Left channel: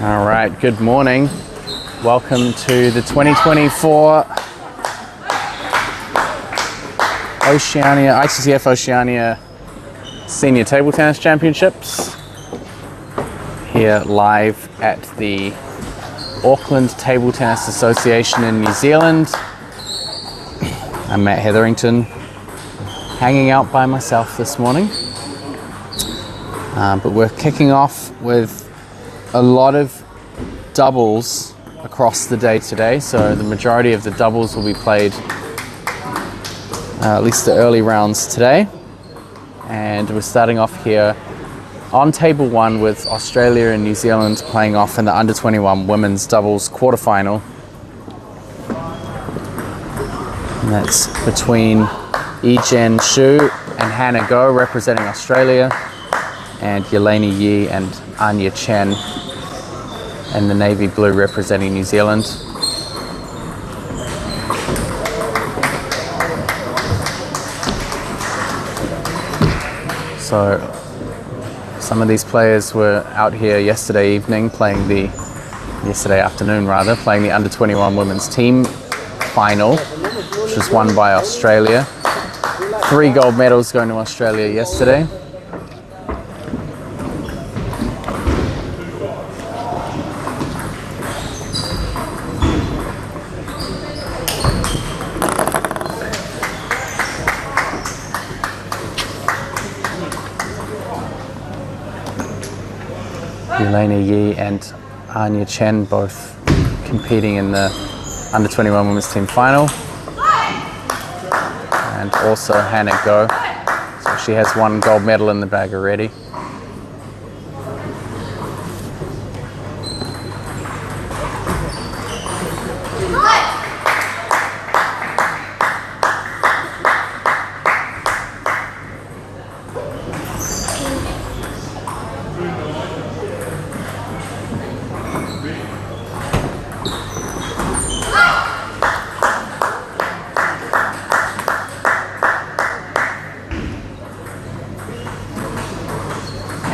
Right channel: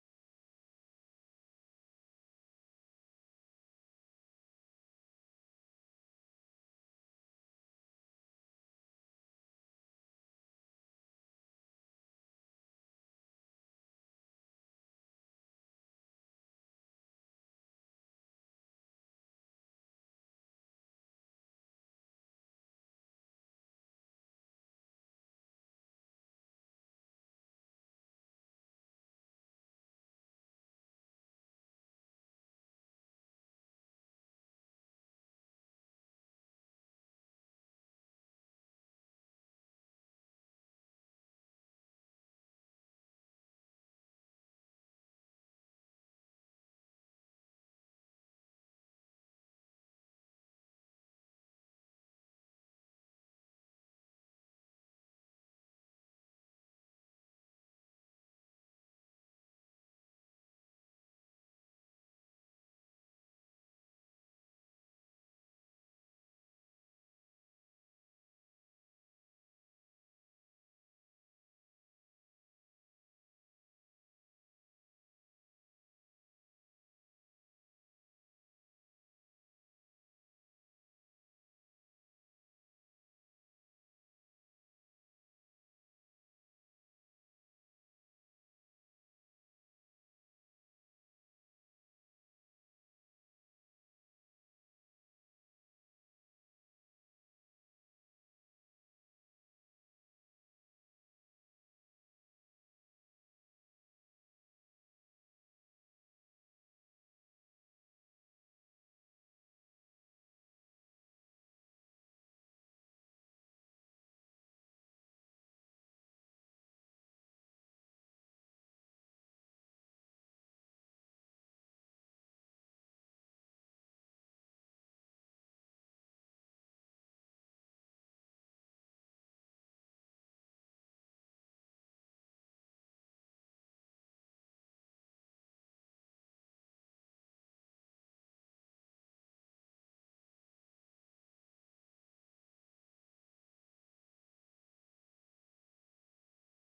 All right, good morning. Welcome to the 2024 Oceania, ITTF-Oceania Senior Table Tennis Championships. Here live at the Auckland Table Tennis Association in New Zealand. I'm Matt Hetherington, hanging out by myself this morning. But we're kicking off with a lot of doubles across the day today. So the majority of the doubles will be played, at least the early rounds today. And we're starting off here on table one with Australia and New Zealand playing off in the under 21 women's doubles quarterfinal. And that's between Yi-Jen Xu and Hannah Go representing Australia, and Yelena Yi and Anya Chen in the navy blue representing New Zealand. So some of these players were out here yesterday afternoon playing the under 21 women's team final, which was won by Australia. 3 gold medals going to Australia yesterday. Yelena Yi and Anya Chen both competing in the under 21 women's team final. And also Hannah Go. So she has 1 gold medal in the bag already.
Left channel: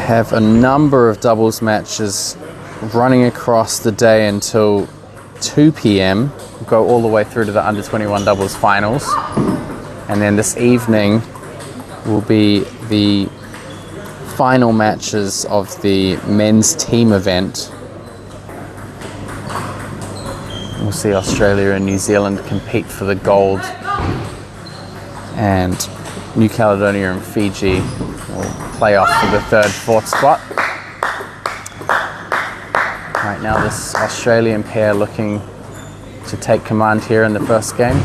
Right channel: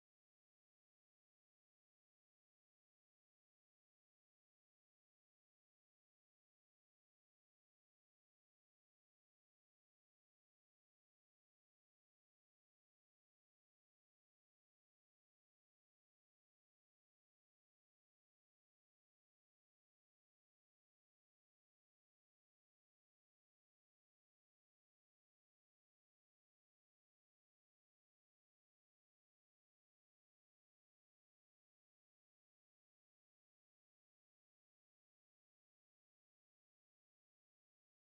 Have a number of doubles matches running across the day until 2 p.m. Go all the way through to the under 21 doubles finals. And then this evening will be the final matches of the men's team event. We'll see Australia and New Zealand compete for the gold, and New Caledonia and Fiji will play off for the 3rd, 4th spot. Right now this Australian pair looking to take command here in the first game.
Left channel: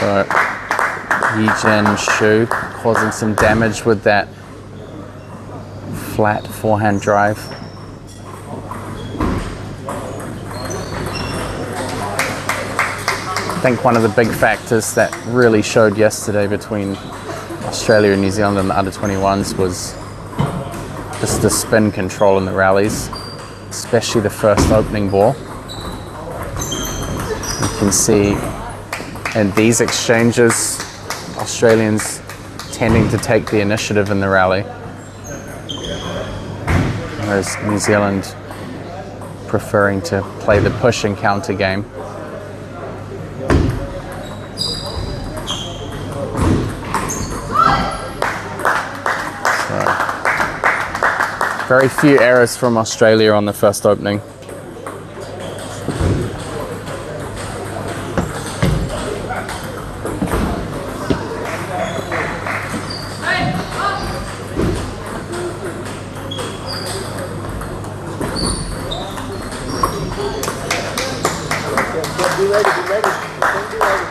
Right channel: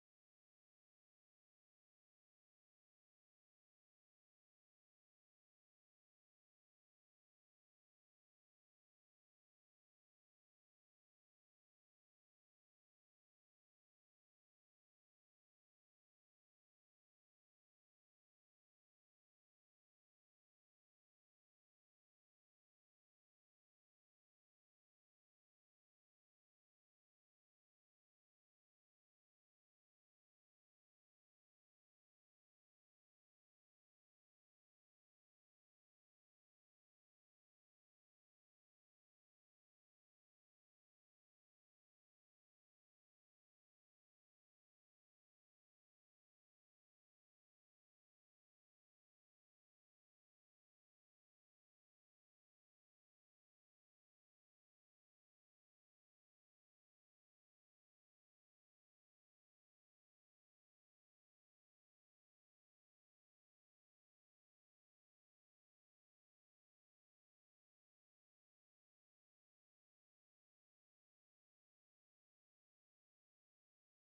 So Yi-Jen Xu causing some damage with that flat forehand drive. I think one of the big factors that really showed yesterday between Australia and New Zealand in the under 21s was just the spin control in the rallies, especially the first opening ball. You can see in these exchanges, Australians tending to take the initiative in the rally, whereas New Zealand preferring to play the push and counter game. So, very few errors from Australia on the first opening. Be ready, be ready. Be ready.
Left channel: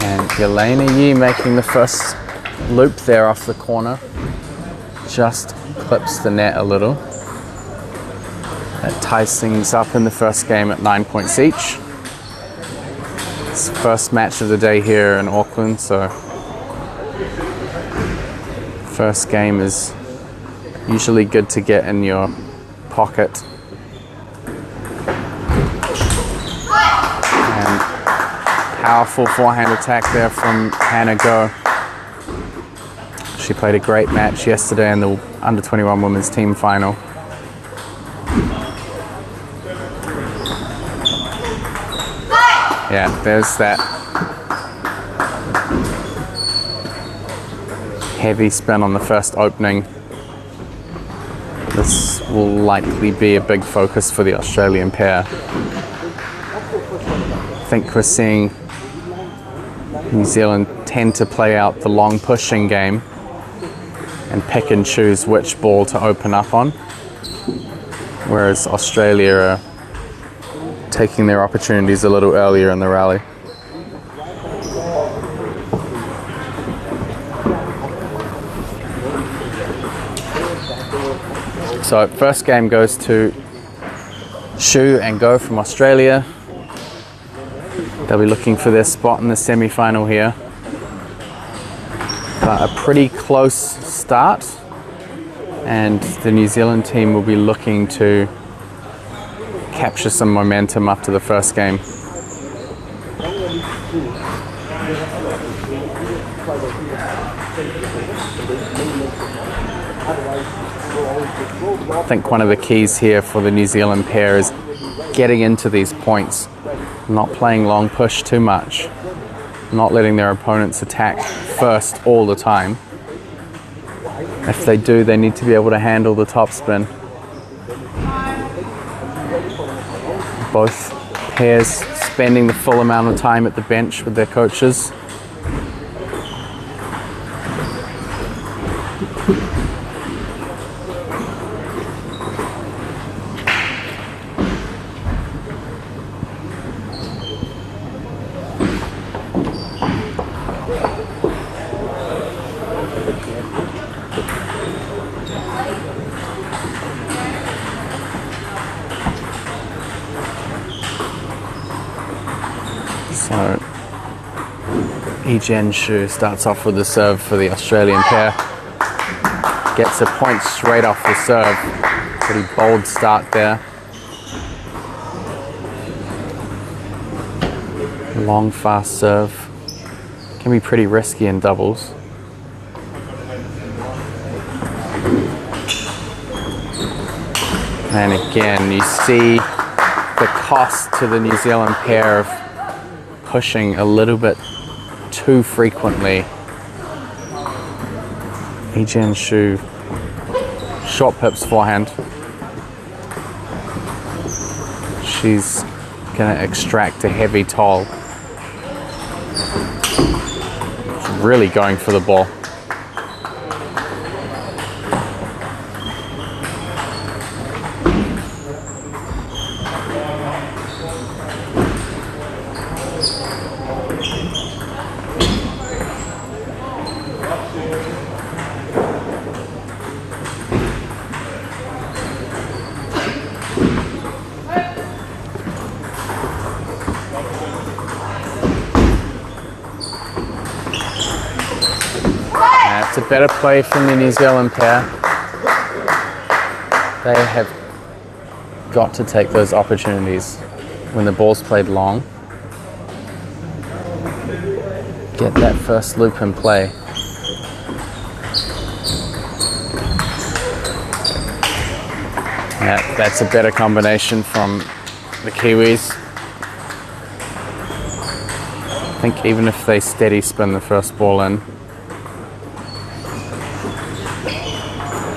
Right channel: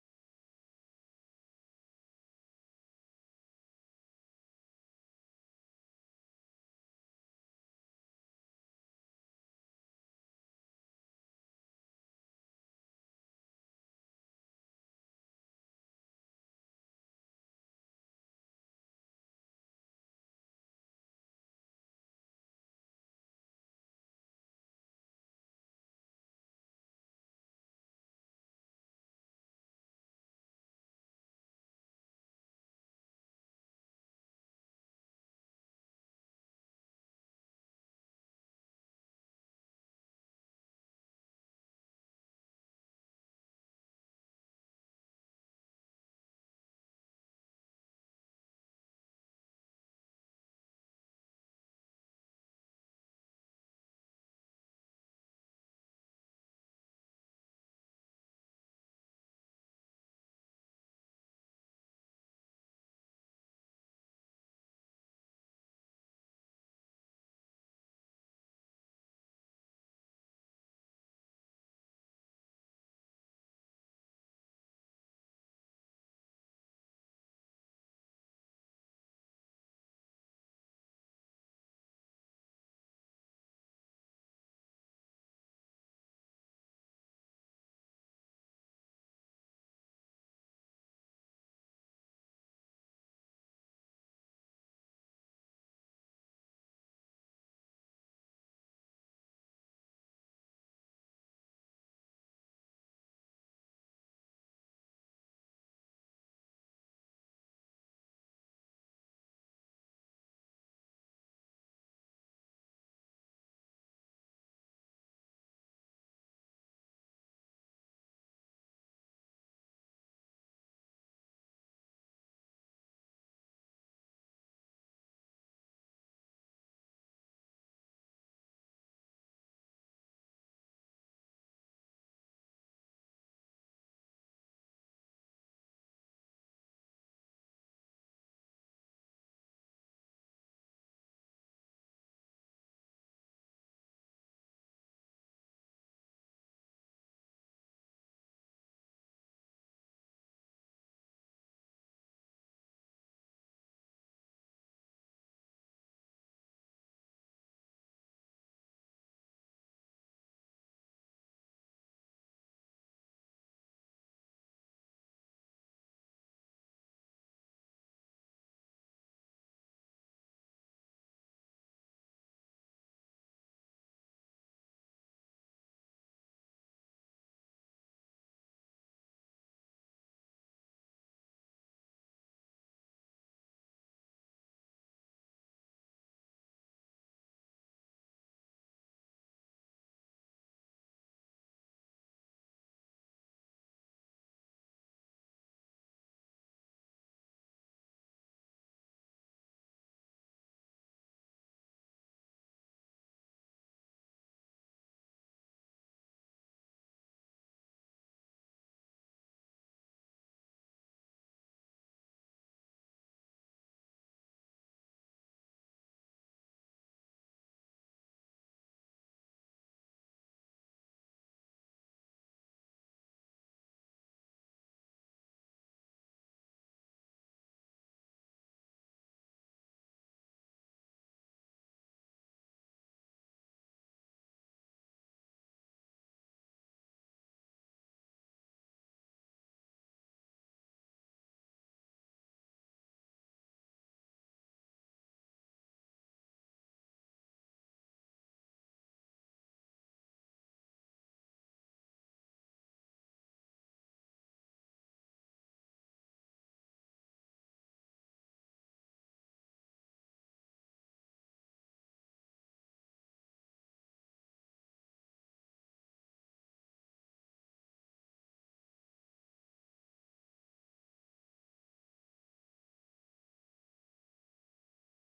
And Yelena Yi making the first loop there off the corner. just clips the net a little. That ties things up in the first game at 9 points each. It's the first match of the day here in Auckland, so first game is usually good to get in your pocket. And powerful forehand attack there from Hannah Go. She played a great match yesterday in the under 21 women's team final. Yeah, there's that heavy spin on the first opening. This will likely be a big focus for the Australian pair. I think we're seeing New Zealand tend to play out the long pushing game and pick and choose which ball to open up on, whereas Australia are taking their opportunities a little earlier in the rally. So first game goes to Shu and Go from Australia. They'll be looking for their spot in the semi-final here. But a pretty close start, and the New Zealand team will be looking to capture some momentum after the first game. I think one of the keys here for the New Zealand pair is getting into these points, not playing long push too much, not letting their opponents attack first all the time. If they do, they need to be able to handle the topspin. Both pairs spending the full amount of time at the bench with their coaches. So, Jen Shu starts off with the serve for the Australian pair. Gets a point straight off the serve. Pretty bold start there. Long, fast serve. Can be pretty risky in doubles. And again, you see the cost to the New Zealand pair of pushing a little bit too frequently. Jen Shu, short pips forehand. She's going to extract a heavy toll. She's really going for the ball. It's a better play from the New Zealand pair. They have got to take those opportunities when the ball's played long. Get that first loop in play. That's a better combination from the Kiwis. I think even if they steady spin the first ball in,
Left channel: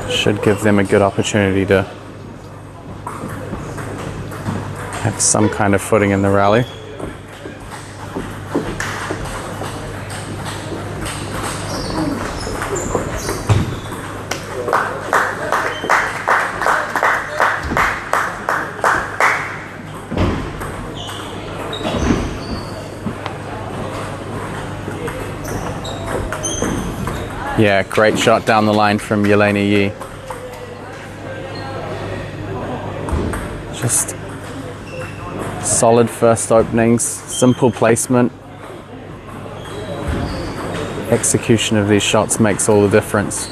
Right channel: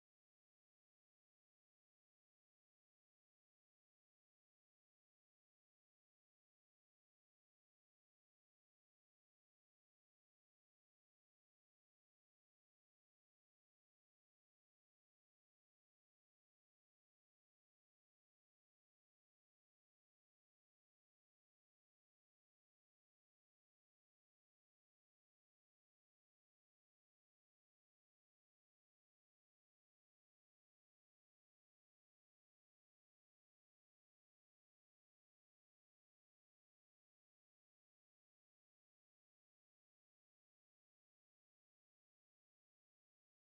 should give them a good opportunity to have some kind of footing in the rally. Yeah, great shot down the line from Yelena Yi. Just solid first openings, simple placement. Execution of these shots makes all the difference.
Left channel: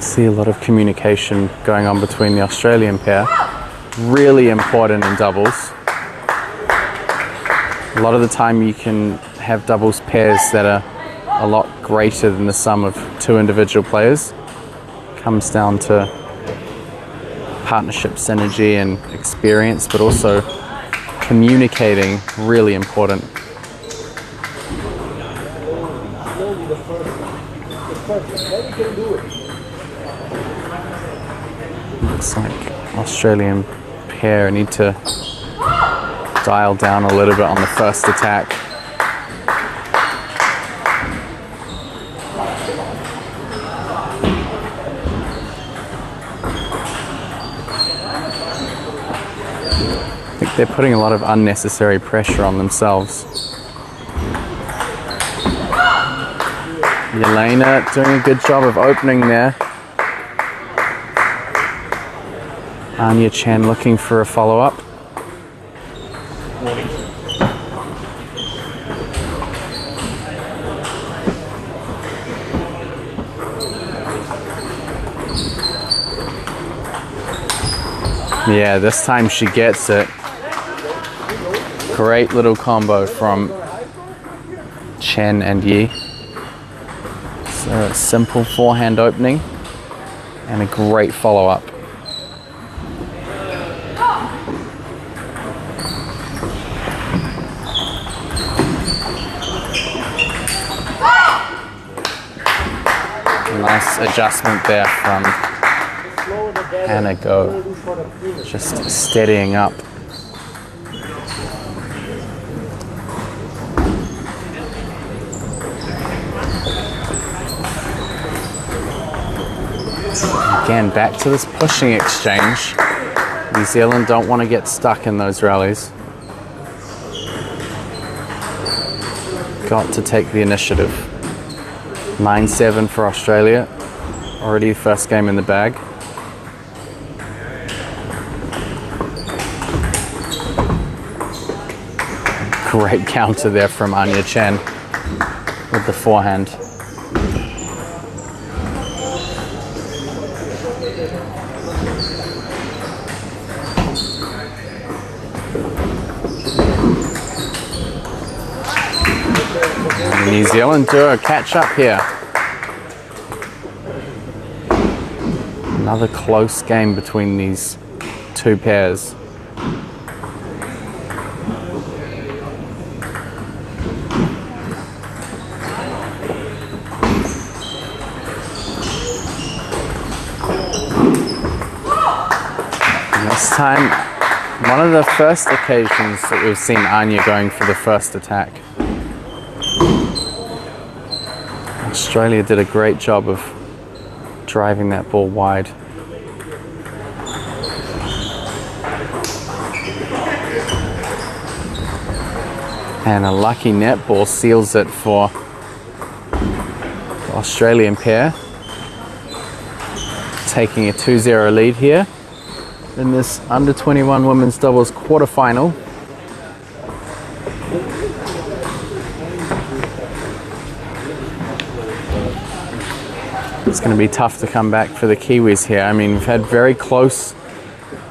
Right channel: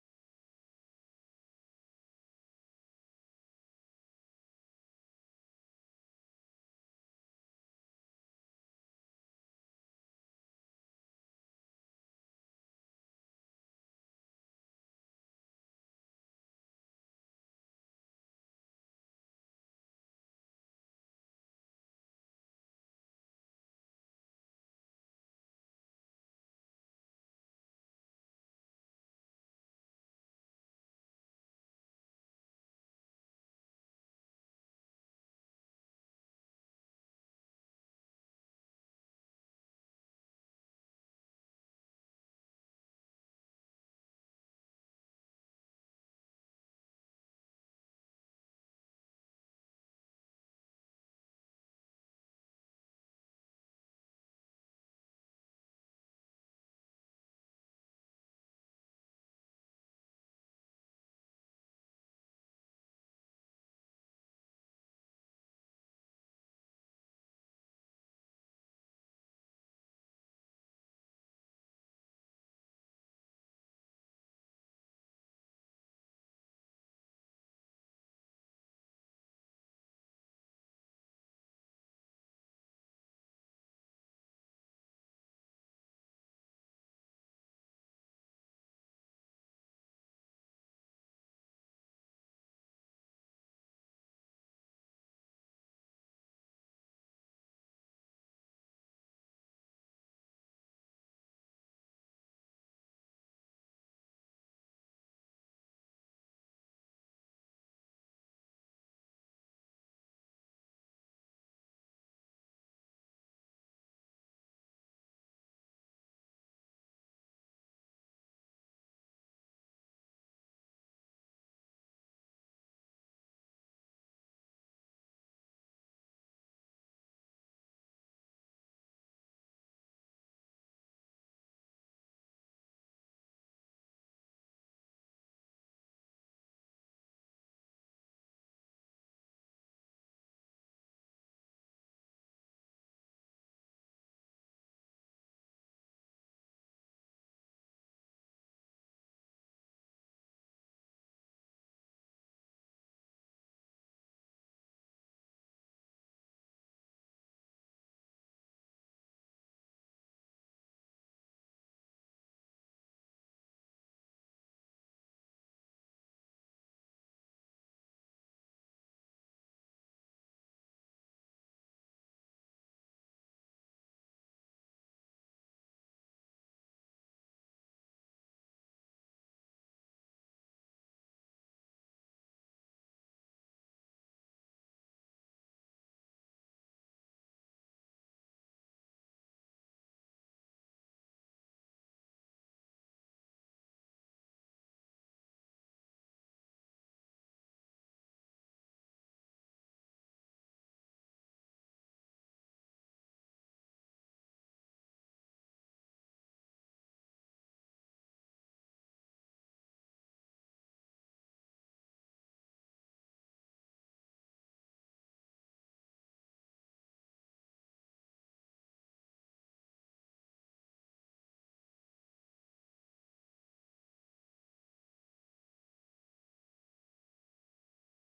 See a lot of communication going on between the Australian pair. Really important in doubles. A lot of the time you can have doubles pairs that are a lot greater than the sum of two individual players. Comes down to partnership synergy and experience, but also communicating, really important. Looks like Australian pair need to dial down a little bit on the first attack. I think they're putting a lot of unnecessary pressure on themselves. Yelena doing a good job of opening there. Anya Chen looking for a follow-up. Yeah, this time she gets it. Great little combo from Chen and Yi. So a simple forehand opening and a great follow-up. Nice adjustment there from Hannah Go, just steadying up. Again, back to this pushing exchange. New Zealand don't want to get stuck in those rallies. Got to take the initiative. 9-7 for Australia. Already the first game in the bag. Great counter there from Anya Chen with the forehand. And New Zealand do a catch up here. Another close game between these two pairs. This time, one of the first occasions that we've seen Anya going for the first attack. Australia did a great job of driving that ball wide. And a lucky net ball seals it for the Australian pair. Taking a 2-0 lead here in this under 21 women's doubles quarterfinal. It's going to be tough to come back for the Kiwis here. I mean, we've had very close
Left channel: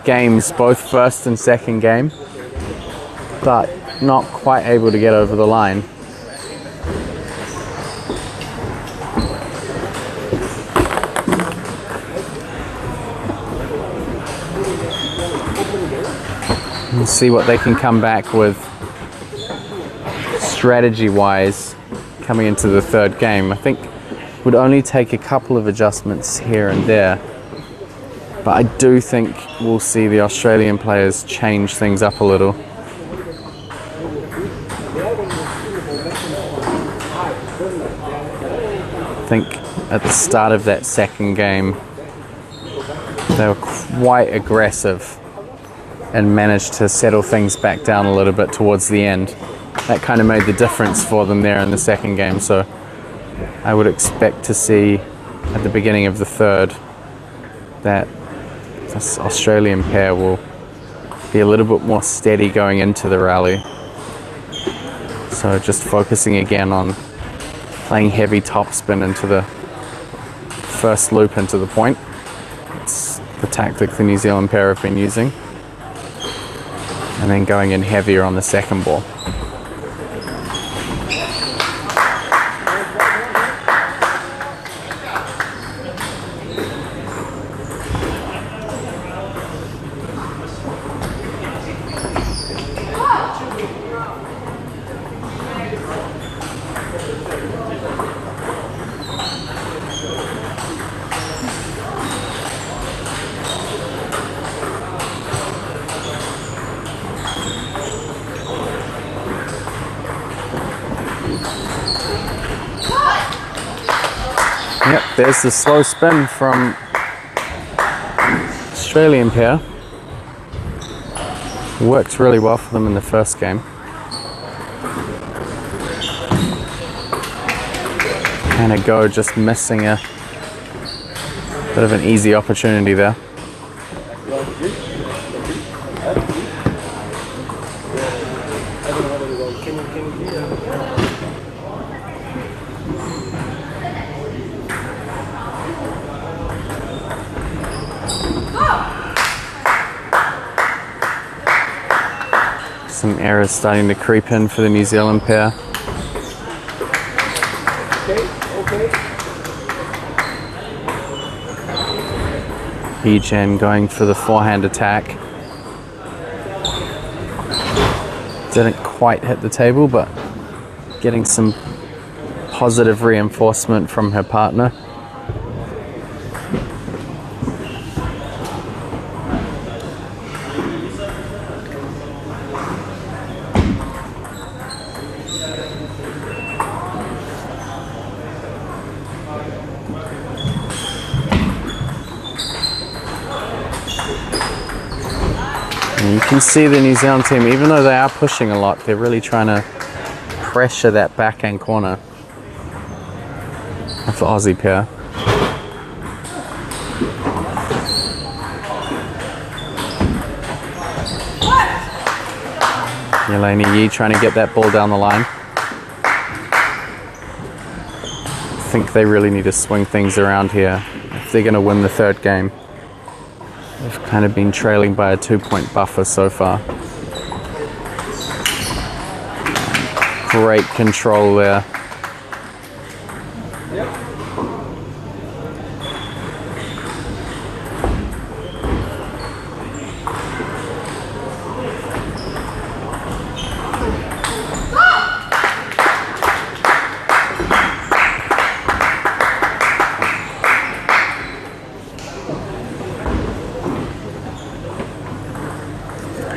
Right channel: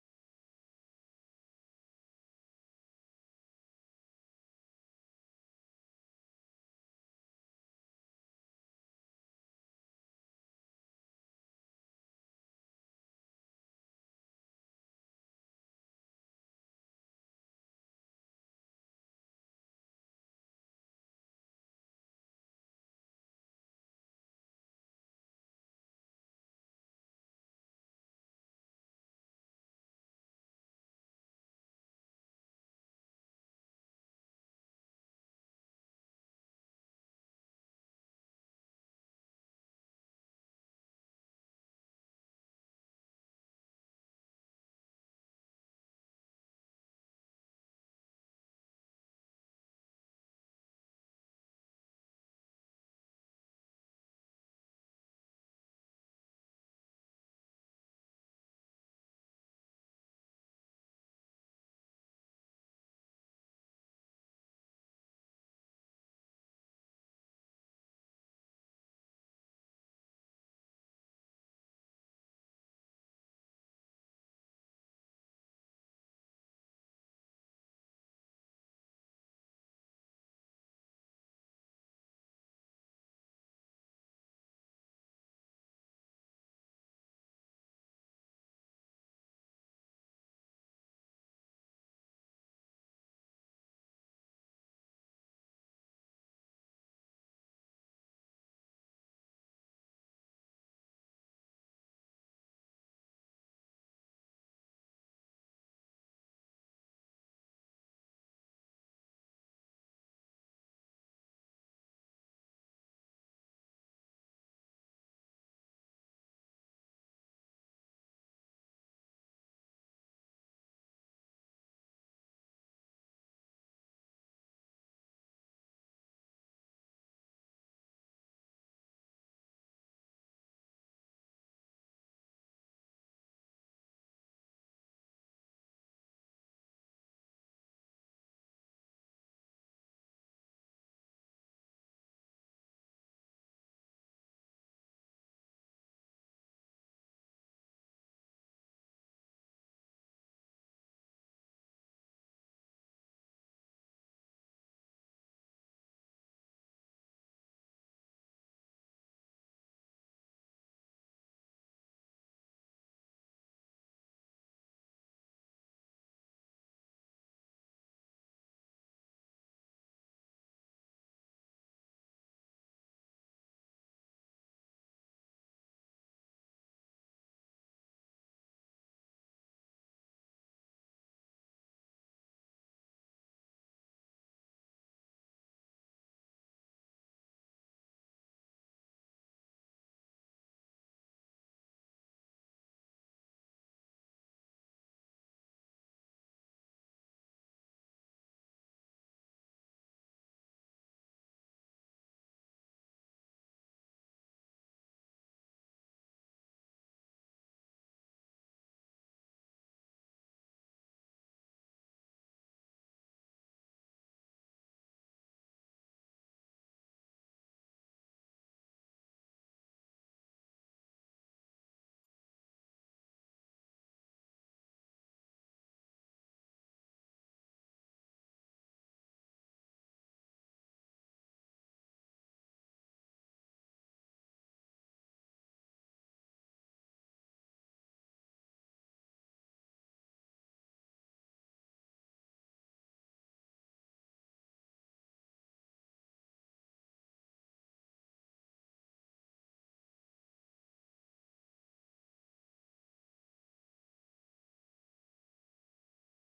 games, both first and second game, but not quite able to get over the line. We'll see what they can come back with strategy-wise coming into the third game. I think it would only take a couple of adjustments here and there, but I do think we'll see the Australian players change things up a little. I think at the start of that second game, they were quite aggressive and managed to settle things back down a little bit towards the end. That kind of made the difference for them there in the second game. So I would expect to see at the beginning of the third that this Australian pair will be a little bit more steady going into the rally. So just focusing again on playing heavy topspin into the first loop into the point. It's the tactic the New Zealand pair have been using. And then going in heavier on the second ball. Yep, there's the slow spin from Australian pair. Worked really well for them in the first game. Kind of go just missing a bit of an easy opportunity there. Some errors starting to creep in for the New Zealand pair. Egen going for the forehand attack. Didn't quite hit the table, but getting some positive reinforcement from her partner. And you can see the New Zealand team, even though they are pushing a lot, they're really trying to pressure that backhand corner of the Aussie pair. Yelena Yi trying to get that ball down the line. I think they really need to swing things around here if they're going to win the third game. They've kind of been trailing by a 2-point buffer so far. Great control there.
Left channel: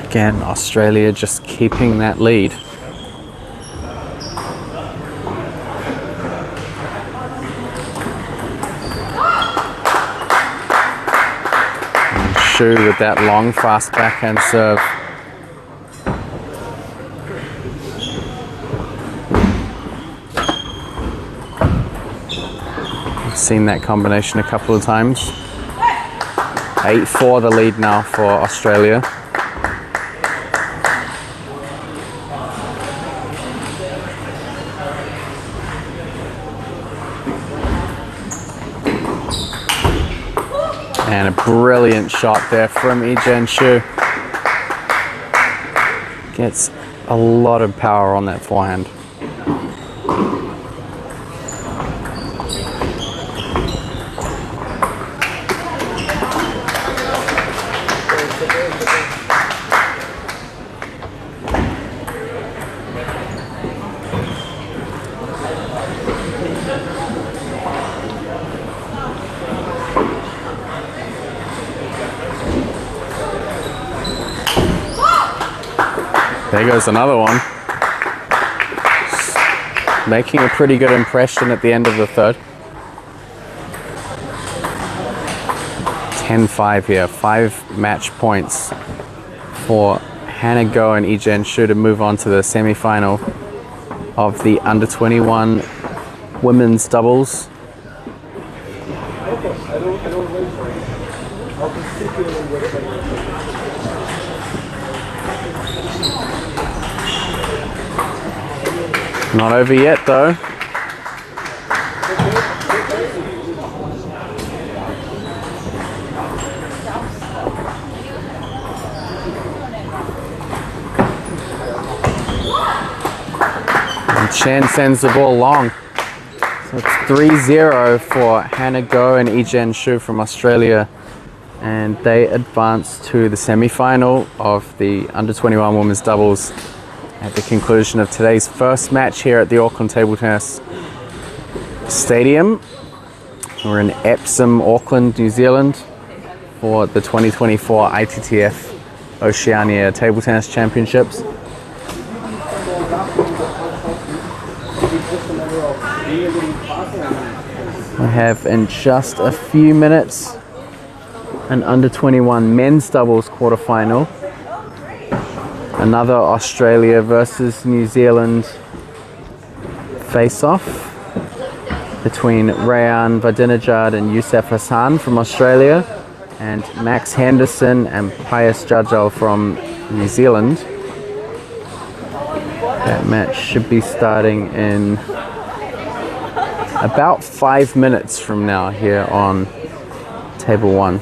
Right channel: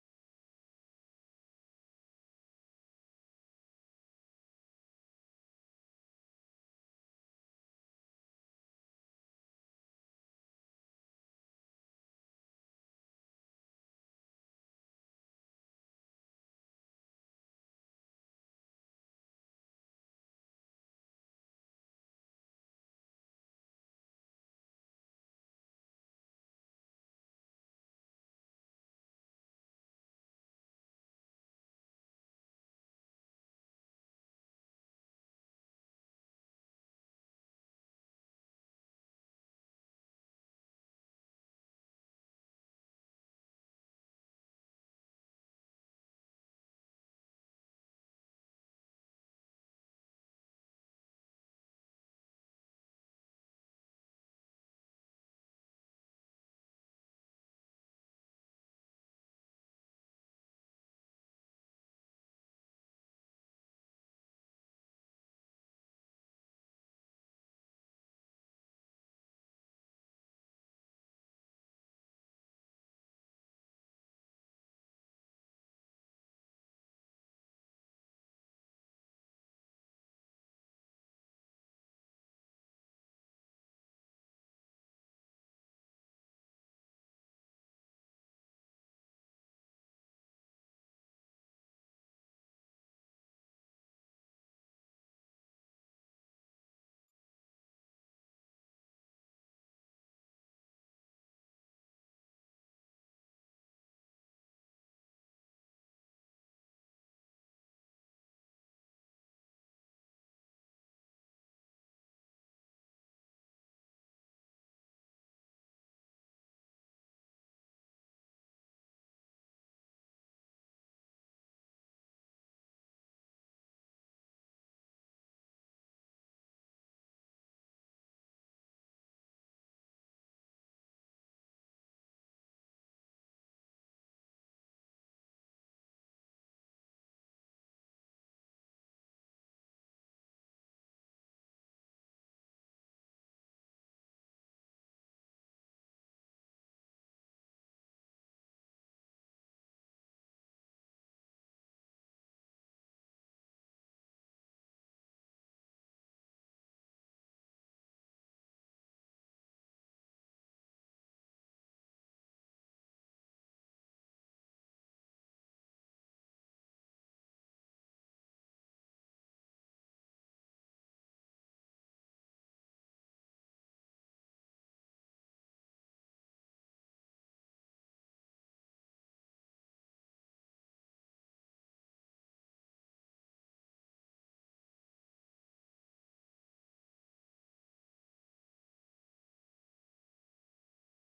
Again, Australia just keeping that lead. And Shu with that long, fast backhand serve. I've seen that combination a couple of times. 8-4 the lead now for Australia. And a brilliant shot there from Egen Shu. Gets a lot of power on that forehand. There goes another one. Making a pretty good impression at the end of the third. 10-5 here. 5 match points for Hannah Go and Ijen Shu to move on to the semi-final of the under 21 women's doubles. Not over yet though. And Chen sends the ball long. So it's 3-0 for Hannah Go and Ijen Shu from Australia. And they advance to the semi-final of the under 21 women's doubles at the conclusion of today's first match here at the Auckland Table Tennis Stadium. We're in Epsom, Auckland, New Zealand for the 2024 ITTF-Oceania Table Tennis Championships. We have in just a few minutes an under 21 men's doubles quarterfinal. Another Australia versus New Zealand face-off between Rayan Vadinejad and Youssef Hassan from Australia and Max Henderson and Pius Jajal from New Zealand. That match should be starting in about 5 minutes from now here on Table 1.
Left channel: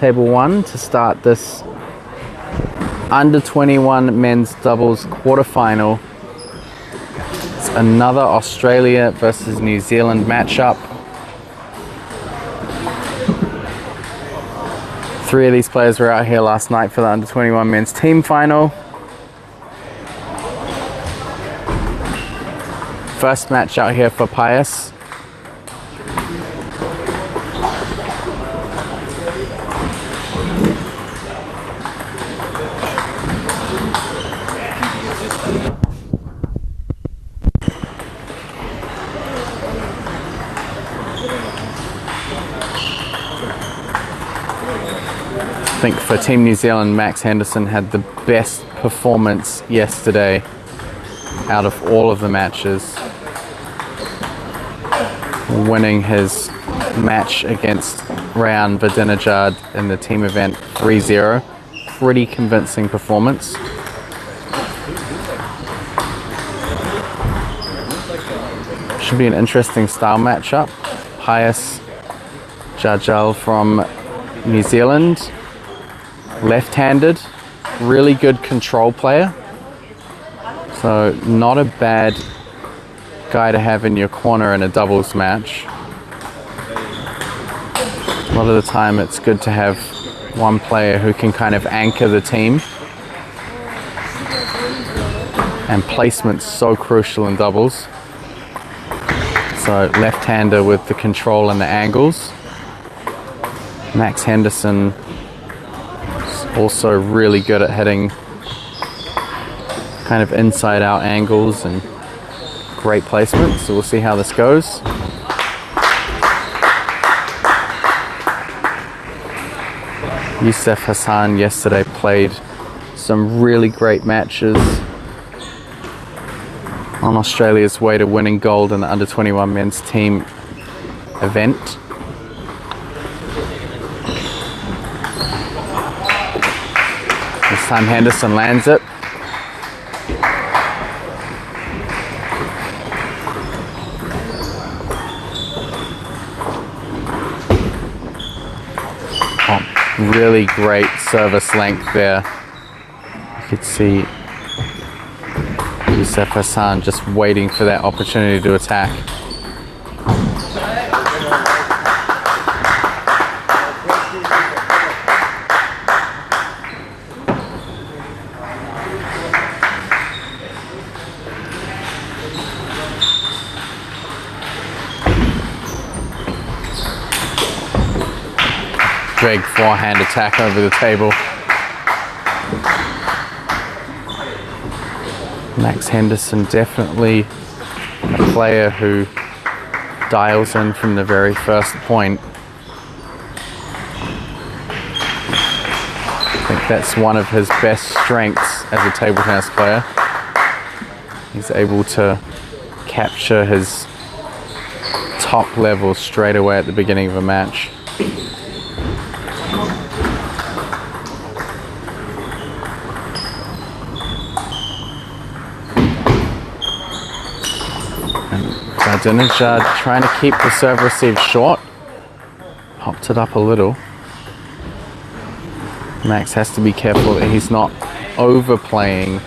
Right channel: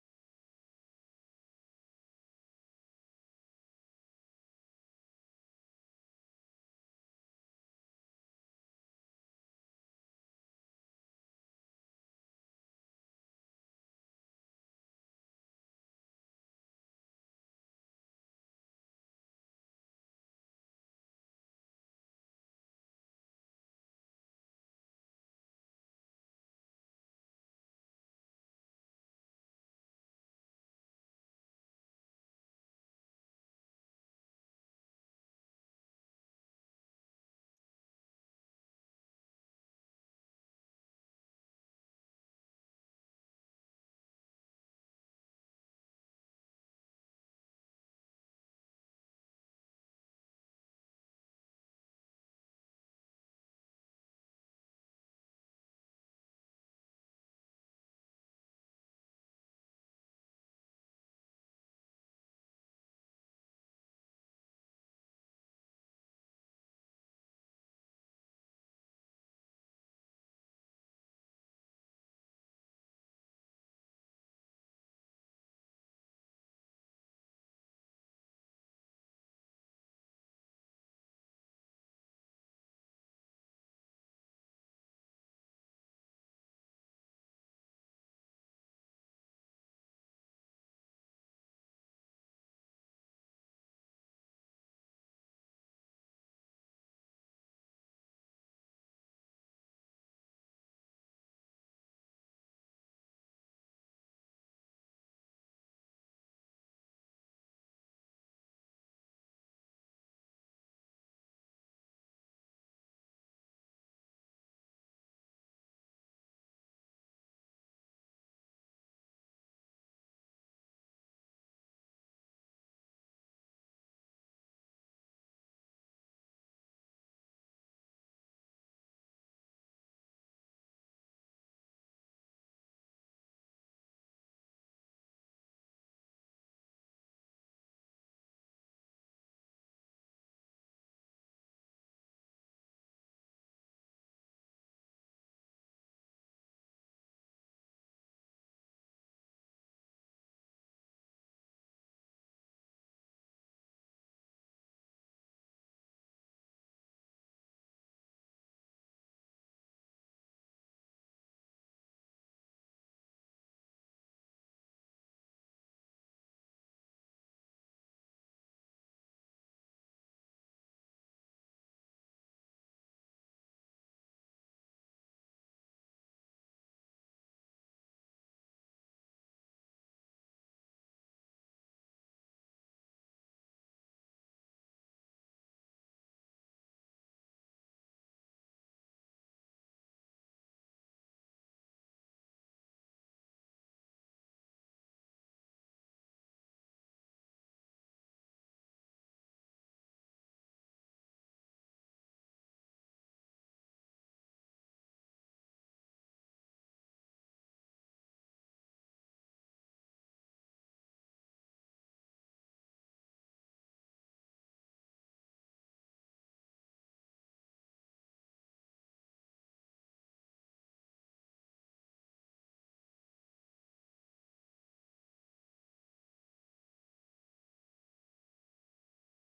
table 1 to start this under 21 men's doubles quarterfinal. It's another Australia versus New Zealand matchup. 3 of these players were out here last night for the under 21 men's team final. First match out here for Pius. I think for Team New Zealand, Max Henderson had the best performance yesterday out of all of the matches, winning his match against Rayan Vidinejad in the team event 3-0. Pretty convincing performance. Should be an interesting style matchup. Pius Jajal from New Zealand, left-handed, really good control player. So not a bad guy to have in your corner in a doubles match. A lot of the time it's good to have one player who can kind of anchor the team. And placement's so crucial in doubles. So left-hander with the control and the angles. Max Henderson is also really good at hitting kind of inside-out angles and great placement. So we'll see how this goes. Youssef Hassan yesterday played some really great matches on Australia's way to winning gold in the under 21 men's team event. This time Henderson lands it. Oh, really great service length there. You could see Youssef Hassan just waiting for that opportunity to attack. Big forehand attack over the table. Max Henderson definitely a player who dials in from the very first point. I think that's one of his best strengths as a table tennis player. He's able to capture his top level straight away at the beginning of a match. Vidinejad trying to keep the serve receive short. Popped it up a little. Max has to be careful that he's not overplaying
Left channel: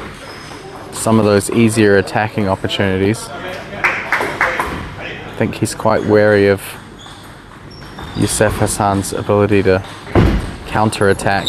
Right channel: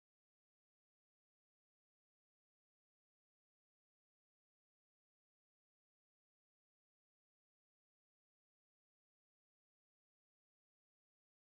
some of those easier attacking opportunities. I think he's quite wary of Youssef Hassan's ability to counter-attack.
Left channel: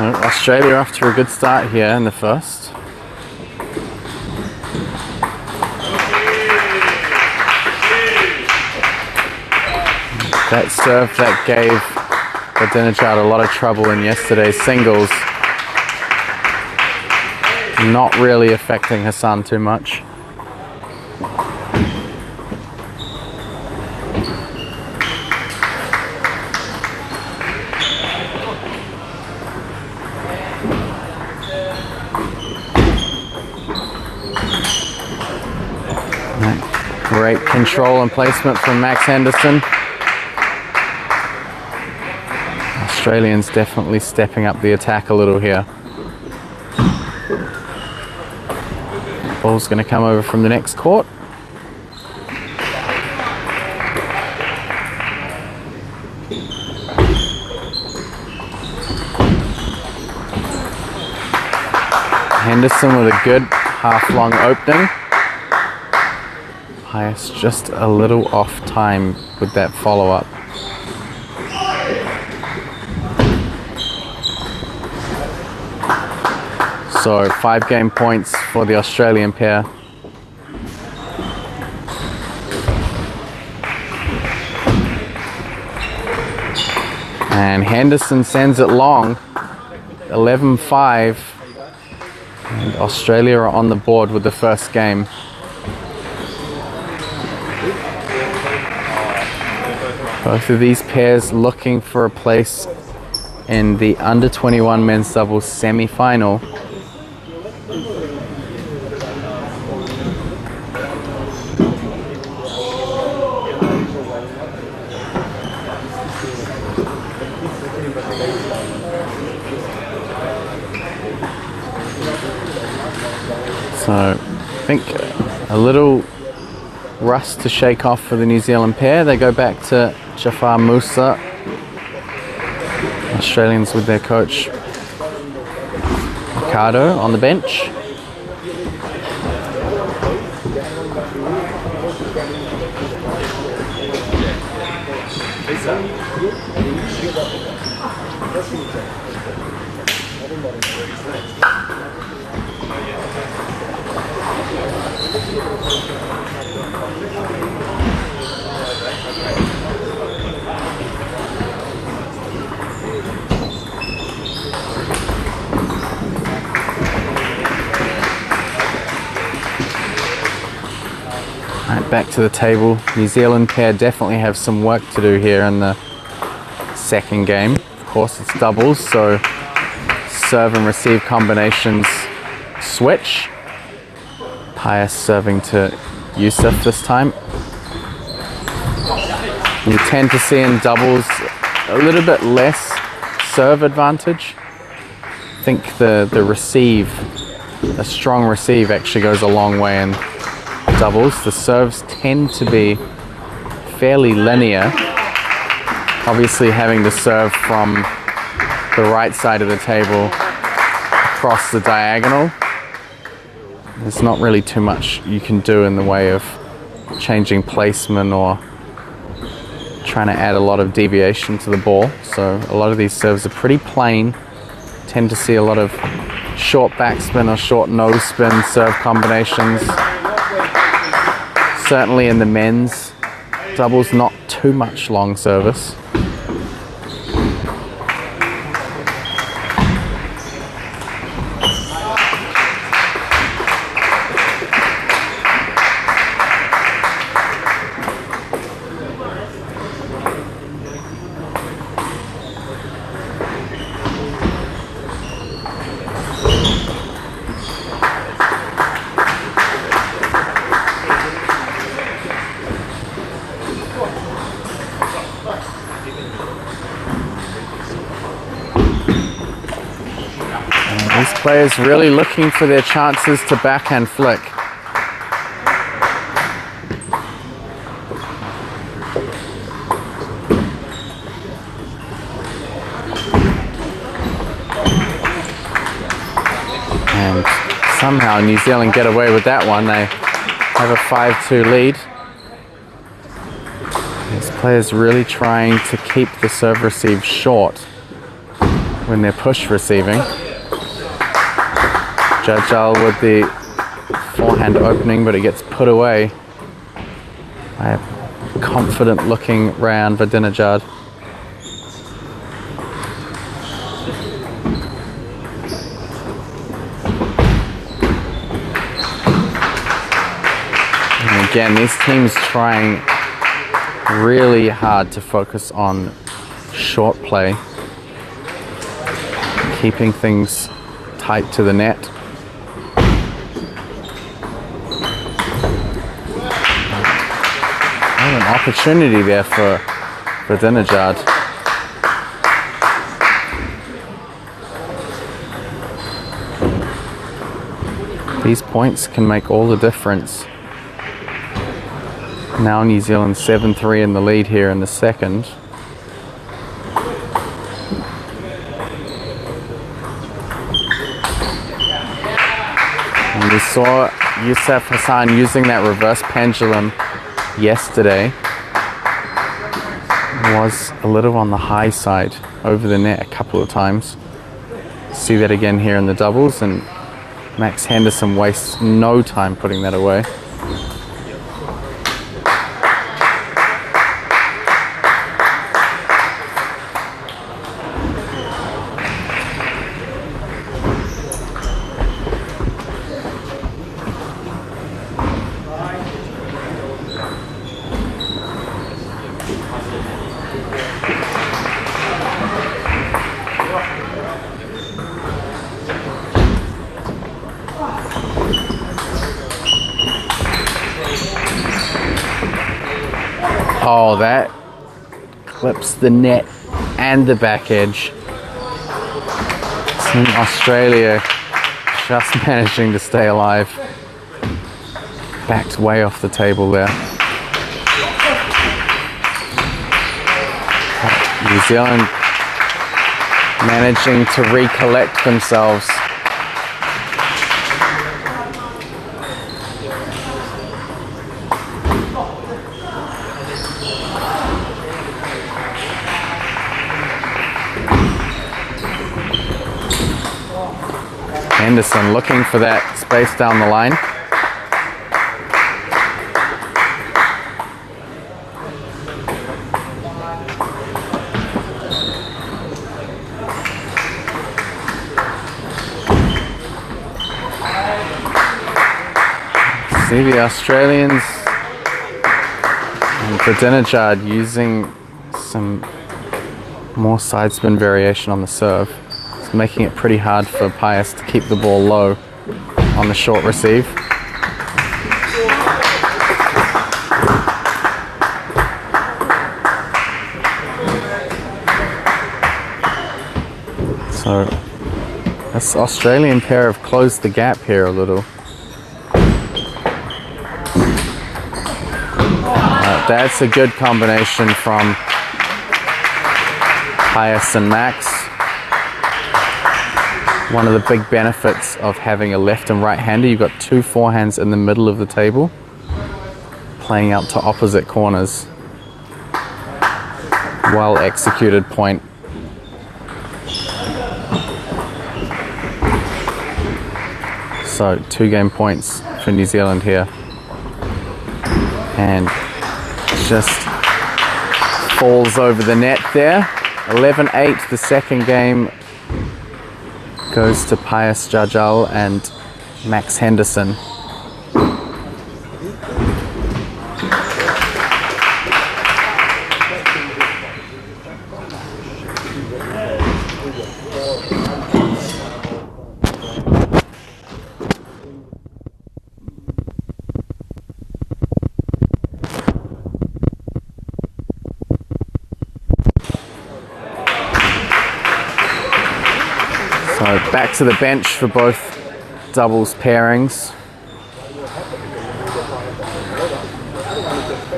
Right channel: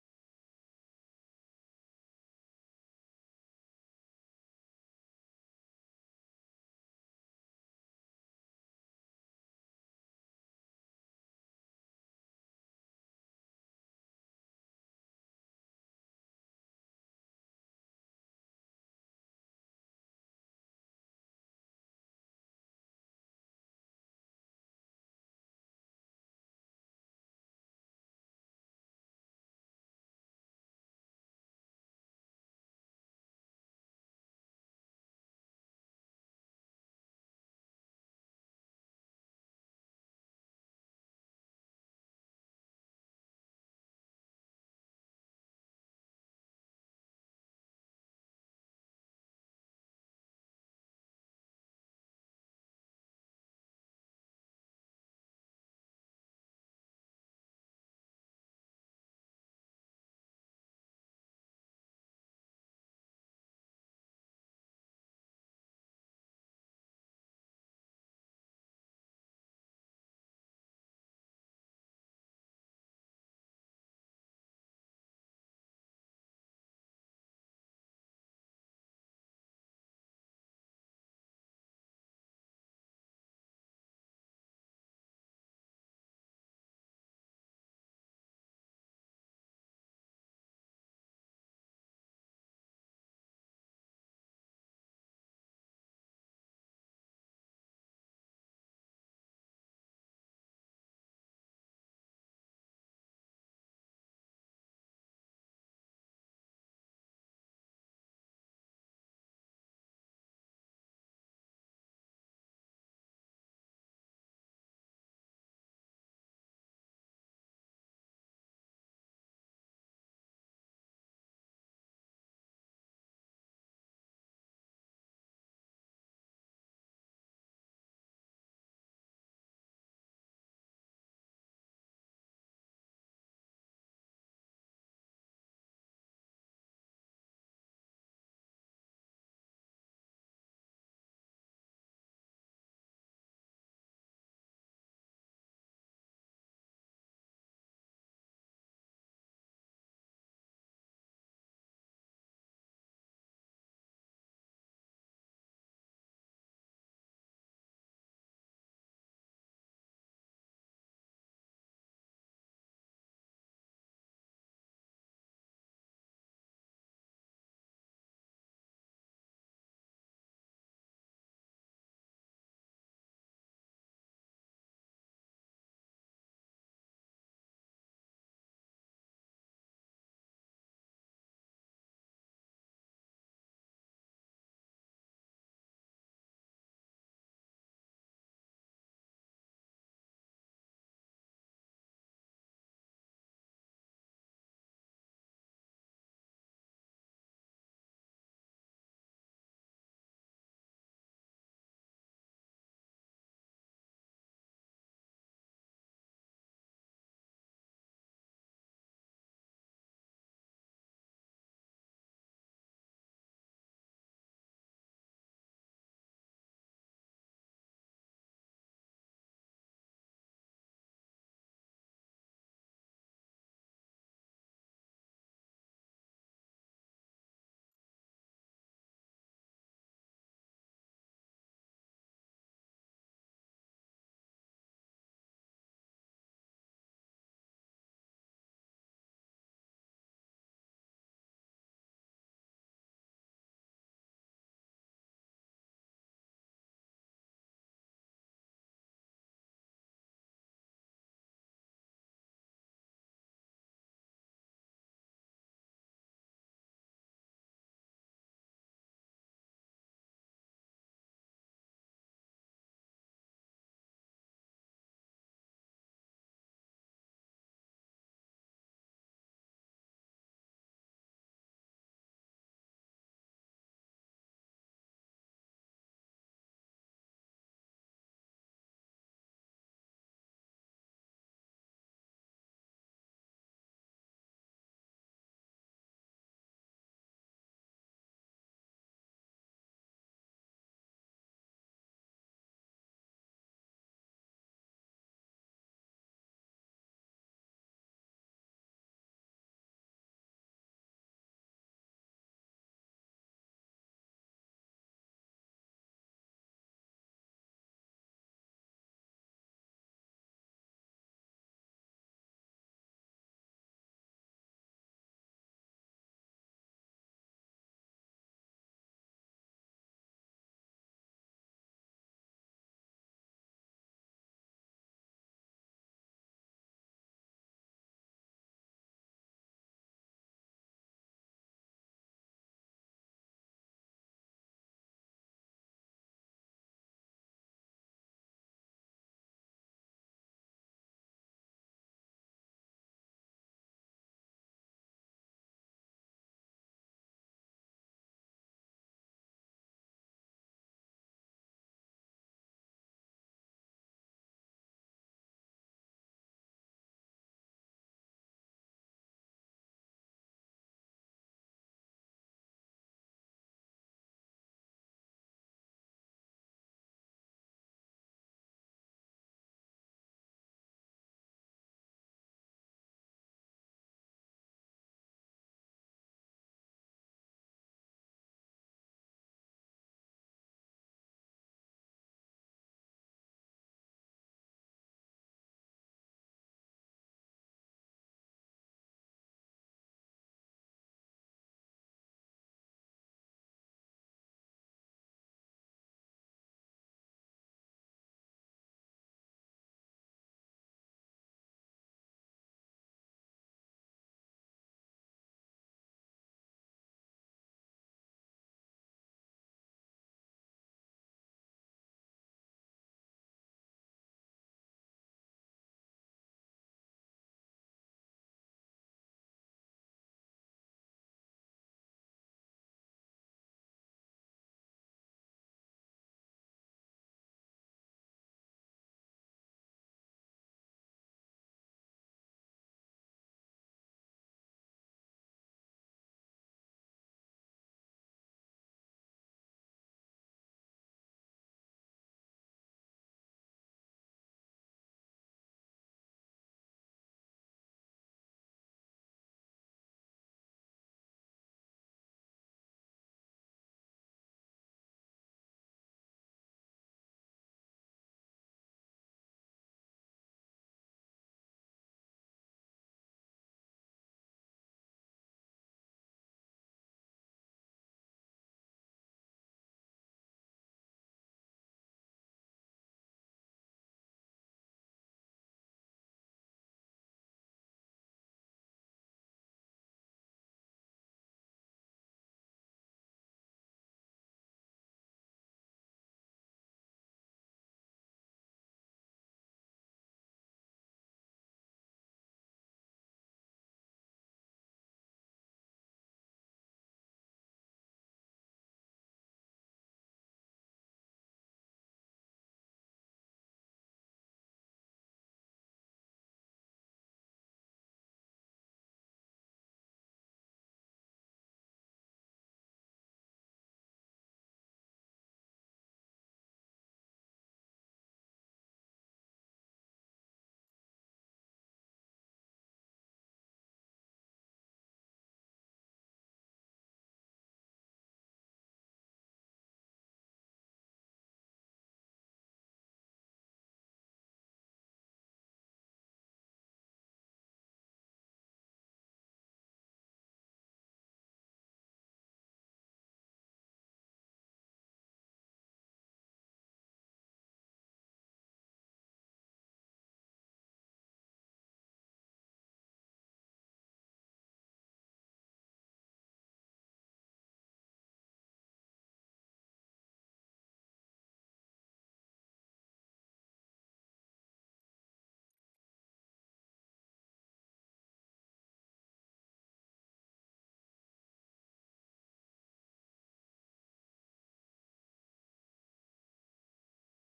Australia off to a good start here in the first. That serve that gave Dinajad a lot of trouble in yesterday's singles. Not really affecting Hassan too much. Great control and placement from Max Henderson. Australians definitely stepping up the attack a little here. Ball's going to come over from the next court. Henderson with a good half-long opening. Pius just a little off time with that follow-up. So 5 game points for the Australian pair. And Henderson sends it long, 11-5. And Australia are on the board with the first game. Both of these pairs looking for a place in the under-21 men's doubles semi-final. So I think a little rust to shake off for the New Zealand pair. They go back to Jafar Musa. Australians with their coach Ricardo on the bench. Back to the table. New Zealand pair definitely have some work to do here in the second game. Of course, it's doubles, so serve and receive combinations switch. Pius serving to Youssef this time. You tend to see in doubles a little bit less serve advantage. I think the receive, a strong receive actually goes a long way in doubles. The serves tend to be fairly linear. Obviously having to serve from the right side of the table across the diagonal. There's not really too much you can do in the way of changing placement or trying to add a lot of deviation to the ball. So a lot of these serves are pretty plain. Tend to see a lot of short backspin or short nose spin serve combinations. Certainly in the men's doubles, not too much long service. These players really looking for their chances to backhand flick. And somehow New Zealand get away with that one. They have a 5-2 lead. These players really trying to keep the serve receive short when they're push receiving. Jajal with the forehand opening, but it gets put away by a confident looking round Vadinajad. again, these teams trying really hard to focus on short play, keeping things tight to the net. Oh, an opportunity there for Dinajad. These points can make all the difference. Now New Zealand 7-3 in the lead here in the second. And we saw Youssef Hassan using that reverse pendulum yesterday. Was a little on the high side over the net a couple of times. See that again here in the doubles, and Max Henderson wastes no time putting that away. Oh, that clips the net and the back edge. Team Australia just managing to stay alive. Backed way off the table there. New Zealand managing to recollect themselves. Henderson looking for that space down the line. See the Australians and Dinajad using some more side spin variation on the serve. It's making it pretty hard for Pius to keep the ball low on the short receive. So this Australian pair have closed the gap here a little. That's a good combination from Pius and Max. One of the big benefits of having a left and right hander, you've got two forehands in the middle of the table, playing out to opposite corners. Well executed point. So 2 game points for New Zealand here. And just falls over the net there. 11-8, the second game goes to Pius Jajal and Max Henderson. So back to the bench for both doubles pairings.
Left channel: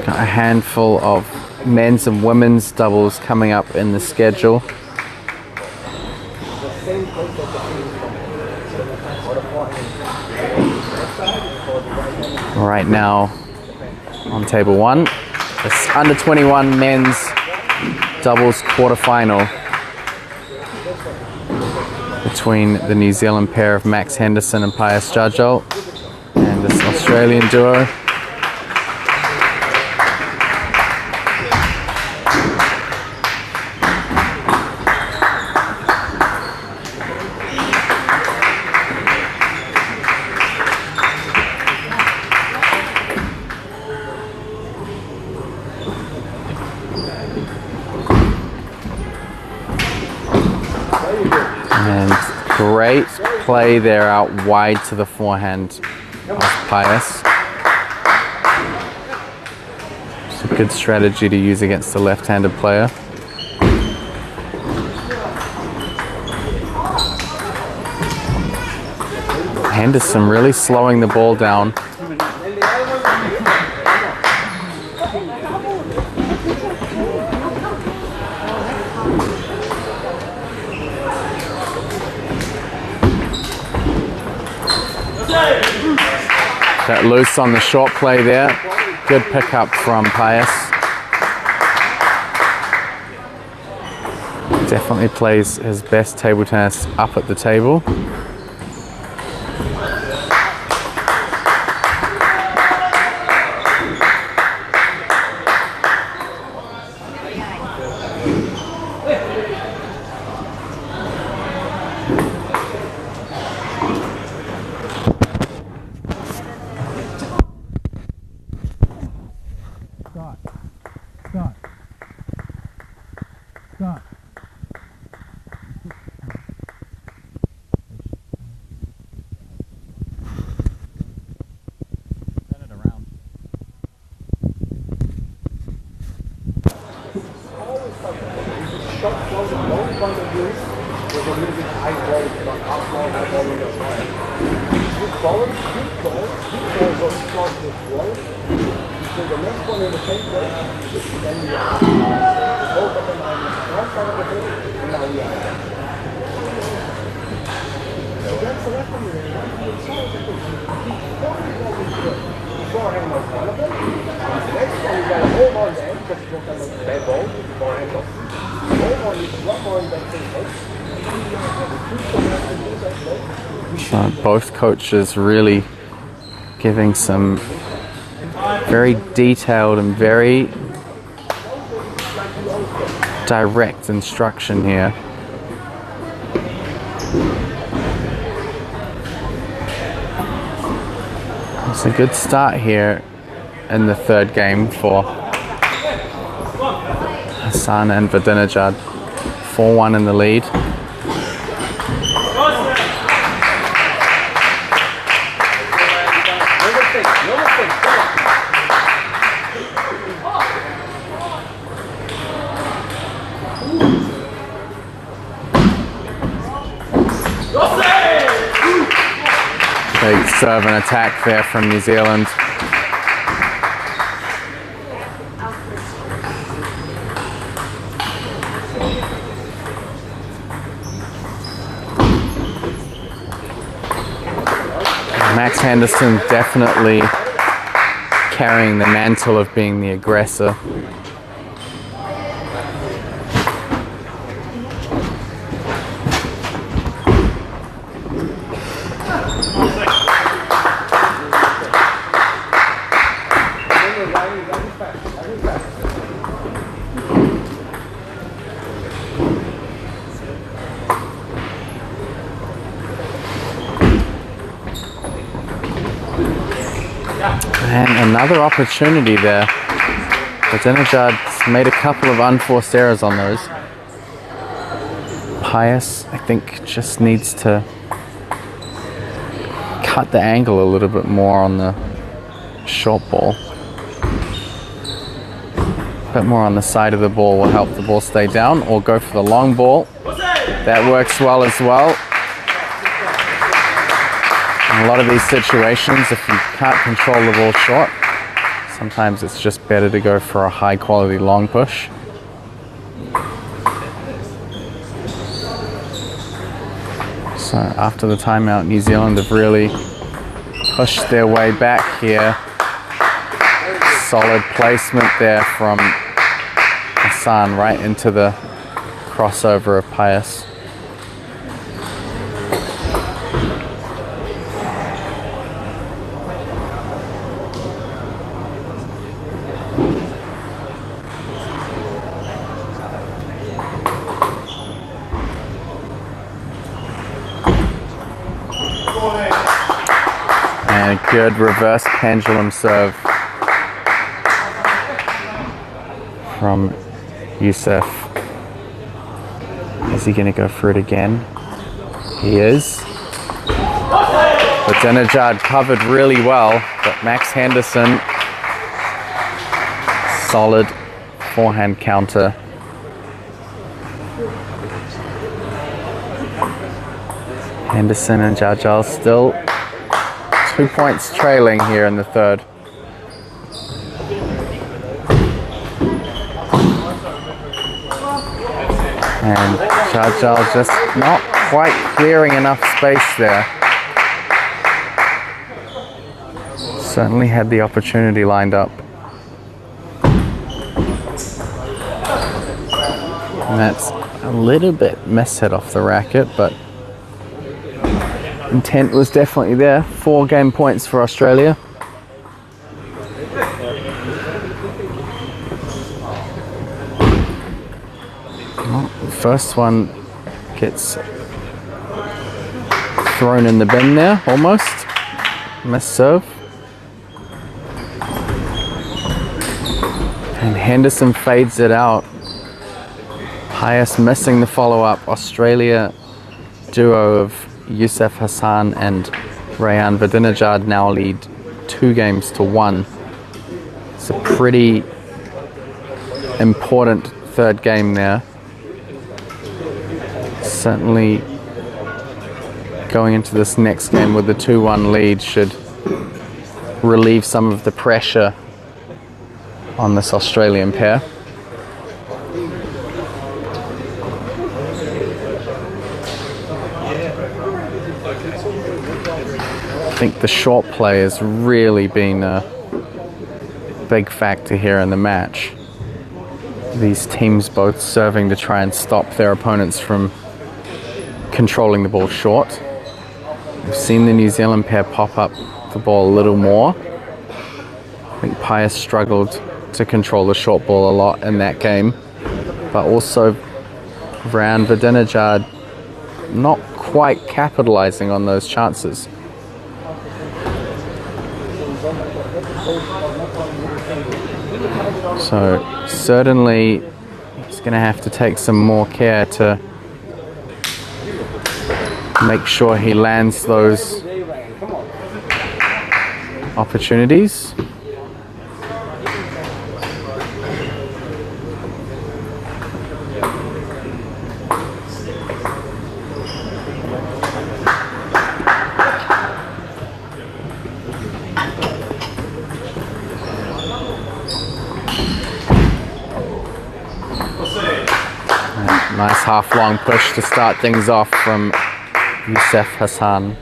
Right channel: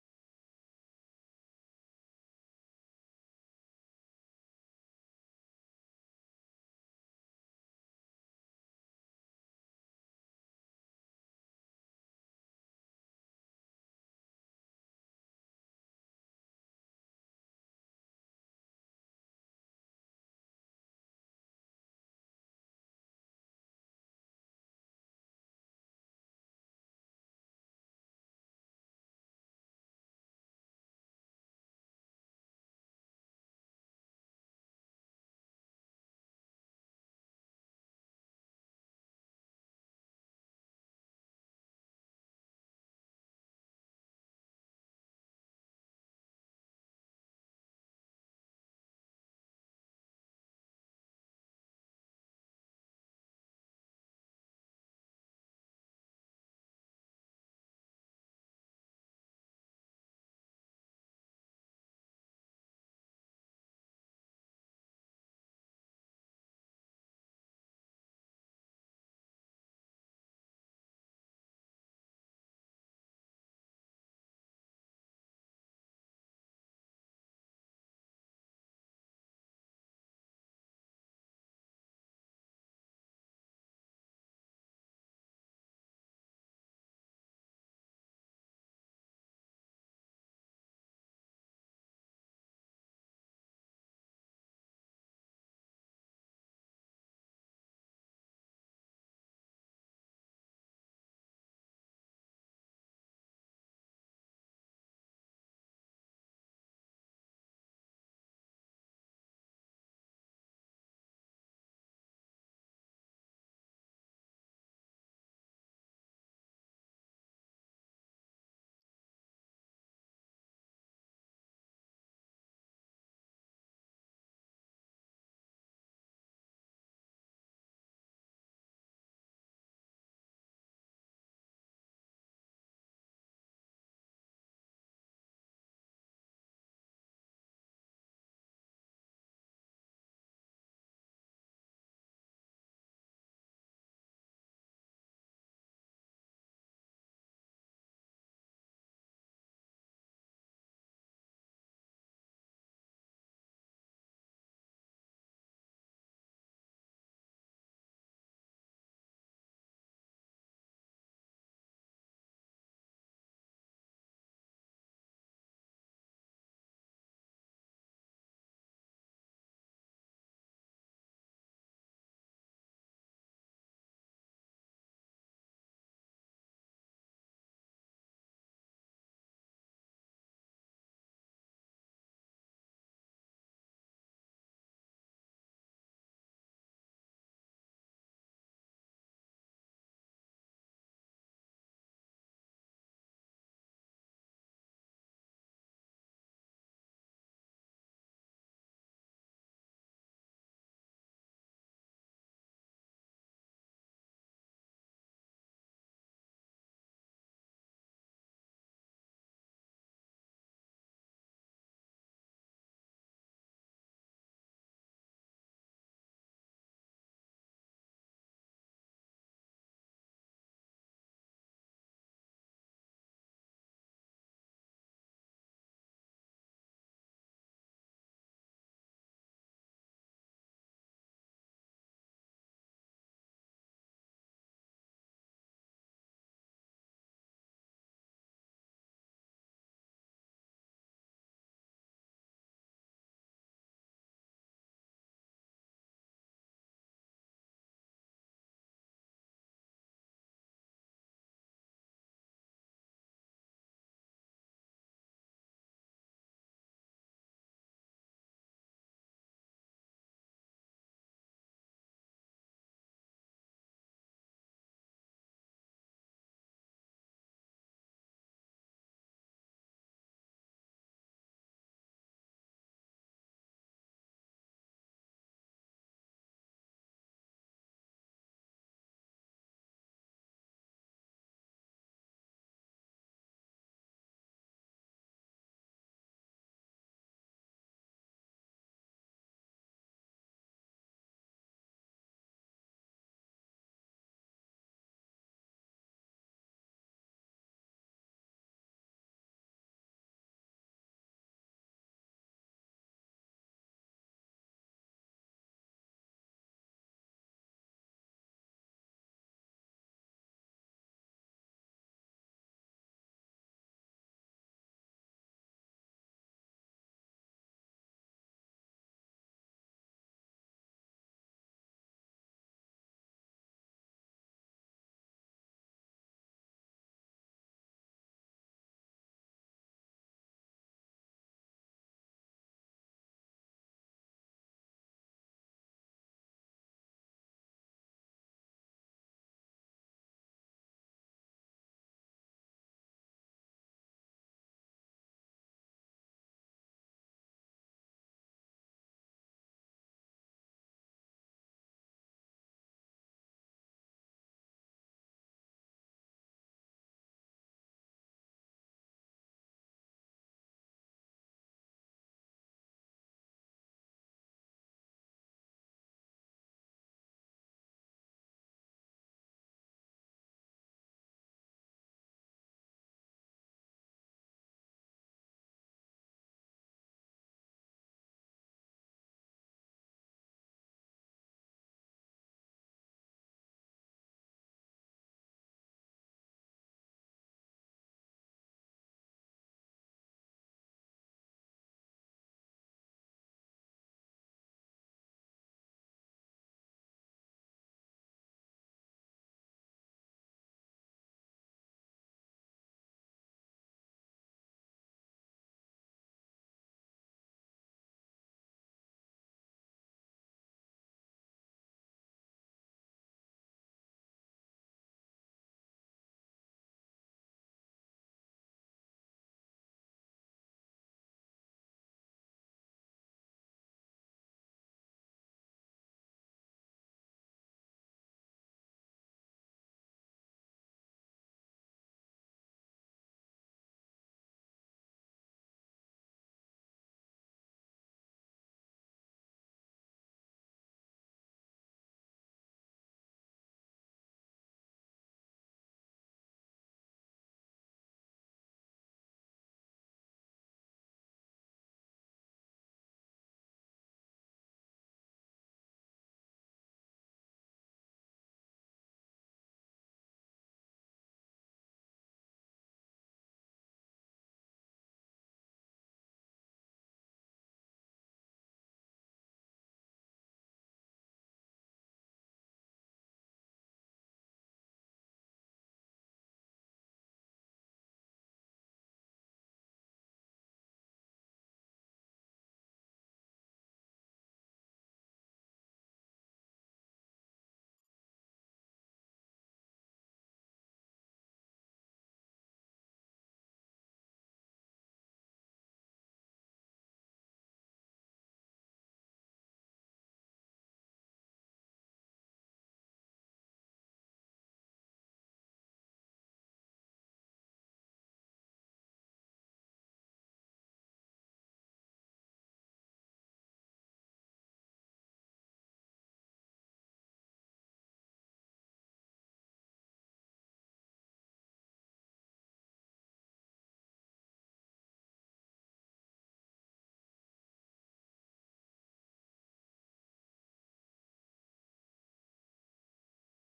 Got a handful of men's and women's doubles coming up in the schedule. Right now on table 1, it's under 21 men's doubles quarterfinal between the New Zealand pair of Max Henderson and Pius Jajal and this Australian duo. And great play there out wide to the forehand of Pius. It's a good strategy to use against a left-handed player. Henderson really slowing the ball down. Got loose on the short play there. Good pickup from Pius. Definitely plays his best table tennis up at the table. So both coaches really giving some very detailed and very direct instruction here. It's a good start here in the third game for Hassan and Vidinejad. 4-1 in the lead. Big serve and attack there from New Zealand. Max Henderson definitely carrying the mantle of being the aggressor. And another opportunity there. Vidinejad's made a couple of unforced errors on those. Pius, I think, just needs to cut the angle a little bit more on the short ball. A bit more on the side of the ball will help the ball stay down, or go for the long ball. That works well as well. In a lot of these situations, if you can't control the ball short, sometimes it's just better to go for a high quality long push. So after the timeout, New Zealand have really pushed their way back here. Solid placement there from Hassan right into the crossover of Pius. And a good reverse pendulum serve from Youssef. Is he going to go for it again? He is. Vidinejad covered really well, but Max Henderson, solid forehand counter. Henderson and Jajal still 2 points trailing here in the third. And Jajal just not quite clearing enough space there. Certainly had the opportunity lined up. And that's a little bit mishit off the racket, but intent was definitely there. 4 game points for Australia. Well, the first one gets thrown in the bin there, almost. Missed serve. And Henderson fades it out. Pius missing the follow-up. Australia duo of Youssef Hassan and Rayan Vidinejad now lead 2 games to 1. It's a pretty important third game there. Certainly going into this next game with the 2-1 lead should relieve some of the pressure on this Australian pair. I think the short play has really been a big factor here in the match. These teams both serving to try and stop their opponents from controlling the ball short. We've seen the New Zealand pair pop up the ball a little more. I think Pius struggled to control the short ball a lot in that game, but also Rayan Vidinejad not quite capitalizing on those chances. So certainly he's going to have to take some more care to make sure he lands those opportunities. Nice half-long push to start things off from Youssef Hassan.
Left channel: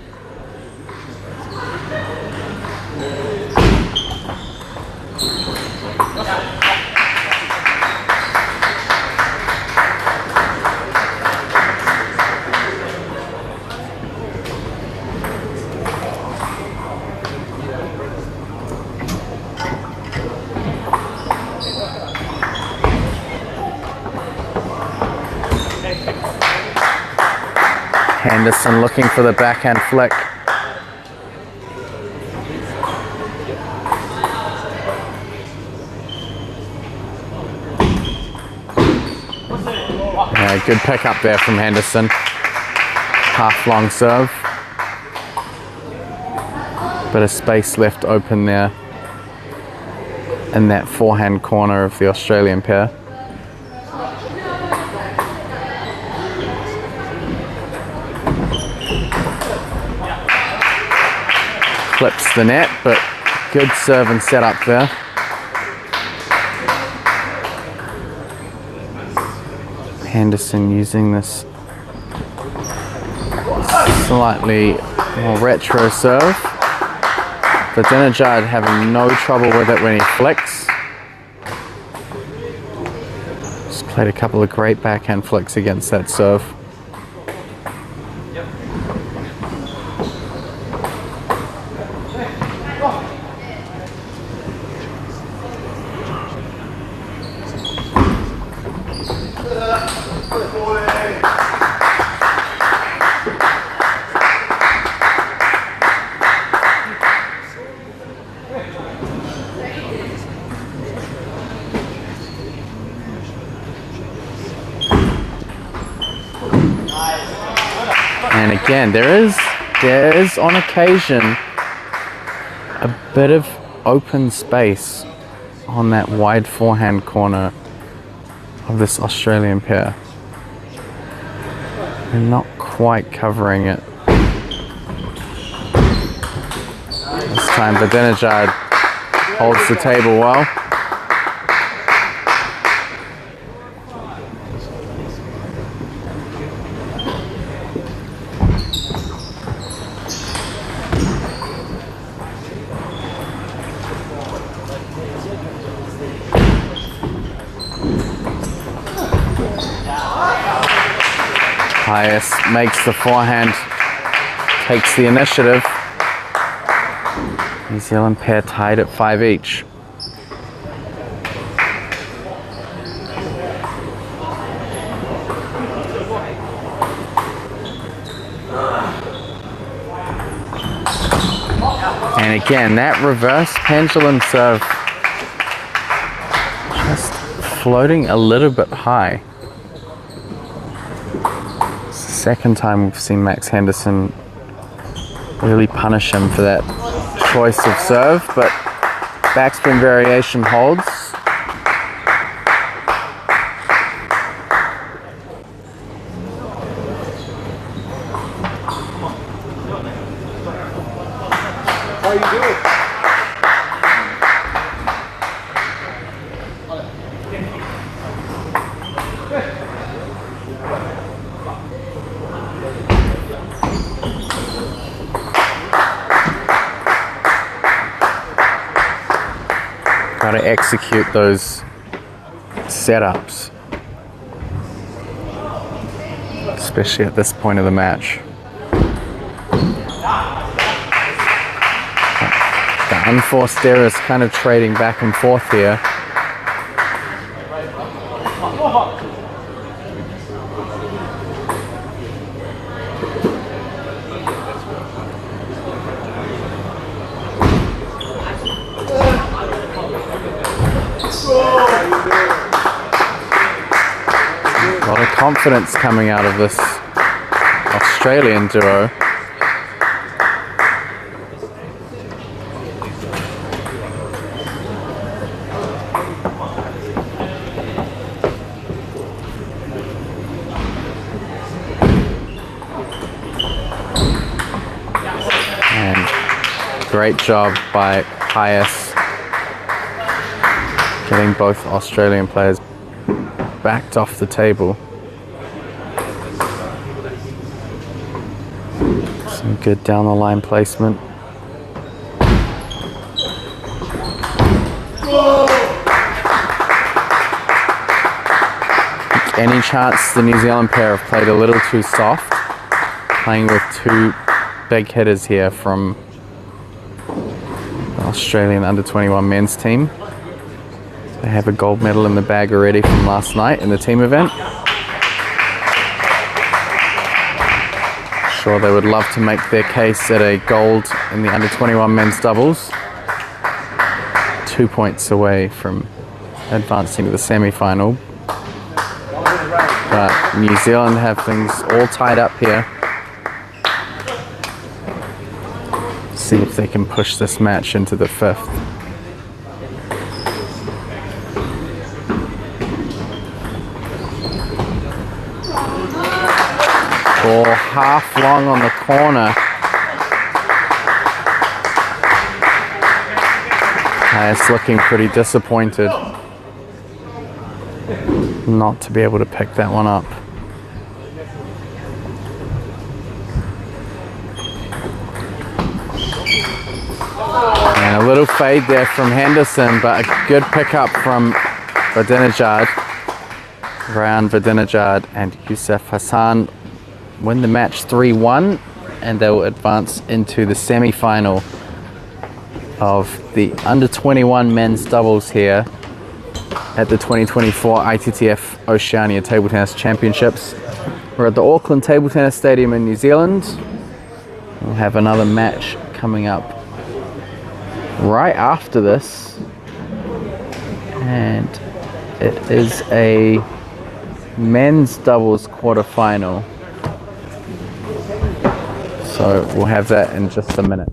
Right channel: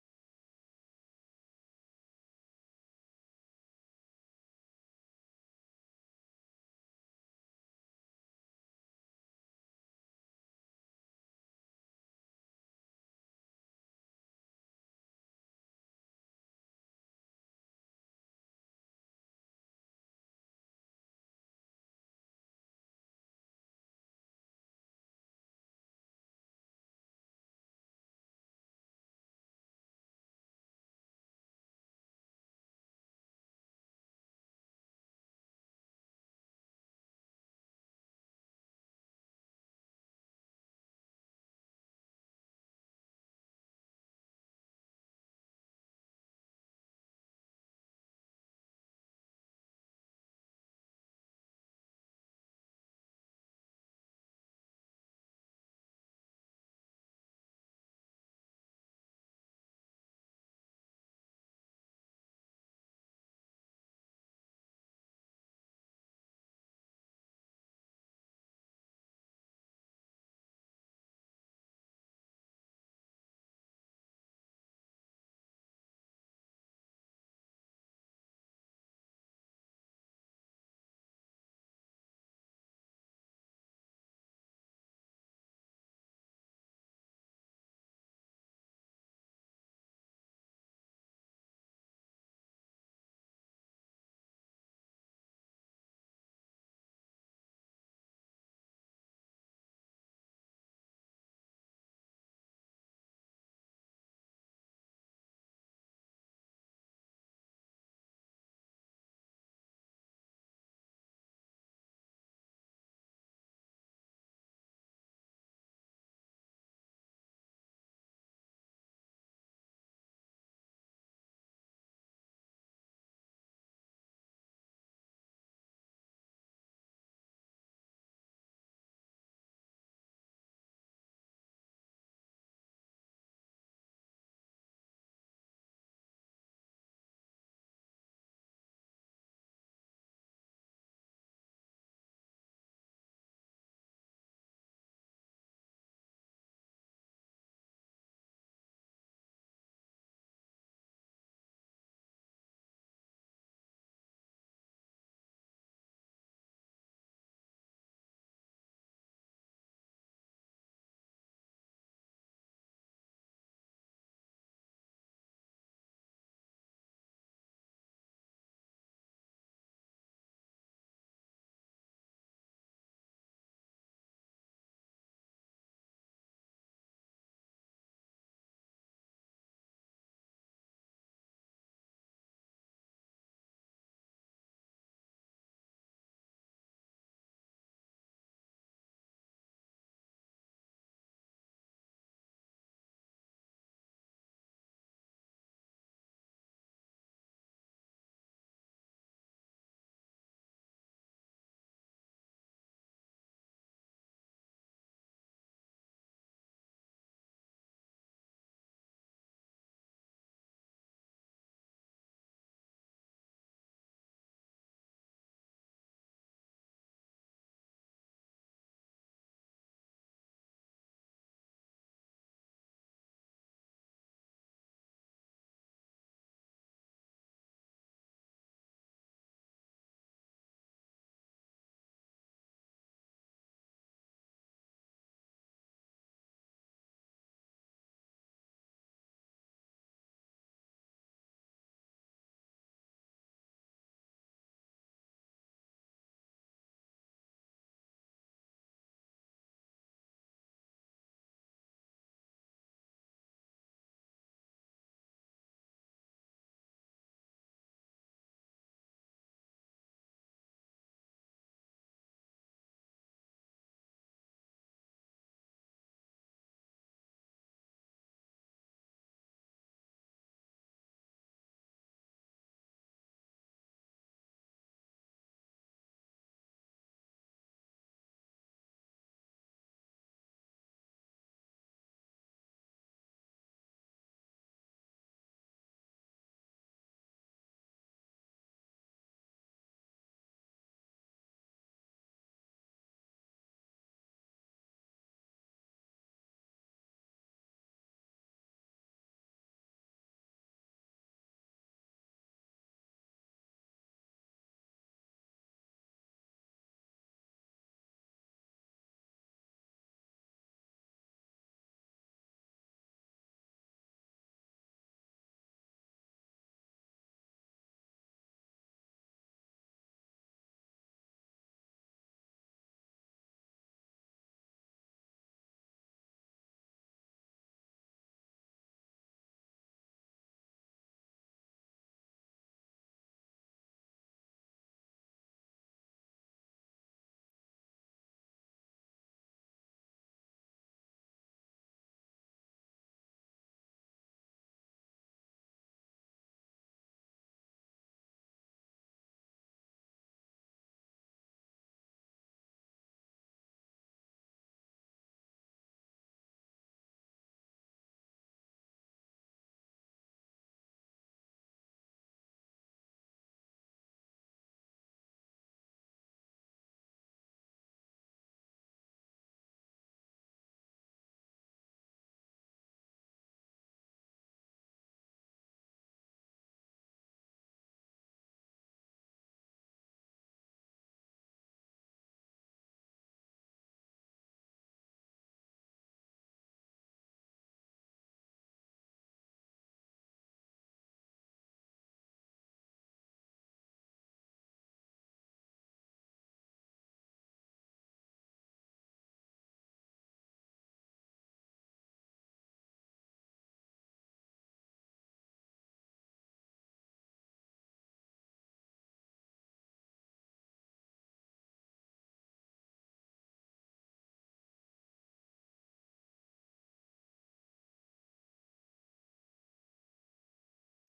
Henderson looking for the backhand flick. Yeah, good pick up there from Henderson. Half long serve. Bit of space left open there in that forehand corner of the Australian pair. Clips the net, but good serve and set up there. Henderson using this slightly more retro serve. Vidinejad having no trouble with it when he flicks. Just played a couple of great backhand flicks against that serve. And again, there is on occasion a bit of open space on that wide forehand corner of this Australian pair. They're not quite covering it. This time Vidinejad holds the table well. Pius makes the forehand, takes the initiative. New Zealand pair tied at 5 each. And again, that reverse pendulum serve just floating a little bit high. It's the second time we've seen Max Henderson really punish him for that choice of serve, but backspin variation holds. How you doing? Got to execute those setups, especially at this point of the match. The unforced error is kind of trading back and forth here. A lot of confidence coming out of this Australian duo. And great job by Pius getting both Australian players backed off the table. Some good down the line placement. Any chance the New Zealand pair have played a little too soft, playing with two big hitters here from the Australian under-21 men's team. They have a gold medal in the bag already from last night in the team event. Sure, they would love to make their case at a gold in the under-21 men's doubles. 2 points away from advancing to the semi-final. But New Zealand have things all tied up here. See if they can push this match into the fifth. Ball half long on the corner. It's looking pretty disappointed not to be able to pick that one up. And a little fade there from Henderson, but a good pickup from Vidinejad. Ryan Vidinejad and Youssef Hassan win the match 3-1, and they will advance into the semi-final of the under-21 men's doubles here at the 2024 ITTF-Oceania Table Tennis Championships. We're at the Auckland Table Tennis Stadium in New Zealand. We'll have another match coming up right after this, and it is a men's doubles quarterfinal. So we'll have that in just a minute.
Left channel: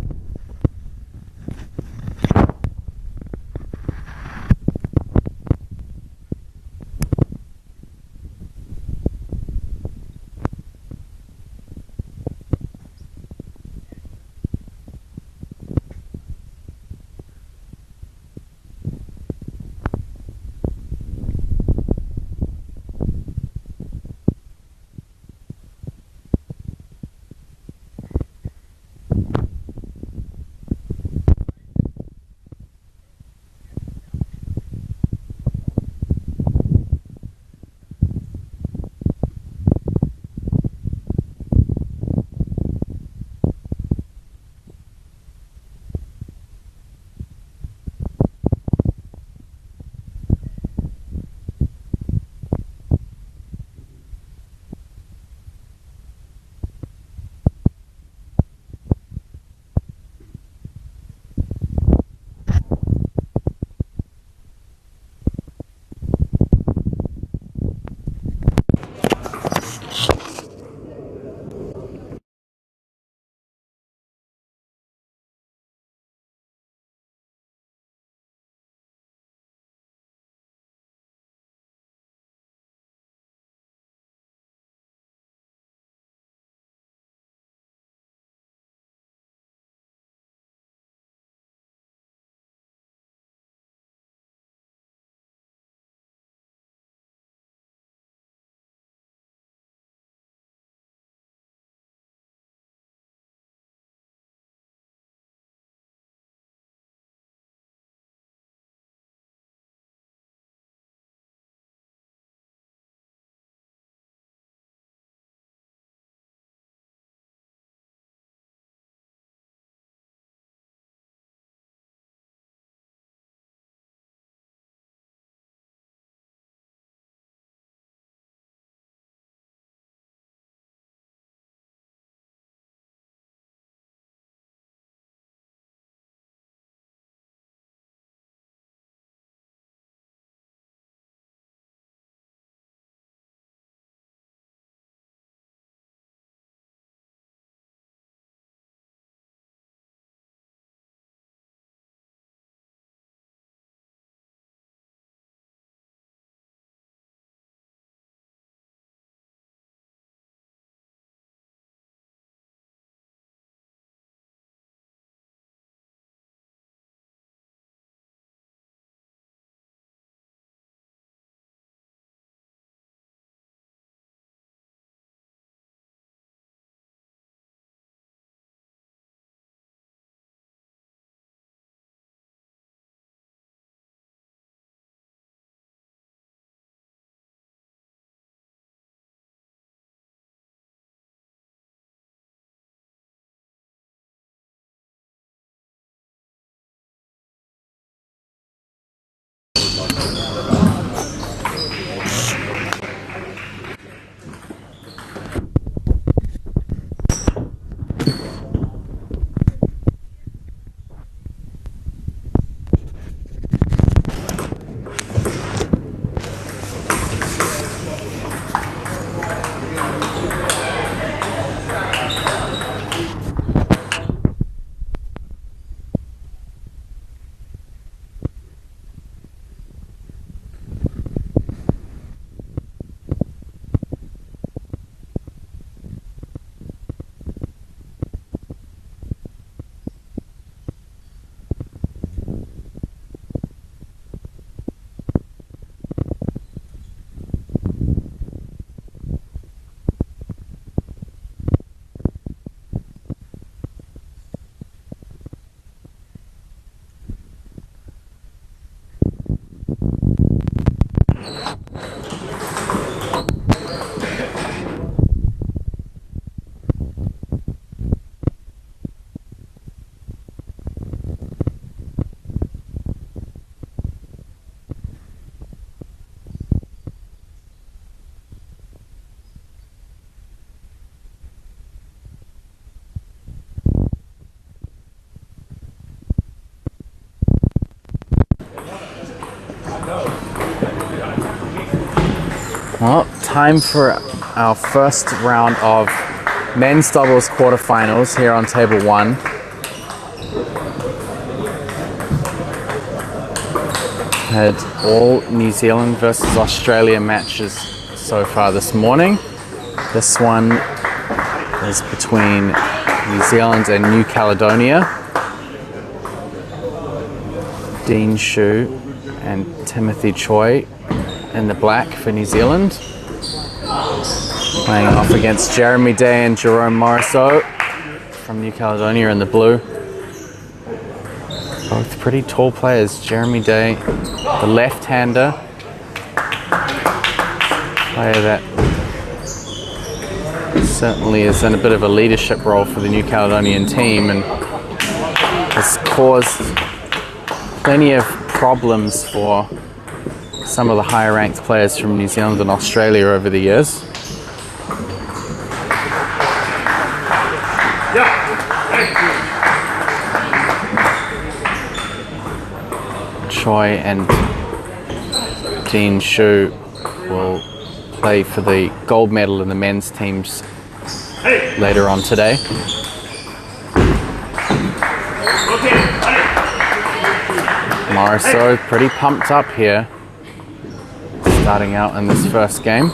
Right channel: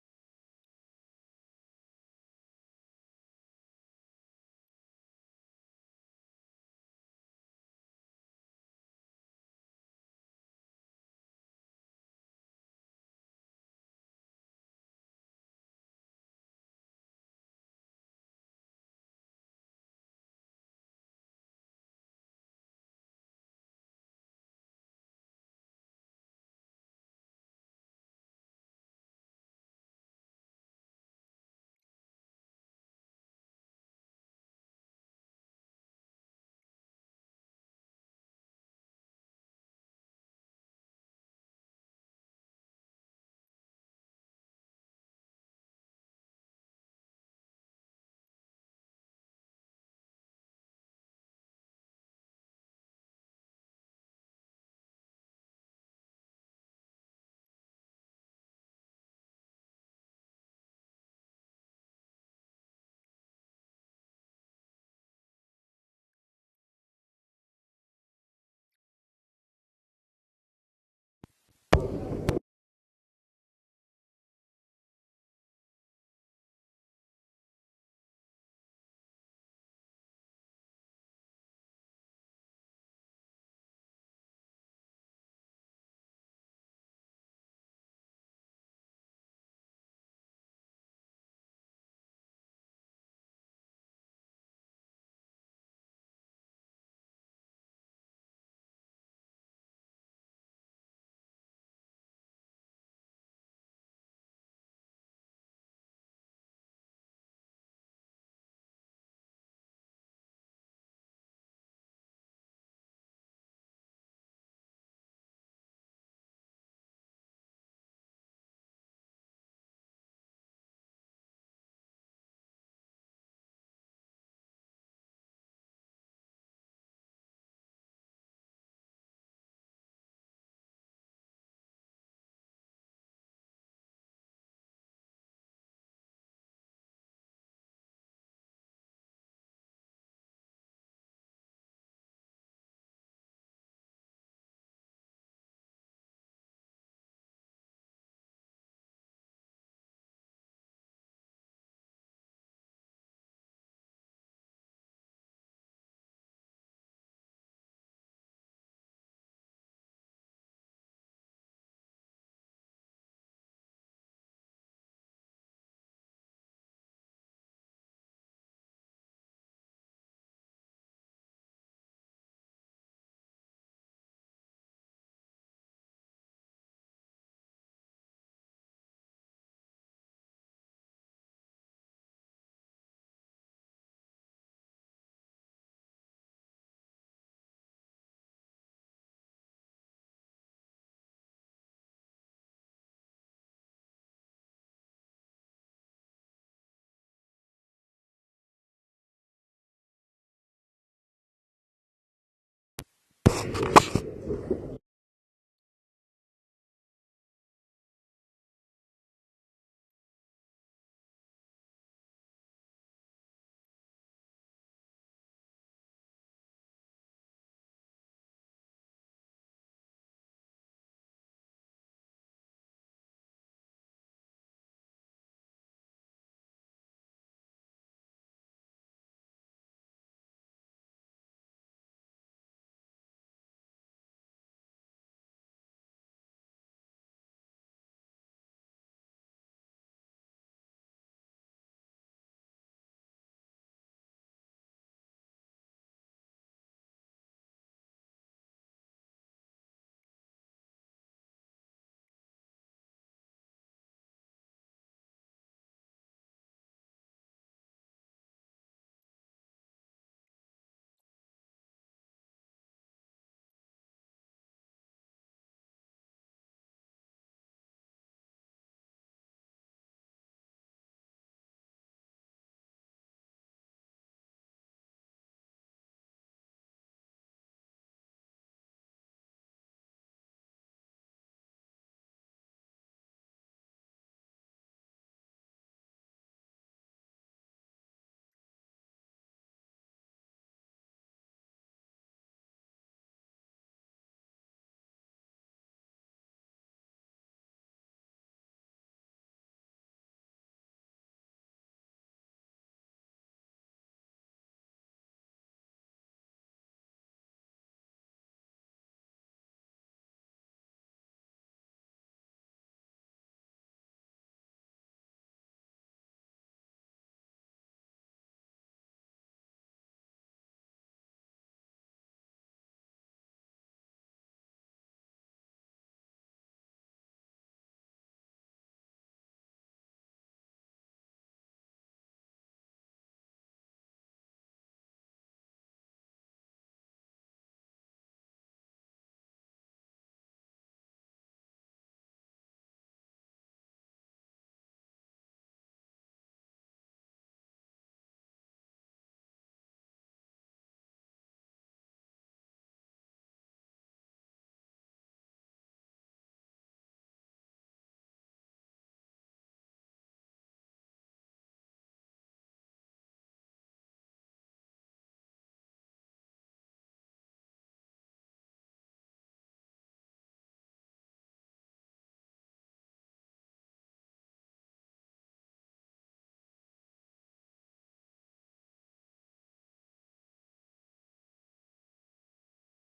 Well, time for our first round of Men's doubles quarterfinals here on table 1. Had all New Zealand versus Australia matches so far this morning. This one is between New Zealand and New Caledonia. Dean Shu and Timothy Choi in the black for New Zealand. Playing off against Jeremy Day and Jerome Morisseau from New Caledonia in the blue. Both pretty tall players. Jeremy Day, the left-hander, player that certainly is in a bit of a leadership role for the New Caledonian team and has caused plenty of problems for some of the higher ranked players from New Zealand and Australia over the years. Choi and Dean Shu will play for the gold medal in the men's teams later on today. Morisseau pretty pumped up here, starting out in this first game.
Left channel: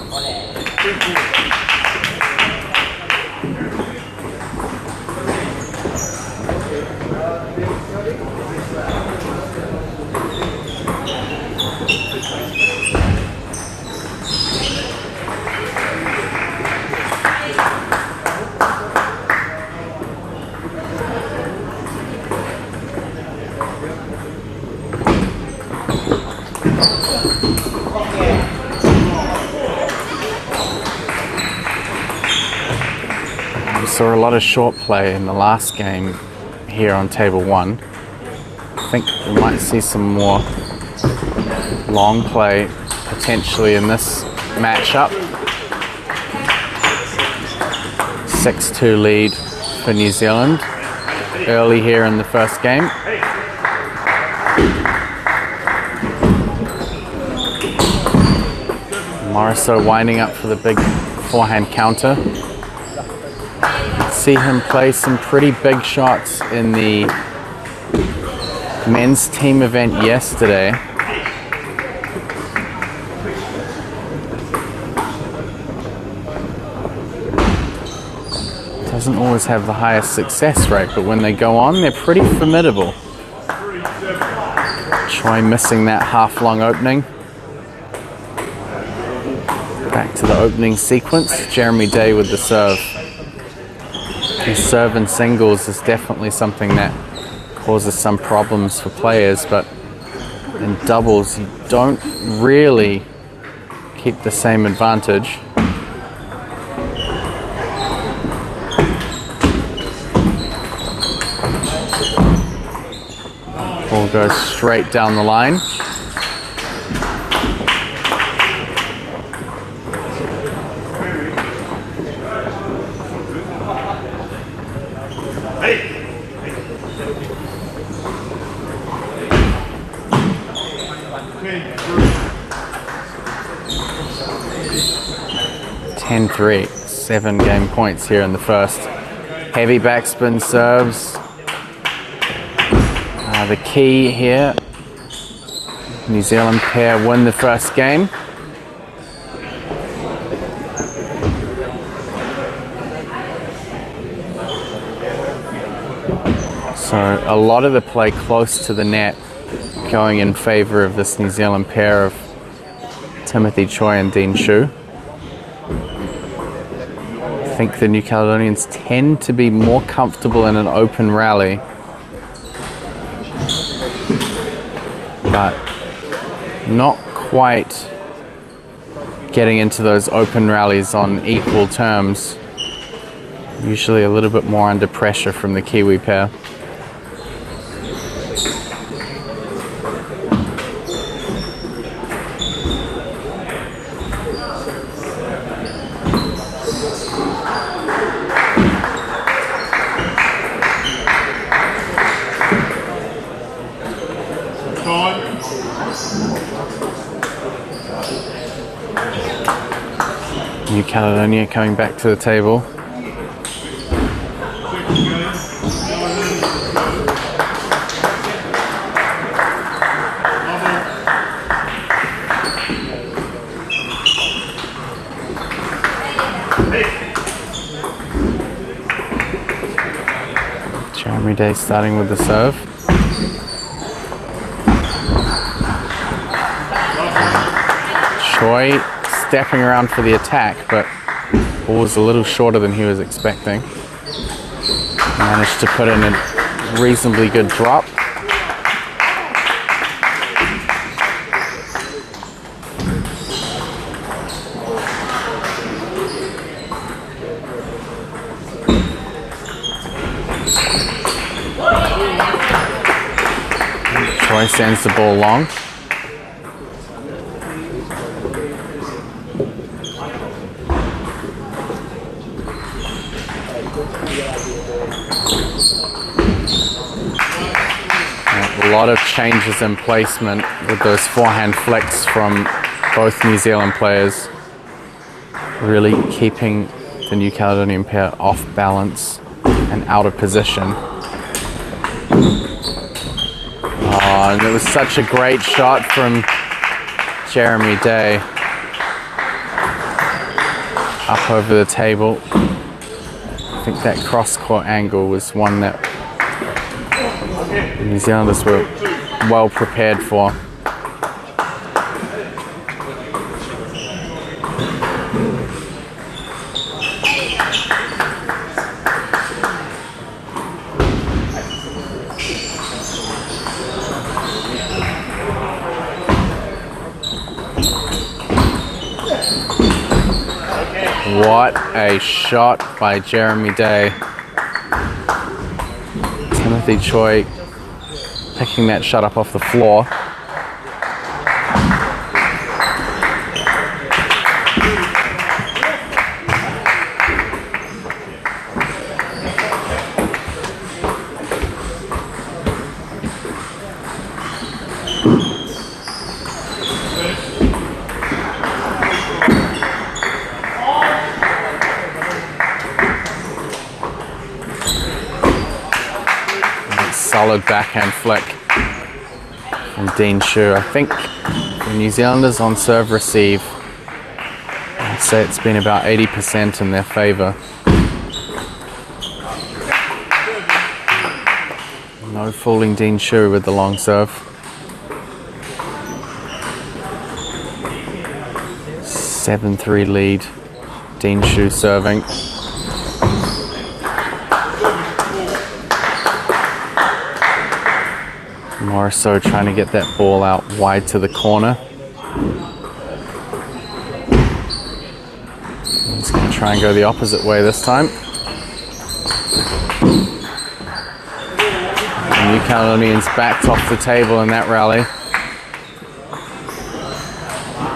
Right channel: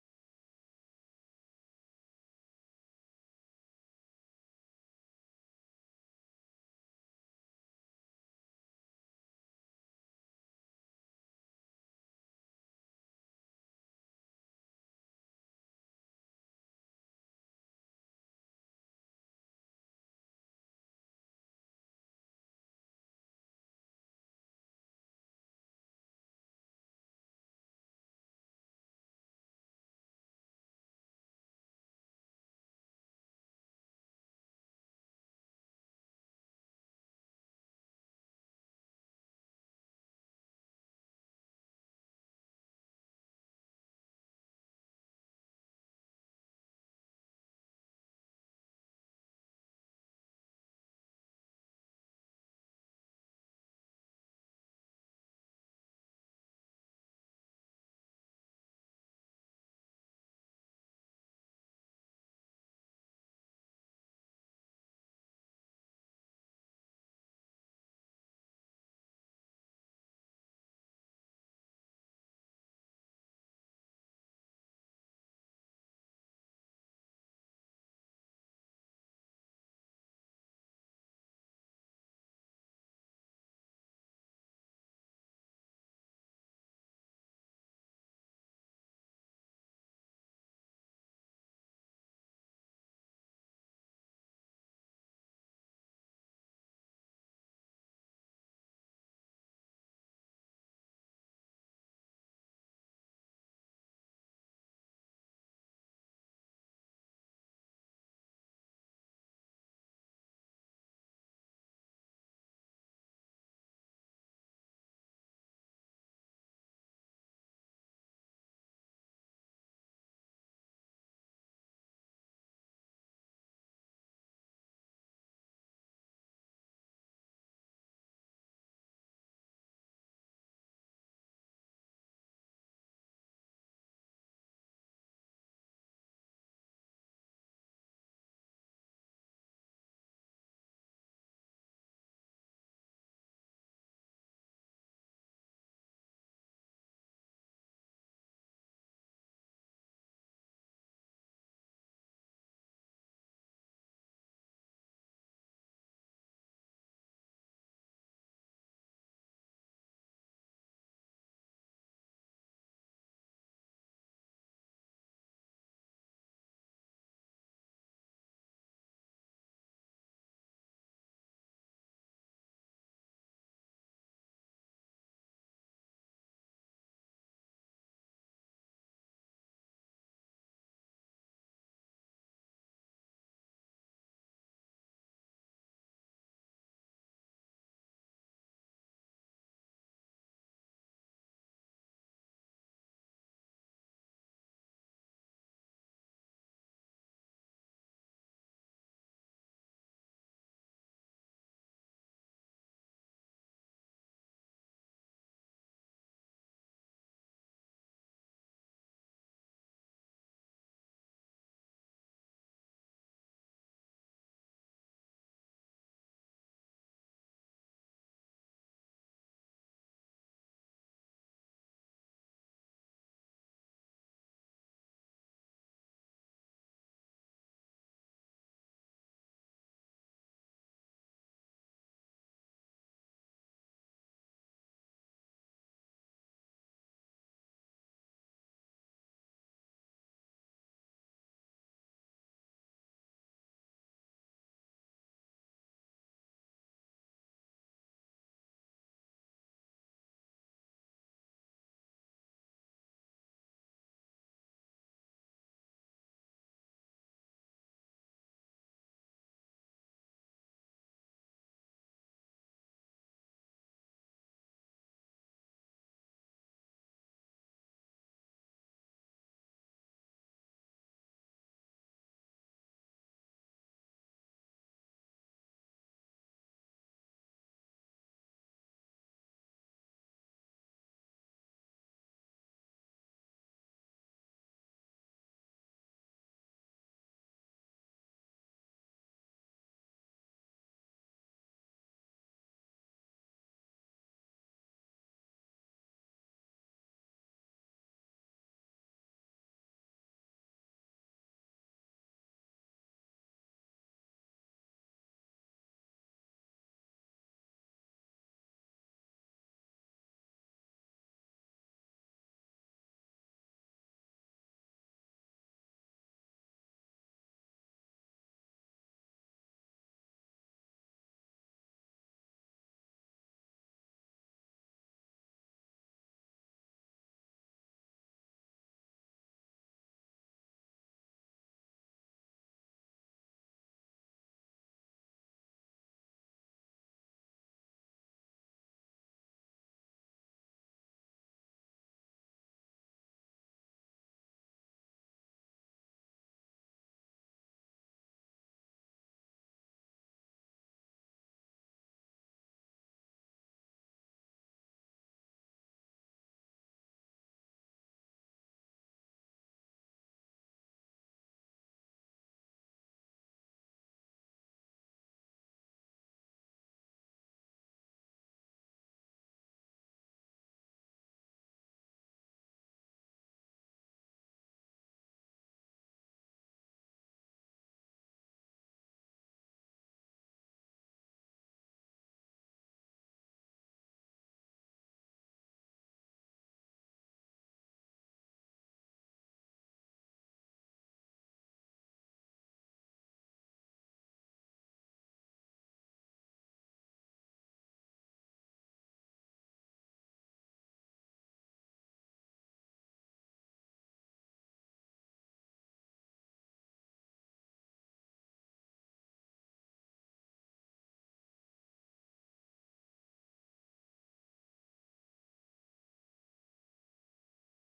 We saw a lot of short play in the last game here on table 1. I think we might see some more long play potentially in this matchup. 6-2 lead for New Zealand early here in the first game. Morisseau winding up for the big forehand counter. See him play some pretty big shots in the men's team event yesterday. Doesn't always have the highest success rate, but when they go on, they're pretty formidable. Choi missing that half-long opening. Back to the opening sequence. Jeremy Day with the serve. His serve in singles is definitely something that causes some problems for players, but in doubles you don't really keep the same advantage. Ball goes straight down the line. Ten 3, 7 game points here in the first. Heavy backspin serves. The key here, New Zealand pair win the first game. So a lot of the play close to the net going in favour of this New Zealand pair of Timothy Choi and Dean Shu. I think the New Caledonians tend to be more comfortable in an open rally, but not quite getting into those open rallies on equal terms. Usually a little bit more under pressure from the Kiwi pair. New Caledonia coming back to the table. Jeremy Day starting with the serve. Choi stepping around for the attack, but ball was a little shorter than he was expecting. Managed to put in a reasonably good drop. Choi sends the ball long. A lot of changes in placement with those forehand flicks from both New Zealand players, really keeping the New Caledonian pair off balance and out of position. Oh, and it was such a great shot from Jeremy Day. Up over the table. I think that cross-court angle was one that New Zealanders were well prepared for. What a shot by Jeremy Day. Timothy Choi picking that shot up off the floor. Solid backhand flick from Dean Shu. I think the New Zealanders on serve receive, I'd say it's been about 80% in their favour. No fooling Dean Shu with the long serve. 7-3 lead. Dean Shu serving. Morrisseau trying to get that ball out wide to the corner. He's going to try and go the opposite way this time. The New Caledonians backed off the table in that rally.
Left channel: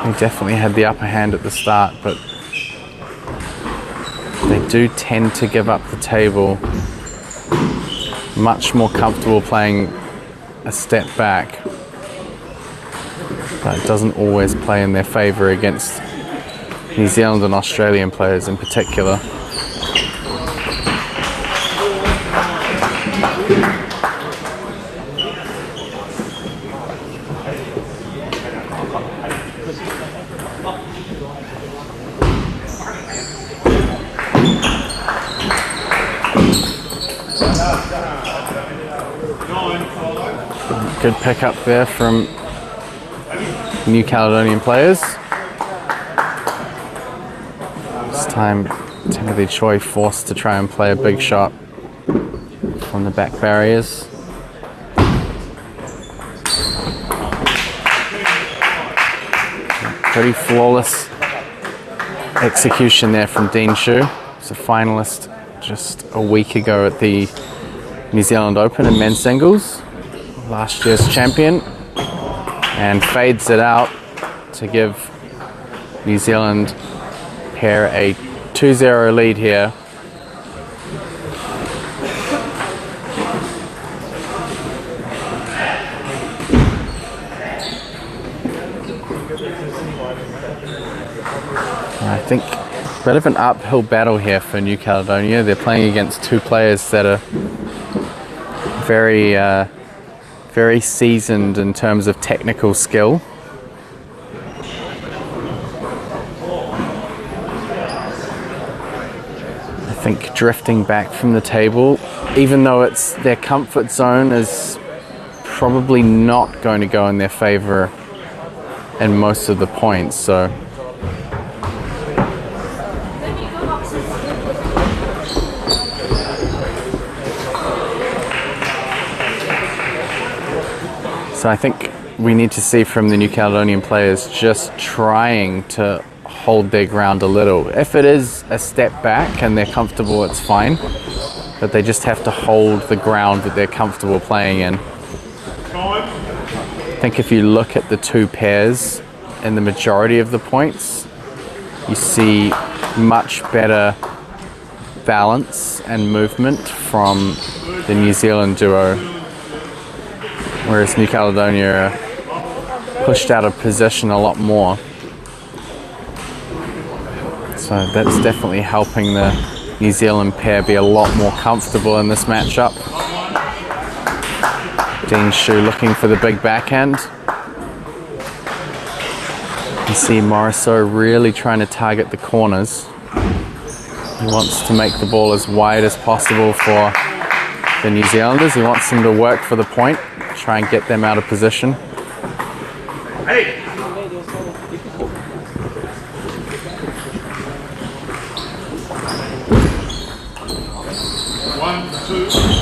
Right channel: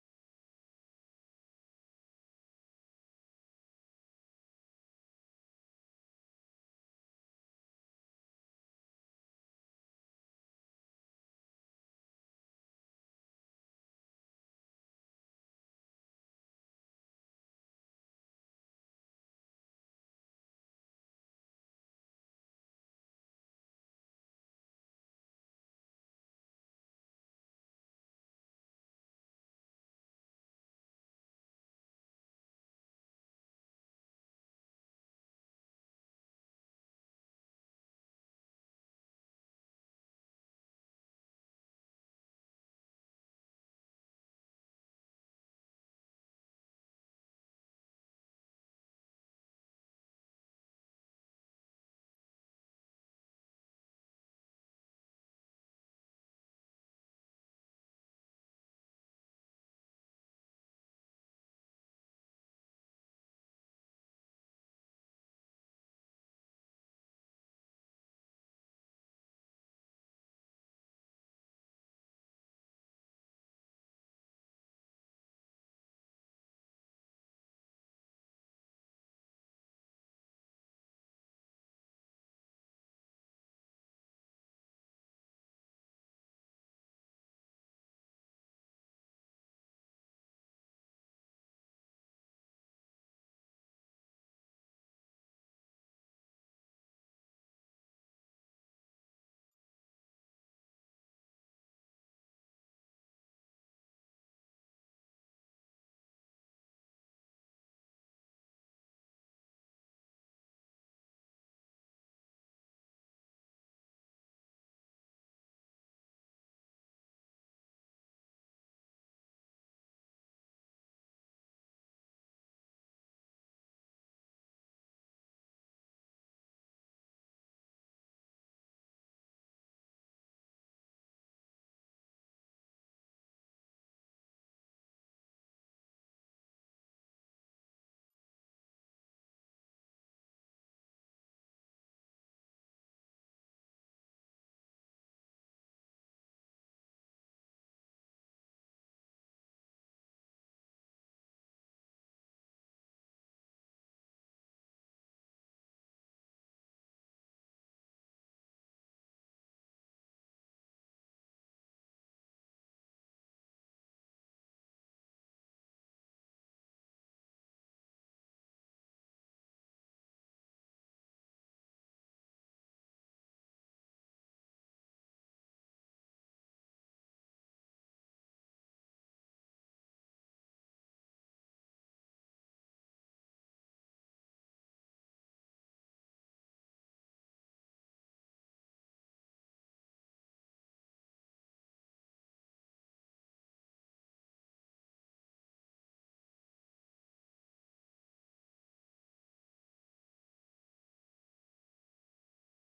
They definitely had the upper hand at the start, but they do tend to give up the table. Much more comfortable playing a step back, but it doesn't always play in their favour against New Zealand and Australian players in particular. Good pick up there from New Caledonian players. This time Timothy Choi forced to try and play a big shot from the back barriers. Pretty flawless execution there from Dean Shu. He's a finalist just a week ago at the New Zealand Open in men's singles. Last year's champion, and fades it out to give New Zealand pair a 2-0 lead here. I think a bit of an uphill battle here for New Caledonia. They're playing against two players that are very seasoned in terms of technical skill. think drifting back from the table, even though it's their comfort zone, is probably not going to go in their favor in most of the points. So I think we need to see from the New Caledonian players just trying to hold their ground a little. If it is a step back and they're comfortable, it's fine. But they just have to hold the ground that they're comfortable playing in. I think if you look at the two pairs in the majority of the points, you see much better balance and movement from the New Zealand duo, whereas New Caledonia are pushed out of position a lot more. So that's definitely helping the New Zealand pair be a lot more comfortable in this matchup. Dean Shu looking for the big backhand. You see Morisot really trying to target the corners. He wants to make the ball as wide as possible for the New Zealanders. He wants them to work for the point, try and get them out of position. Hey.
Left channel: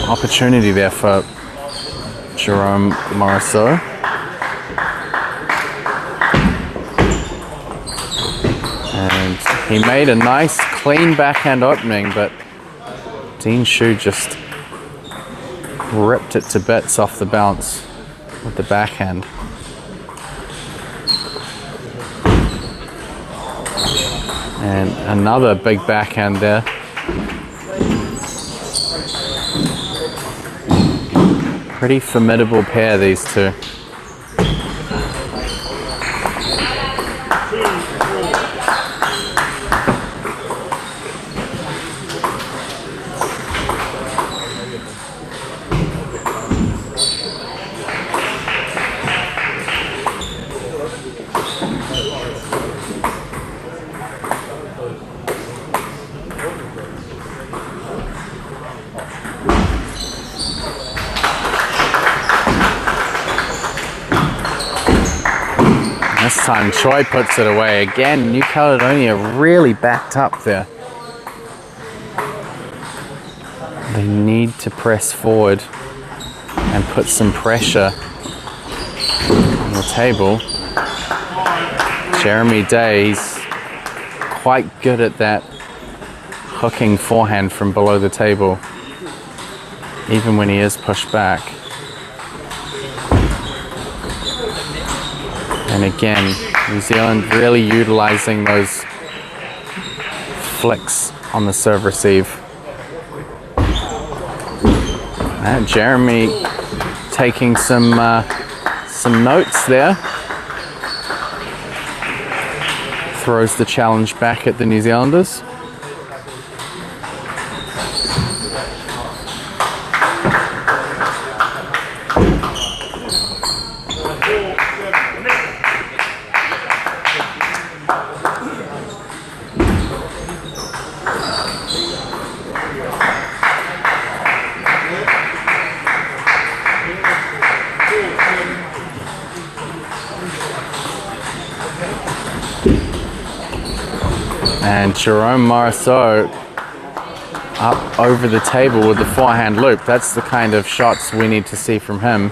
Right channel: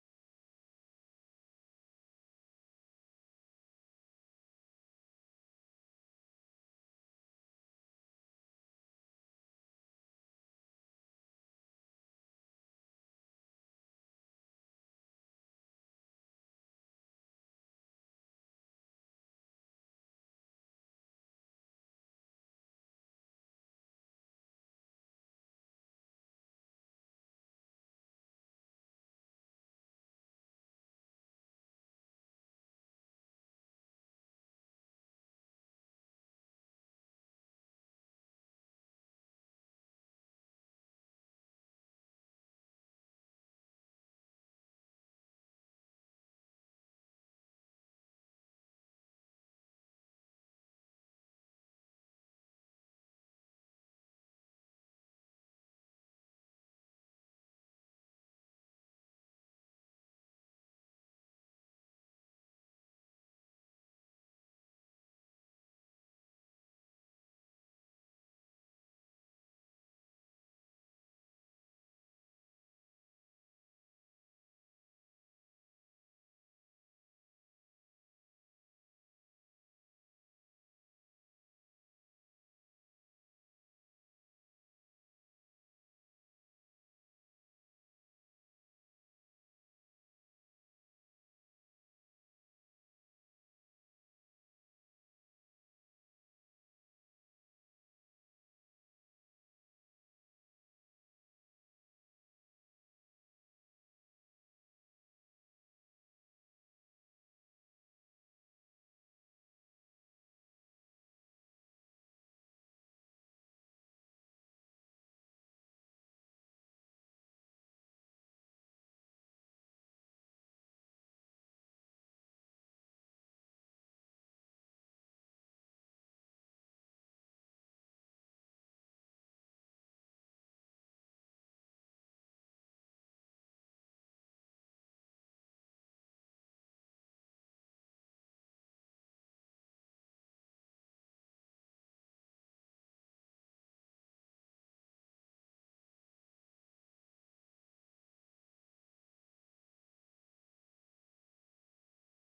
Opportunity there for Jerome Morisot. And he made a nice clean backhand opening, but Dean Shu just ripped it to bits off the bounce with the backhand. And another big backhand there. Pretty formidable pair, these two. This time Choi puts it away. Again, New Caledonia really backed up there. They need to press forward and put some pressure on the table. Jeremy Day's quite good at that hooking forehand from below the table, even when he is pushed back. And again, New Zealand really utilizing those flicks on the serve receive. And Jeremy taking some notes there. Throws the challenge back at the New Zealanders. And Jerome Morisot up over the table with the forehand loop. That's the kind of shots we need to see from him.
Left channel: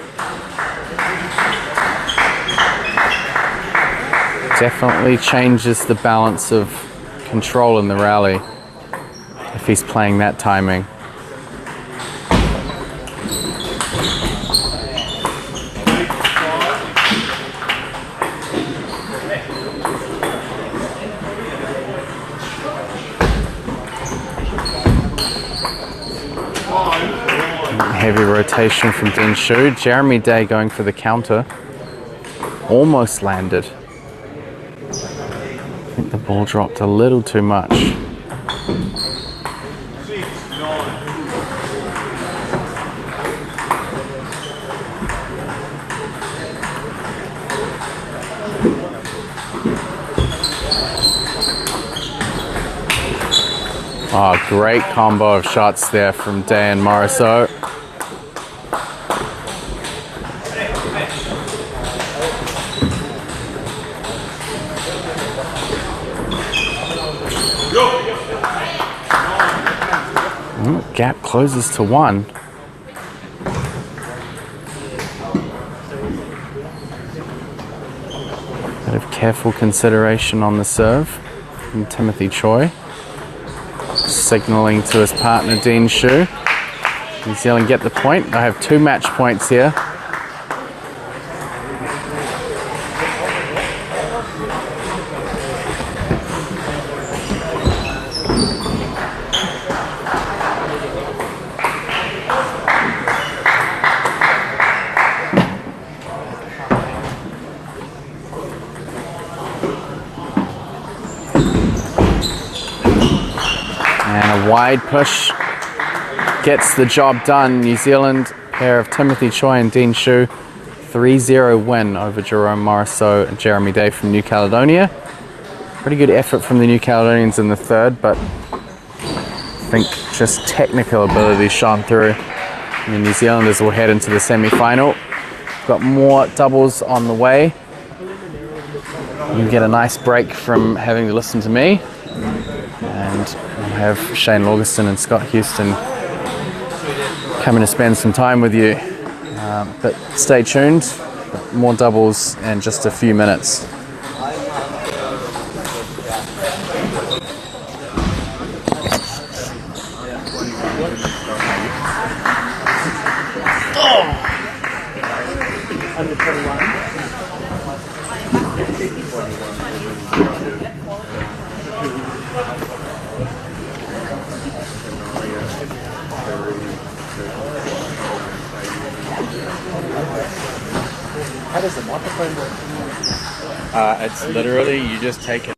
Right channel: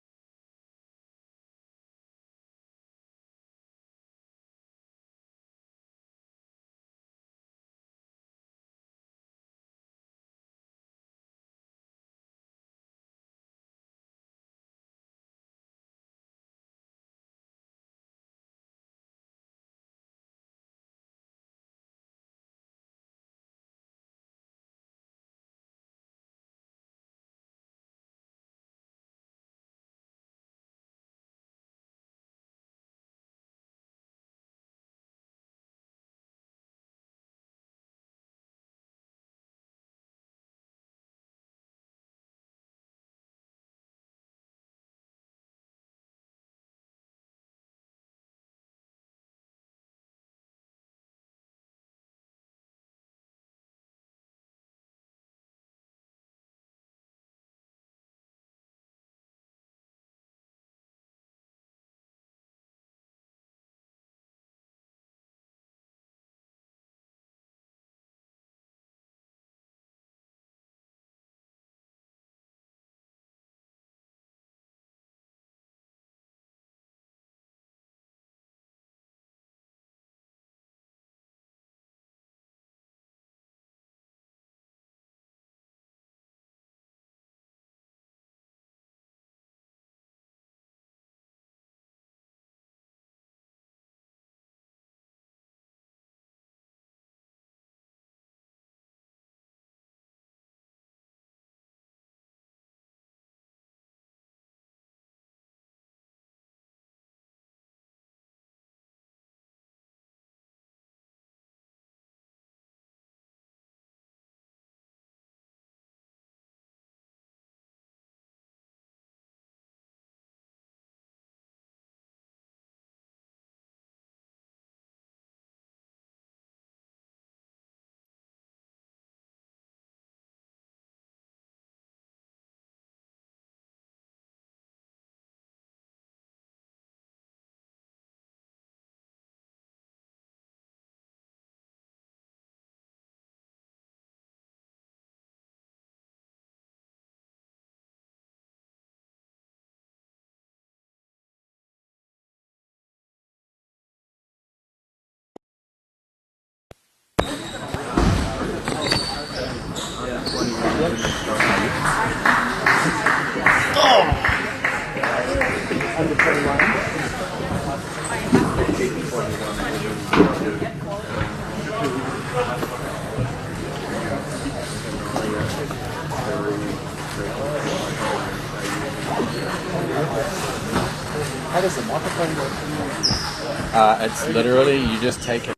Definitely changes the balance of control in the rally if he's playing that timing. Heavy rotation from Dean Shu. Jeremy Day going for the counter. Almost landed. I think the ball dropped a little too much. Oh, great combo of shots there from Dan Morrisseau. Gap closes to 1. Bit of careful consideration on the serve from Timothy Choi. Signaling to his partner Dean Shu. New Zealand get the point. They have 2 match points here. And a wide push gets the job done. New Zealand pair of Timothy Choi and Dean Shu, 3-0 win over Jerome Morrisseau and Jeremy Day from New Caledonia. Pretty good effort from the New Caledonians in the third, but I think just technical ability shone through. And the New Zealanders will head into the semi-final. Got more doubles on the way. You get a nice break from having to listen to me. And we'll have Shane Laugiston and Scott Houston coming to spend some time with you. But stay tuned, more doubles in just a few minutes. How does the microphone work? It's literally, you just take it.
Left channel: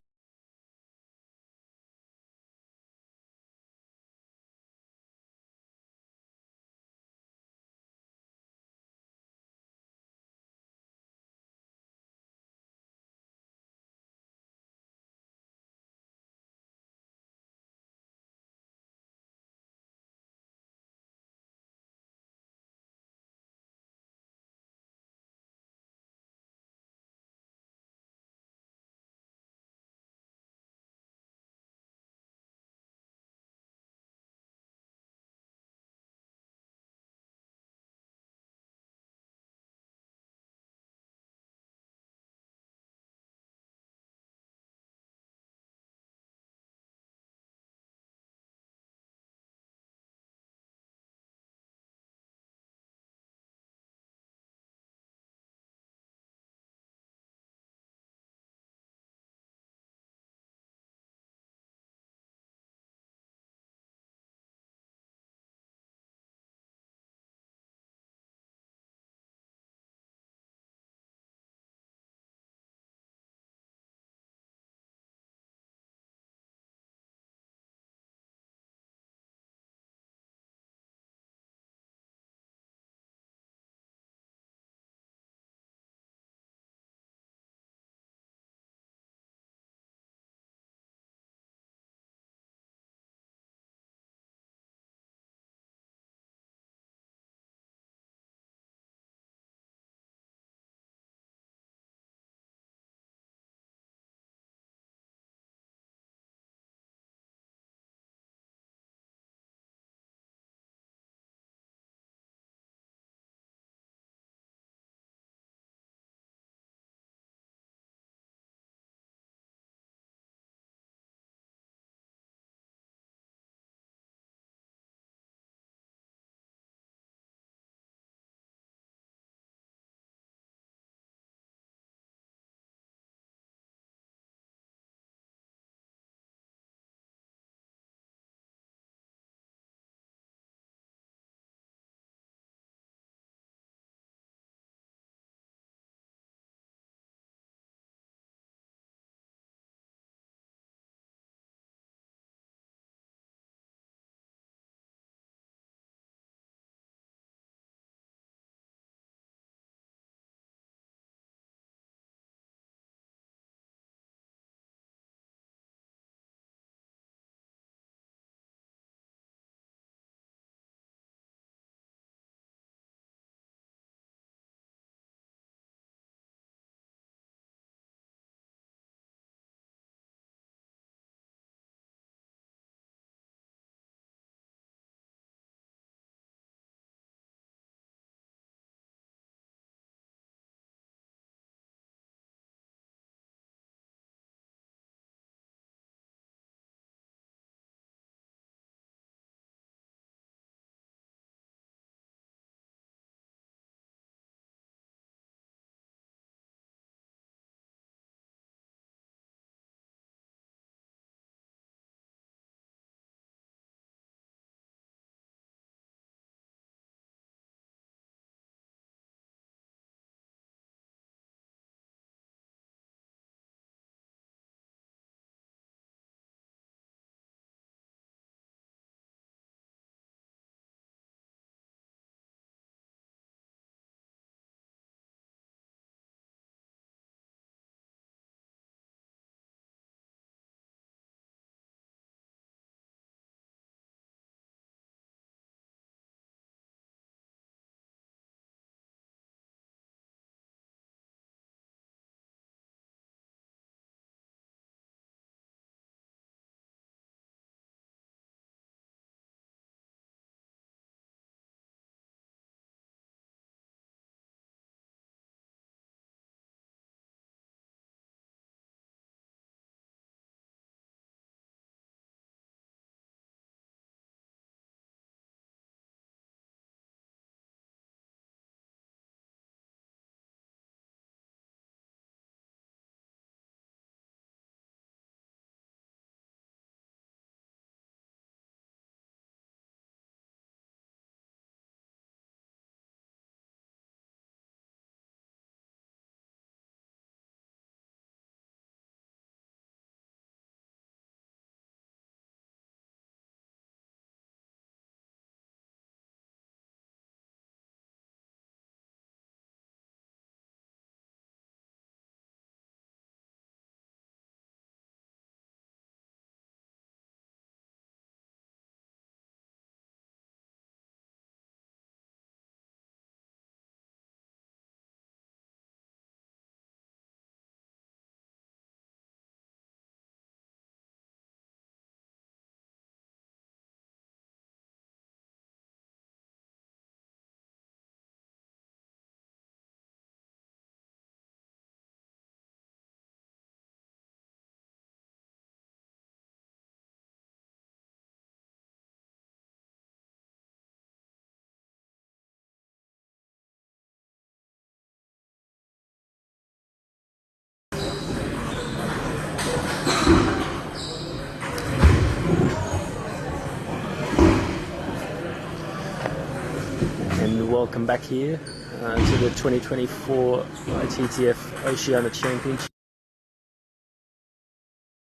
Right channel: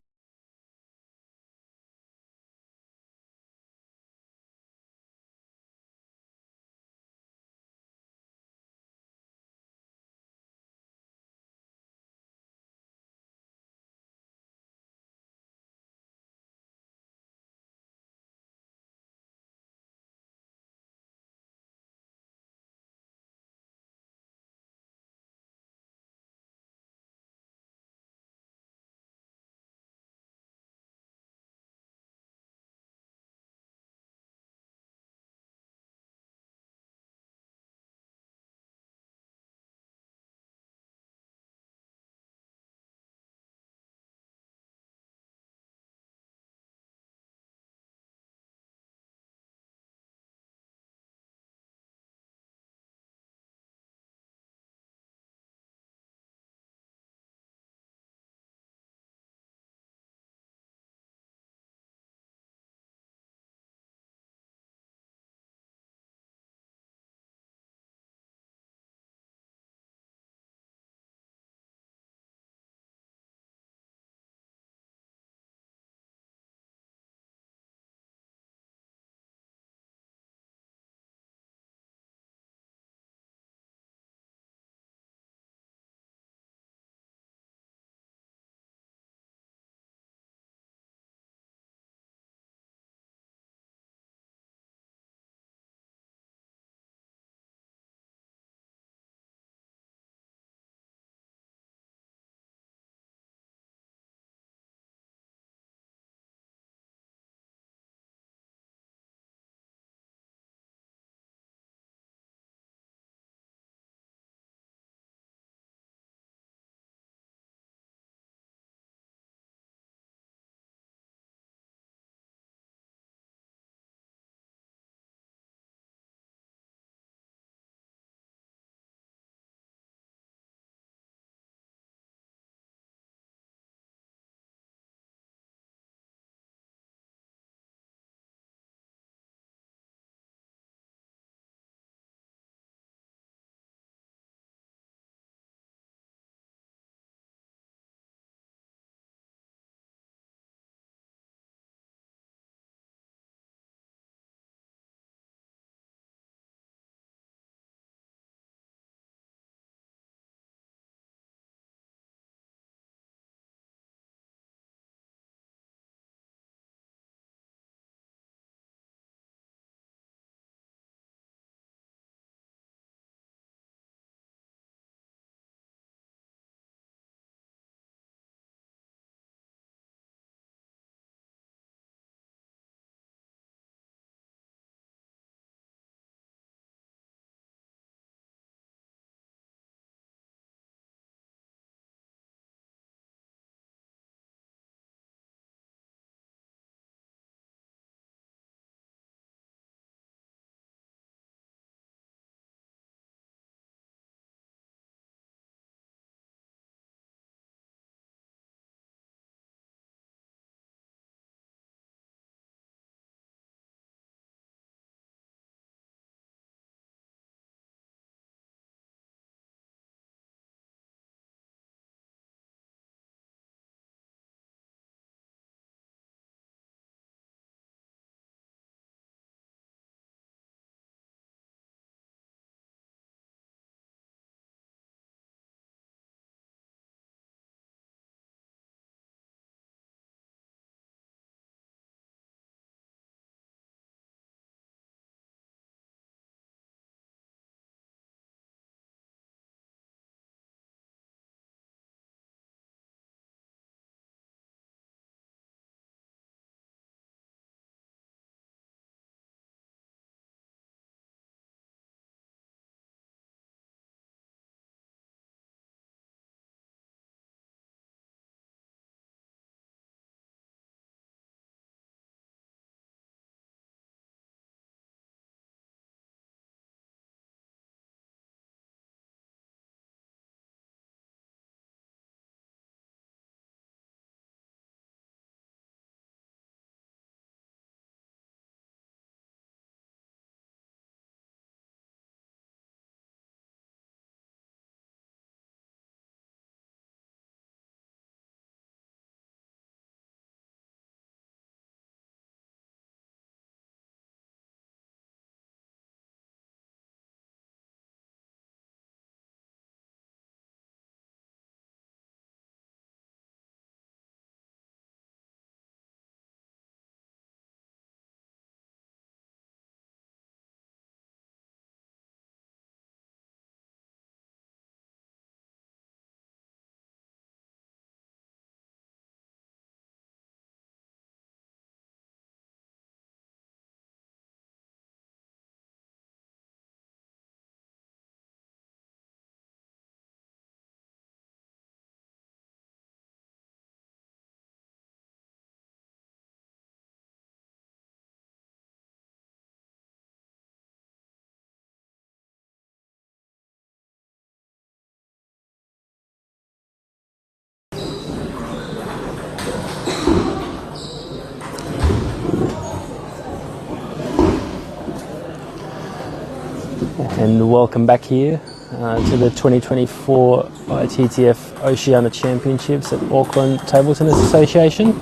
welcome back here to the 2024 ITTF-Oceania Championships at Auckland Table Tennis Association.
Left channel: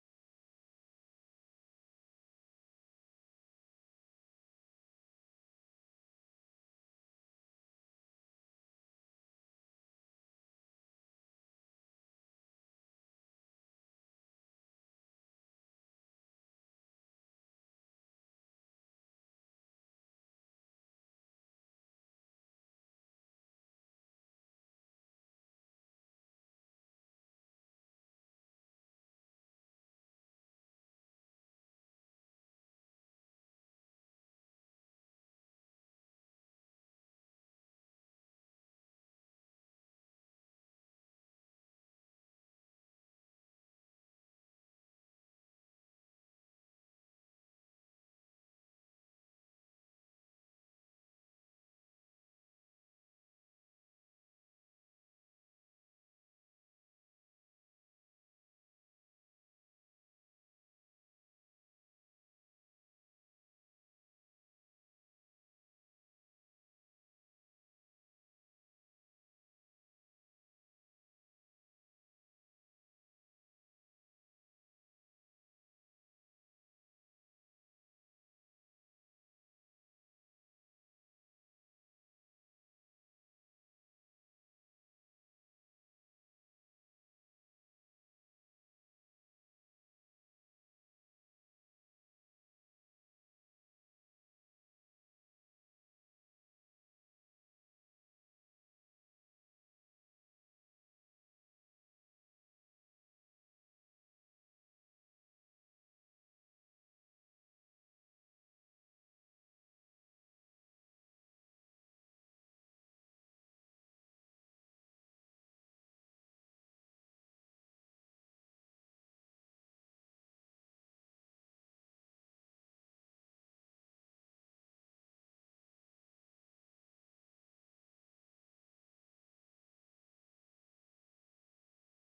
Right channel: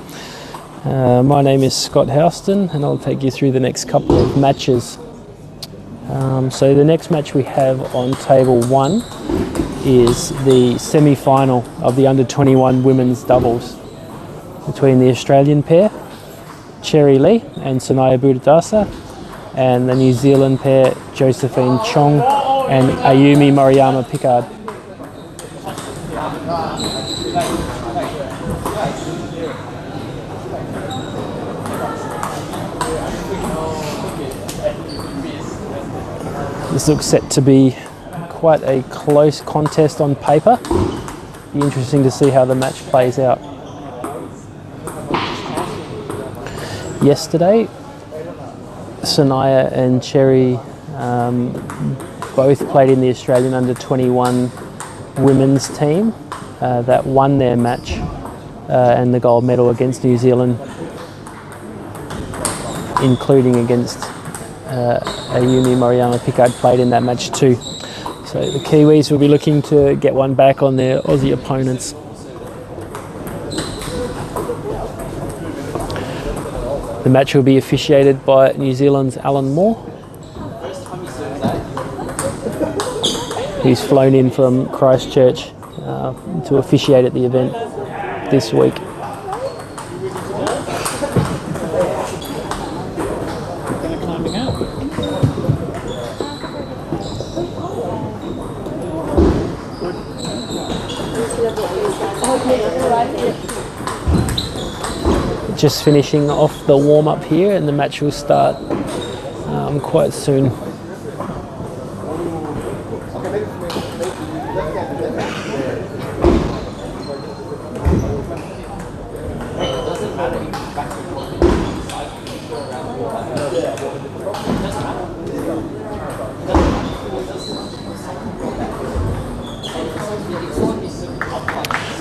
My name is Scott Houston and I'll take you through the next couple of matches. So the next match we have on table 1 is the semi-final of the under-21 women's doubles between the Australian pair, Cherry Lee and Sanaya Budadasa, and the New Zealand pair, Josephine Chong and Ayumi Moriyama Pickard. This looks set to be quite a close contest on paper. Be interesting to see how the match plays out. Yesterday, Sanaya and Cherry both played in the Australian under-21 women's team that won their match and the gold medal against New Zealand, including against Ayumi Moriyama Pickard played in that match too. So the Kiwis will be looking to get one back on their Aussie opponents. The match will be officiated by New Zealand's Alan Moore. He's flown in from Christchurch to officiate at the event this week. Just finishing off the warm-up here and the match will start quite soon.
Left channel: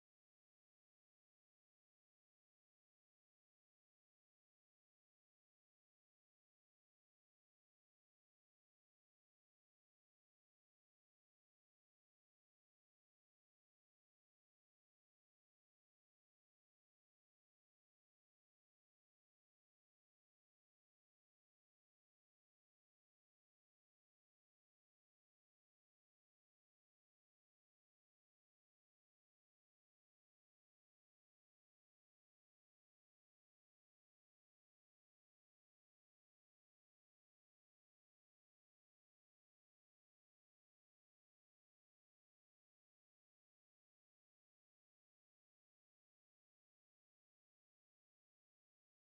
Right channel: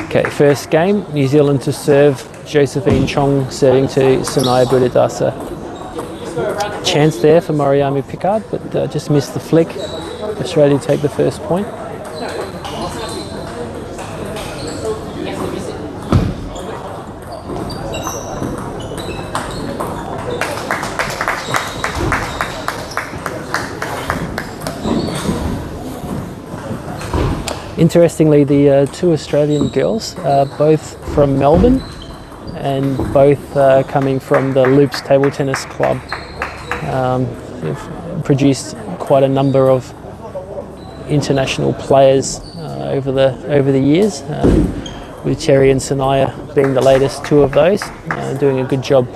Okay, first game, New Zealand to serve, Josephine Chong serving to Sanaya Budadasa. Chance there for Moriyama Pickard, but just missed the flick. Australia take the first point. Interestingly, the two Australian girls are both from Melbourne and both coming from the Loops Table Tennis Club. They've produced quite a number of international players over the years, with Cherry and Sanaya being the latest two of those, doing a good job.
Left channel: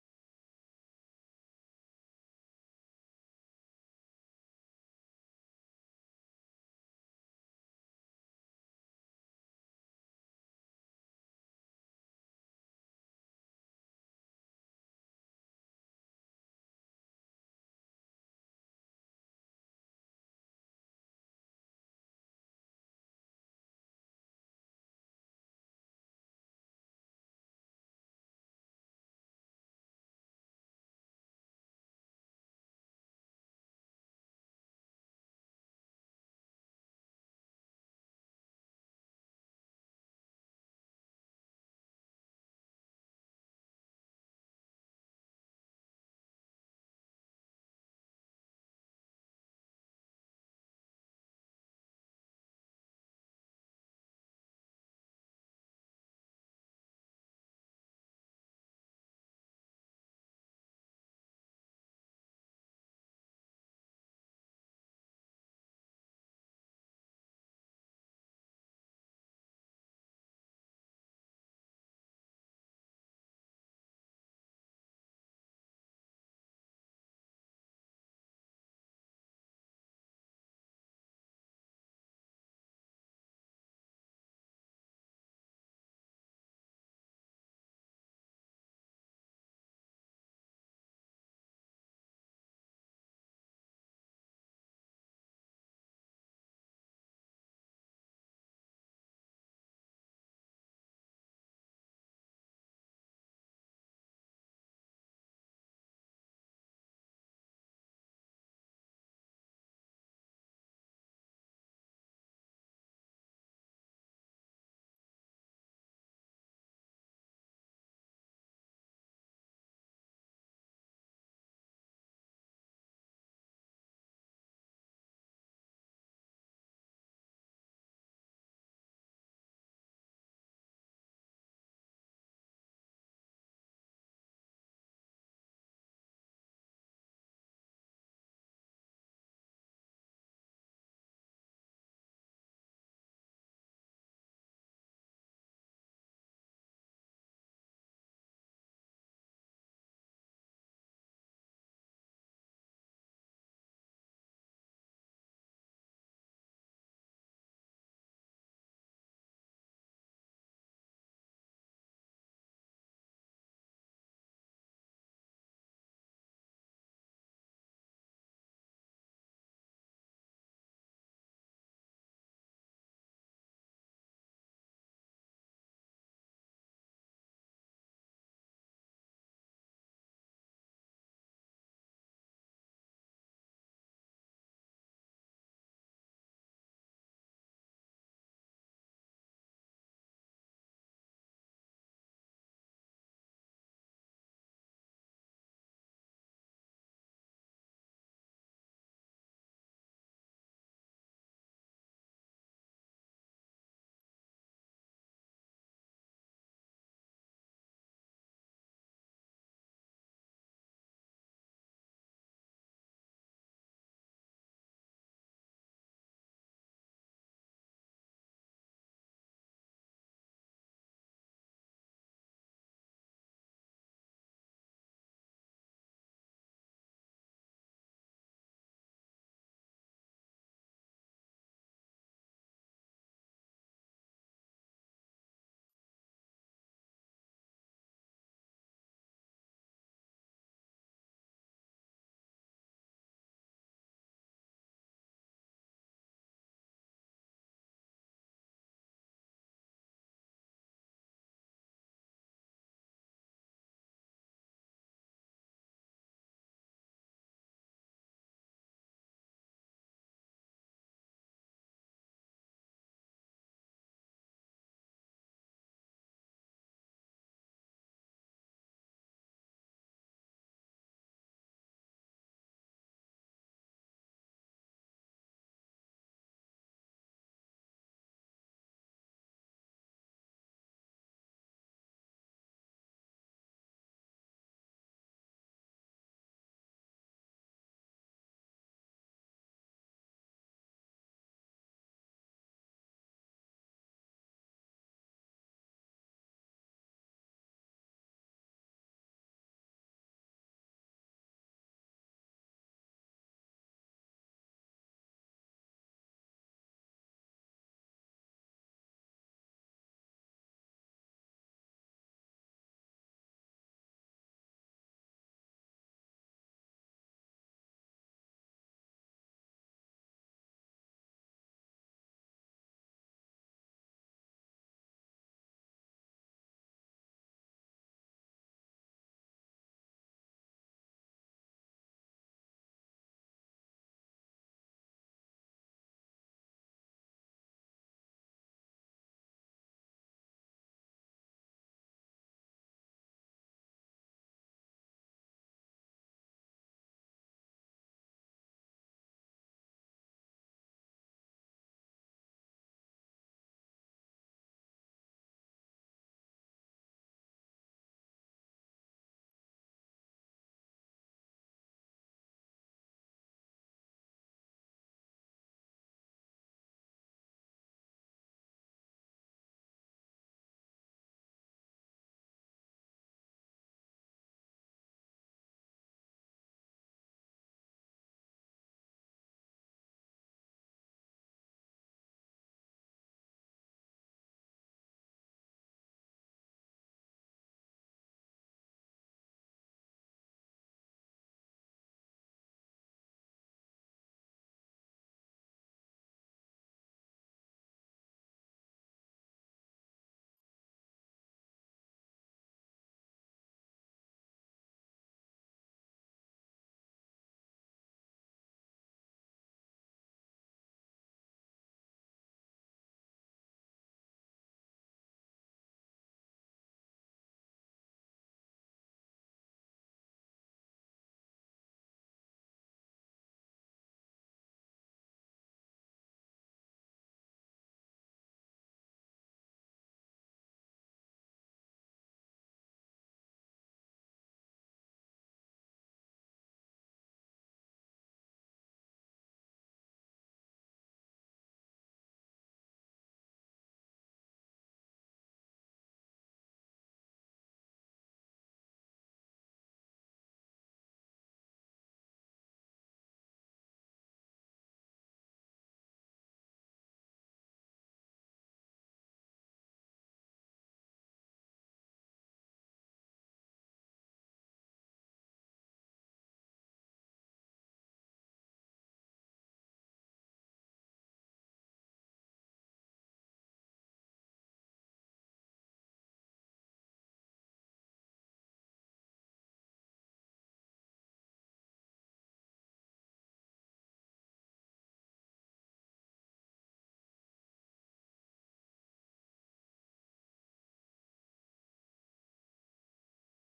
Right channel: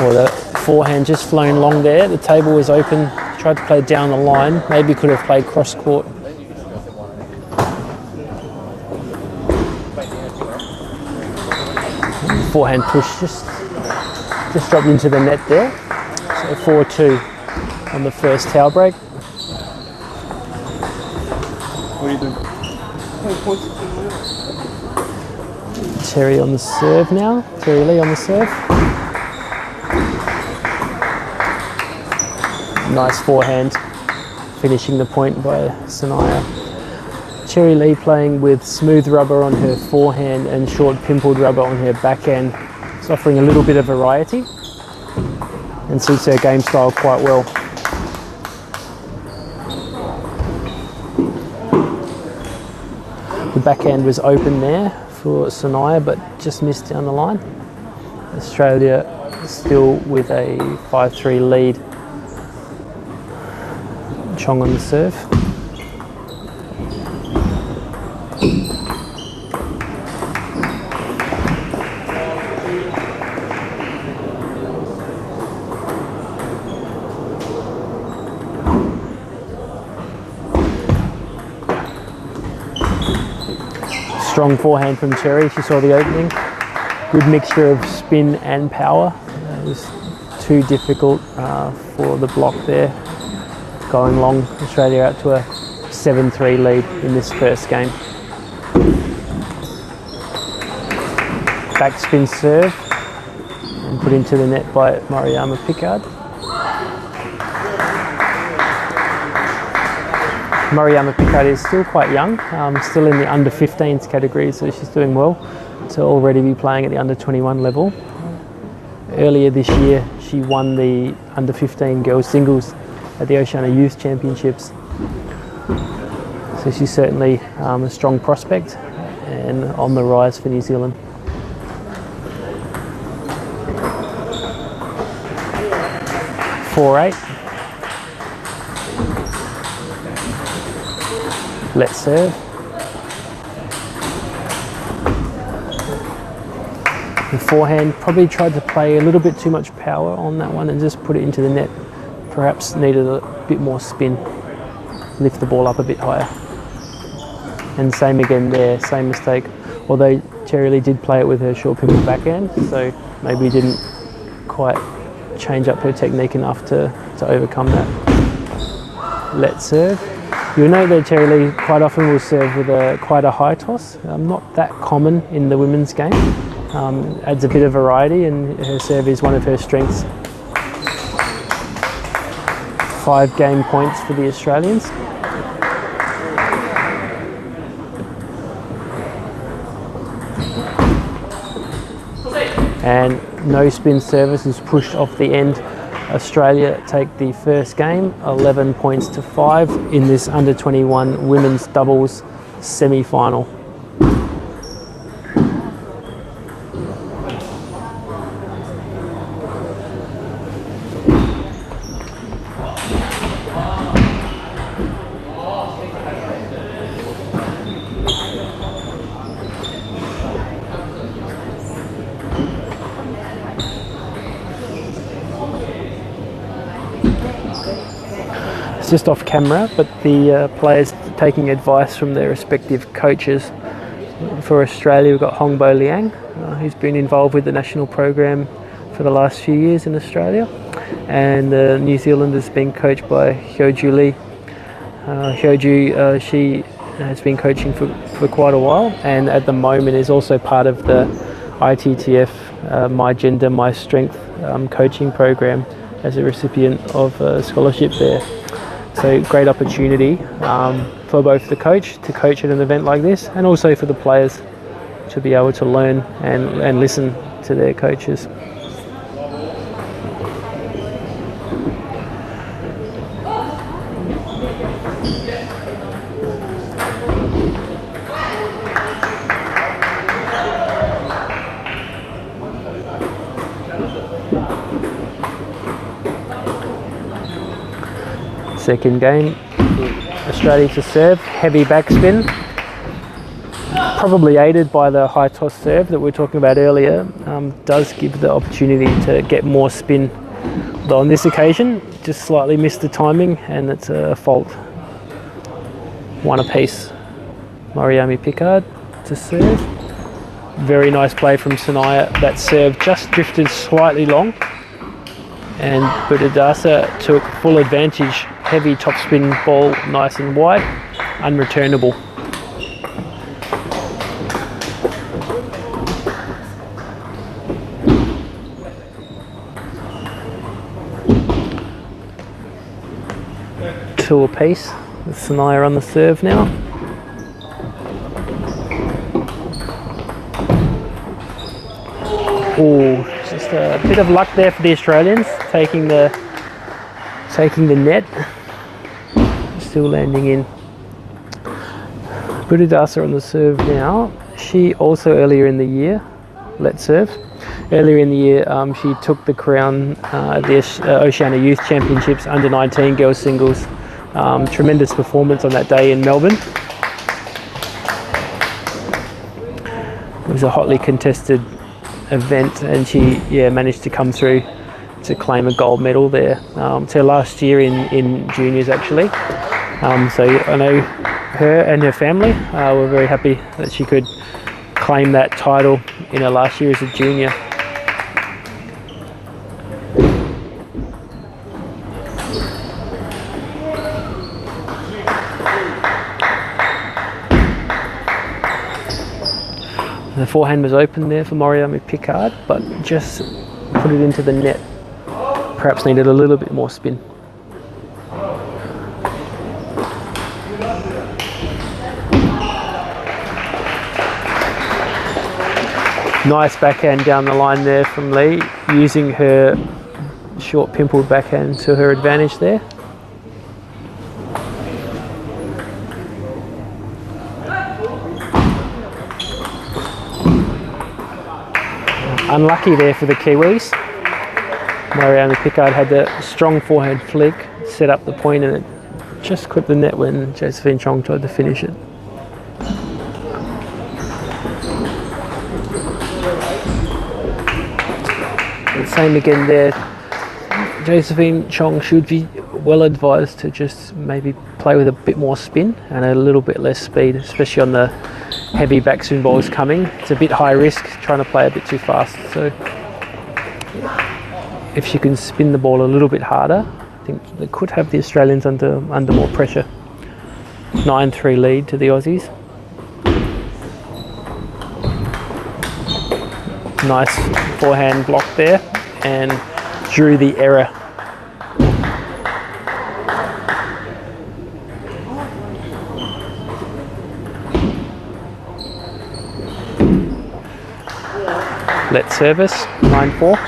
Well, the forehand just flown long there. The table was open. Tried to play down the line. Maybe could have played cross court. Forehand push just dropped into the net there. So 4-2 on the first towel break. What are you doing? Cherry on the serve now. Cherry Lee on the serve. Nice forehand, finishing the point by Sanaya. Cherry Lee playing with smooth rubber on her forehand and short pimpled rubber on her backhand. It's offering a little bit of variety and suits her game style quite well. The backhand was open there for Sanaya, but just missed down the line. Australia still with a 5-3 lead. Chong on the serve. Strong forehand from Cherry, she saw the opening. Good mixture of spin and power. It was too difficult for the block there. Going long, Australia out to a 7-3 lead in this first game. Backspin serve put into the net by Mariama Pickard. Mariama Pickard is still quite young, still in the under 15s category, so she's doing well to already be playing at the under 21 level. Earlier this year, she won the under 15 girls singles at the Oceania Youth Championships. So she's certainly a strong prospect and on the rise for New Zealand. (4-8). Let's serve. The forehand, probably tried to play a little bit too much power on that one and just put it into the net. Perhaps needed a bit more spin, lift the ball up a bit higher. And same again there, same mistake. Although Cherry Lee did play it with her short pivot backhand, so maybe didn't quite change up her technique enough to overcome that. Let's serve. You'll know that Cherry Lee quite often will serve with quite a high toss. Not that common in the women's game. Adds a bit of variety, and her serve is one of her strengths. 5 game points for the Australians. And no spin service is pushed off the end. Australia take the first game, 11 points to 5 in this under 21 women's doubles semi-final. It's just off camera, but the players taking advice from their respective coaches. For Australia, we've got Hongbo Liang, who's been involved with the national program for the last few years in Australia, and New Zealand has been coached by Hyoju Lee. Hyoju, she has been coaching for quite a while, and at the moment is also part of the ITTF My Gender, My Strength coaching program as a recipient of a scholarship there. So great opportunity for both the coach to coach at an event like this, and also for the players to be able to learn and listen to their coaches. Second game, Australia to serve, heavy backspin, probably aided by the high toss serve that we were talking about earlier, does give the opportunity to get more spin. Though on this occasion, just slightly missed the timing, and it's a fault. 1 apiece. Mariama Pickard to serve. Very nice play from Sanaya. That serve just drifted slightly long, and Budadasa took full advantage. Heavy topspin ball, nice and wide, unreturnable. Two apiece, with Sanaya on the serve now. Oh, just a bit of luck there for the Australians, taking the net. Still landing in. Budadasa on the serve now. She also earlier in the year, let's serve. Earlier in the year, she took the crown at the Oceania Youth Championships under 19 girls singles. Tremendous performance on that day in Melbourne. It was a hotly contested event, and she managed to come through to claim a gold medal there. It's her last year in juniors actually. So I know her and her family were very happy that she could claim that title in her last year as a junior. The forehand was open there for Mariama Pickard, but just put it into the net. Perhaps needed a little bit more spin. Nice backhand down the line there from Lee, using her short pimpled backhand to her advantage there. Unlucky there for the Kiwis. Mariana Pickard had the strong forehand flick, set up the point, and it just clipped the net when Josephine Chong tried to finish it. And same again there. Josephine Chong should be well advised to just maybe play with a bit more spin and a little bit less speed, especially on the heavy backspin balls coming. It's a bit high risk trying to play a bit too fast. So if she can spin the ball a little bit harder, I think they could have the Australians under more pressure. 9-3 lead to the Aussies. Nice forehand block there and drew the error. Let service, 9-4.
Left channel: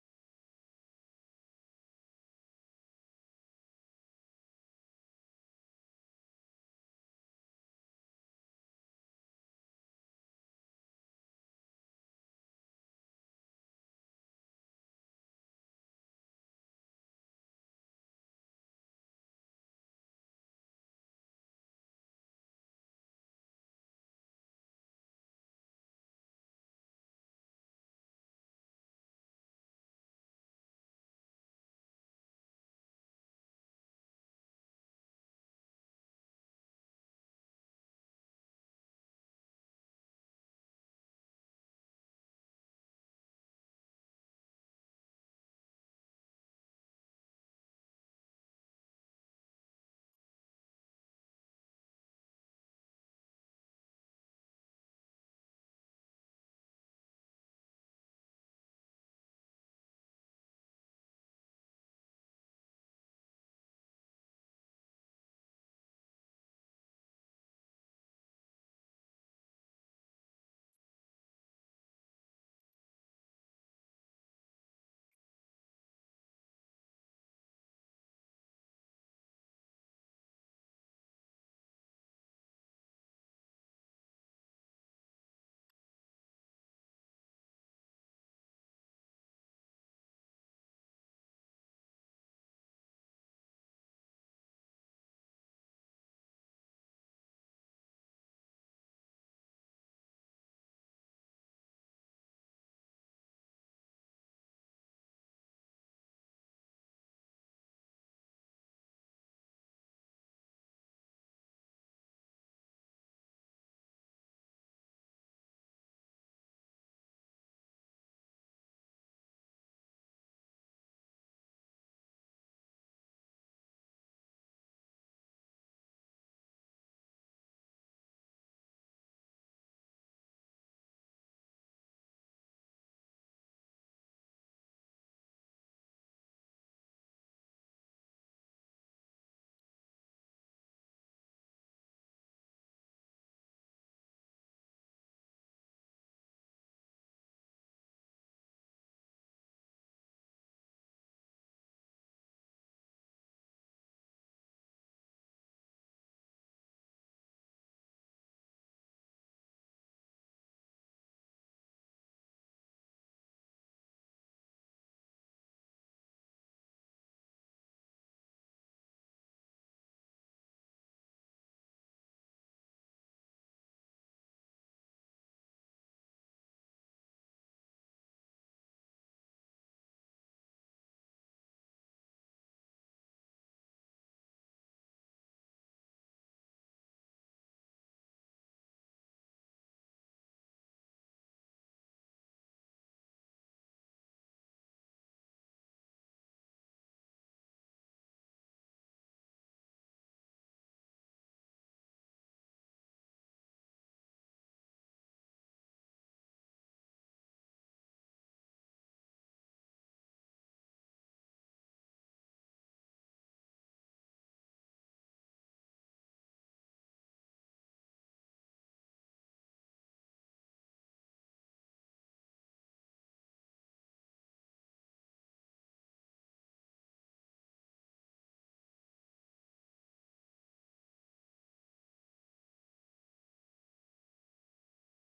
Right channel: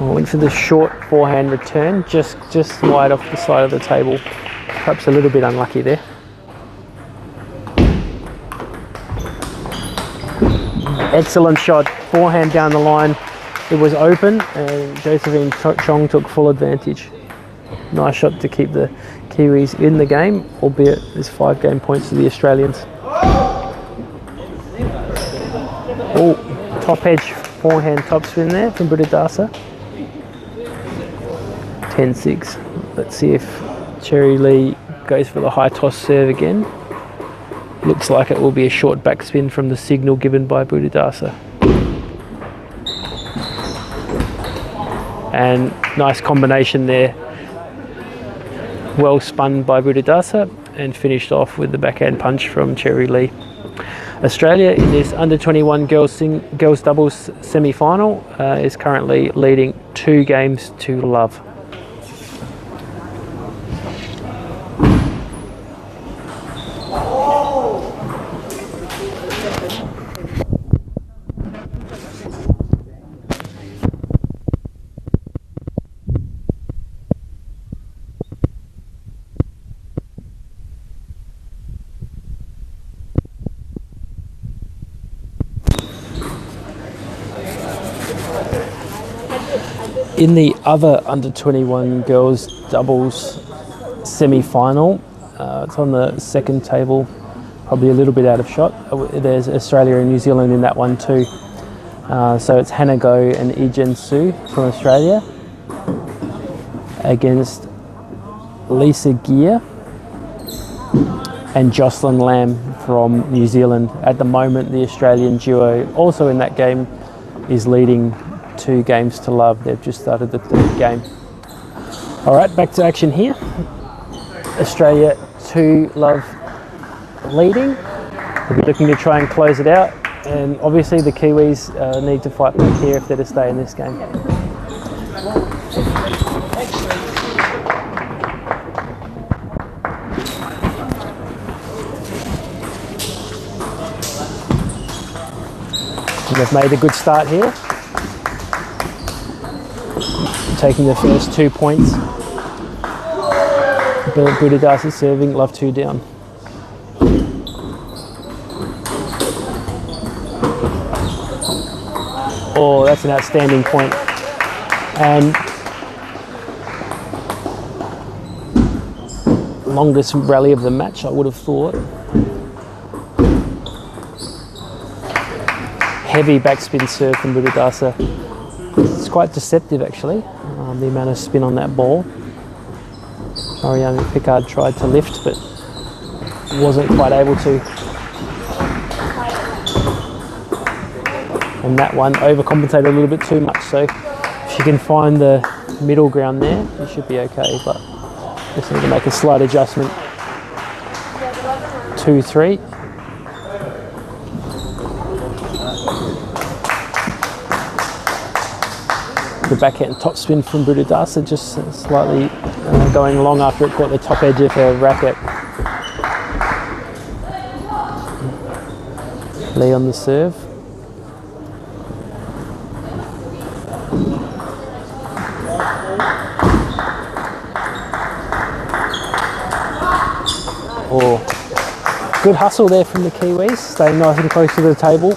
Went for the short forehand return, just wide off the side of the table. Perhaps a little bit unlucky there. Excellent shot, forehand down the line. It was open and Josephine Chong took full advantage. Nice shot to keep the Kiwis in the game, albeit there's 5 game points to the Australians. Oh, top edge forehand topspin there from Buddhadasa. 10-6. Let's see if Cherry Lee goes for the high toss serve again. Looks like it will be a short backspin from the signal given by Buddhadasa. And nice combination there. Well spun by Buddhadasa and finished off with the backhand punch from Cherry Lee. Australia in this under-21 girls doubles semi-final is currently leading 2 games to love. In the other under-21 girls doubles semi-final, it's on the second table, probably a little bit out of shot. There's Australia and New Zealand in that one too. So it's Hannah Goh and Ijin Su from Australia against Lisa Gear and Jocelyn Lamb from New Zealand. At the moment, the Australian duo also in that game is leading 2 games to love. They've just started the 3rd game. All right, back to action here. Australia 2-love leading. We'll be looking to try and close it out. And obviously the Kiwis need to fight back here if they're to stay in this game. And they've made a good start here. Taking the first 2 points. Buddhadasa serving, love 2 down. Oh, that's an outstanding point. And longest rally of the match, I would have thought. Heavy backspin serve from Buddhadasa. It's quite deceptive actually, the amount of spin on that ball. Mariana Pickard tried to lift but wasn't quite able to. And that one overcompensated a little bit too much, so if she can find the middle ground there, it should be okay, but just need to make a slight adjustment. 2-3. The backhand topspin from Budadasa just slightly going long after it caught the top edge of her racket. Lee on the serve. Good hustle there from the Kiwis, staying nice and close to the table,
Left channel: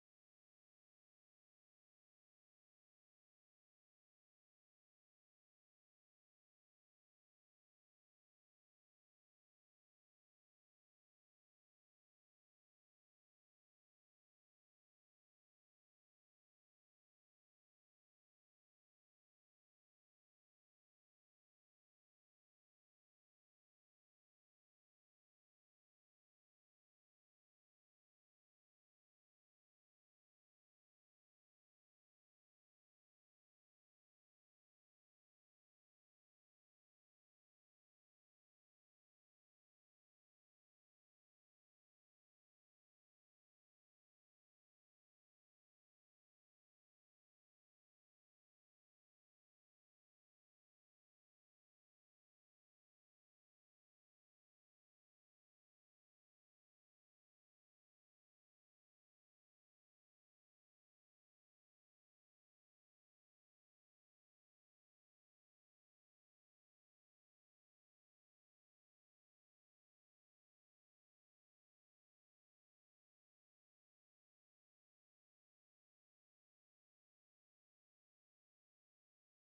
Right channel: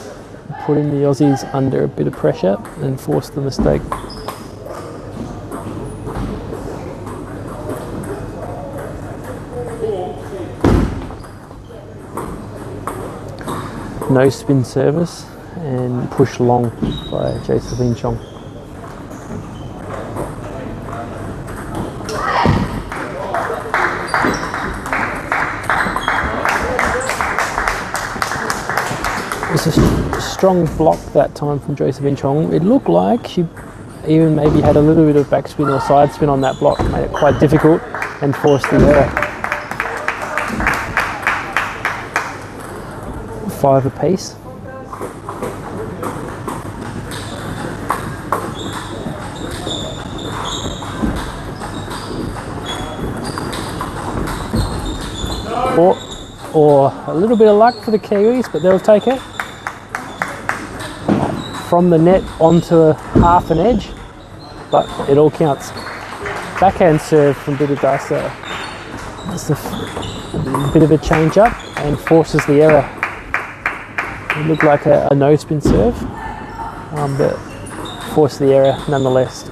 putting the Aussies under a bit of pressure and forced the mistake. No spin service and push long by Josephine Chong. It was a strong block that time from Josephine Chong. It looked like she even maybe had a little bit of backspin or side spin on that block, made it quite difficult and forced the error. 5 apiece. Or a little bit of luck for the Kiwis, but they'll take it. From the net onto half an edge, but it all counts. Backhand serve from Budadasa. It's a bit of a change up and forces the error. It looked like a no spin serve, but forced the error nonetheless.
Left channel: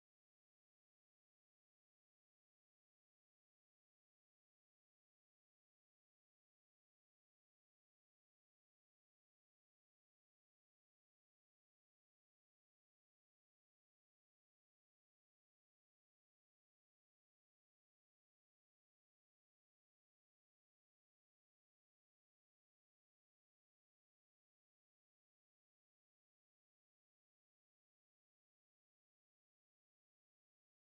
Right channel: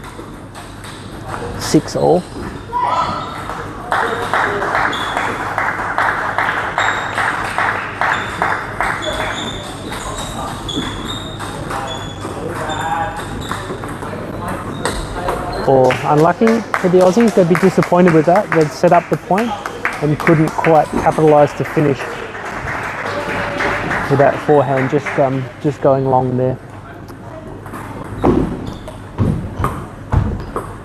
6 all. Or unlucky for the Aussies, they'd be disappointed with that. They'd set up the point and couldn't quite capitalise to finish with that forehand just going long there.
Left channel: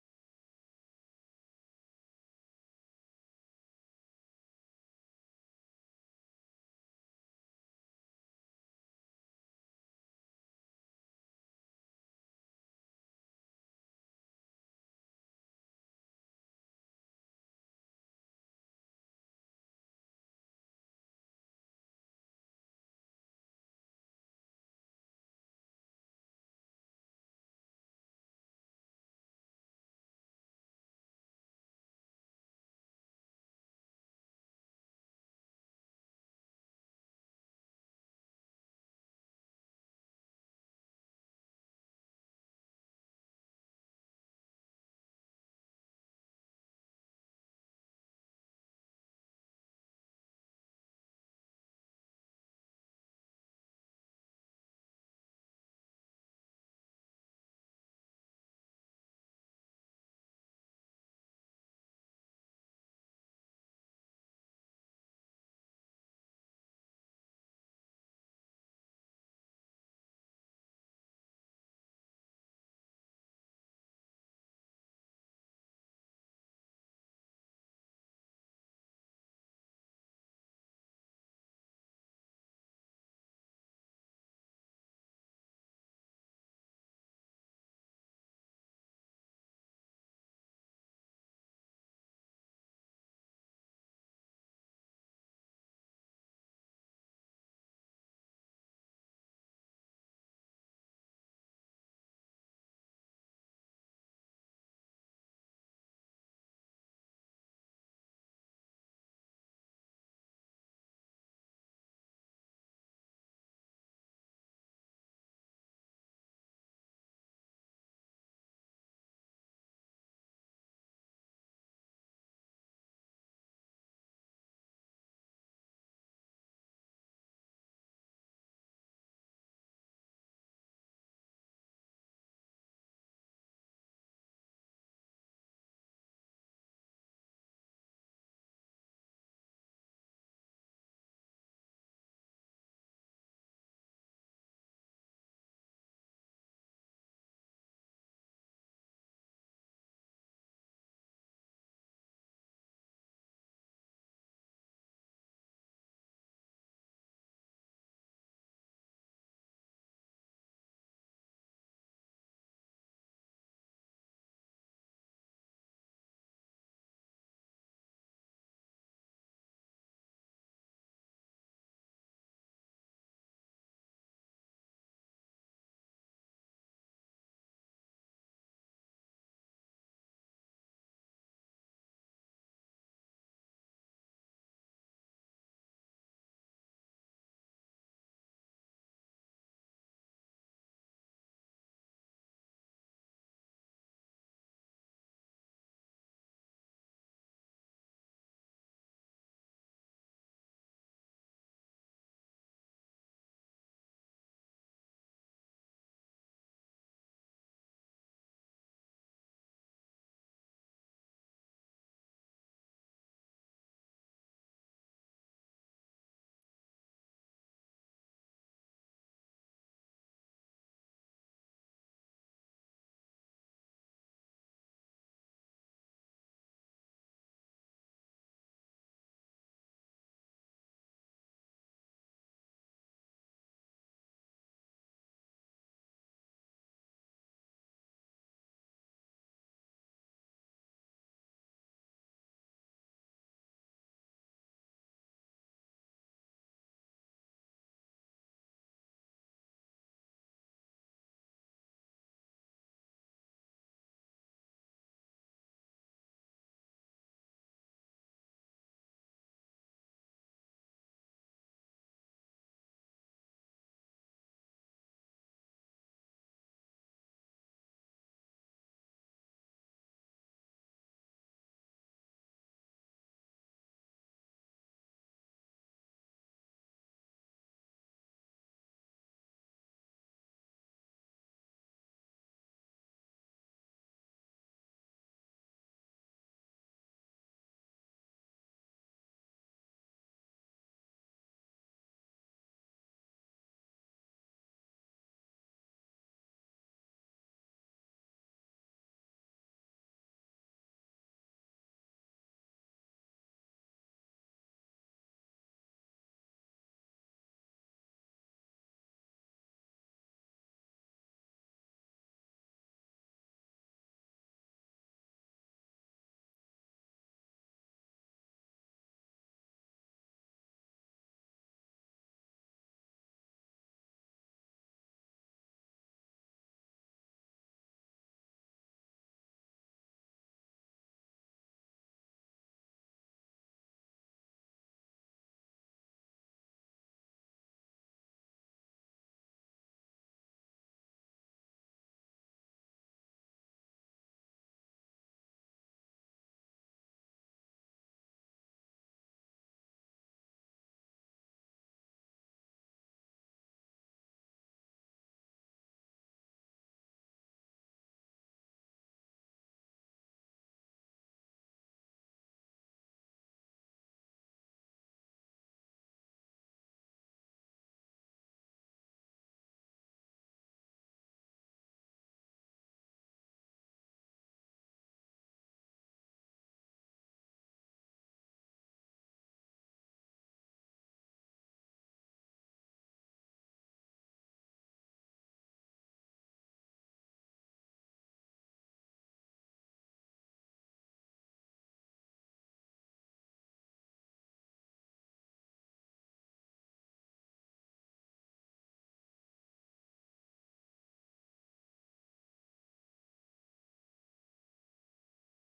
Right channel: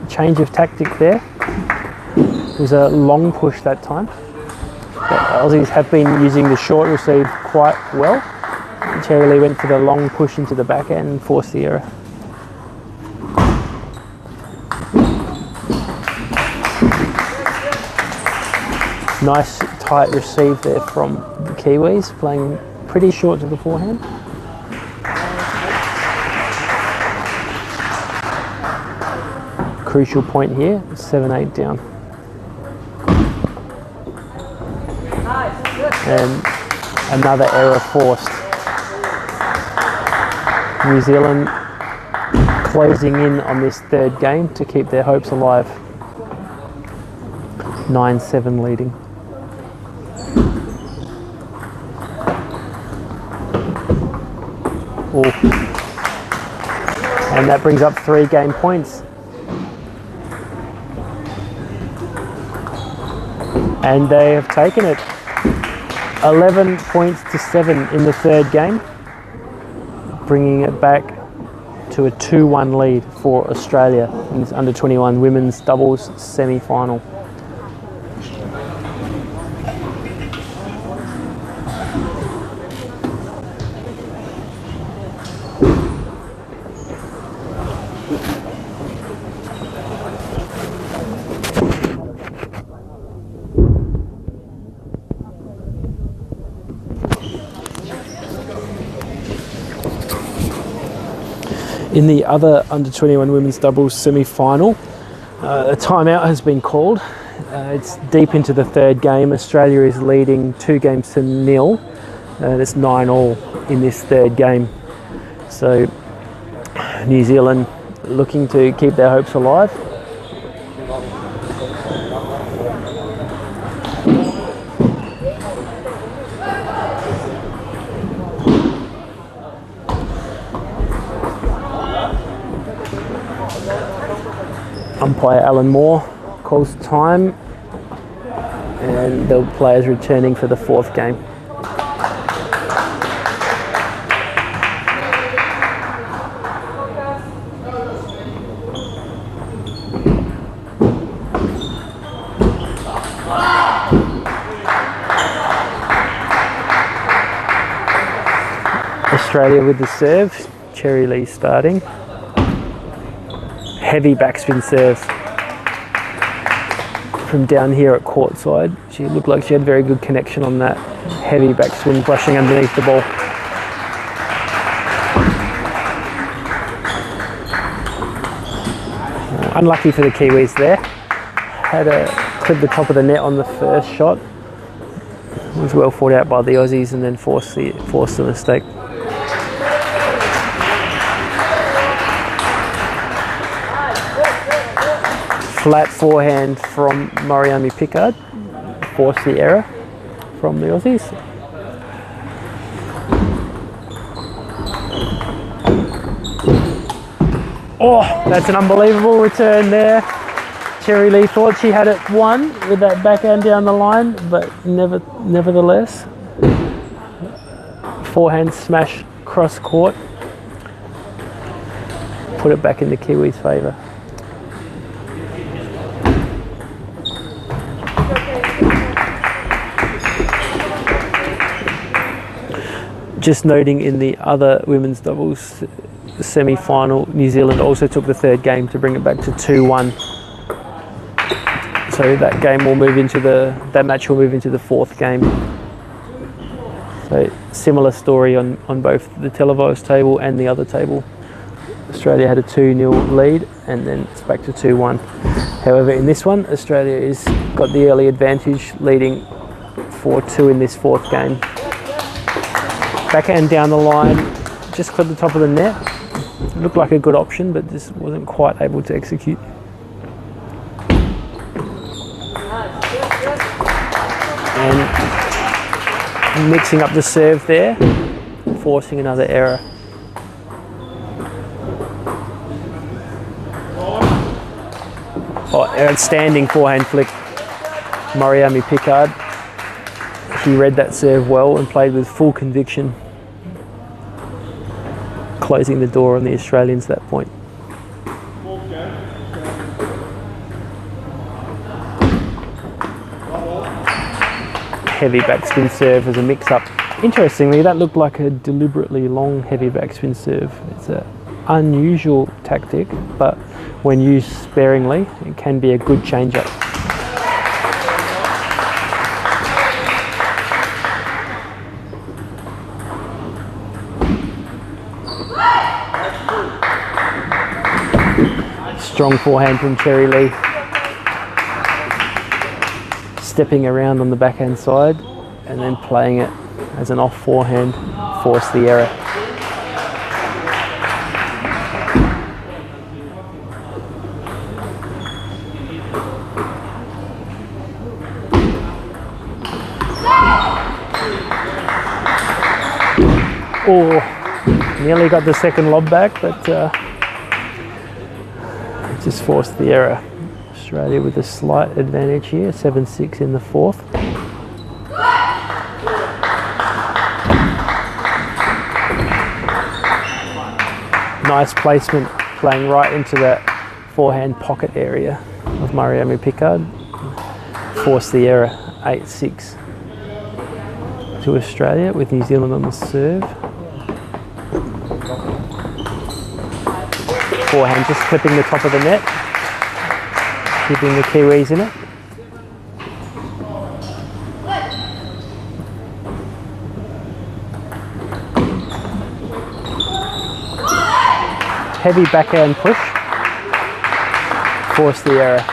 Change of tactic there. It was a long push that time. The Aussies have been using the short receive quite well. Cherry Lee went for the long push into the backhand and forced the error. Nice tight receive there from the Kiwis, playing pretty short to the forehand. Crucial point here, 7-8 down. And another error forced. New Zealand closing in on this third game to keep their hopes alive. 9-7 leading. Ooh. And that brings up 3 game points. And they have taken it. 11 points to 7 in the third game, bringing it back to a 2-1 lead for Australia in this under-21 women's doubles semi-final. In the other under-21 women's doubles semi-final, a timeout has been called. It's deep into the third game. Australia is leading 2-0. It's 9-all in this third game. So New Zealand looking to keep their hopes alive. Umpire Alan Moore calls time, and the players returning for the fourth game. Australia with the serve, Cherry Lee starting. heavy backspin serve from down here at courtside. She looked like she had very good connection on that heavy backswing, brushing underneath the ball. Unlucky for the Kiwis there. Had a clipped the top of the net on the first shot. Was well fought out by the Aussies and then forced the mistake. Flat forehand from Mariami Pickard, forced the error from the Aussies. Oh, that's an unbelievable return there. Cherry Lee thought she had it won with that backhand down the line, but nevertheless, forehand smash cross court, put it back in the Kiwis' favour. Just noting in the other women's doubles semi-final, New Zealand also took the third game to bring it back to 2-1. So that game will move into that match will move into the fourth game. So similar story on both the televised table and the other table. Australia had a 2-0 lead and then it's back to 2-1. However, in this one, Australia is got the early advantage, leading 4-2 in this fourth game. Backhand down the line, just clipped the top of the net. Looked like a good option, but just wasn't quite able to execute. And mixing up the serve there, forcing another error. Oh, outstanding forehand flick, Mariami Pickard. She read that serve well and played with full conviction, closing the door on the Australians at that point. Heavy backspin serve as a mix-up. Interestingly, that looked like a deliberately long heavy backspin serve. It's an unusual tactic, but when used sparingly, it can be a good change-up. Strong forehand from Cherry Lee. Stepping around on the backhand side and then playing it as an off forehand, force the error. Oh, nearly got the second lob back, but just forced the error. Australia with a slight advantage here, 7-6 in the fourth. Nice placement, playing right into that forehand pocket area of Mariami Pickard. Forced the error, 8-6 to Australia with New Zealand on the serve. Forehand just clipping the top of the net, keeping the Kiwis in it. Heavy backhand push, forced the error.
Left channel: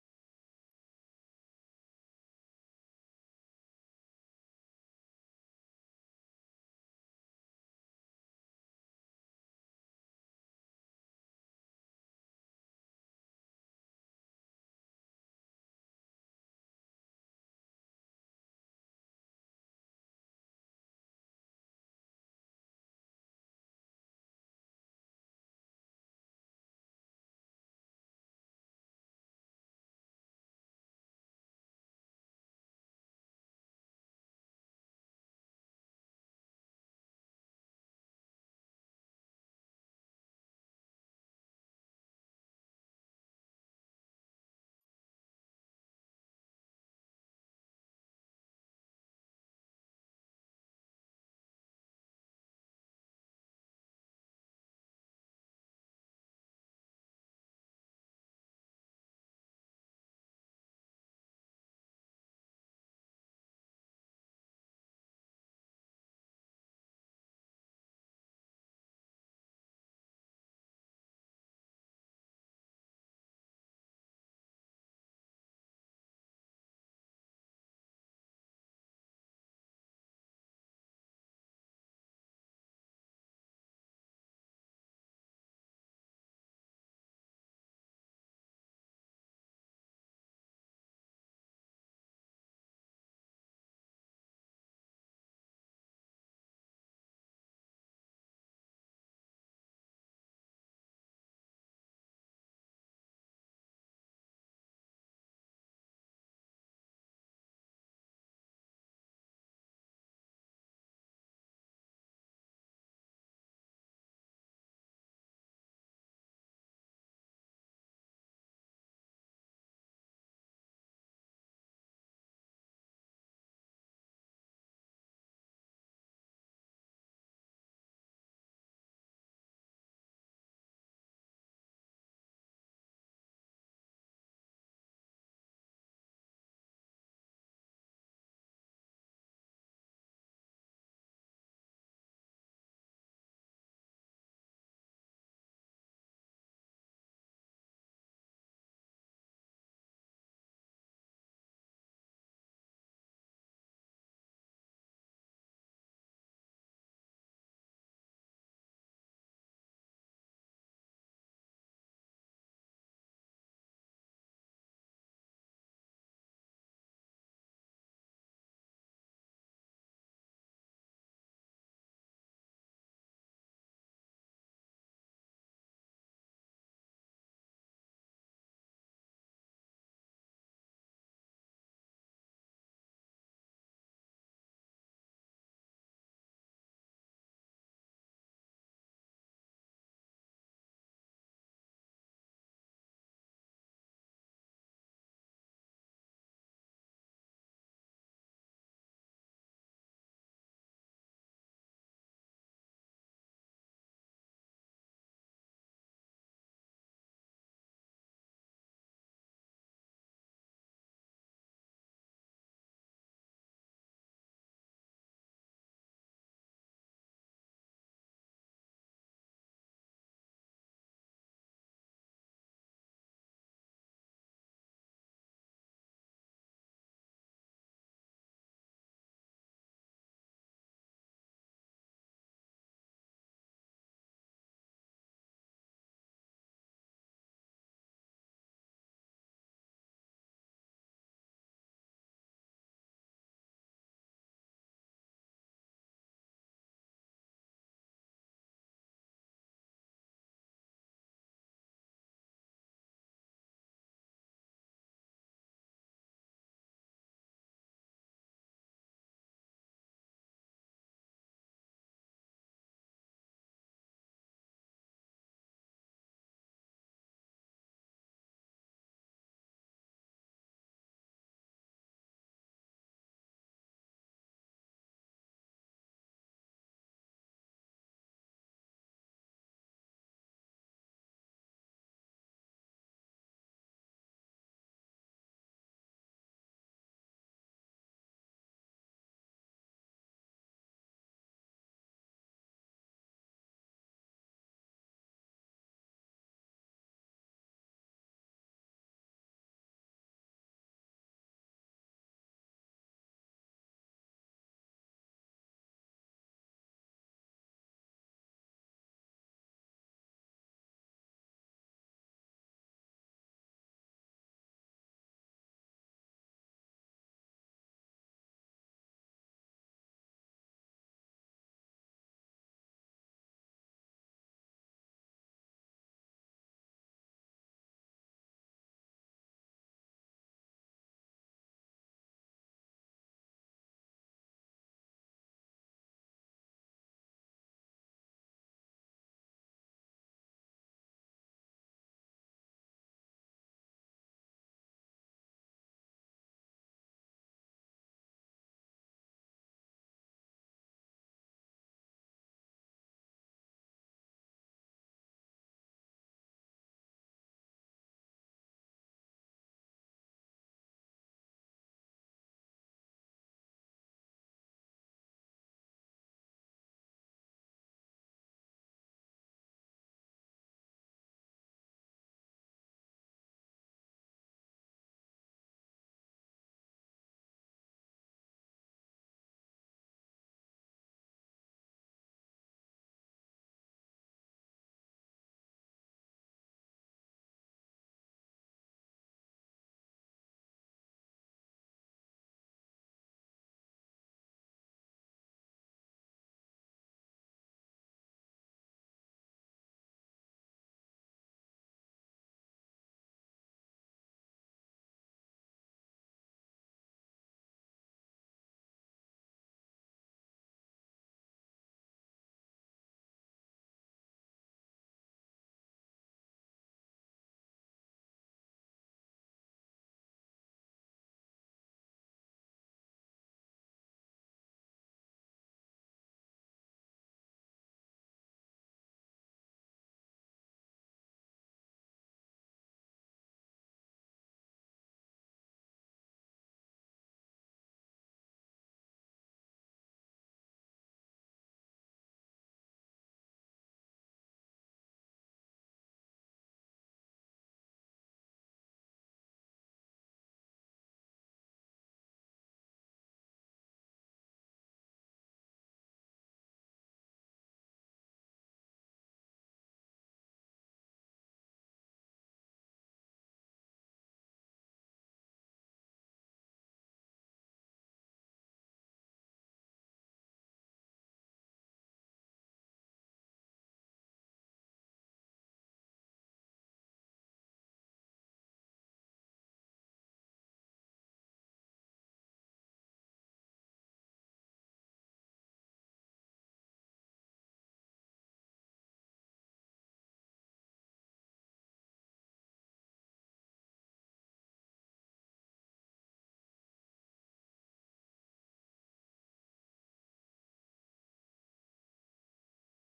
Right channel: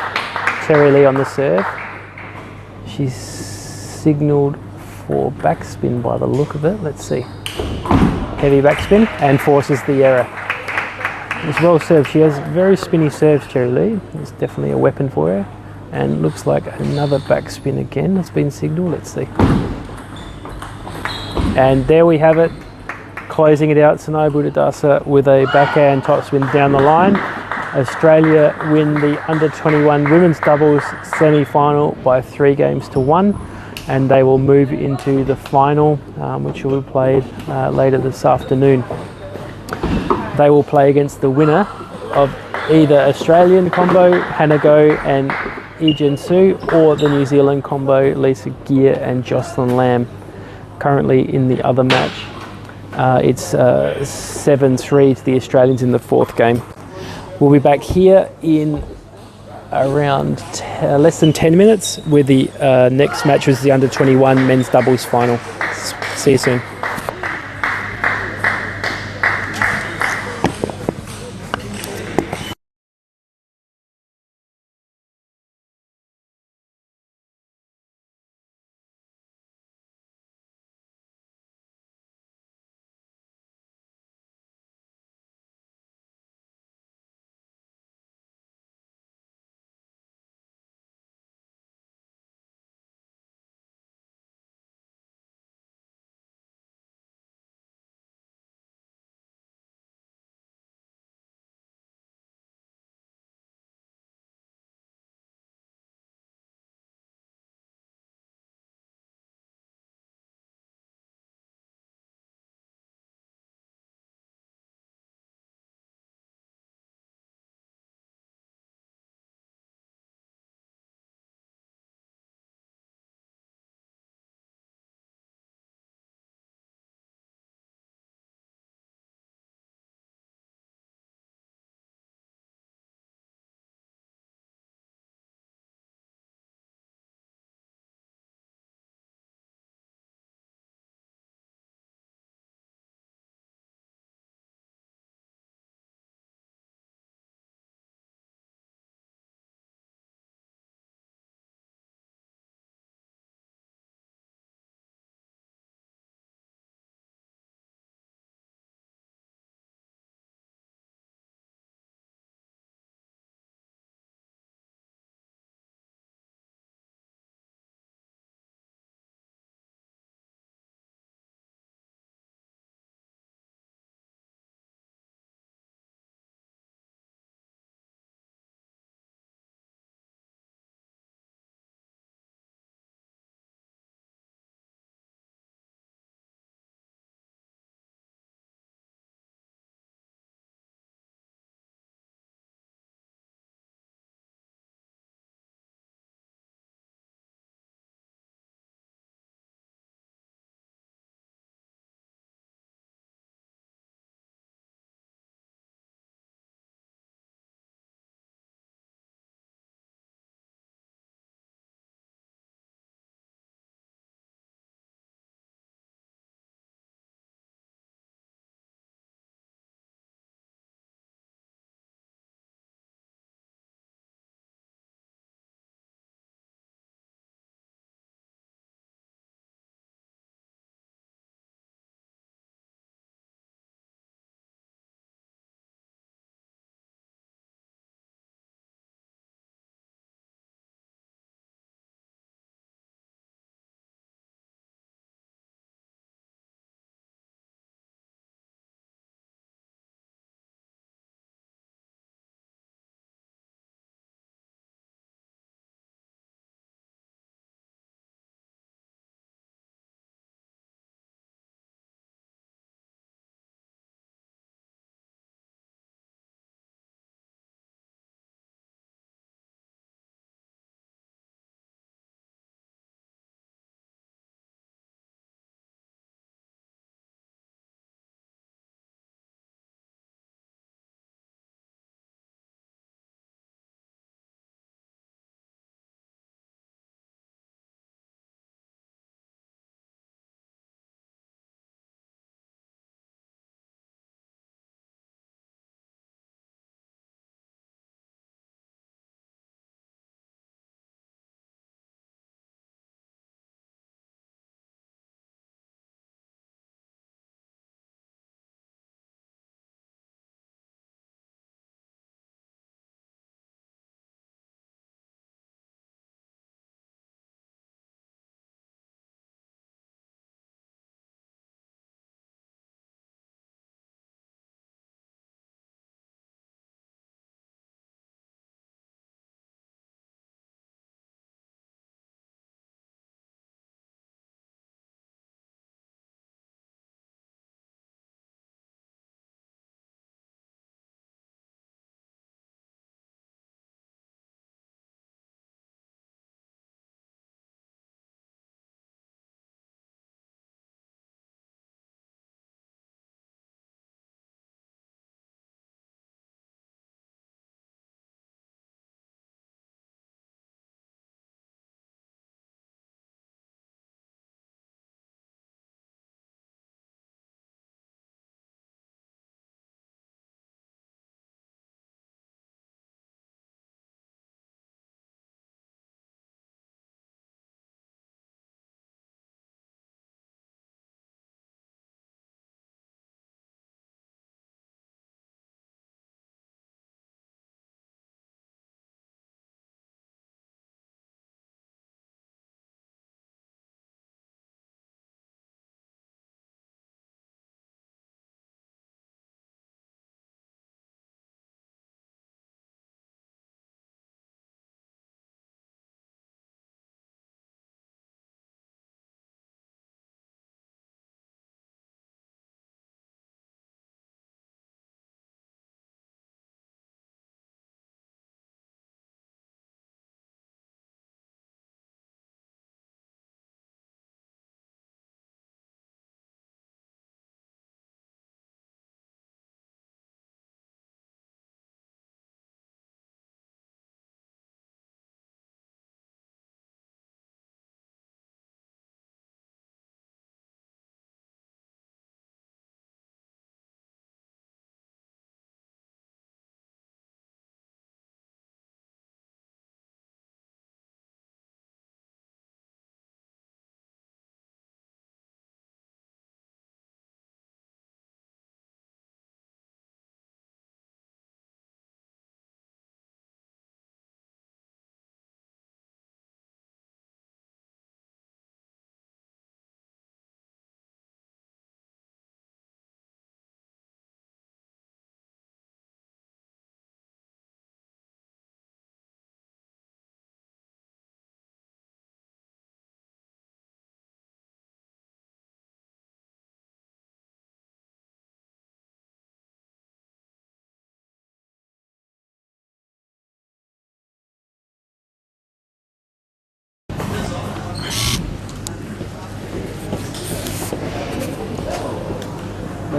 Cherry Lee on the serve. She's signalled for backspin by the look of it. Let's see. Heavy backspin and forces the error. It's well served. She has very spinny serves, Cherry Lee. It's definitely a weapon for her. And looks like another backspin again has been signalled. Let's see. And there we have it. Closing it out, Sanaya Buddhadasa with a backhand topspin down the line. Australia win the under-21 women's doubles semi-final by 3-1, and they will move into the final, which will be played later this afternoon. They will play against the winner of either Australian combo, Hannah Go and Ejin Su, or the New Zealand combo, Lisa Gear and Jocelyn Lamb. Currently in the other match, it's 7-3 to the Australians in the fourth game. We'll be back here in around less than 10 minutes with the next match, is the under 21 men's doubles final. See you soon.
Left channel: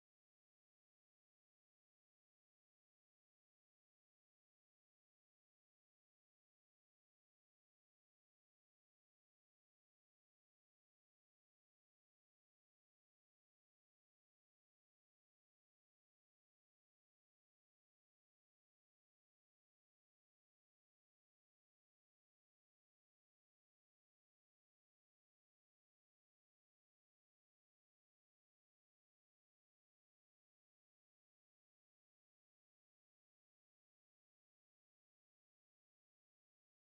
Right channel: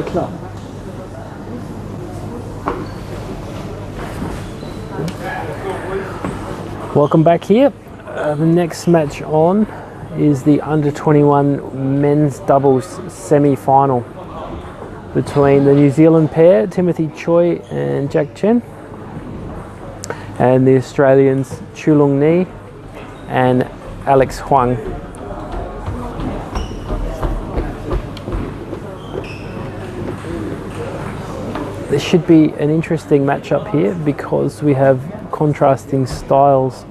Klar. Welcome back here. The next match on is the under 21 men's doubles semi-final between the New Zealand pair, Timothy Choi and Jack Chen, and the Australians Chulong Ni and Alex Huang. This should be an interesting matchup here because we have contrasting styles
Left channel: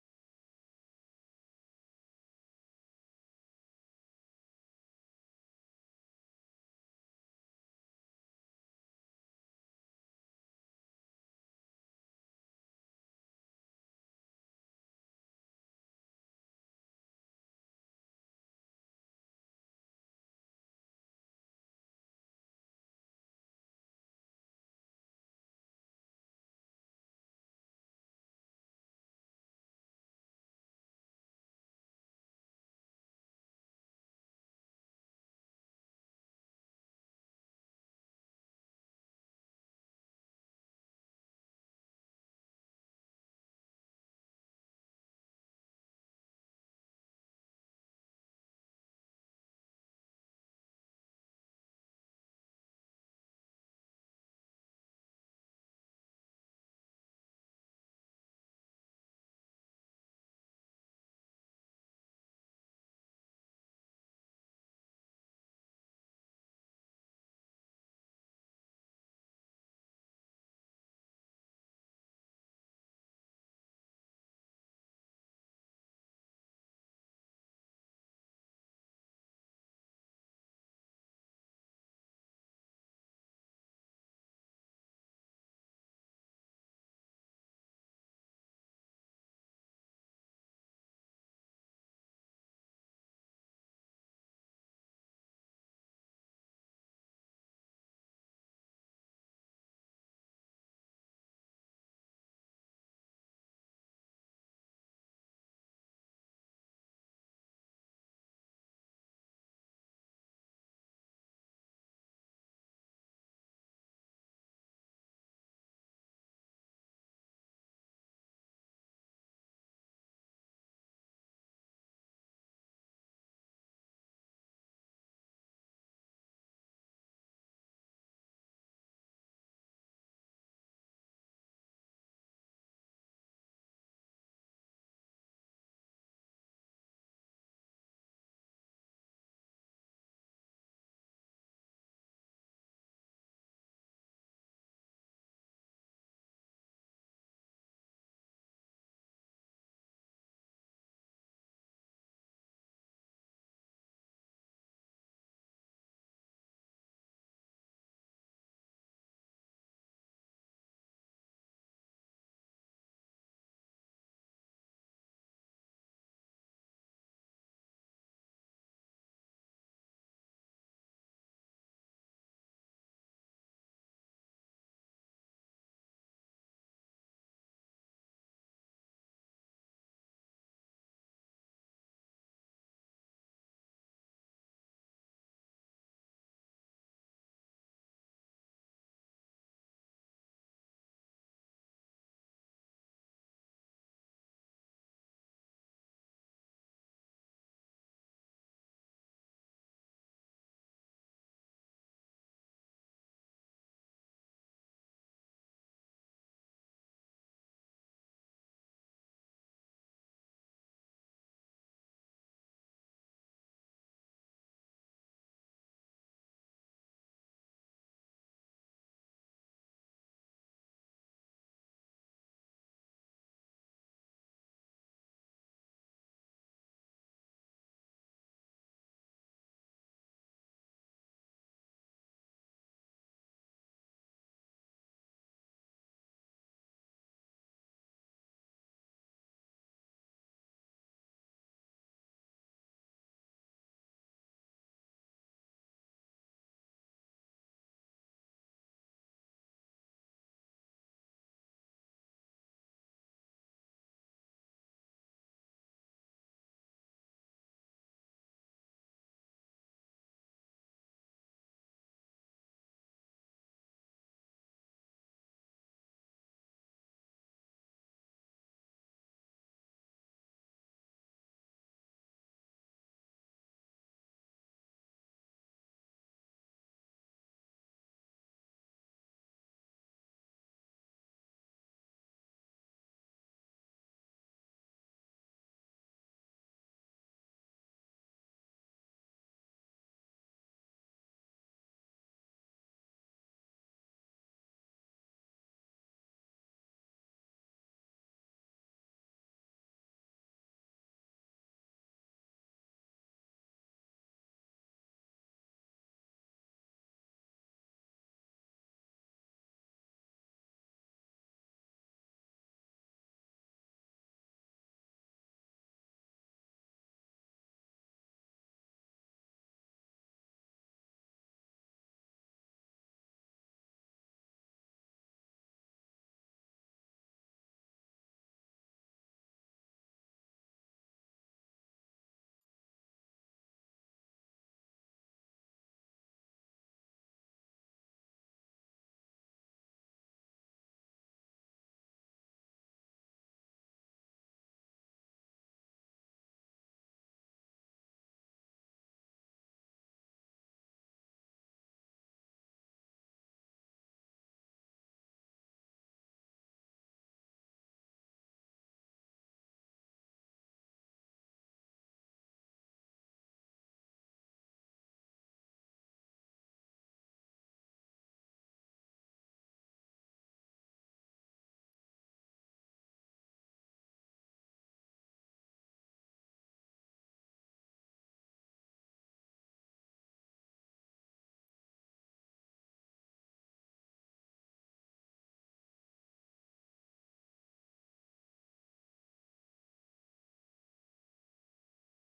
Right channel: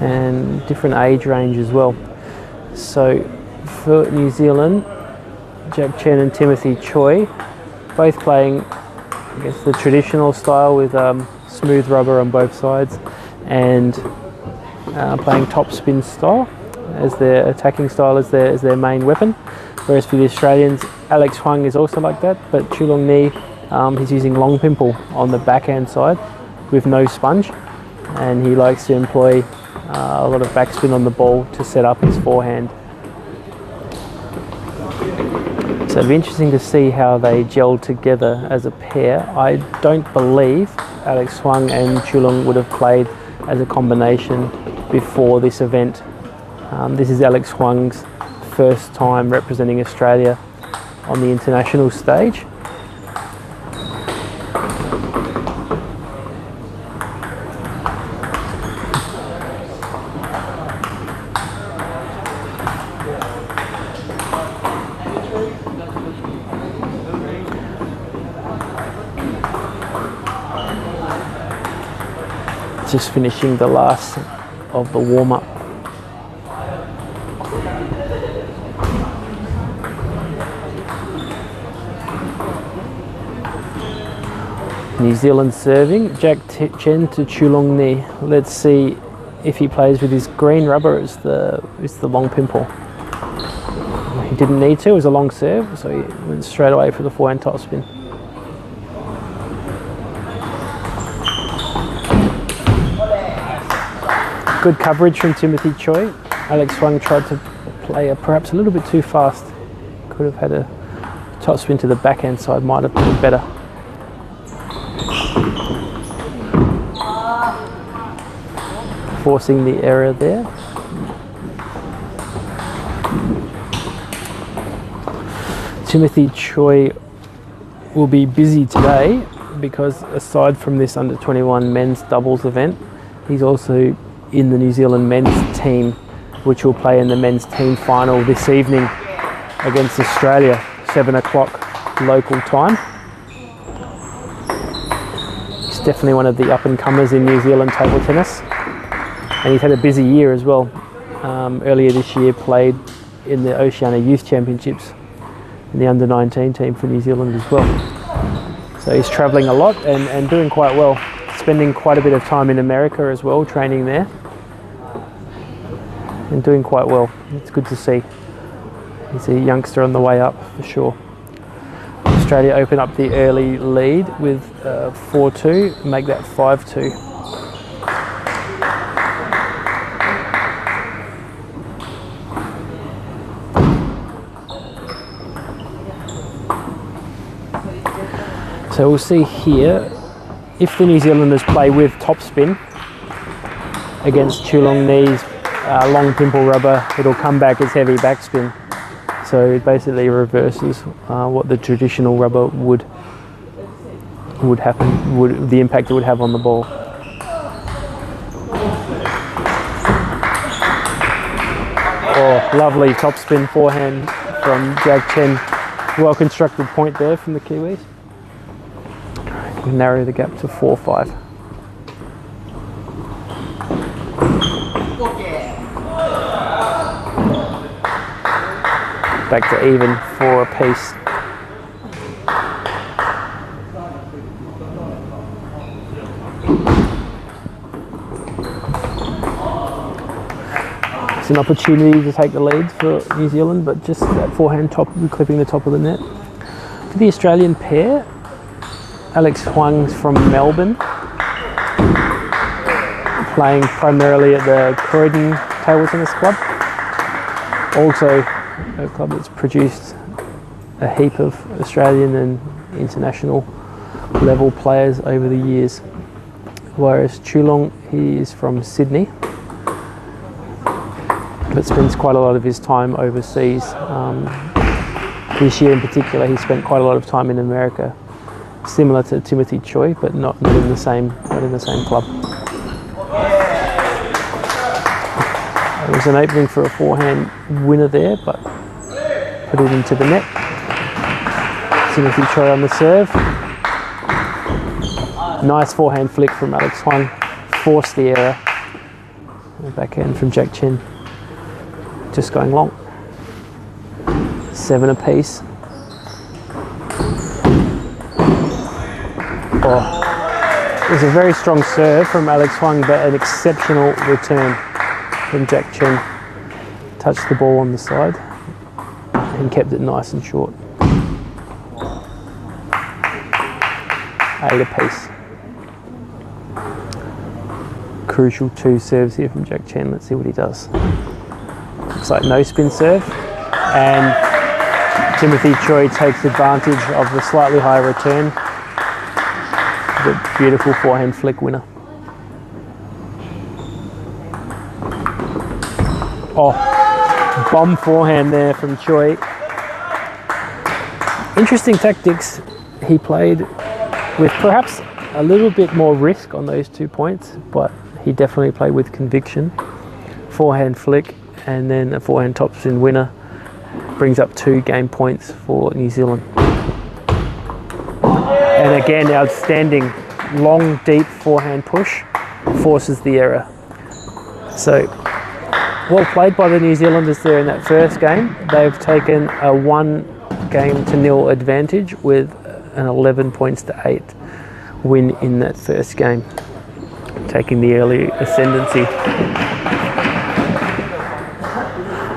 and different age range as well. So for New Zealand, Jack Chen and Timothy Choi, both playing, I guess, the traditional style with smooth rubber on both sides, and playing topspin style as their attacking style, as their main weapon. Whereas for the Australians, Alex Huang is also like that, but Chulong Ni, he's using long pimple on the backhand side with no sponge, and he likes to employ a lot of backspin on the ball to set up his forehand. So it'll be interesting to see how they gel together as a pair. I don't believe Alex Huang and Chulong would have played as a combination before this event. This is Alex Huang's first time representing Australia on the international stage. Just finishing the last of the warm-up. New Zealand serving, Jack Chen to Chulong Ni. Let's see if he plays with his green rubber as the long pimple. He didn't need to, it was a long serve, so he went straight away for the forehand topspin. Good coverage from Timothy Choi. Alex Huang tried to play perhaps a little bit too fast. Could have had a topspin to the backhand side, might have been better. Forcing the error there. Timothy Choi will be busy today because aside from this under 21 men's doubles event, he's also in the New Zealand men's team, which will play in the men's team final this evening against Australia, 7 o'clock local time. He's definitely one of the up-and-comers in New Zealand table tennis, and he's had a busy year as well. Earlier this year played in the Oceania Youth Championships in the under-19 team for New Zealand as well. So he's travelling a lot and doing quite well, spending quite a bit of time in America as well, training there, and doing quite well. It's good to see. He's a youngster on the way up for sure. Australia open up the early lead with 4-2, make that 5-2. So we'll see here, if the New Zealanders play with topspin against Chulong Ni's long pimple rubber, it'll come back as heavy backspin. So it basically reverses what the traditional rubber would happen, the impact it would have on the ball. Oh, lovely topspin forehand from Jack Chen. Well constructed point there from the Kiwis. We narrow the gap to 4-5. Back to even for a piece. It's an opportunity to take the lead for New Zealand, but just that forehand top, clipping the top of the net. For the Australian pair, Alex Huang's from Melbourne, playing primarily at the Croydon Table Tennis Club. Also a club that's produced a heap of Australian and international level players over the years. Whereas Chulong, he is from Sydney, but spends quite a lot of his time overseas. This year in particular, he spent quite a lot of time in America, similar to Timothy Choi, but not in the same club. There was an opening for a forehand winner there, but put it into the net. Timothy Choi on the serve. Nice forehand flick from Alex Huang, forced the error. The backhand from Jack Chen, just going long. 7 apiece. Oh, it was a very strong serve from Alex Huang, but an exceptional return from Jack Chen. Touched the ball on the side and kept it nice and short. 8 apiece. Crucial 2 serves here from Jack Chen. Let's see what he does. Looks like no spin serve, and Timothy Choi takes advantage of the slightly higher return. The beautiful forehand flick winner. Oh, bomb forehand there from Choi. Interesting tactics. He played with perhaps a little bit more risk on those 2 points, but he definitely played with conviction. Forehand flick and then a forehand topspin winner brings up 2 game points for New Zealand. And again, outstanding long, deep forehand push forces the error. So, well played by the New Zealanders there in that first game. They've taken a 1-0 advantage with an 11 points to 8 win in that first game, taking the early ascendancy.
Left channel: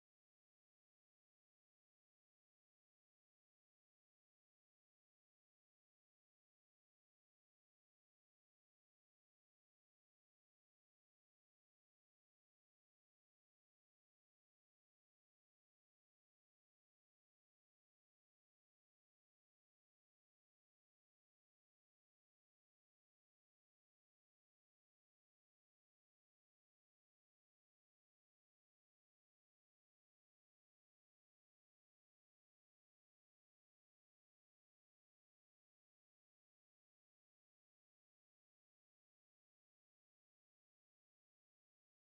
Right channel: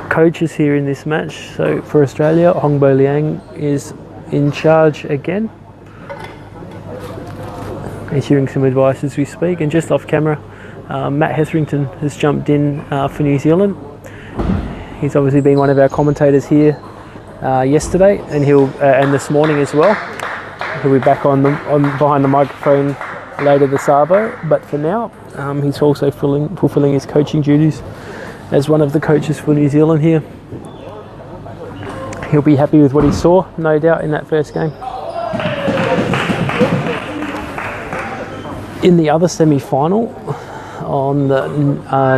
Coaches here in this match. So for Australia, Hongbo Liang is in charge again, issuing some advice as we speak. And just off camera, Matt Hetherington has jumped in for New Zealand. He's obviously been one of our commentators here yesterday, and and this morning as well. He'll be back on behind the microphone later this arvo. But for now, he's also fulfilling his coaching duties as one of the coaches for New Zealand here. He'll be happy with what he saw, no doubt, in that first game. In the other semi-final, on the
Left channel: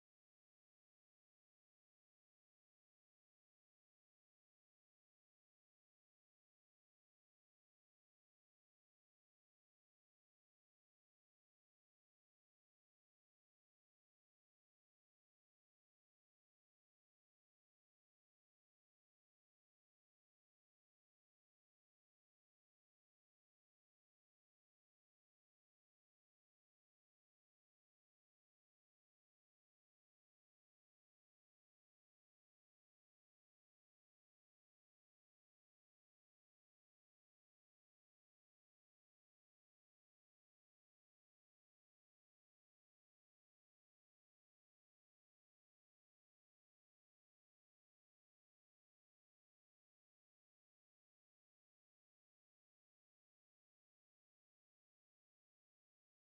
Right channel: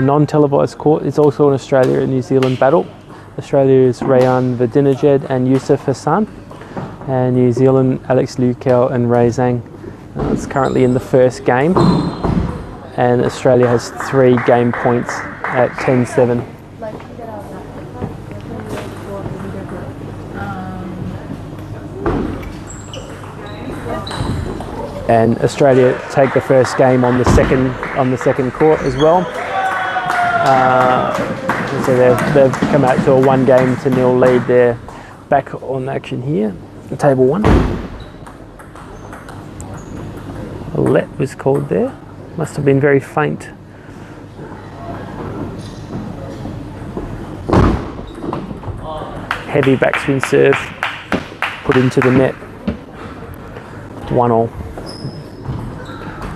non-televised court, it's also an Australia and New Zealand battle. Australia's Rayan Vadinejad and Yusuf Hassan, and New Zealand, Alex Lukau and Ray Zhang. It's currently in the first game, and Australia has 3 game points at 10-7. And Australia take the first game on the second court as well. So they've come out to a 1-0 lead. They're back on action here. Table 1. A let was called there. Must have been very faint. Heavy backspin serve put into the net. 1-1.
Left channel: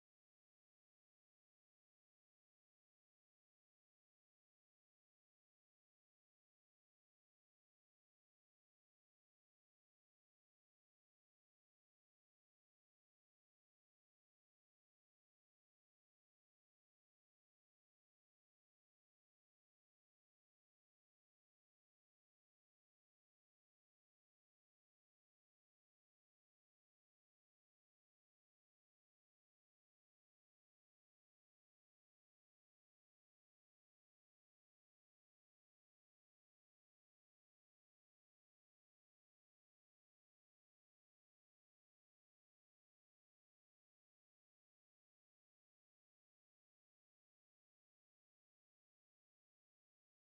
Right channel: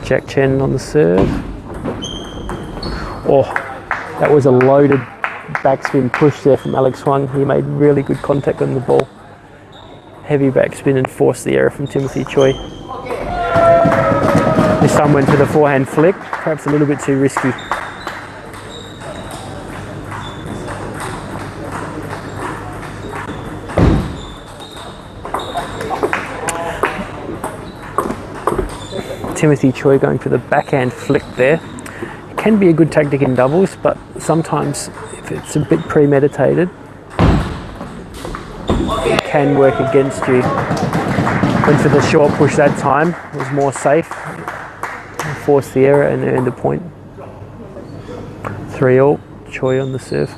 Jack Chen on the serve. Oh, that was a loaded backspin push there from Alex Huang. He made really good contact on the ball. Heavy backspin and forced the error from Timothy Choi. This time went for the forehand flick, perhaps a little bit too risky. Timothy Choi going for the backhand flick there. It can be a good tactic in doubles, but sometimes if it's a bit premeditated, it can work against you. Went for the short push that time, it was more safe. Forced the error and earned a point. 3-3, Choi on the serve.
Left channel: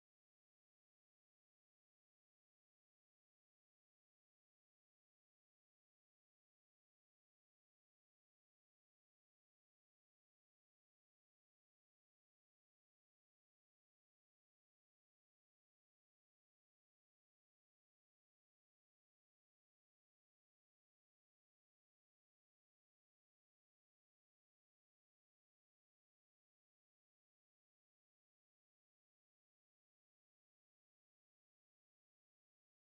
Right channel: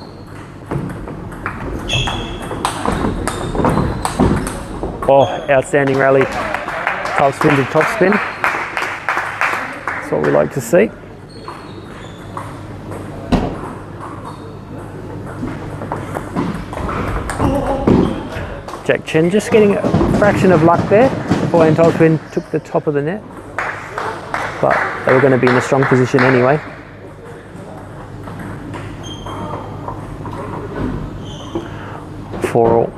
Oh, outstanding rally. Top spin to top spin. That's what we like to see. Jack Chen just getting a fraction of luck there. Forehand topspin took the top of the net, but they were going to be in a strong position anyway. For all.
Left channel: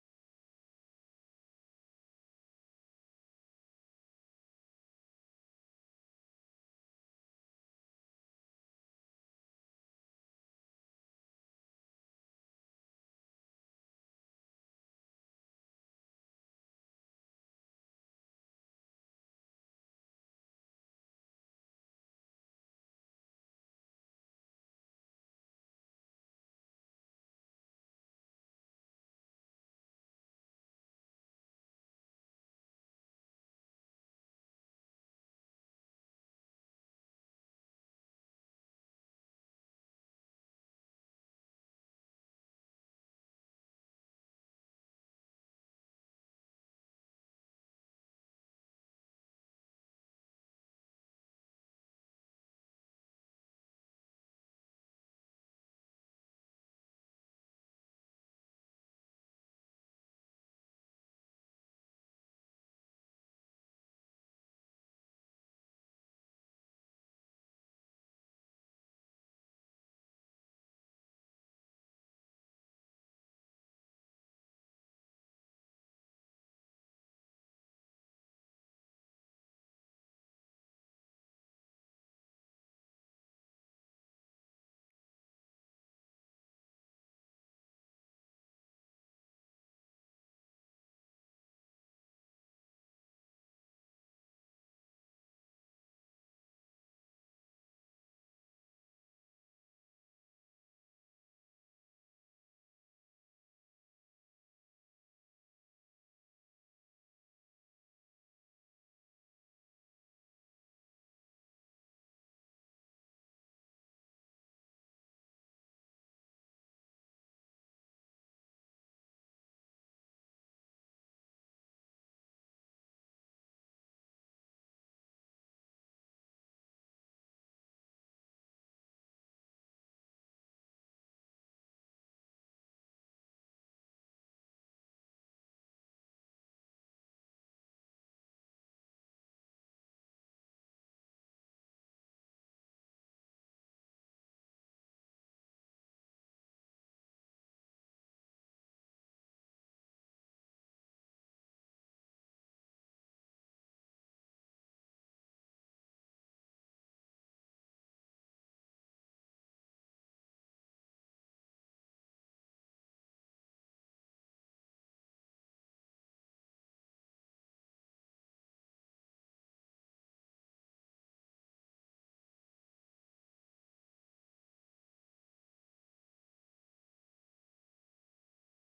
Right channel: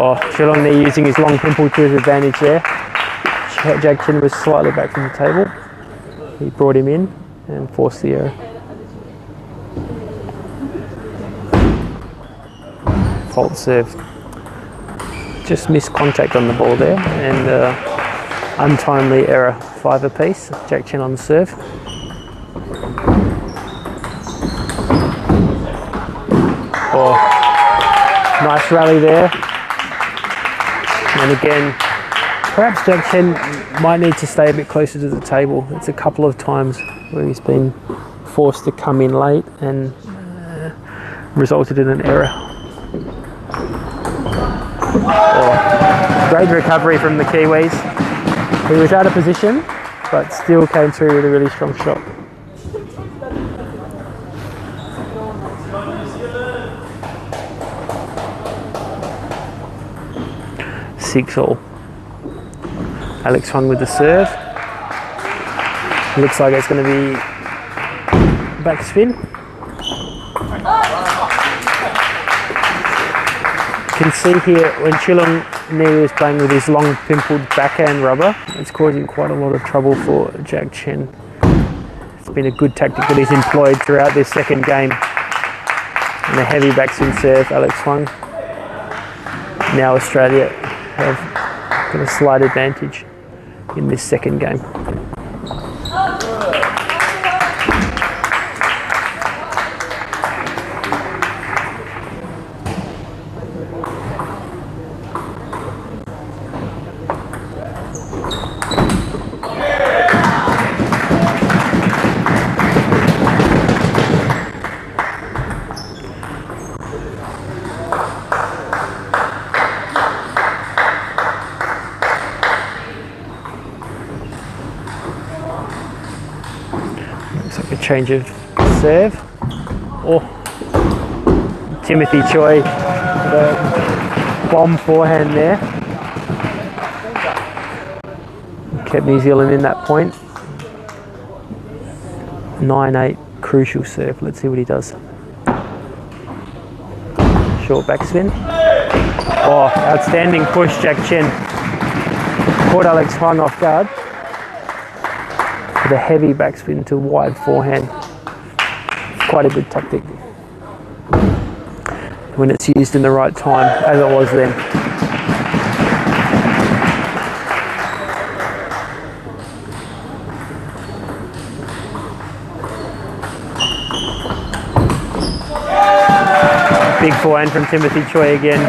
Oh, Geelong there using his long pimple to his advantage there. Jack Chen was slightly back from the table. He brought him in and forced the error. Fault serve. Just missed contact on the ball there, and untimely error, 5 apiece. Jack Chen on the serve. Oh, nice rally there. And again, perhaps Jack Chen might need to stay a bit closer to the table. It's a couple of times where he's been forced to come in late and resulted in an error. Oh, great recovery from the Kiwis. He was out of position, but still came through with a really strong shot. Six all. Alex Huang with the serve. Looks like it's going to be backspin. You can see here when Chilong Niu is playing with his long pimpled backhand rubber, it's causing quite a lot of trouble for Jack Chen. It's been a good tactic that he's employed throughout this second game. And a heavy backspin serve, Alex Huang. Now Australia have got a slight advantage in this second game. Change of serve. Oh, Timothy Choi, the bomb forehand there. Kept New Zealand in that point. 9-8, crucial serve. Let's see what he does. Short backspin. Oh, outstanding push, Jack Chen. Caught Alex Huang off guard. The heavy backspin to wide forehand. Quite a good tactic when it's used in the right time, as it was then. Big forehand from Timothy Choi again.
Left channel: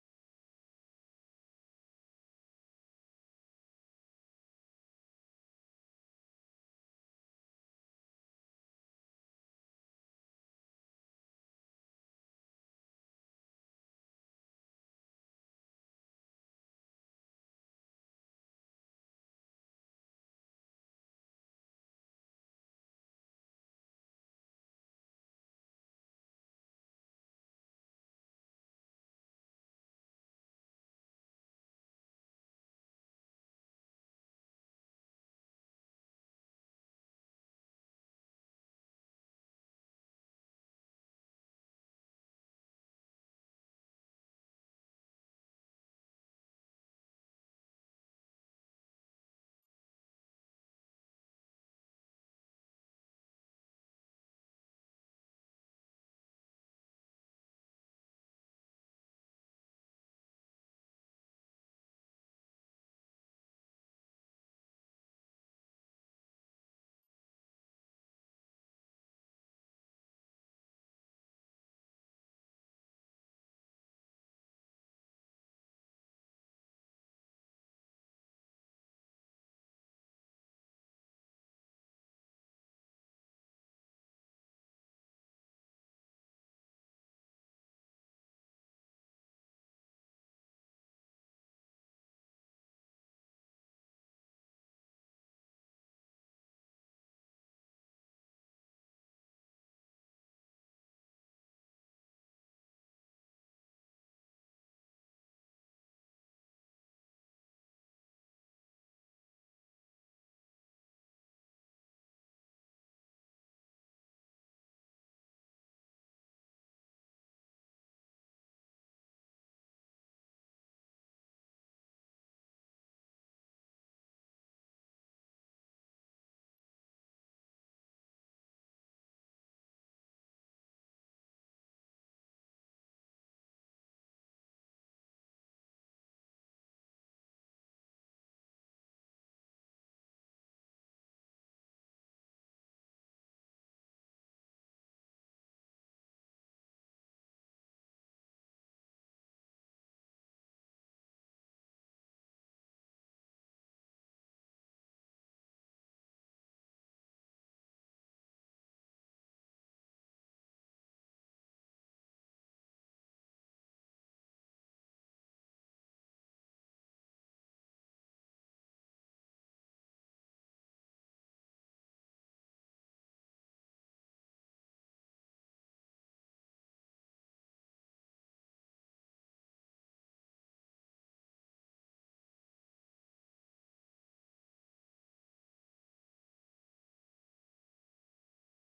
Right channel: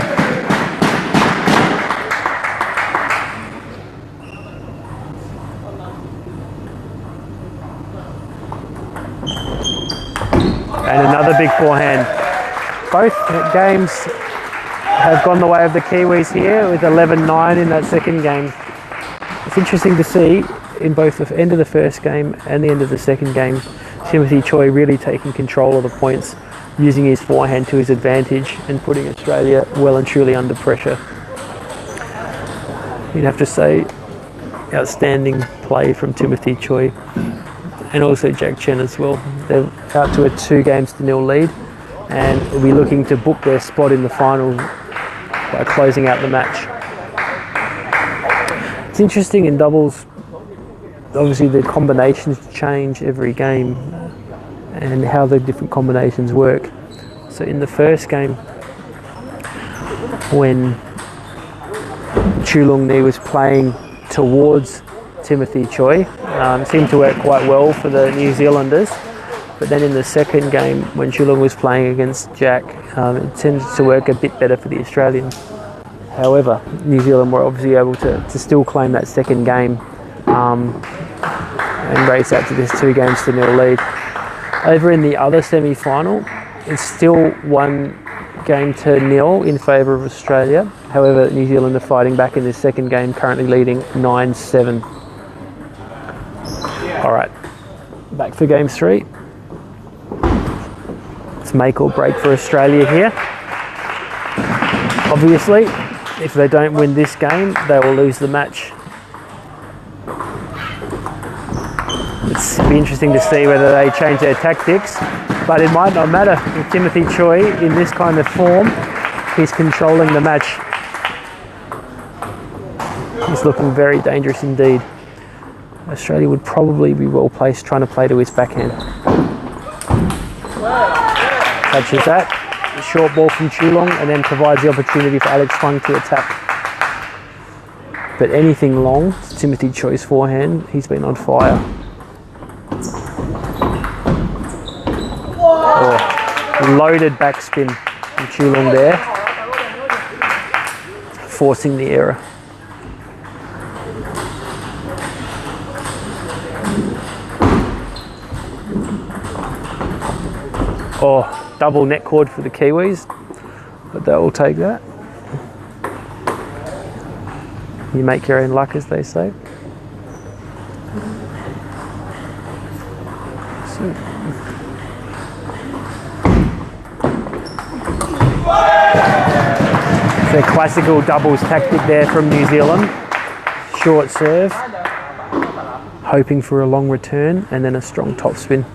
And another big forehand. Both games have gone the way of the Kiwis here with 11-9 in that second game. It's interesting to see in both the end of the first game and the end of the second game, Timothy Choi really taking control of the points, using his forehand to his advantage and putting Australia well and truly under pressure. You'd have to say outstanding play from Timothy Choi. And also Jack Chen as well. They're out to a 2-0 lead and will be looking to book their spot in the final by closing out the match. It's interesting in doubles, obviously the combinations change every game and how the different combinations work. So in the first game, when Chulong Ni was playing towards Timothy Choi, seemed to work quite well for the New Zealanders. But then in the second game, when Chulong was playing against Jack, it tended to work a bit better for the Australians. However, New Zealand were obviously able to still claim that second game and race out to this 2-0 lead. Over in the other semi-final, it's still 1-0 in favour of Australia. However, New Zealand are fighting back in this second game, currently leading 9-7. All right, back for game 3. It's make or break for Australia here. Obviously, if they don't win this game, they will lose the match. It'll be interesting to see whether they change their tactics, but it might not matter. With Timothy Choi in this kind of form, he's controlling the match. He's looking very dangerous indeed. Australia would probably be well placed trying to play to his backhand. Touches that. A short ball from Chulong and then provides the opportunity for Alex Huang to attack. But anything long, Timothy Choi's forehand, he's been on fire. Oh, loaded backspin from Chulong there, forcing the error. Oh, double net cord for the Kiwis, but they will take that. You make your own luck, as they say. It's a classical doubles tactic there from New Zealand. Short serve, hoping for a long return, and then a strong topspin.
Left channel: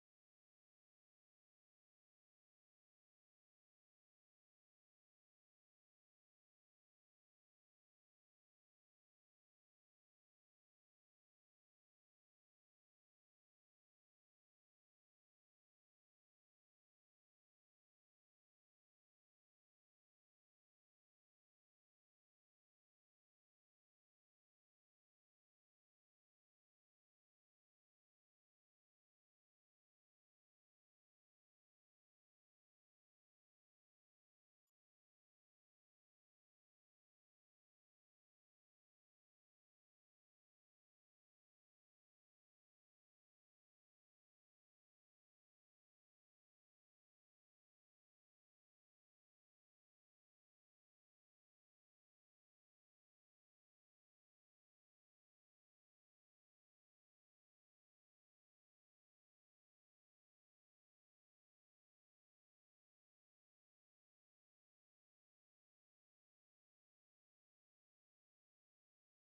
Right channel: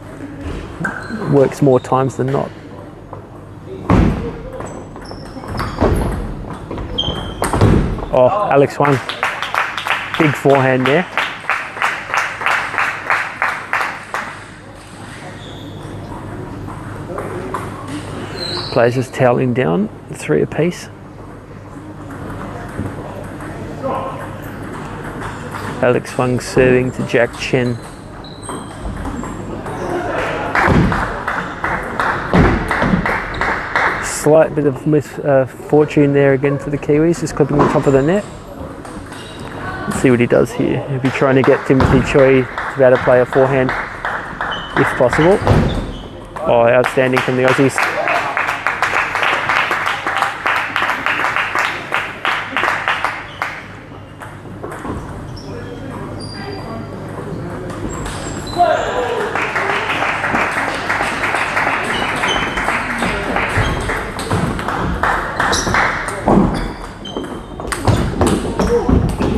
Works more times than not. Oh, Alex Huang, big forehand there. Players just toweling down, 3 apiece. Alex Huang serving to Jack Chen. Slight bit of misfortune there again for the Kiwis, just clipping the top of the net. Let's see what he does here. He'll be trying to get Timothy Choi to be able to play a forehand if possible. Oh, outstanding from the Aussies.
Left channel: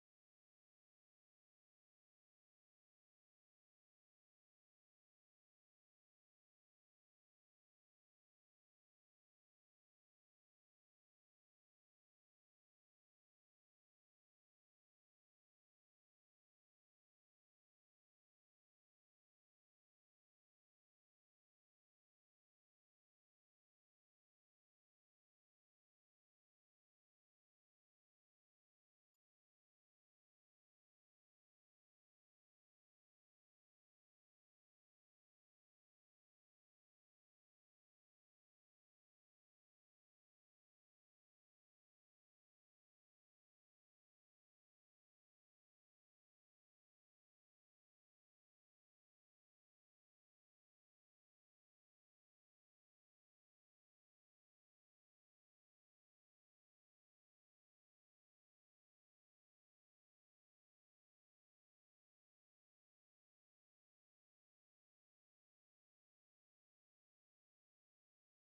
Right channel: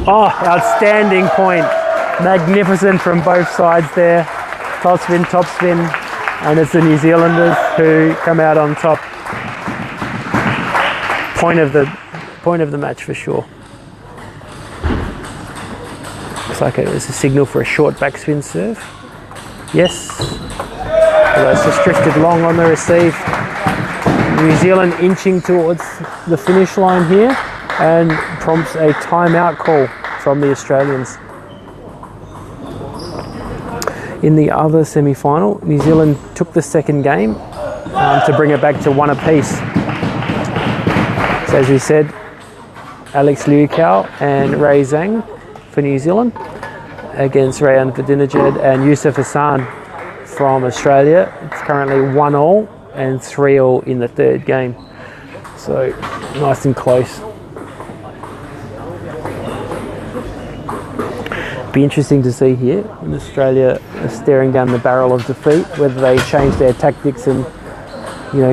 Oh, outstanding point. Magnificent from both sides there. Top spin, and it's the New Zealanders who come out on top. Point of the match for sure. Looks like it was a signal for a short backspin serve. Yes. Although it's just drifted long on the receive. New Zealand inching towards the finish line here, and prompts a timeout call from the Australians. In the other semi-final, New Zealand took the second game to bring it back to 1 apiece. So as we said, Alex Liukau and Ray Zhang for New Zealand against Rayan Vidinejad and Yusuf Hassan from Australia. It's currently 1-1 and 3-3 in the third game. So nice and close. Be interesting to see here when Australia are staring down the barrel of defeat, whether they change their tactics and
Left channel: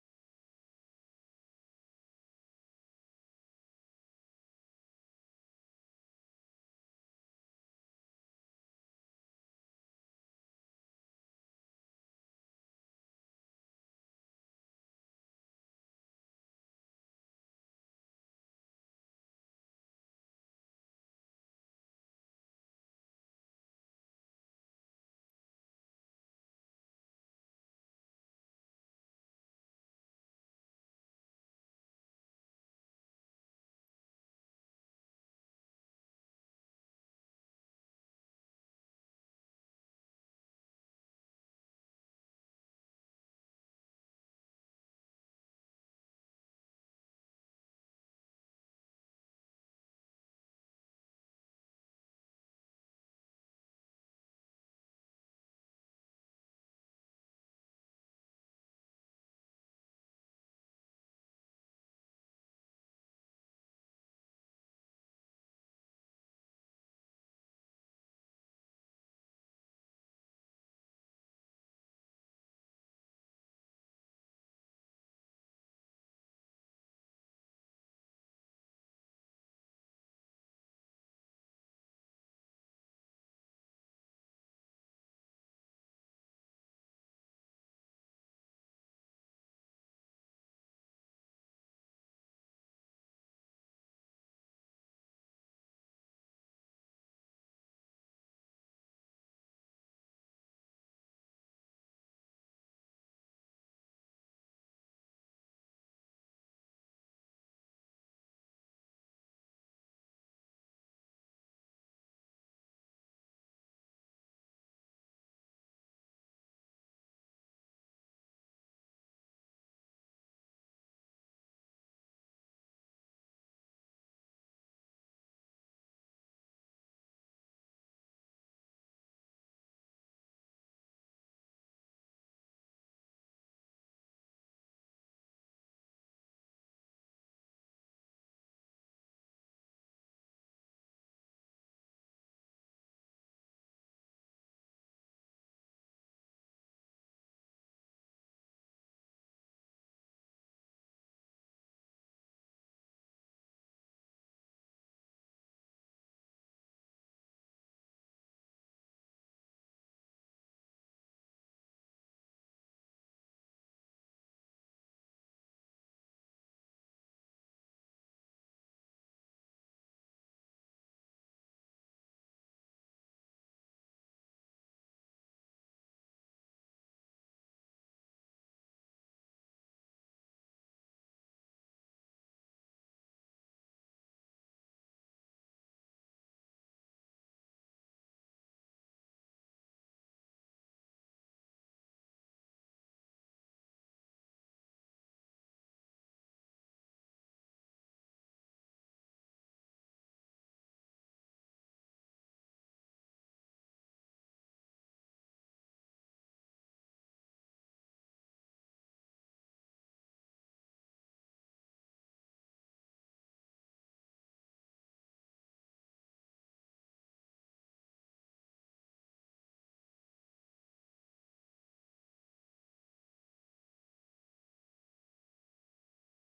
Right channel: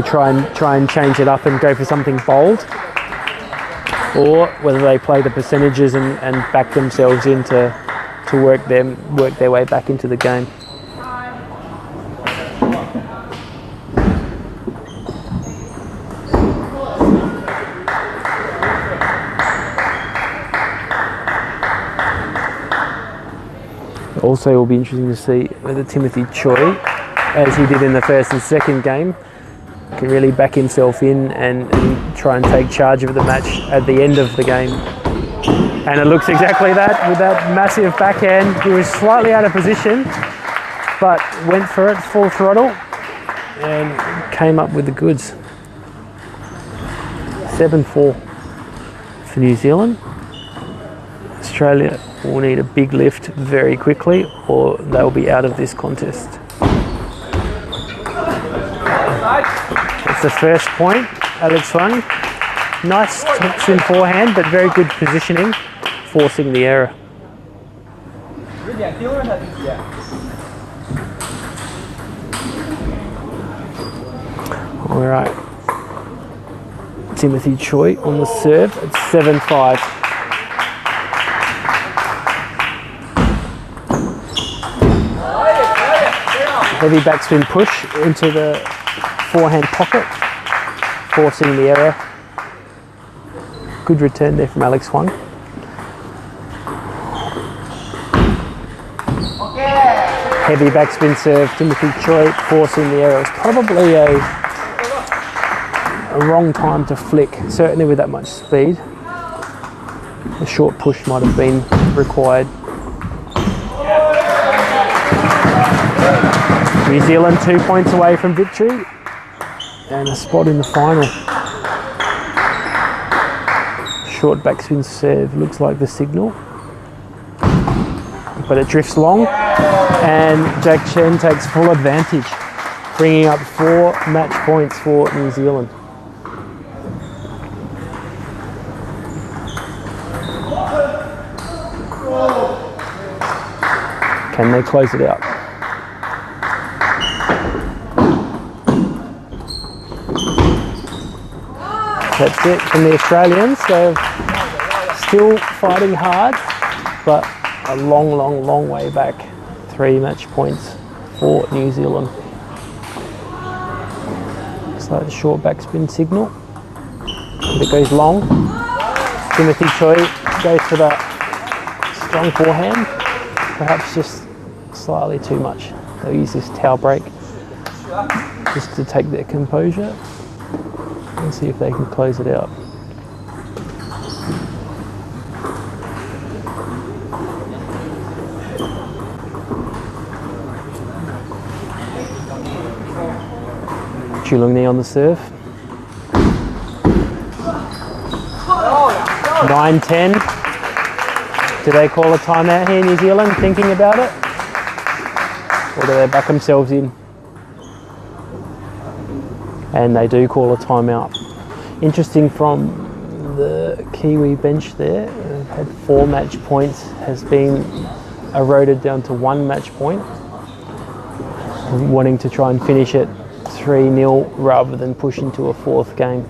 try and change it up and go for something bold, or whether they play the percentages and back themselves in to work their way back into the game. Also, it will be interesting to see whether Timothy Choi, as he did in the first and second game, can really back himself in and try and take charge of the match at the end of the game. And it looks exactly that, with that massive backhand. He was slightly out of position, but went for it full throttle and came up with the goods. 7-4 for New Zealand. Australia will need a big lift very quickly, or they'll be out of this contest. It's the first point. Alex Huang, nice touch in forehand, but very good positioning, forcing the error. All right. Timothy Choi on the serve. It's 7-5. Heavy backspin push into the forehand pocket, forcing the error. Good return there from Alex Huang. Heavy backspin serve, Timothy Choi forcing the error. It's probably a wrong time to flick, certainly with that much speed. A short push might have been required. New Zealand 2 points away from victory and a spot in the final. Short backspin serve looks like the signal, but it drifts long and Jack Chen takes full advantage, bringing up 4 match points for New Zealand. Can they close it out? That's it from the Australians. They're still fighting hard, but a long way back. 3 match points for New Zealand. Looks like a short backspin signal. If it goes long, Timothy Choi goes for the strong forehand. Perhaps just slightly too much. They'll use this towel break just to take their composure and see if they can close it out. Chulungni on the serve. 9-10. Do they call a timeout here, New Zealand, thinking about it? Or do they back themselves in? And they do call a timeout. Interesting from the Kiwi bench there, they've had 4 match points, has been eroded down to 1 match point, wanting to try and finish it 3-0 rather than push into a 4th game.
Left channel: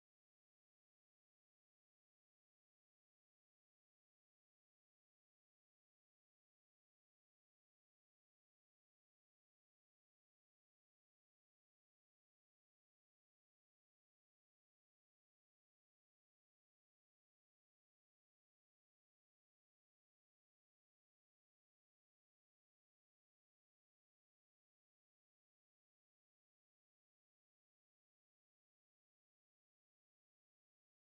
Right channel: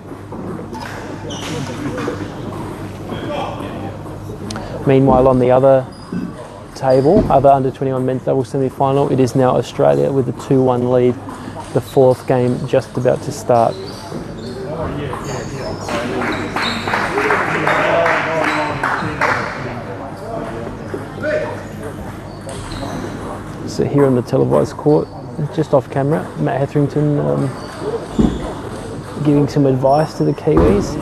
Meanwhile, on the other table, other under-21 men's doubles semi-final, it is now Australia with a 2-1 lead. The 4th game just about to start. So here on the televised court, just off camera, Matt Hetherington giving some advice to the Kiwis.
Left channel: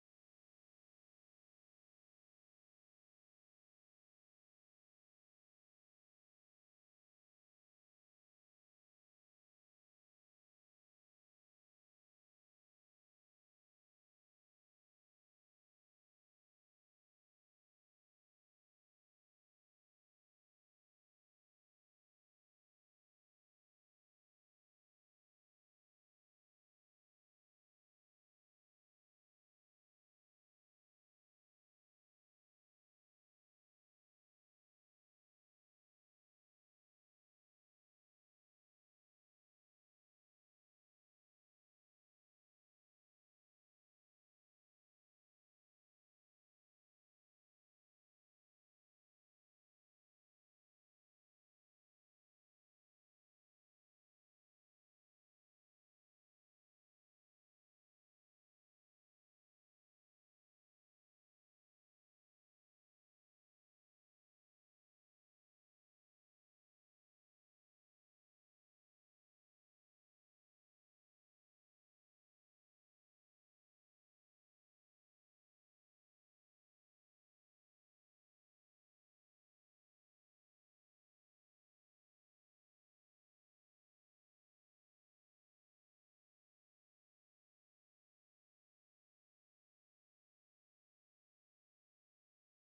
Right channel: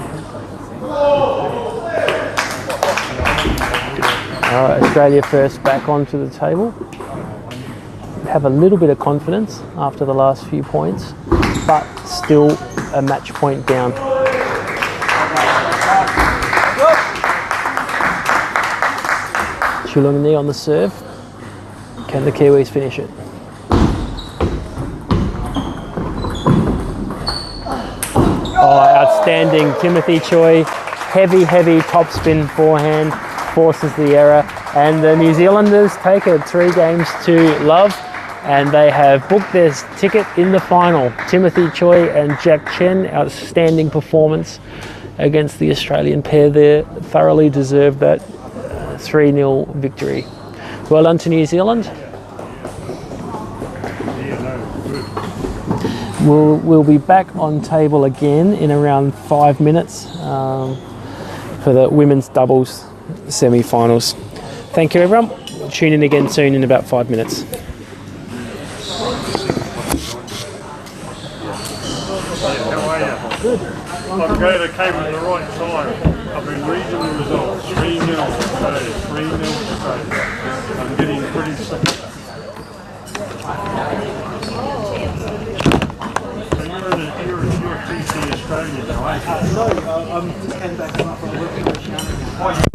Australia first back onto the table. Have a little bit of confidence after the last few points, but still a match point down. Chulungni on the serve. Can the Kiwis finish it? Oh, outstanding. Timothy Choi, heavy topspin forehand, forces the error, and the New Zealanders take it 3 games to love, and they have booked their ticket in the final. Timothy Choi and Jack Chen, outstanding performance against the Australian pair there, thoroughly deserved that 3-0 victory. Well done to New Zealand. We'll be back on table again in around 5 minutes for the women's doubles semi-finals. Thank you, everyone. Tune in again soon in about 5 minutes. Good. I'm glad I came at the right time. I've been reading the results. 3-0 Australia, 3-0 Australia. I'm getting pretty sick. So you're a TC Australia now, aren't you? No, I just came back from working with Oceania.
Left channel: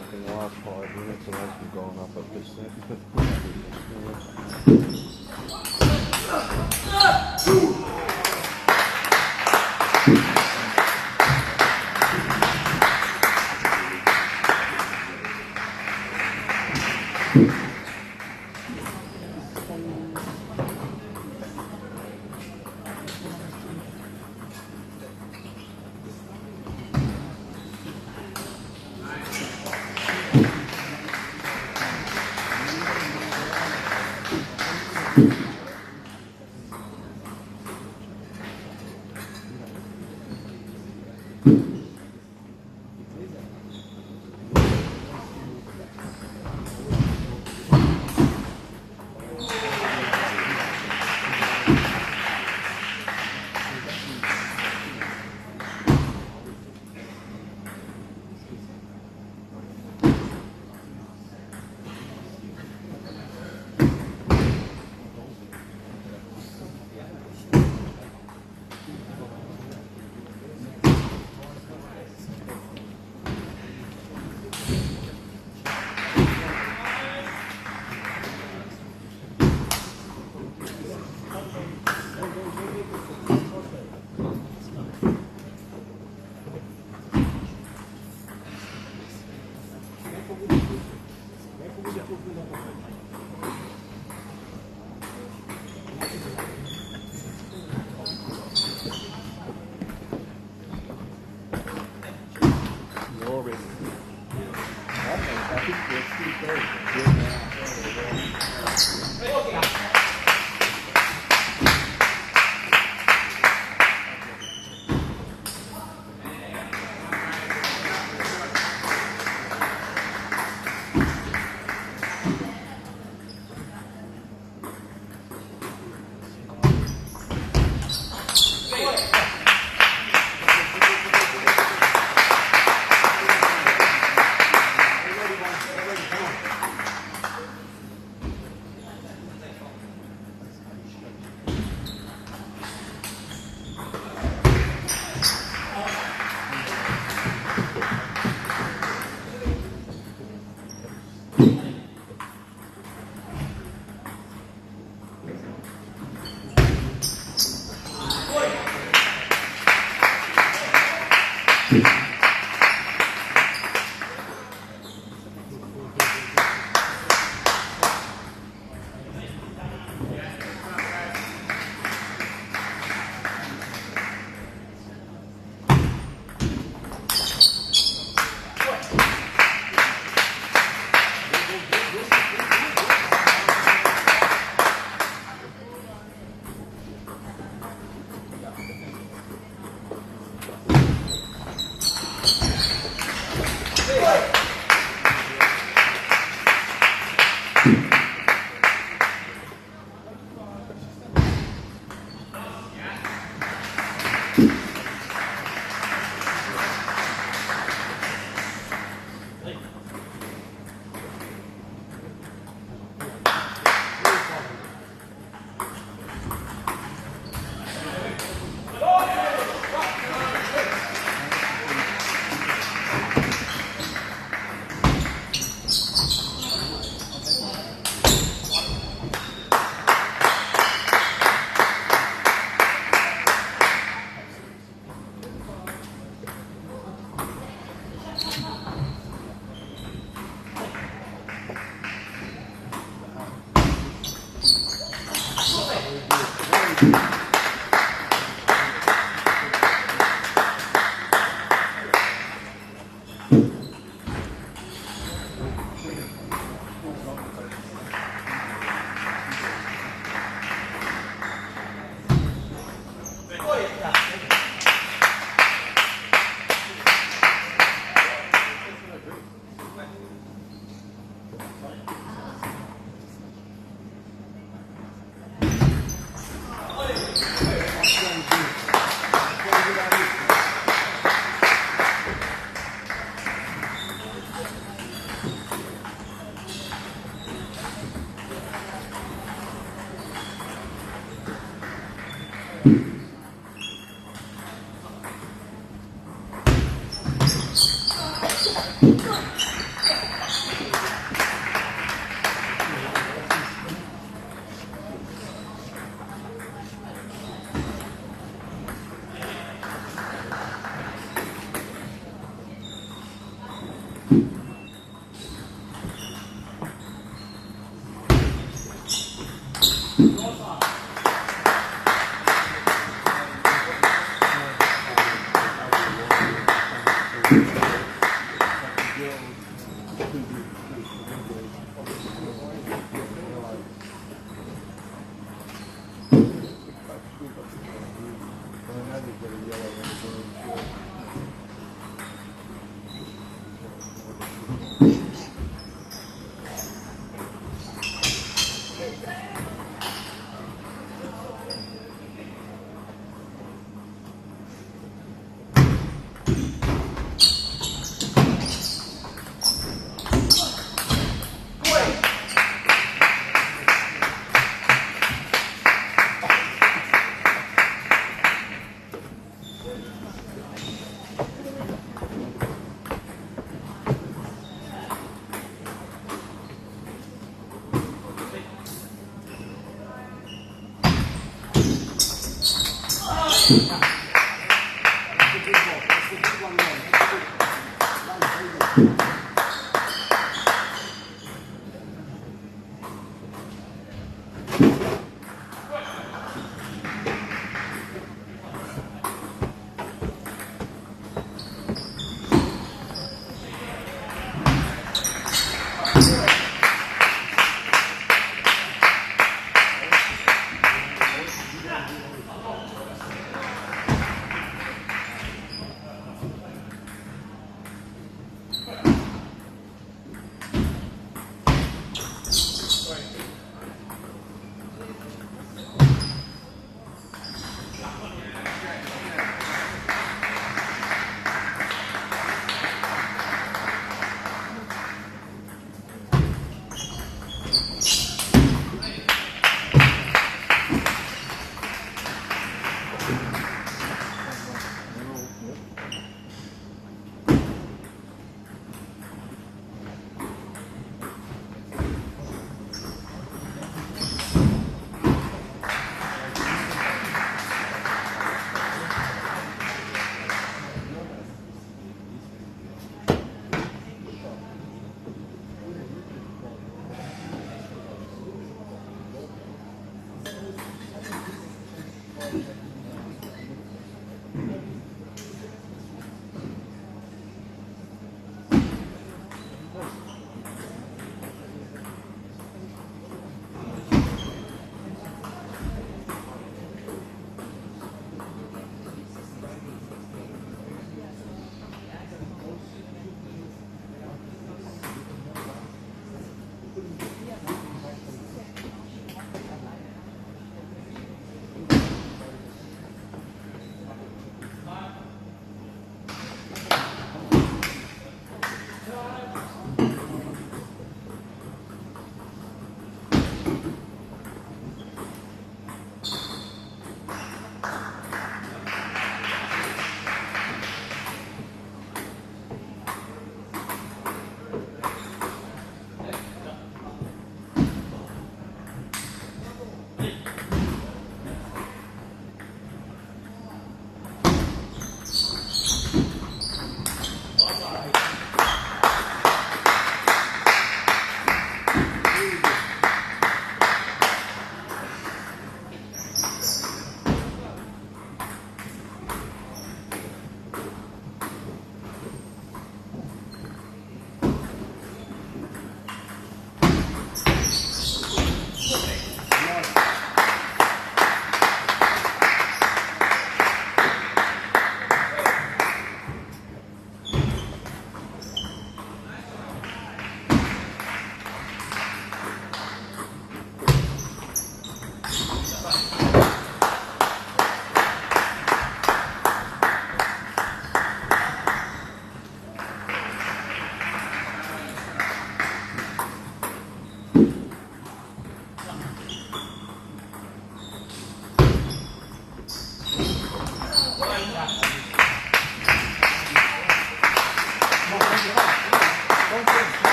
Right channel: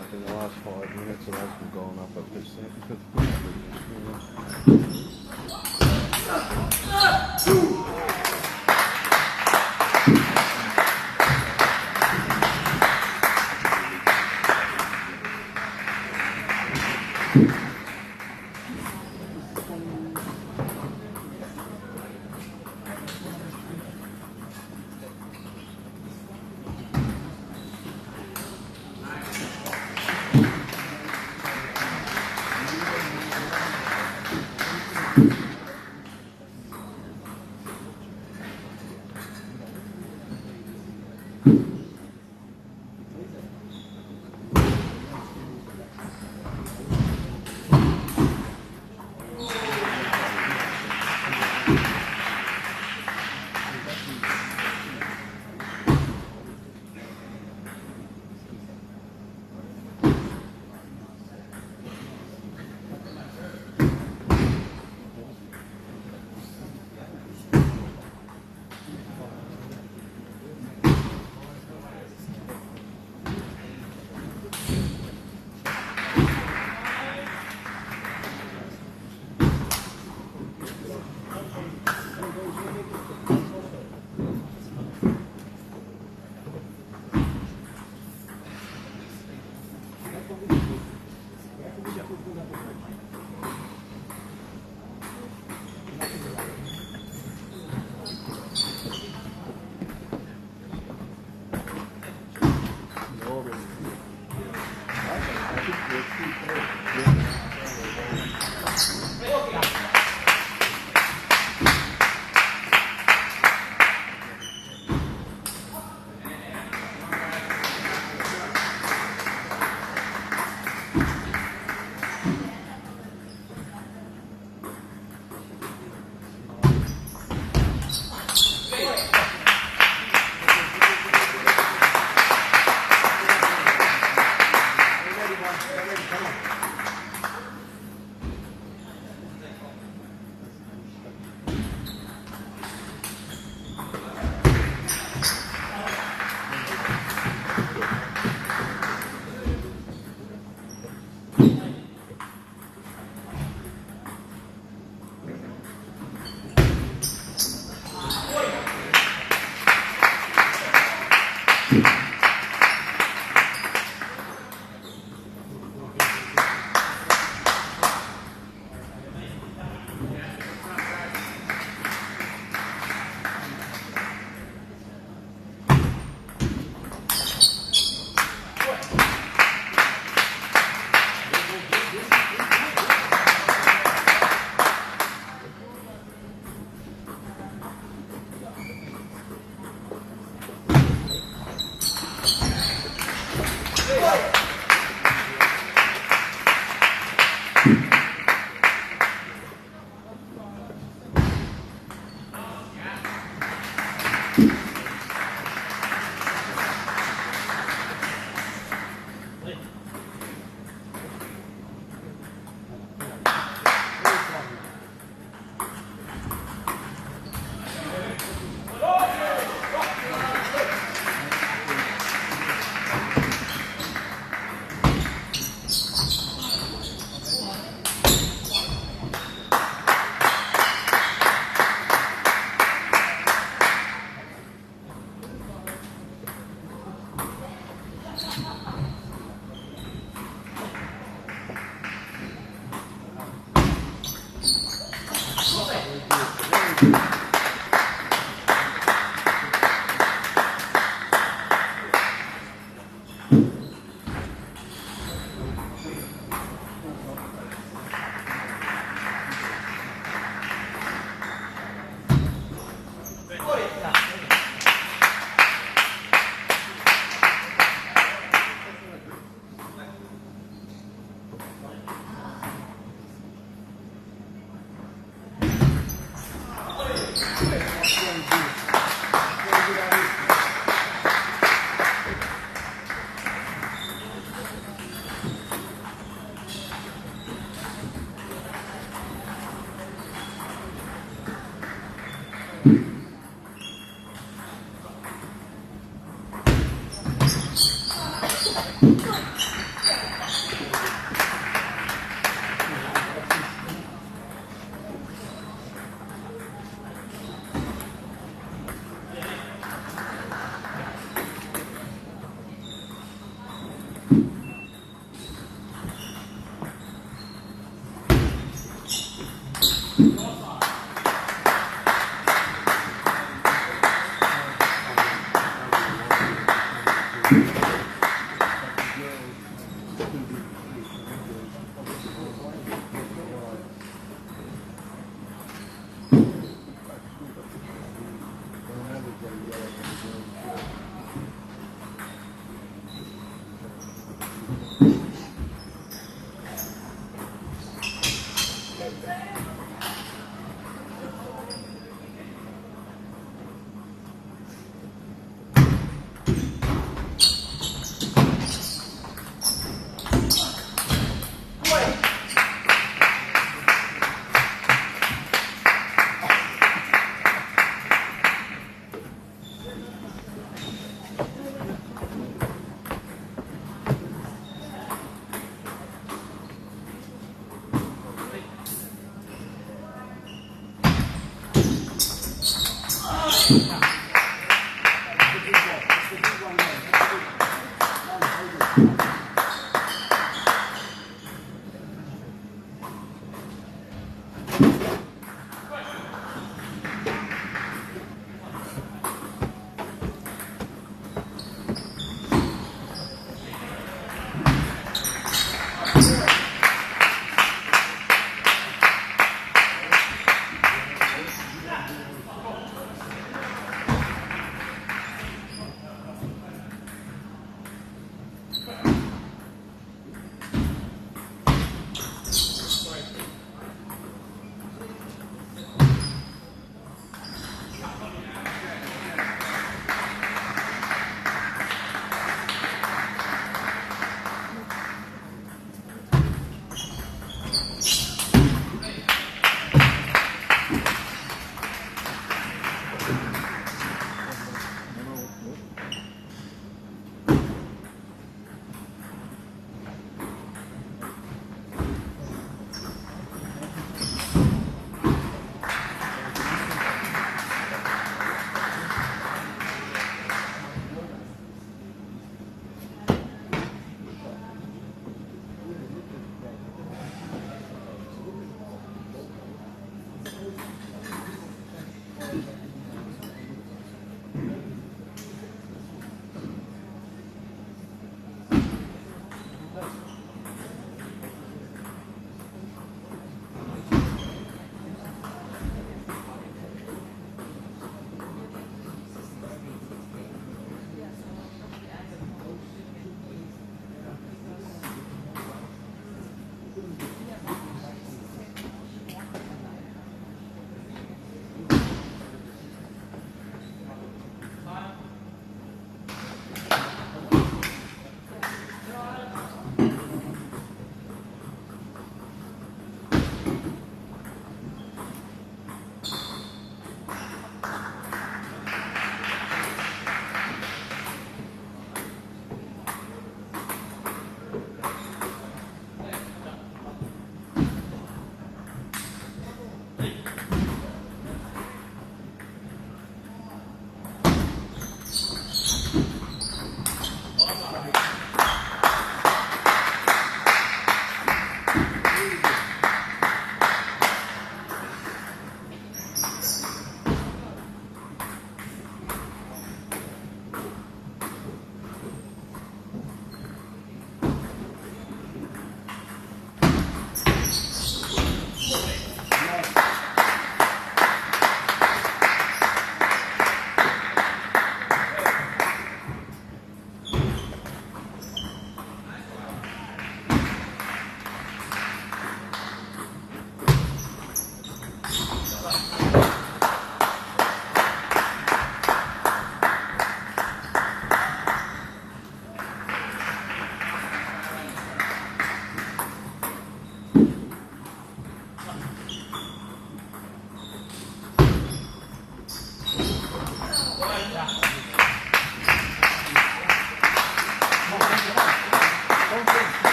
Like in the last 5 minutes, it has been going up a percent.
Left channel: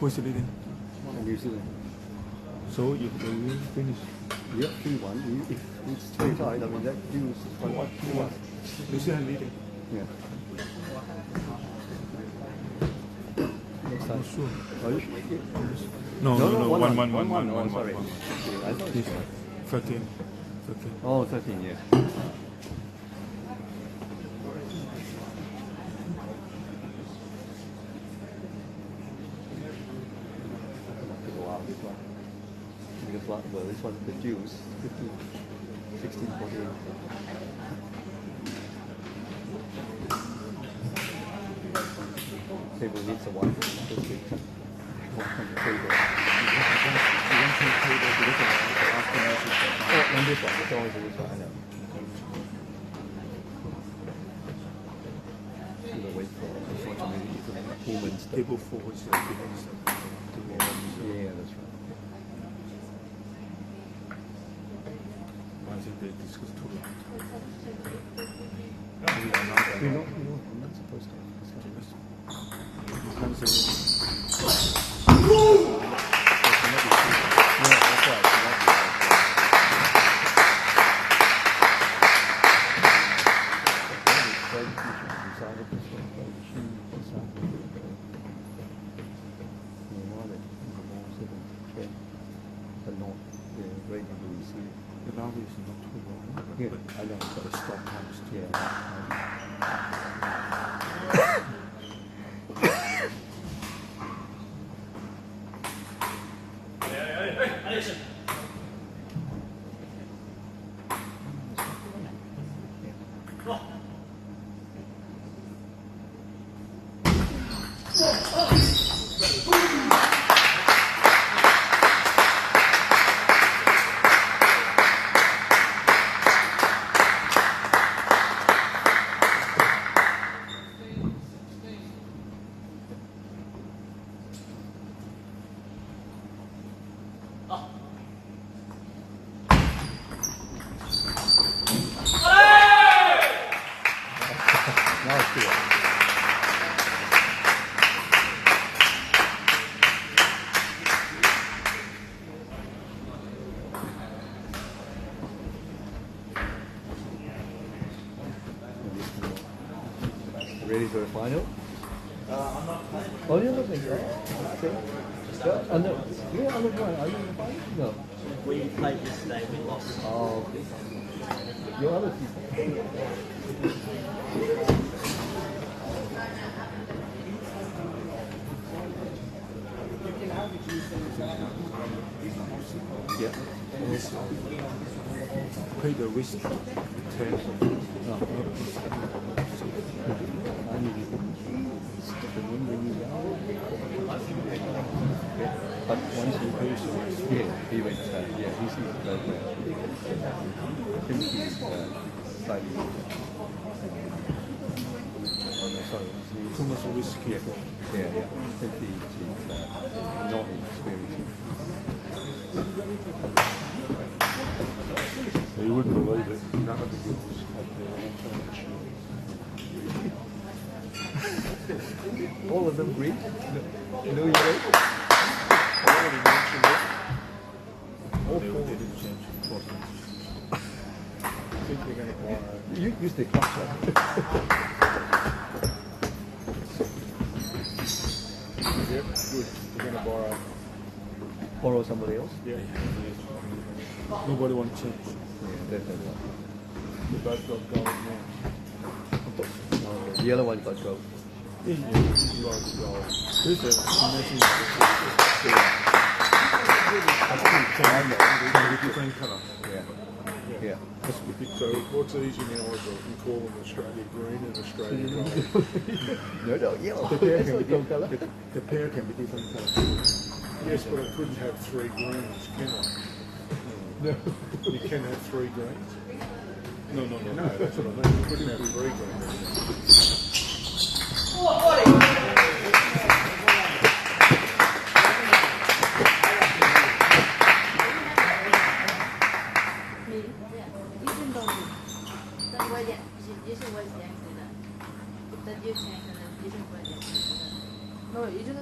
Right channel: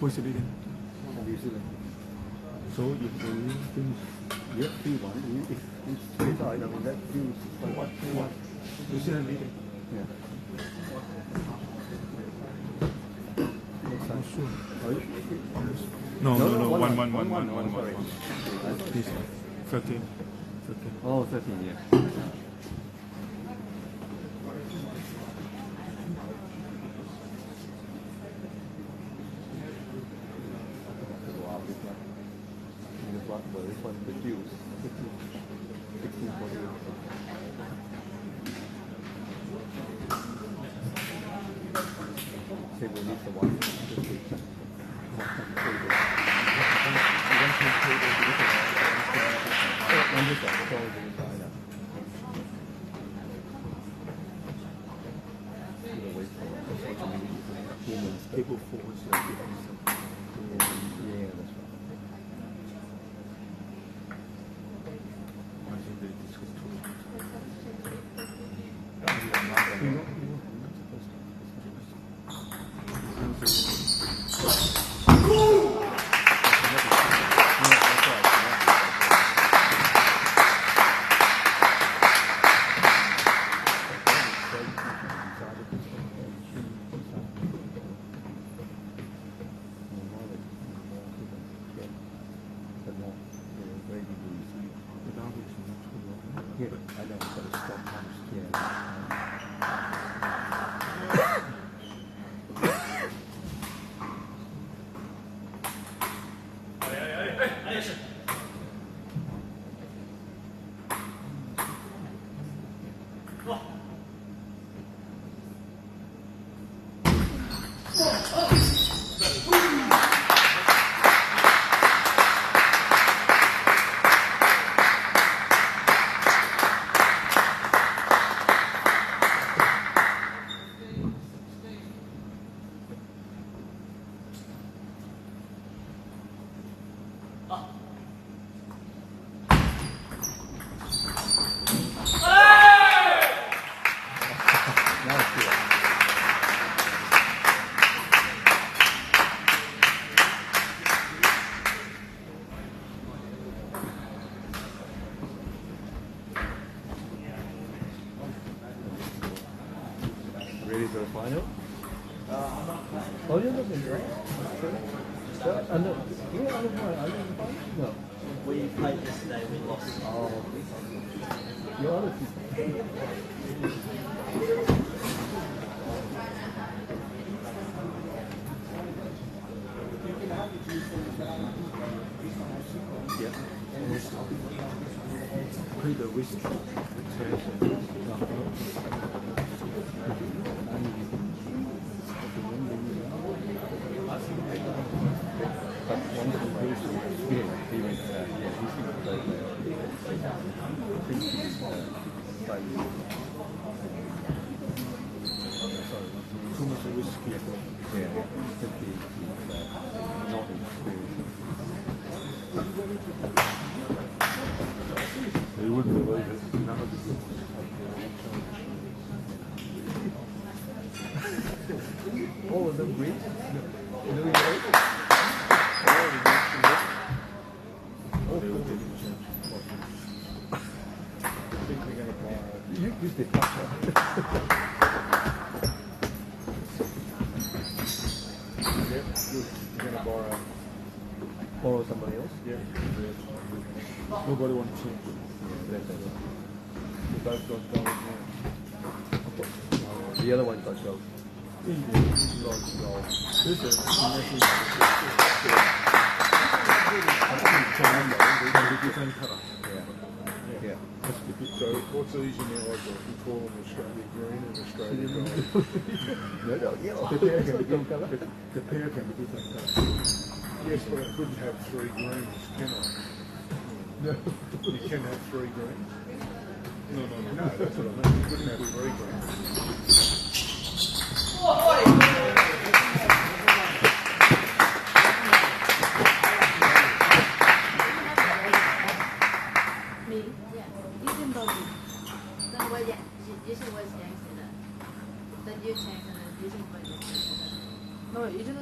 Who's the leader? New Zealand. So if they finish, 3-1, if it's straight out, I mean that feels what? New Zealand leading. Yeah. No, 1-1. Sorry. 13. Oh, 13, yeah. This one, the Jews, 1648. Table needs a one. Table 4 is the Yeah, that's right. I think they discussed too much. The boundaries are not too long. Yeah, But I know it's got a strong house too. yeah. Ready for the final? Oh, you're not in there. No. You're on the final. Are you in the final? No. We played yesterday, we lost. Oh. You're on the people. Yeah. Play the wrist return. But once you pay, yeah, he went, yeah, he's not that, I think he's slightly, sorry, Too much risk here. yeah, I think he's not experienced. You wouldn't believe it. None of the All of them green? You know, you use the cup. Yep, good. We're going to Borrow somebody else? Yeah. Nobody wants to change. Yeah, that's right. We both got goals now. The other one got gold. Yeah. So what's easy now? We call them Australia green and Australia gold. No, yellow. The pair can be Different colour. The pair can be different colours. Yes, but I couldn't have 3 greens, can I? No. You can have 3 greens. No, that's what I mean. You couldn't have 3 greens. No, 이제는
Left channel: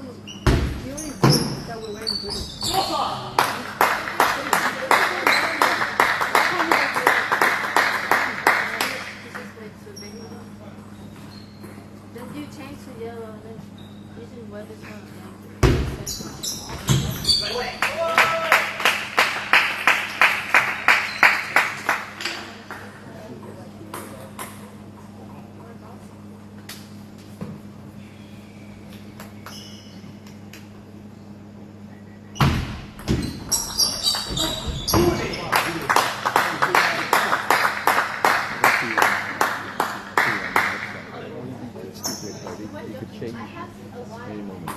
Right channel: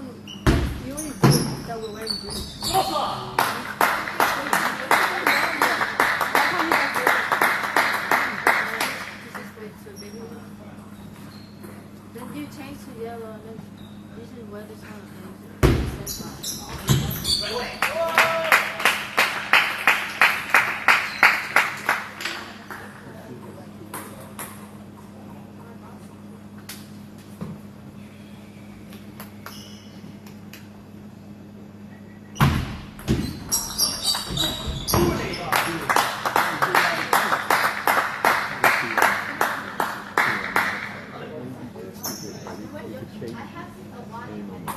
the only thing that we're wearing blue. Then you change to yellow and then you should wear this one. You could change any moment.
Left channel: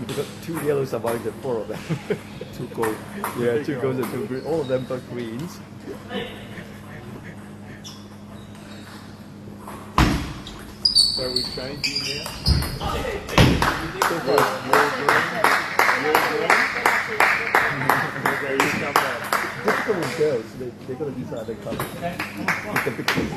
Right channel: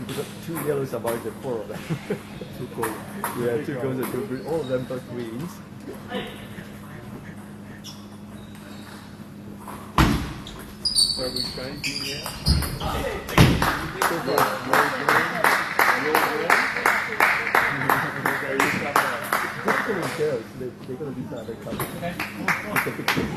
We got 2 yellows among the 4 of them. 2 gold. We had 2 golds and 2 green. All of them got greens. Are we changing now? Difficult with girls. They're going to decide their color. It's a big thing.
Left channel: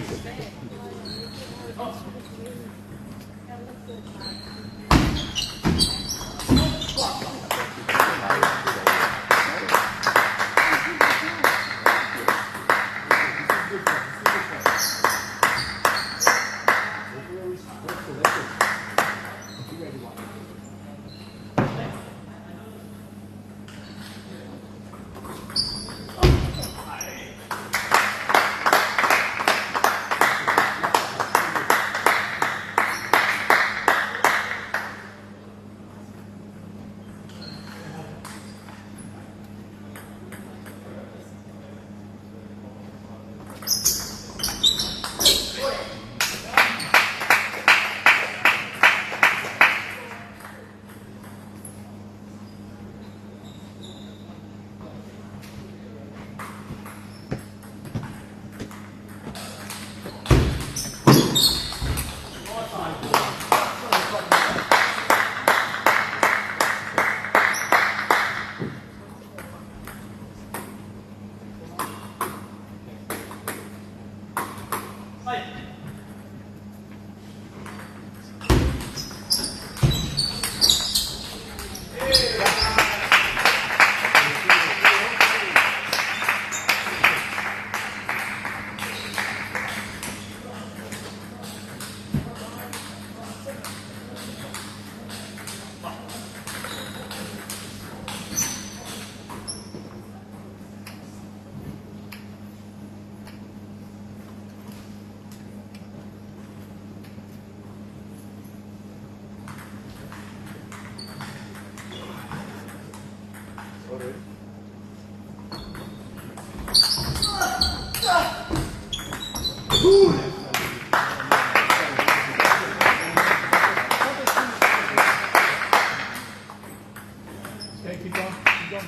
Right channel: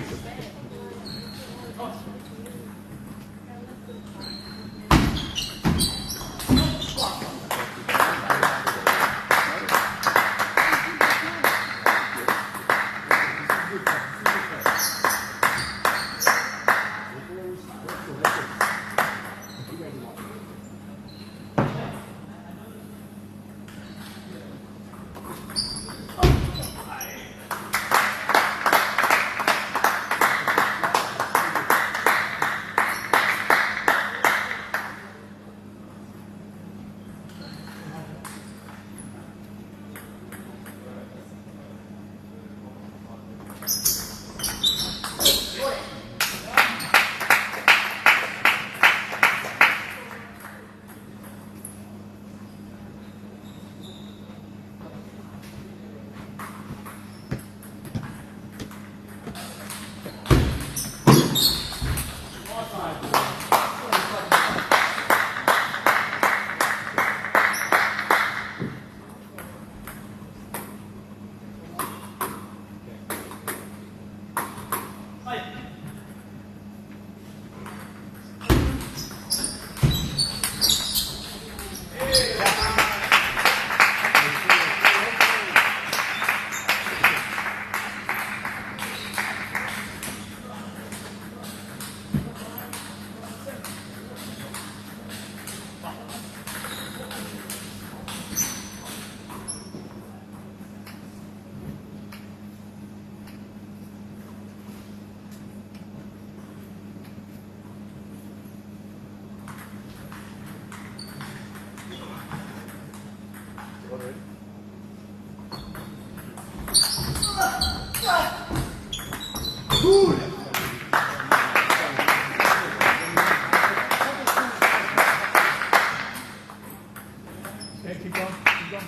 Keep going, keep going.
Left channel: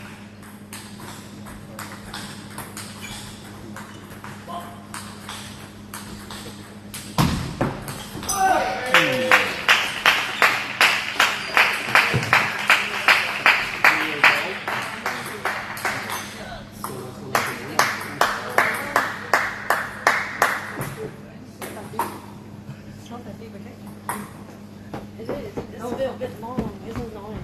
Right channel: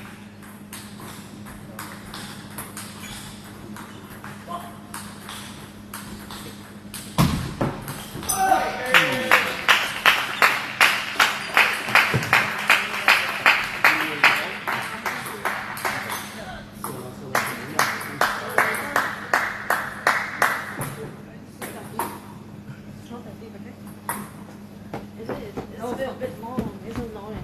It's still a bit long. It's annoying.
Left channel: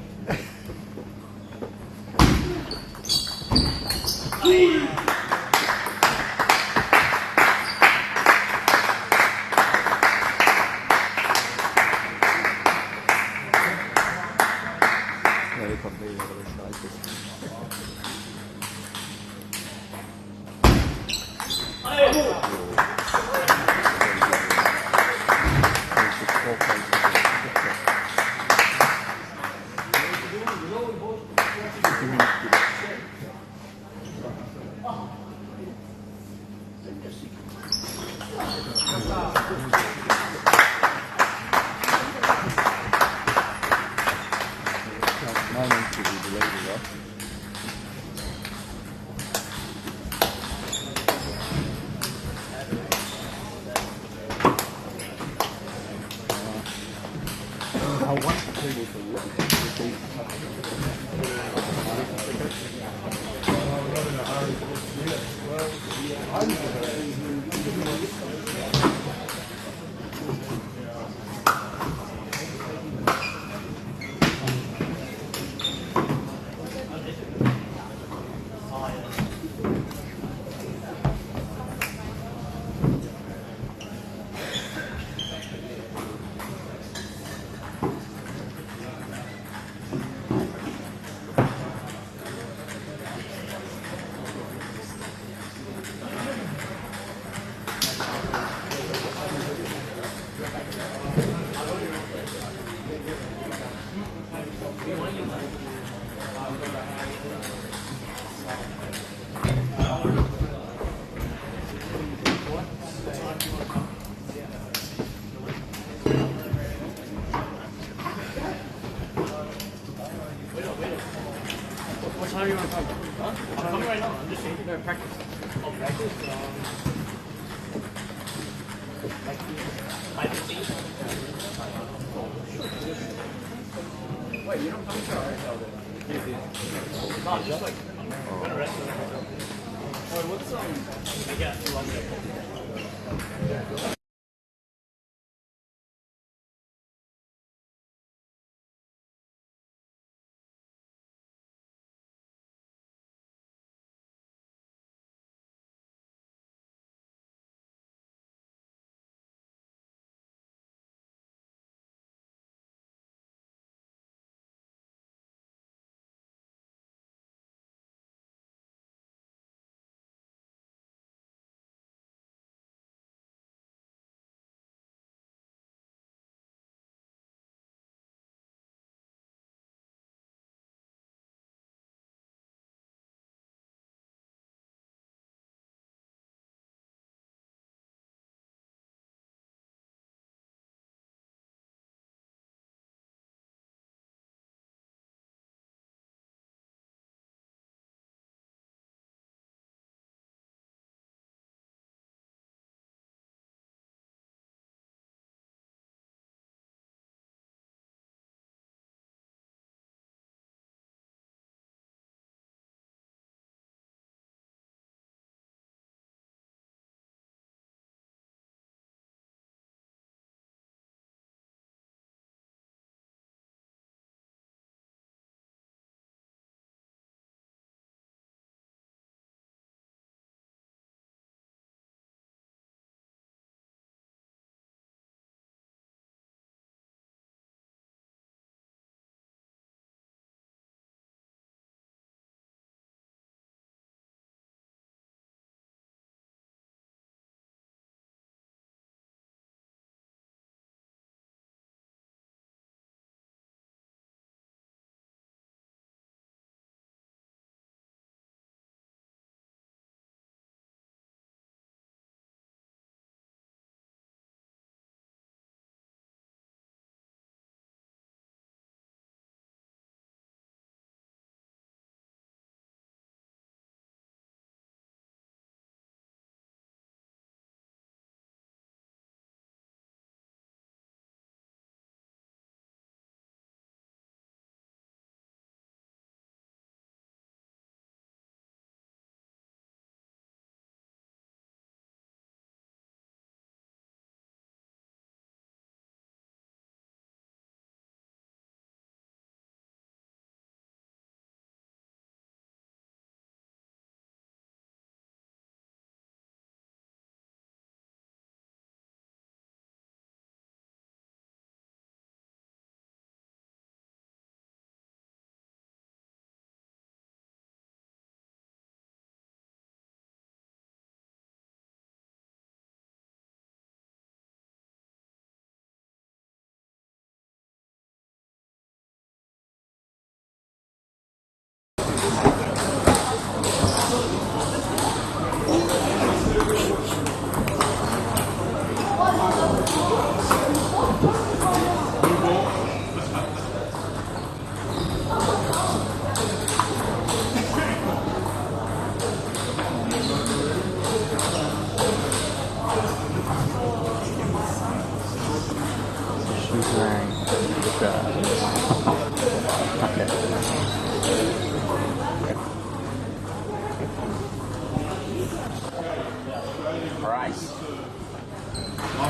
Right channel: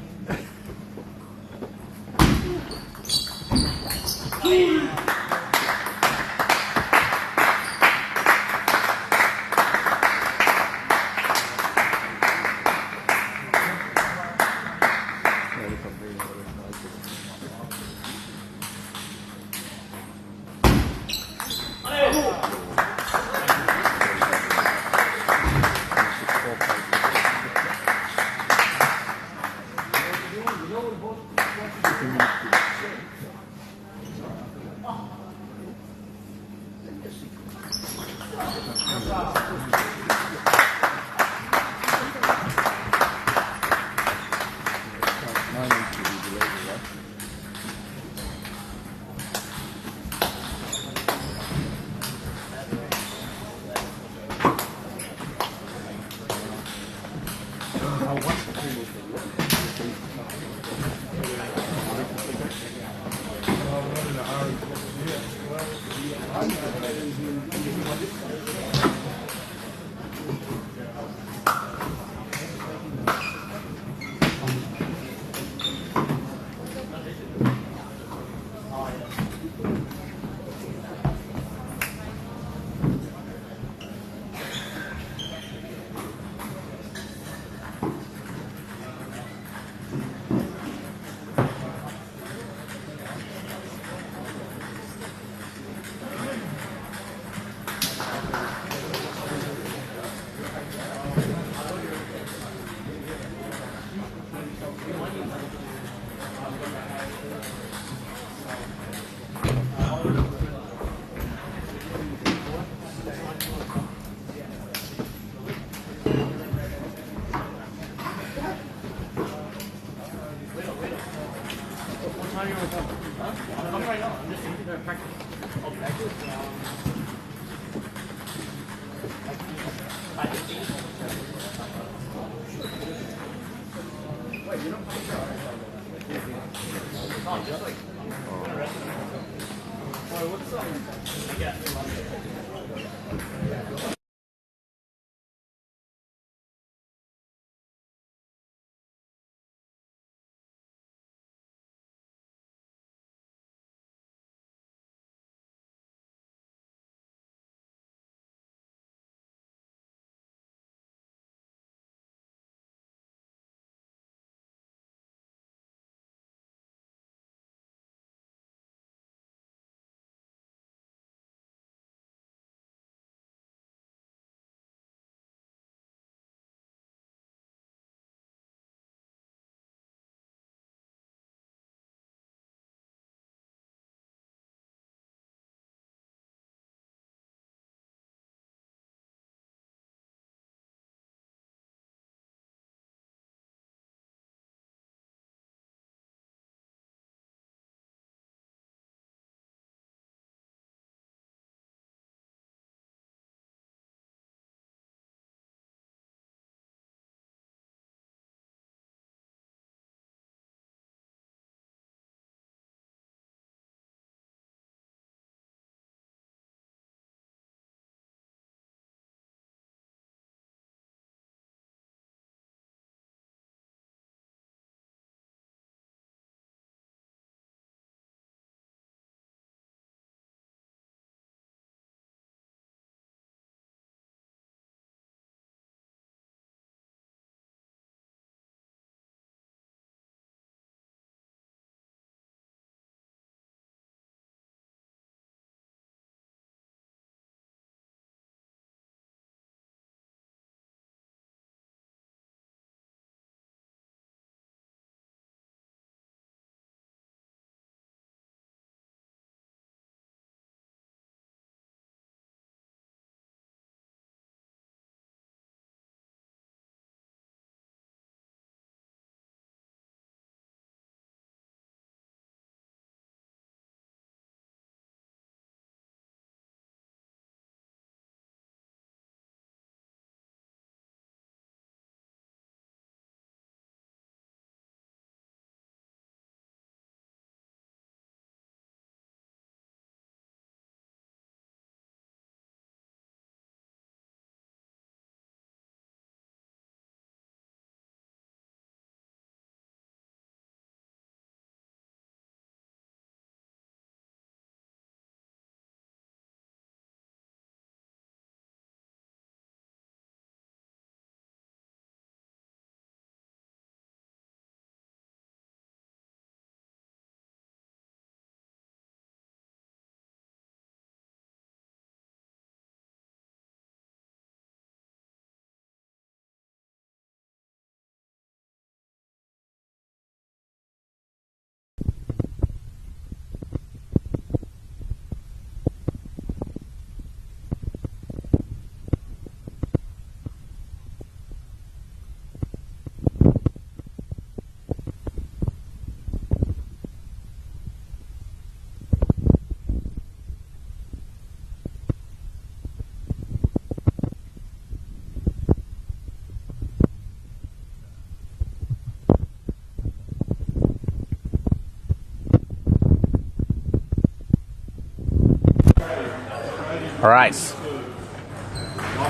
All right.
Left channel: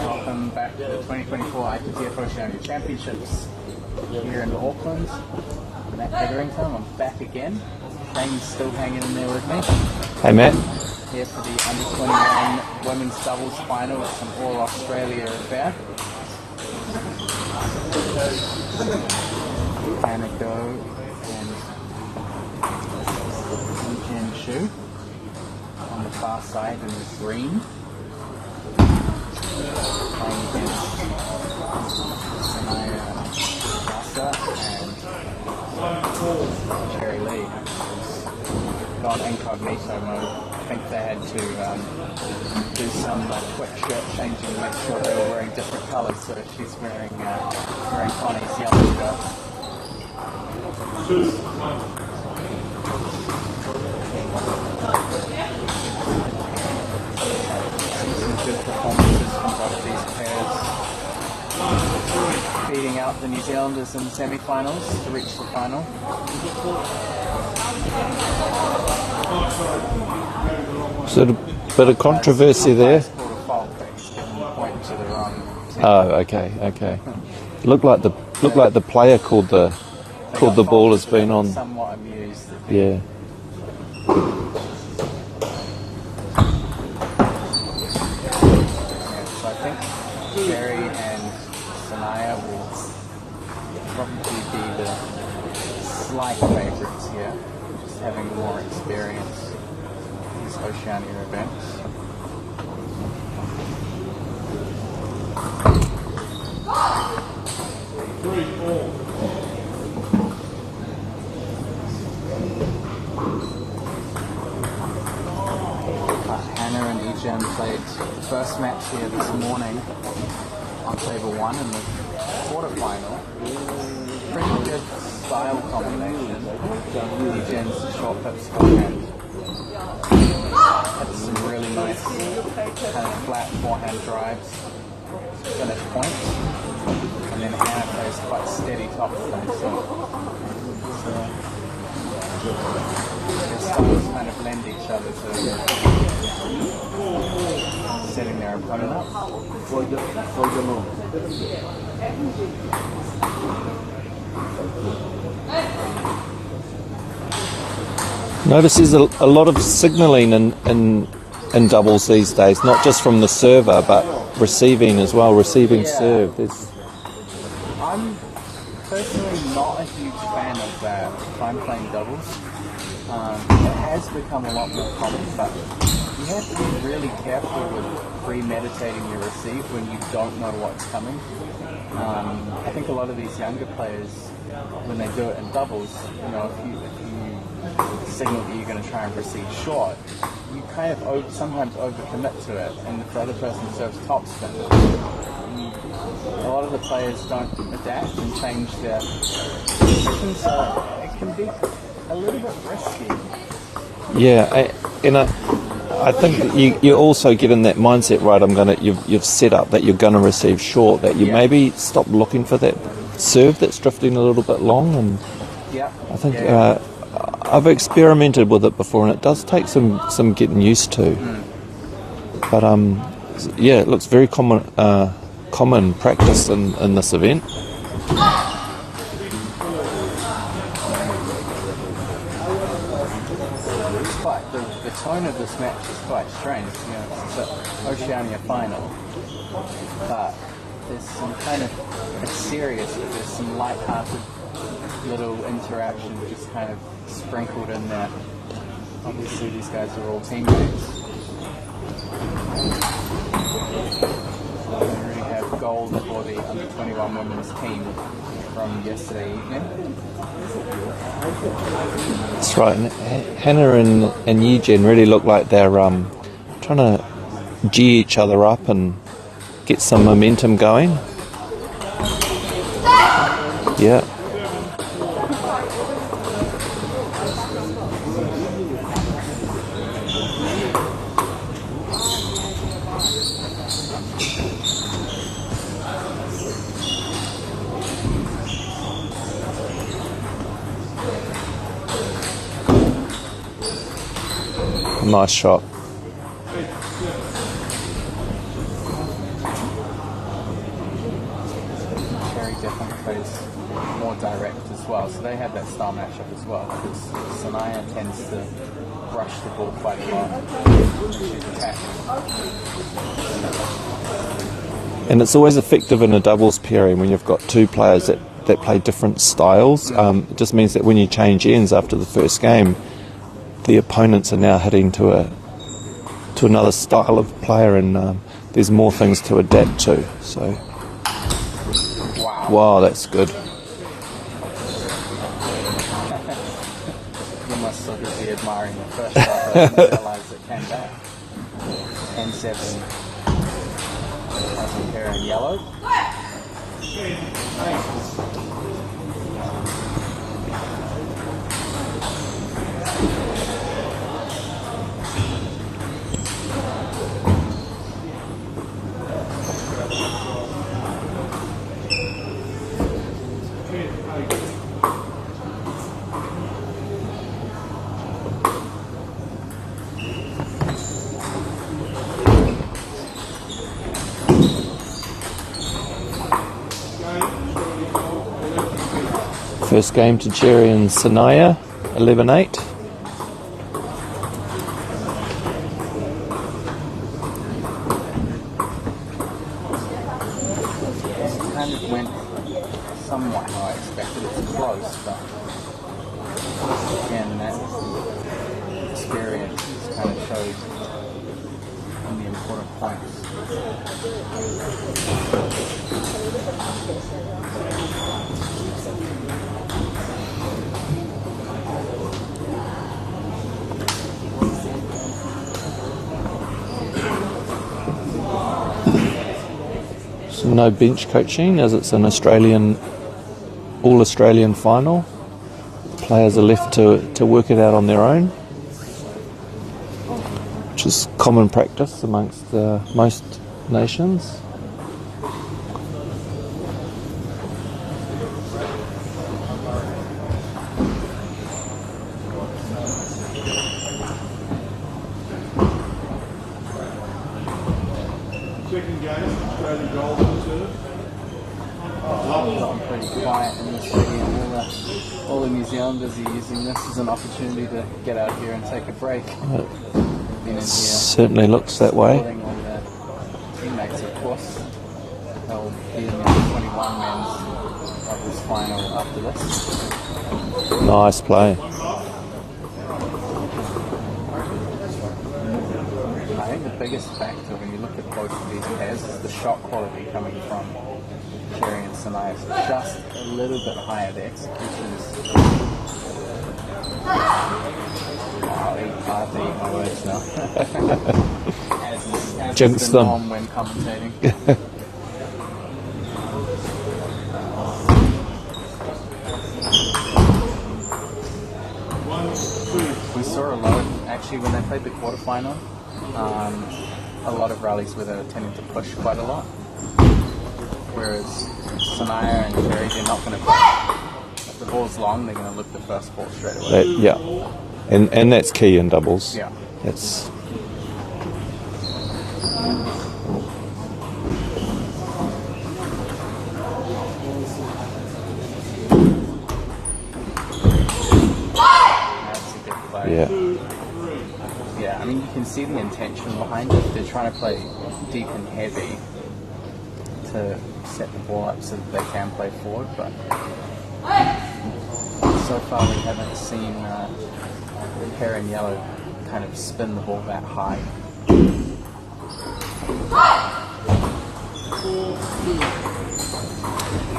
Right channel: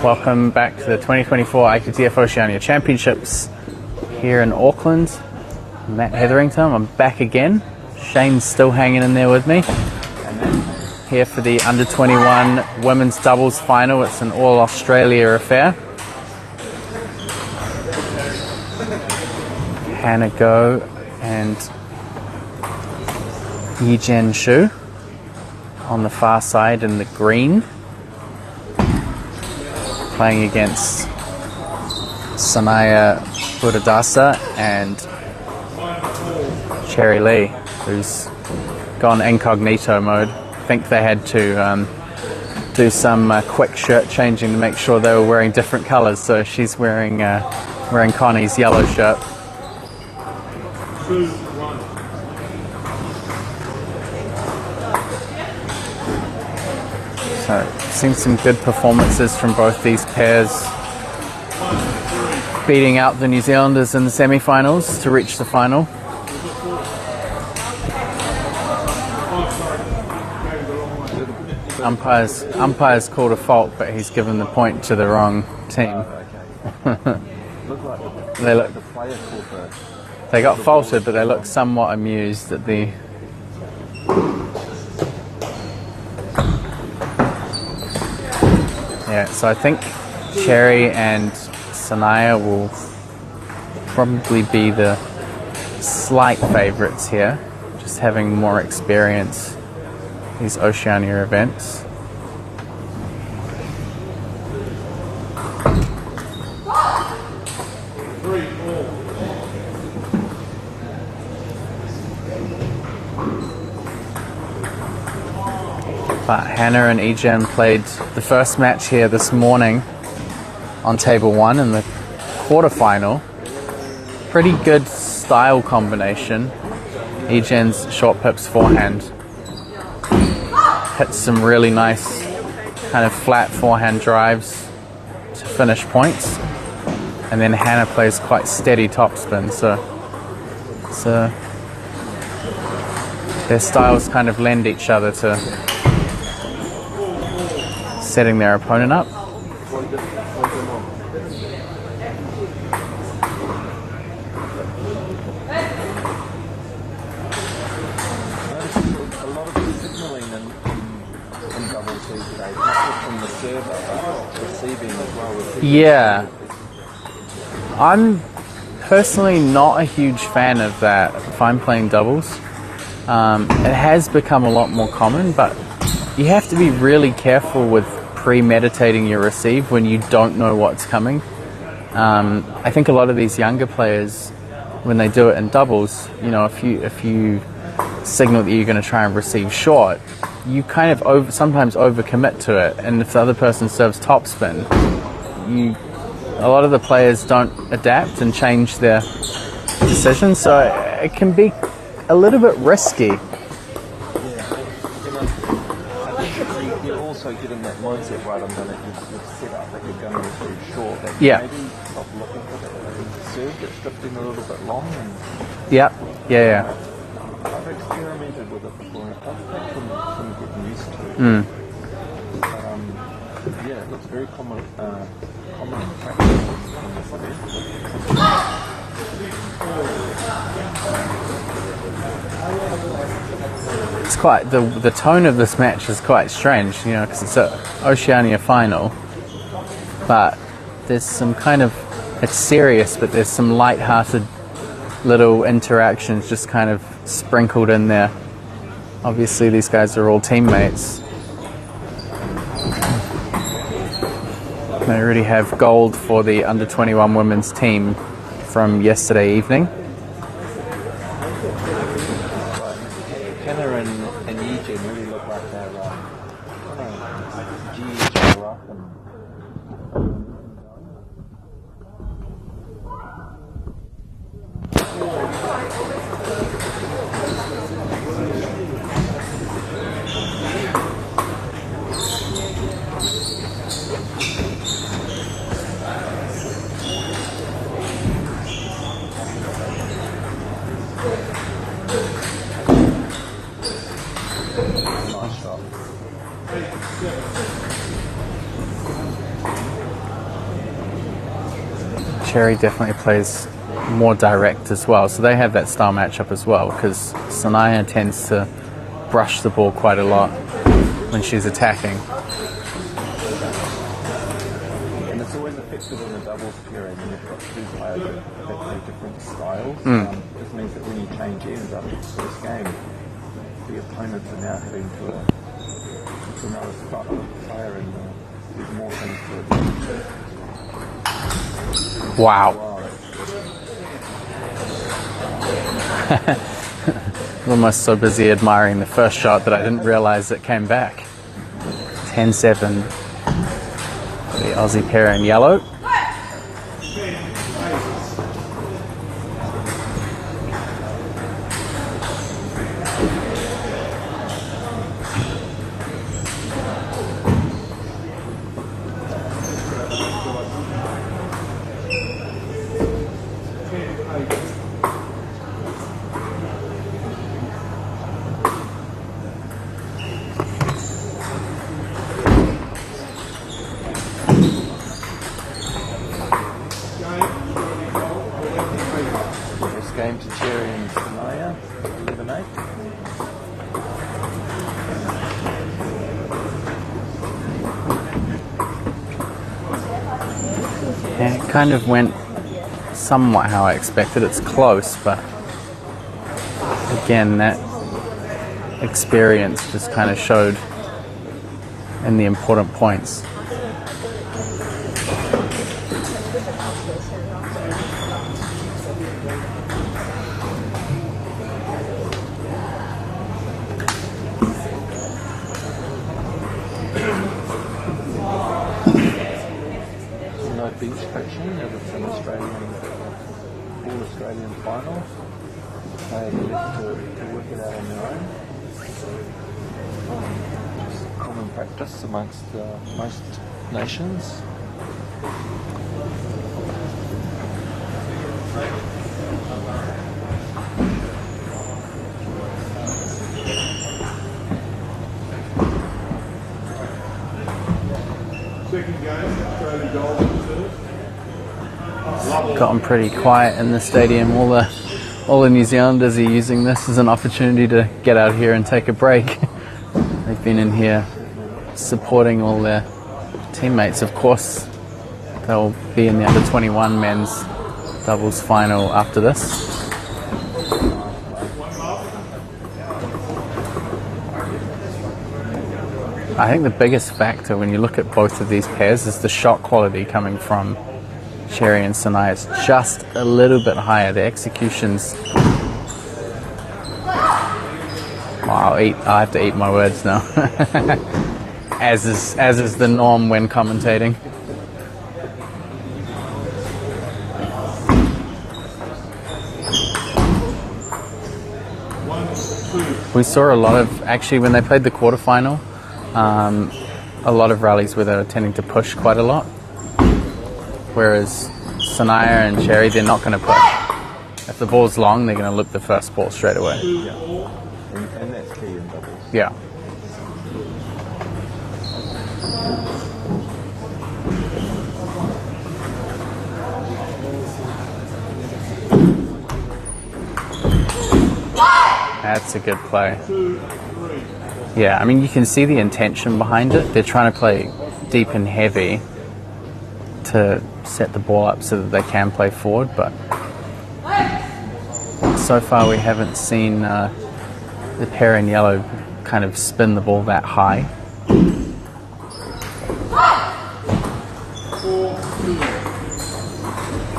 Welcome back to the 2024 ITTF-Oceania Championships here in Auckland. I'm Matt Hetherington. I'm back again. Shane's still hanging in there with me. Hey, Matt. Here for the under 21 women's doubles final. It's an all Australia affair. Hannah Go and Yi-Jen Shu on the far side in the green, playing against Sanaya Buddhadasa and Cherry Lee, who's gone incognito mode. I think they had to do some quick shirt changing to make sure they were wearing different colours. So she's wearing Connie's yellow shirt. So, seen some good performances from both these pairs, beating out the New Zealanders in the semi-finals to reach the final. So a bit of controversy there. Umpire's called a fault, but he's given the point to the wrong team. Oh, okay. Looked like the player called the They called got the ball faulted, as but they being looked on. somewhat amused at the. Yeah, so I think Cherry and Sanaya will probably be the slight favourites here, just having more experience in these Oceania events. But Hannah and Yi-Jen played the first match here this morning on table 1 in the quarterfinal. Pretty good style combination. Yi-Jen's short pips forehand hits some really nice kind of flat forehand drives to finish points. And then Hannah plays quite steady topspin, so their styles kind of lend each other to setting their opponent up. Notice there's a lot of signalling in doubles these days, not just from the server, but receiving as well, receiving serve. I'm personally not a huge fan of that if I'm playing doubles. It has become a lot more common, but you have to be really careful with premeditating your receive when you don't know what's coming. I think a lot of these younger players, when they do it in doubles, if you signal that you're going to try and receive short, you kind of sometimes overcommit to it, and if the other person serves topspin, a lot of the players don't adapt and change their decision, so it can be a little bit risky. Yeah, I think you also get in that mindset, right? You've set up that you're going to receive short. That you maybe stop looking for that serve that's drifting a little bit long. And I think I've experimented with it before, and it does take some getting used to. But it looks very common practice in this event. Quite the tone of this match is quite strange, because it's an Oceania final, but there's some kind of, it's serious, but there's some light-hearted little interactions just kind of sprinkled in there. Obviously these guys are all teammates. They already have gold for the under 21 women's team from yesterday evening. That's right. Hannah and Yi-Jen really look like they're trying to G each other up and get some momentum going. Yeah. Nice shot. Cherry definitely plays more direct as well, so they have that style matchup as well, because Sanaya tends to brush the ball quite a lot when she's attacking. And it's always effective in a doubles pairing when you've got two players that play different styles. It just means that when you change ends after the first game, the opponents are now heading to another style of player, and there's more things to adapt to. So, wow, that's good. Almost so busy admiring the first shot that I didn't realise it came back. 10-7. The Aussie pair in yellow. First game to Jerry and Sanaya, 11-8. Yeah, it kind of went somewhat how I expected. It's close, but again, that experience just kind of showed in the important points. No bench coaching as it's an all-Australian final. Players are left to work it out on their own, which is common practice amongst most nations. Gotten pretty quiet in the stadium. All the New Zealanders are using this as an opportunity to get out here and take a break. They've been in here certainly looks that supporting way. all their teammates. Of course, they'll be in the under-21 men's doubles final after this. Nice play. I think the biggest factor when you look at both of these pairs is the shot quality coming from Cherry and Sanaya is just a little bit higher. The executions. Wow, I have to eat my words now. as is the norm when commentating. We saw a lot of, actually when they played the quarterfinal, a lot of rallies where they were tending to push quite a lot. Whereas Sanaya and Cherry, they're not going to push. If the ball's long, they're going to loop the first ball straight away. Yeah, and that's key in doubles. Yeah. That's That's a good play. yeah. Yeah, I mean, you can see the intention behind it. They're trying to play deep and heavy to set the ball up so that they can play forward, but so far we haven't seen the pair in yellow kind of spin the ball that high.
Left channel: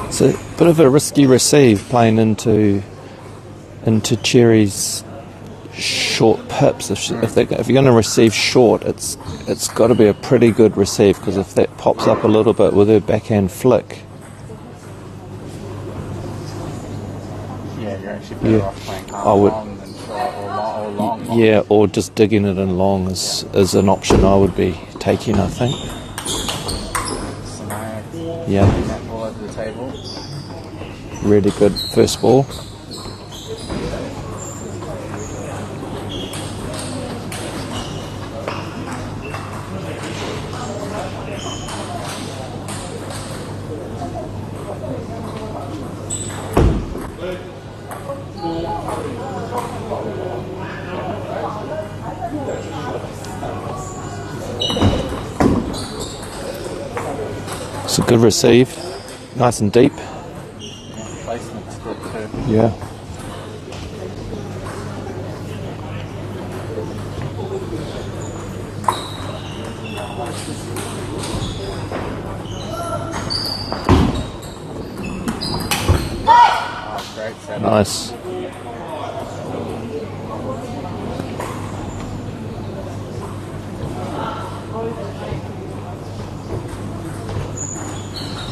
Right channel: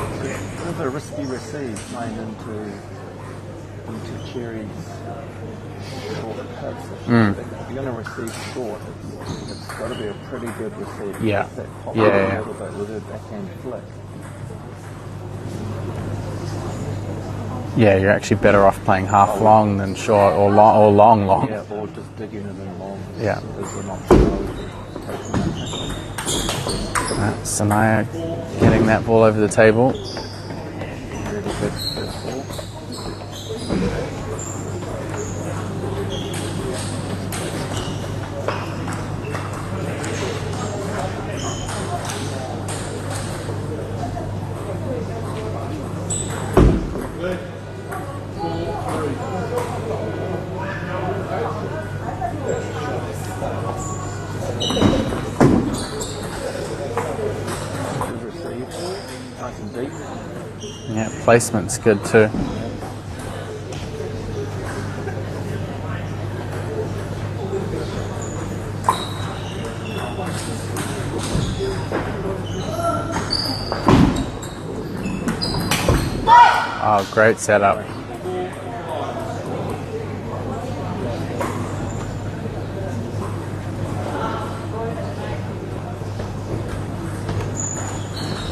It's a bit of a risky receive playing into Cherry's short pips. If you're going to receive short, it's got to be a pretty good receive, because if that pops up a little bit with her backhand flick. Yeah, you're actually better off playing half long than short, or long. Yeah, or just digging it in long is an option I would be taking, I think. Sanaya getting that ball over the table. Really good first ball. It's a good receive. Nice and deep. Yeah, placement's good too. Yeah. Oh, great setup. Nice.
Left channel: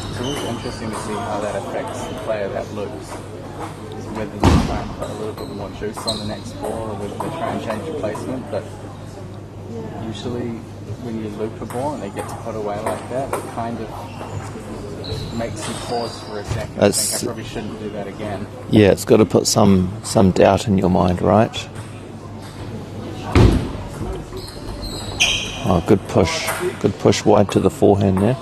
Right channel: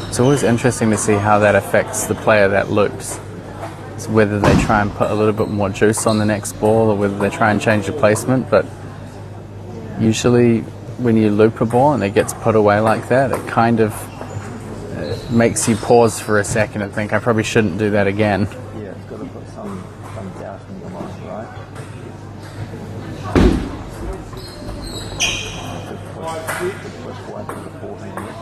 It's always interesting to see how that affects the player that loops. It's whether they try and put a little bit more juice on the next ball or whether they try and change the placement. But usually when you loop a ball and it gets put away like that, it kind of makes you pause for a second and think, I probably shouldn't do that again. Yeah, it's got to put some doubt in your mind, right? Oh, good push. Good push wide to the forehand there.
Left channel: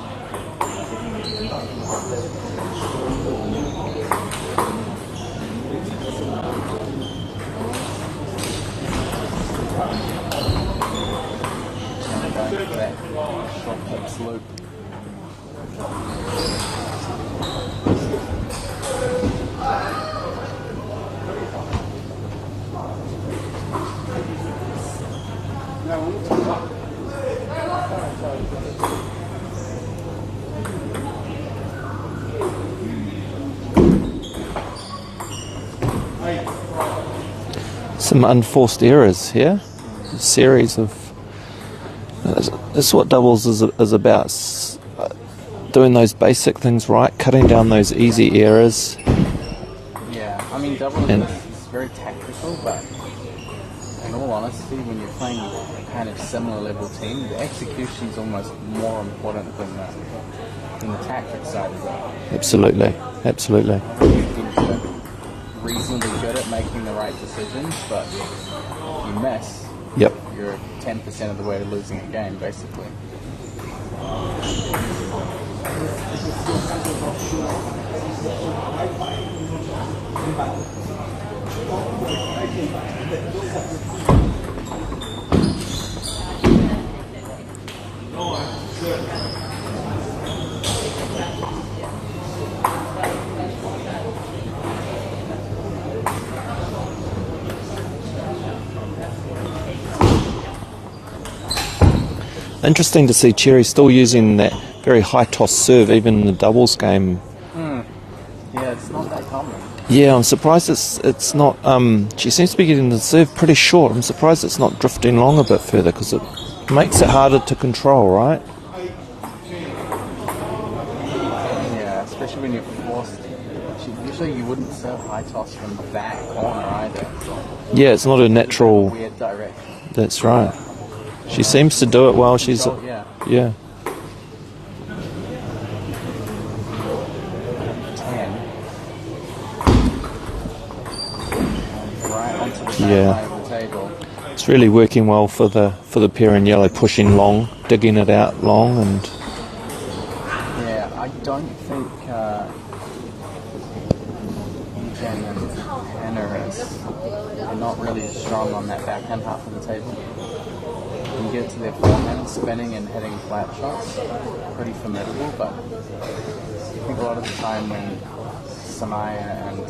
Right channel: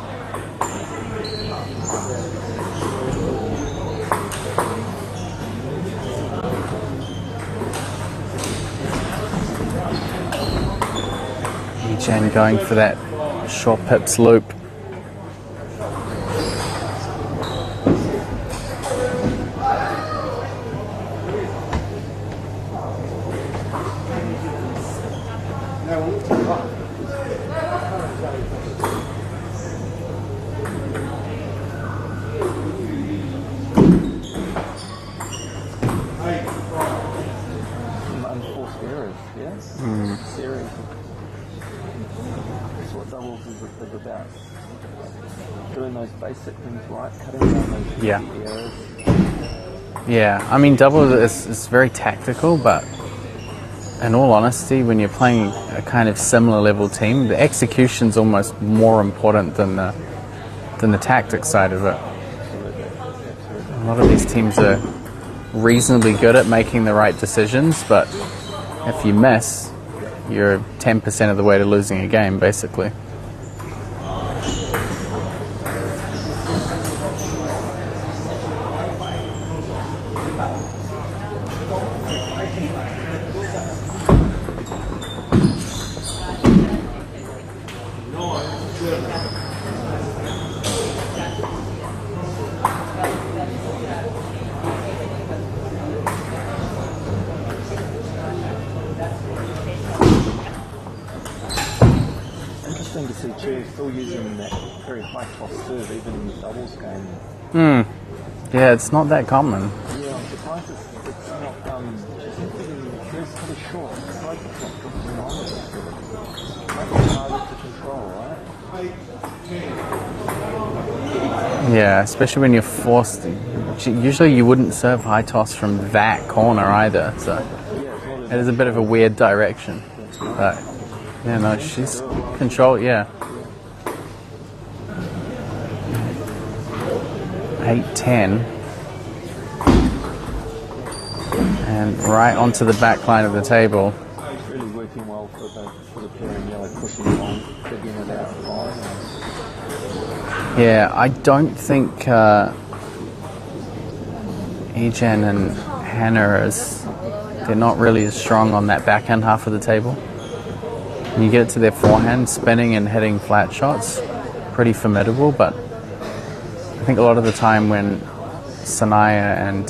Jen going for that short pips loop. Some unforced errors here. Series of. This is what doubles is about. Doing those basic things right, cutting down those easy errors. Yeah, I mean, doubles is very tactical, but in all honesty, when you're playing a kind of similar level team, the execution's almost more important than the tactics side of it. Absolutely, absolutely. A lot of these teams are reasonably good at making the right decisions, but if you miss, you're 10% of the way to losing a game, basically. Interesting to see Cherry still using that very high toss serve even in the doubles game. Yeah, it's not that common. Yeah, I'm surprised it's not. She seems to be getting the serve pretty short. I'm surprised it's not drifting long a bit further because it makes it harder to control, right? Yeah, especially when you're forced. Usually you wouldn't serve high toss from that corner either. So yeah, it's not a natural. It's a bit of a weird direction. That's right. Yeah, she seems to do it well. Control, She's yeah. 8-10. And right onto the back line of the table. It's really working well for the pair in yellow, pushing long, digging it out long, and yeah, I don't think Ejen and Hannah they're not really as strong on that backhand half of the table. When you get it to their forehand, spinning and hitting flat shots, pretty formidable, but I think a lot of the time when Sanaya and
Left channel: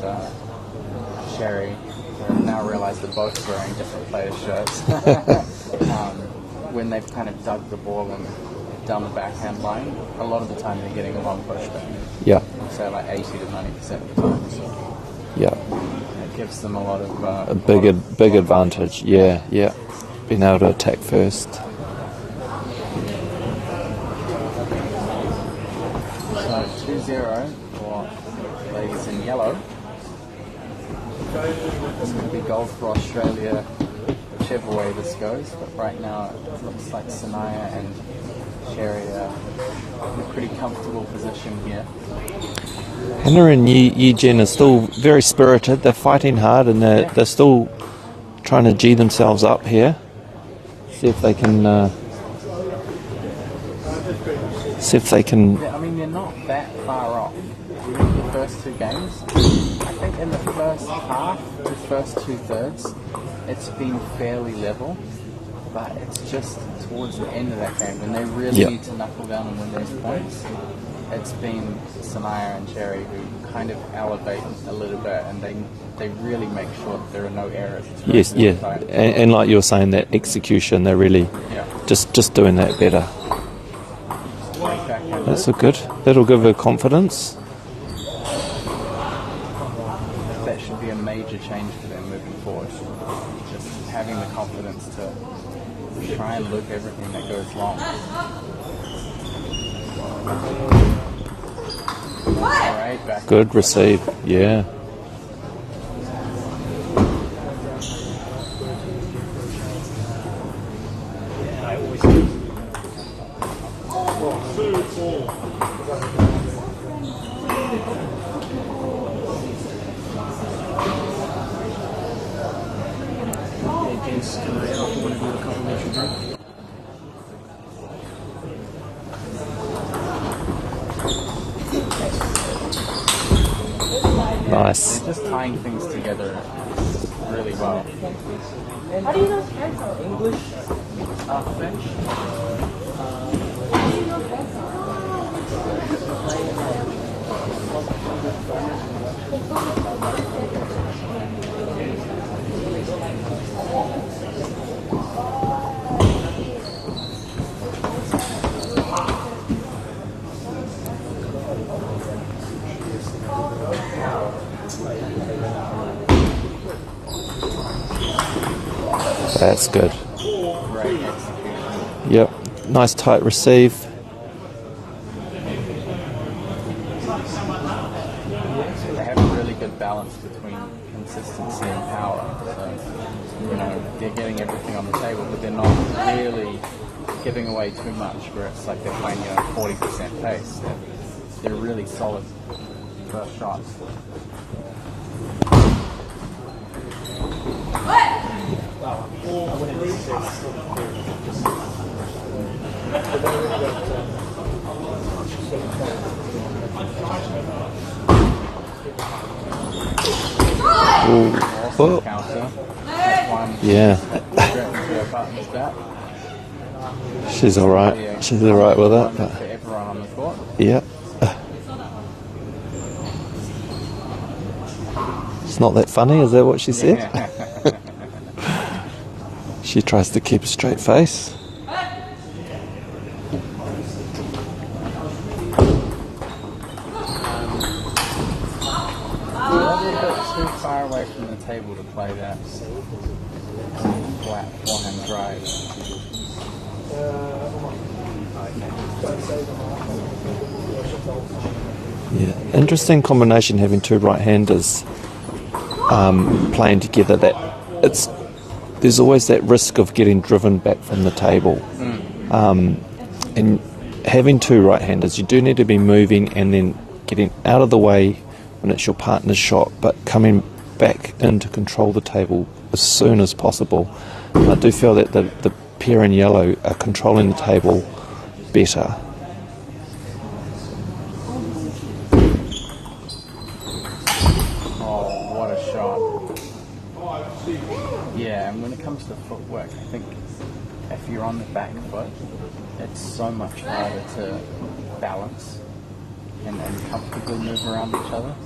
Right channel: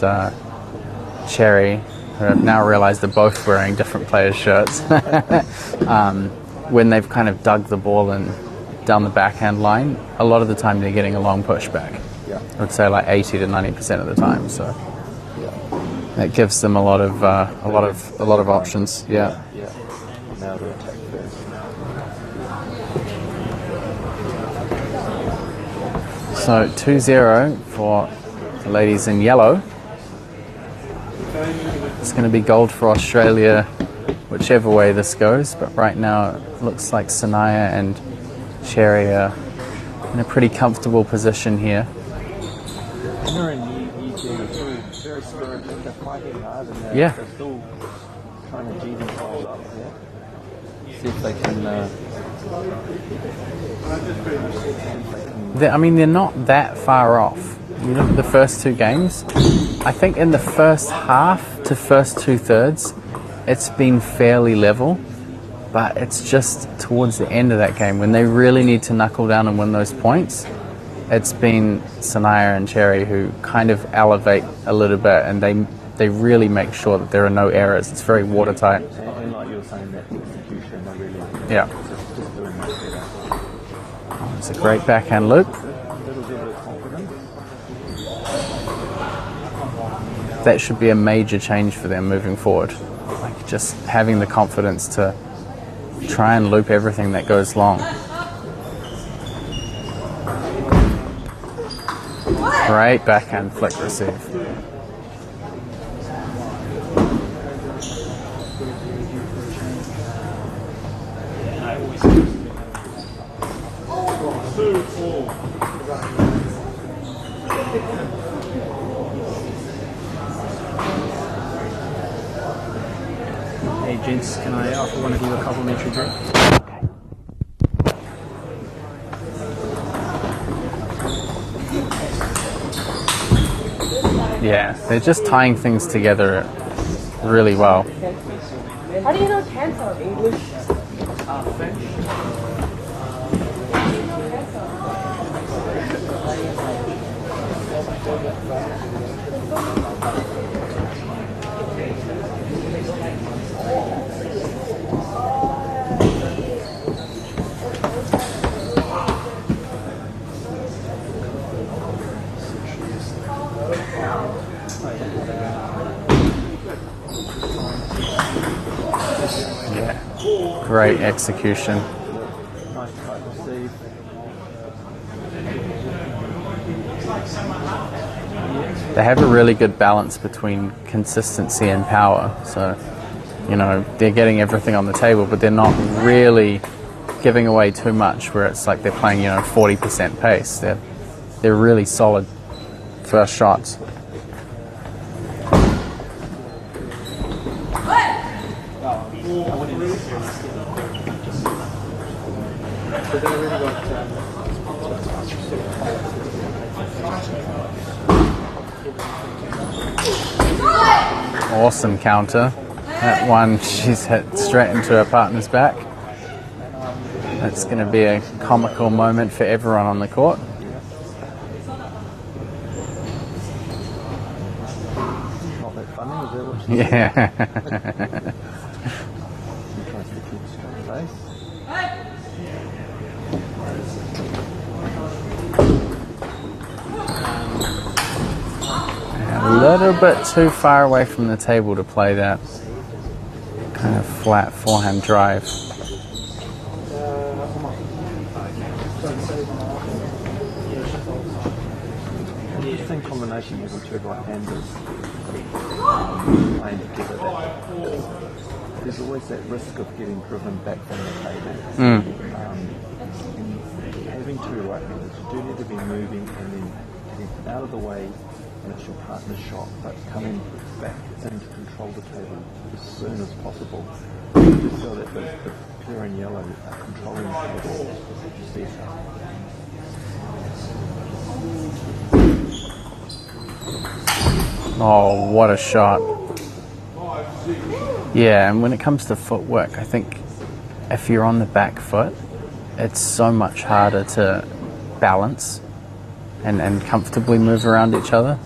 Cherry, who have now realised they're both wearing different players' shirts, when they've kind of dug the ball in down the backhand line, a lot of the time they're getting a long pushback. Yeah. I would say like 80 to 90% of the time, so yeah, that gives them a lot of big advantage. Options. Yeah, being able to attack first. So 2-0 for the ladies in yellow. It's going to be gold for Australia, whichever way this goes. But right now, it looks like Sanaya and Cherry are in a pretty comfortable position here. Hannah and Ejen are still very spirited. They're fighting hard, and they're still trying to G themselves up here. See if they can. I mean, they're not that far off. You look at the first two games. I think in the first half to first 2/3, it's been fairly level. But it's just towards the end of that game when they really need to knuckle down and win those points. it's been Sanaya and Cherry who kind of elevate a little bit, and they really make sure that there are no errors. It's very watertight. Yeah. And like you were saying, that execution, they're really just doing that better. It's a great backhand loop. That's good. That'll give her confidence. That should be a major change for them moving forward. Like just having the confidence to try and loop everything that goes long. Great backhand. Good flick receive. Yeah. Hey, gents, can I offer one of you a complimentary drink? Yes, they're just tying things together really well. How do you know cancer? English? French. That's good. Great execution. Yep. Nice tight receive. They have a really good balance between consistency and power. So, you know, they're getting everything on the table, but they're not really giving away too much where it's like they're playing, 40% pace. They're really solid first shots. Awesome counter. That one, she's hit straight into her partner's back. She's all right. Be a She's all right comical with it. moment for everyone on the court. Yeah. It's not that funny, is that what she said? Yeah. She tries to keep a straight face. A little bit too far away from the table to play that kind of flat forehand drive. Yeah. Interesting combination having two right-handers playing together. There's always that risk of getting driven back from the table. And having two right-handers, you do need to be moving and then getting out of the way when it's your partner's shot, but coming back in to control the table as soon as possible. And I do feel that the pair in yellow are controlling the table better. Oh, what a shot. Yeah, and when it comes to footwork, I think if you're on the back foot, it's so much harder to balance and comfortably move around each other.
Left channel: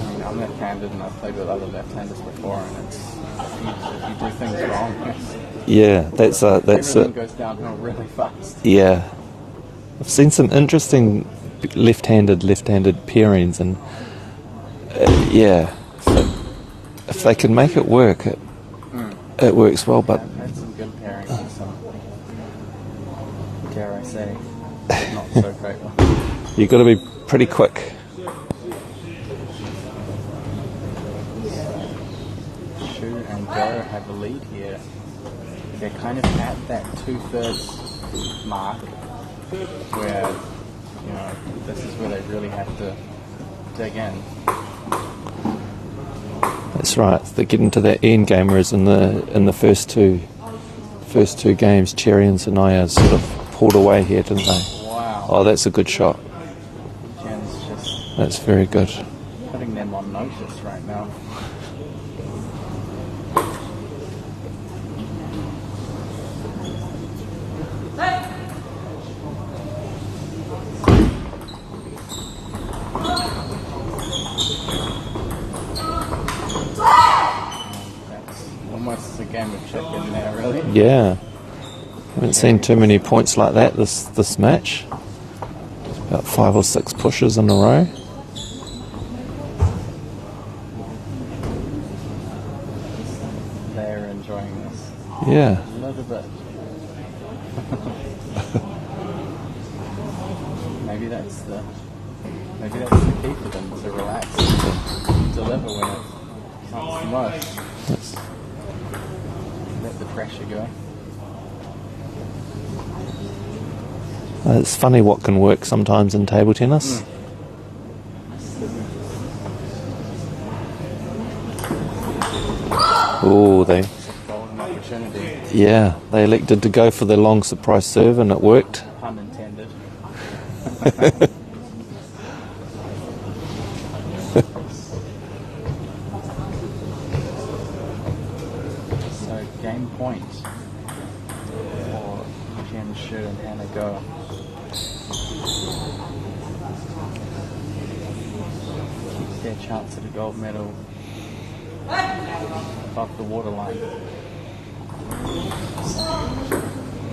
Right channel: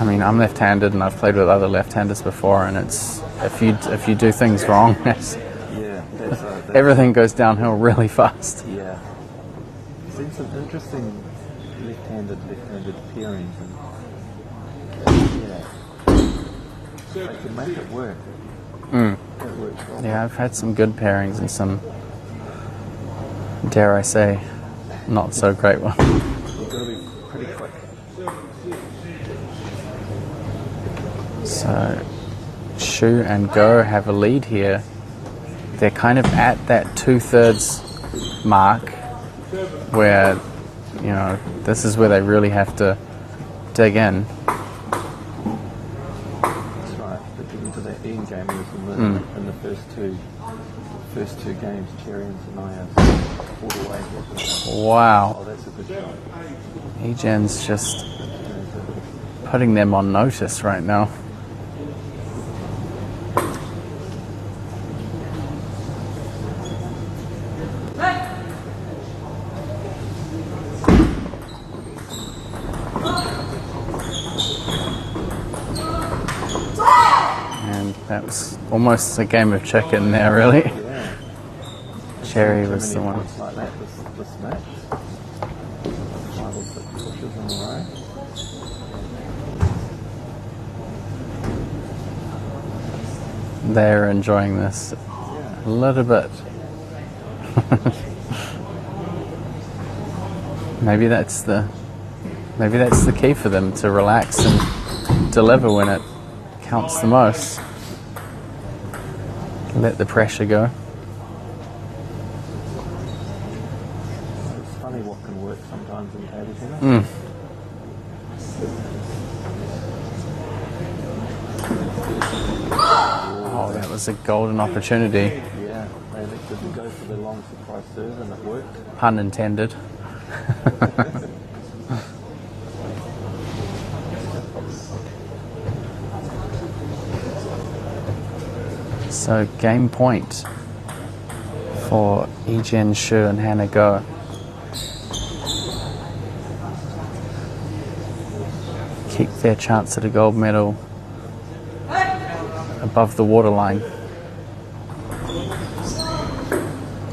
I mean, I'm left-handed and I've played with other left-handers before, and it's if you do things wrong, that's everything goes downhill really fast. Yeah, I've seen some interesting left-handed pairings, and if they can make it work, it works well. Yeah, But I've had some good pairings and some, dare I say, not so great ones. you've got to be pretty quick. So, Shu and Go have a lead here. They're kind of at that 2/3 mark where, this is where they really have to dig in. That's right. They're getting to that end game, whereas in the first two games, Cherry and Sanaya sort of pulled away here, didn't they? Wow. Oh, that's a good shot. Ejan's just That's very good. putting them on notice right now. That was almost a game of chicken there, really. Yeah. Haven't Cherry seen too was many the one. points like that this match. About 5 or 6 pushes in a row. They're enjoying this Yeah. a little bit. Maybe that's the key for them, to relax and to deliver when it counts the most. Let the pressure go. It's funny what can work sometimes in table tennis. Oh, It was a golden opportunity, they elected to go for the long surprise serve and it worked. pun intended. So game point for Egen Shu and Hannah Go. Keep their chance at a gold medal above the waterline.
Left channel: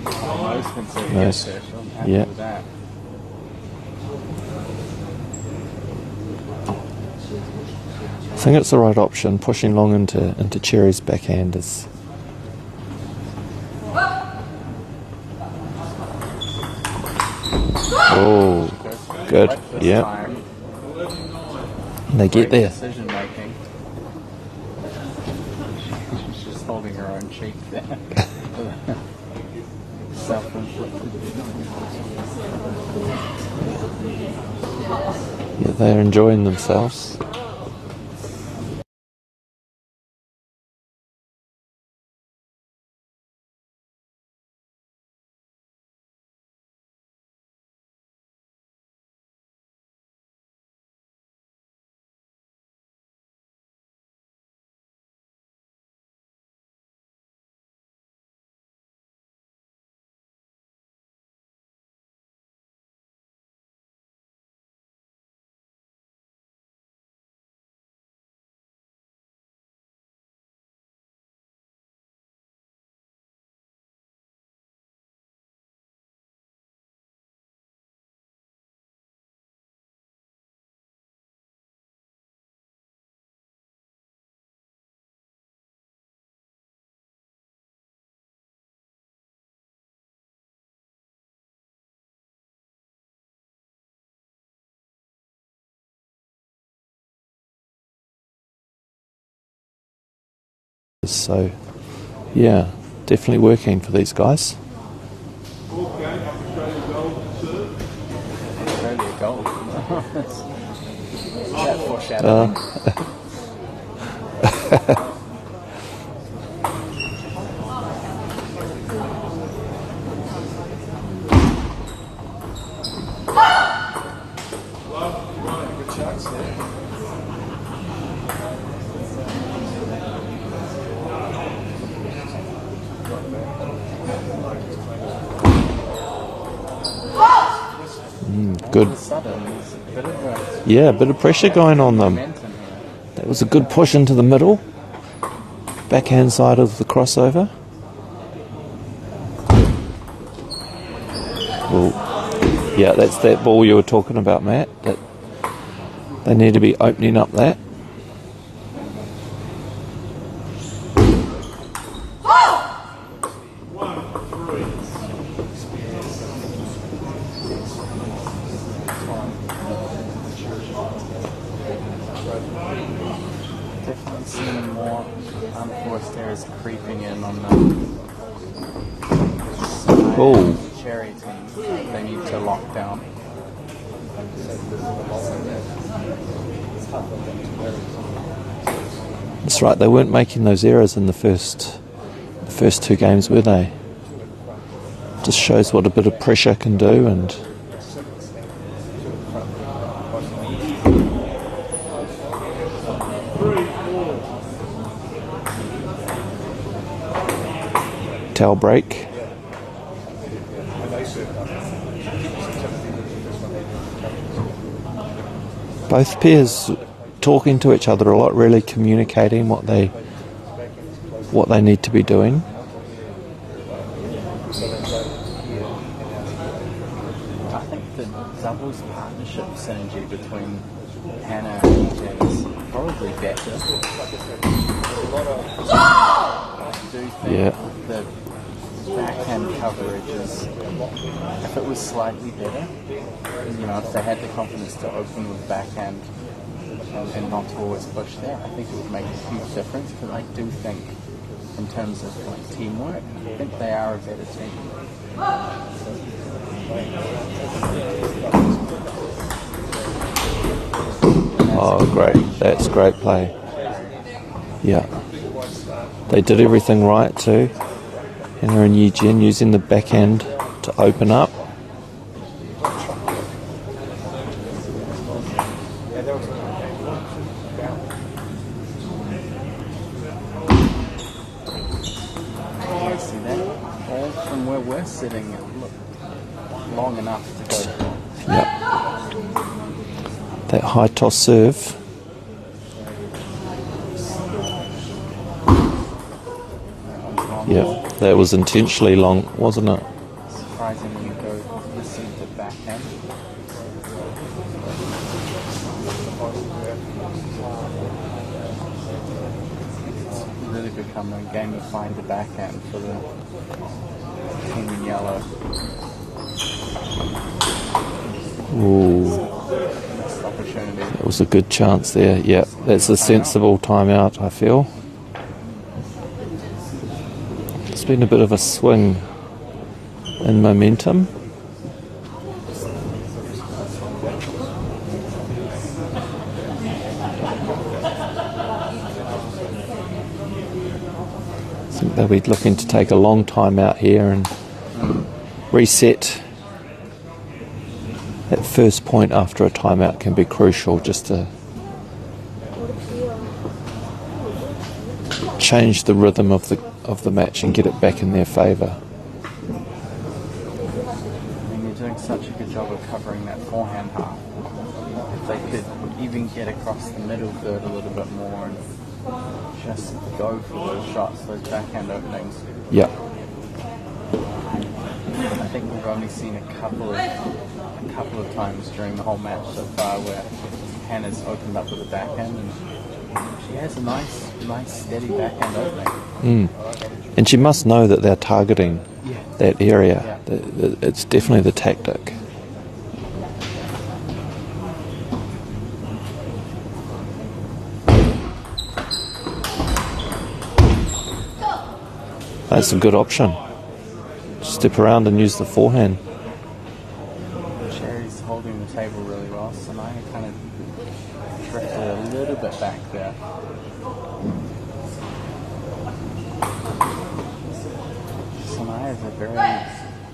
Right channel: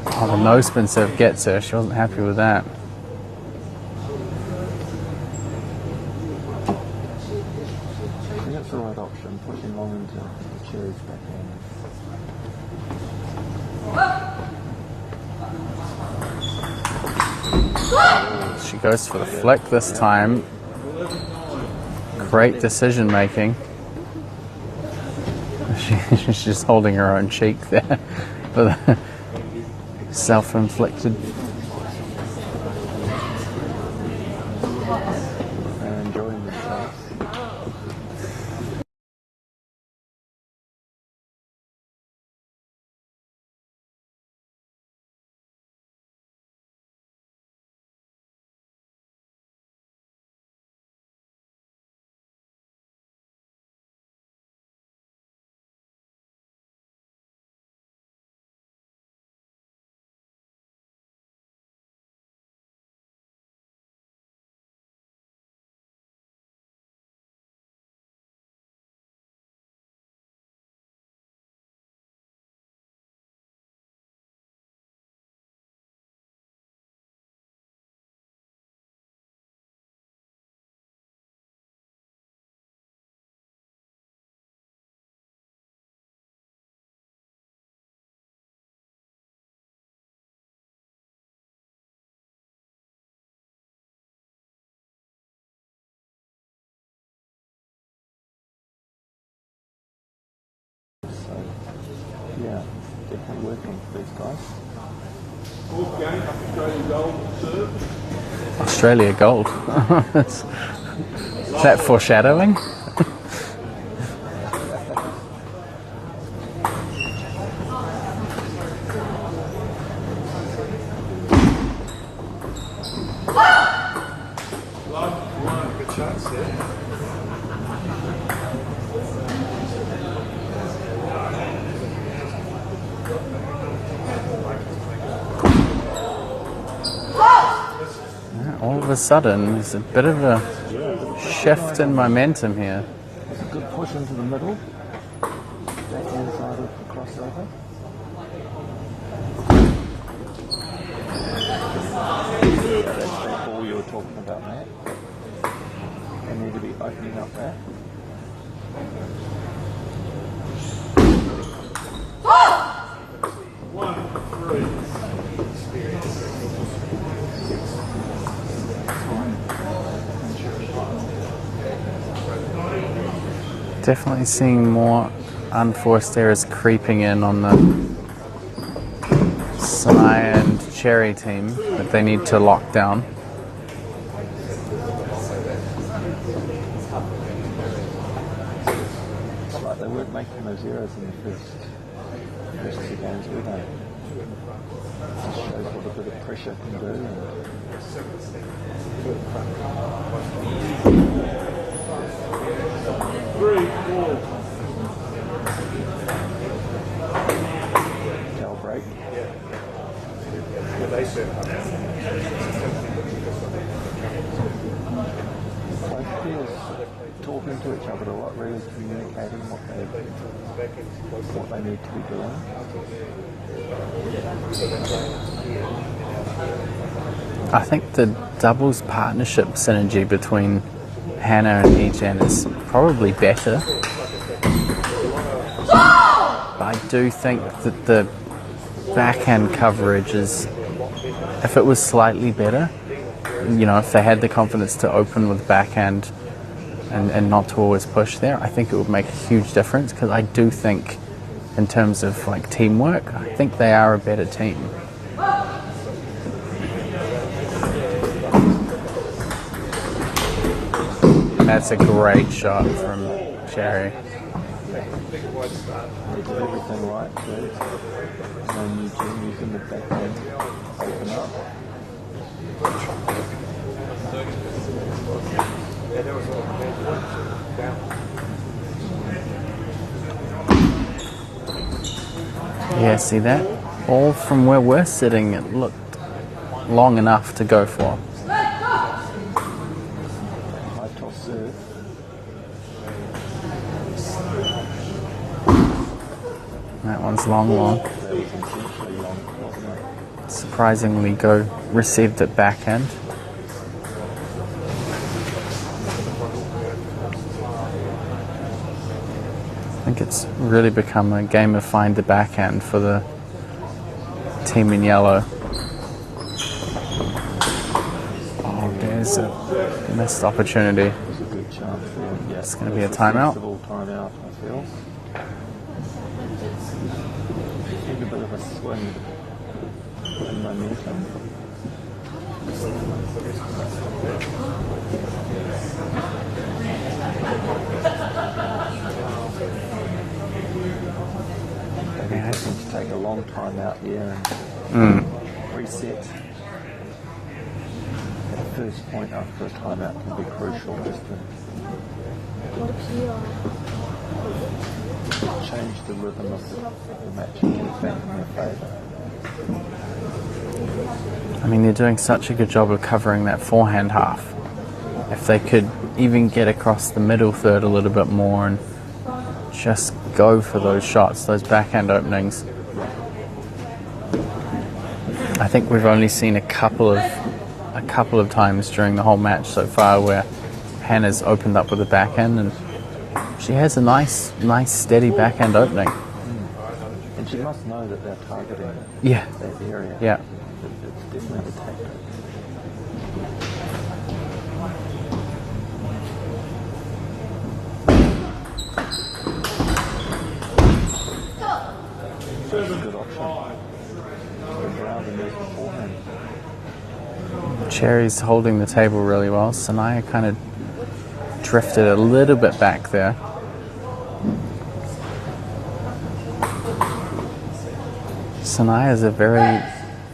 Oh, the no spin serve gets her. She wasn't happy Yeah. with that. I think it's the right option. Pushing long into Cherry's backhand is. Oh, She goes for the Good. flick this Yeah. time. they Great get there. decision making. She's just holding her own cheek there. For the self-inflicted. Yeah, they're enjoying themselves. So, yeah, definitely working for these guys. Australia gold. Is that foreshadowing? All Good. of a sudden, there's a bit of a Yeah, a bit of pressure shift going in on them. momentum here. That was a good push into the middle. Backhand side of the crossover. Oh, yeah, that's that ball you were talking about, Matt. That they need to be opening up that. Definitely seeing more unforced errors creeping in on the Sai and Cherry team that they need to lock down. That's right, they weren't making those errors in the first 2 games, were they? Just shows what a bit of pressure can do. And towel break. Both pairs talking to each other a lot, really communicating what they what they need to be doing. I think the doubles partnership synergy between Hannah and Yijen is probably better. But I do think that the backhand coverage is, if it was slightly better, you know, if they had the confidence to open with backhand and not to always push there, I think it would make a huge difference, because I do think in terms of like teamwork, I think they are a better team. And that's a great shot. That's great from play. Cherry. Yeah. They did everything right too. Hannah and Yijen using the backhand to open up. Yeah, see that? All from where we're sitting, it looked long enough to go for. Yeah. That high toss serve. That one's long. Yeah, that was intentionally long, wasn't it? Surprisingly go received it backhand. I think it's really become a game of find the backhand for the team in yellow. There's a missed opportunity. It was a good chance there. Yeah, that's a sensible timeout, I feel. It's been a bit of a swing in momentum. I think they'll be looking to take a long time out here and reset. That first point after a timeout can be crucial, just to change the rhythm of the match and get it back in their favour. I mean, they're doing such a good job of covering that forehand half. If they could even get across the middle third a little bit more and just go for those shots, those backhand openings. Yeah. I think we've only seen a couple of times during the whole match so far where Hannah's opened up with a backhand, and she has a nice steady backhand opening. And she must know that they're targeting that area. Yeah. It's definitely the tactic. That's a good option. Step around and use the forehand. Cherry's holding the table really well. Sanaya kind of drifted a little bit back there. Sanaya is a very,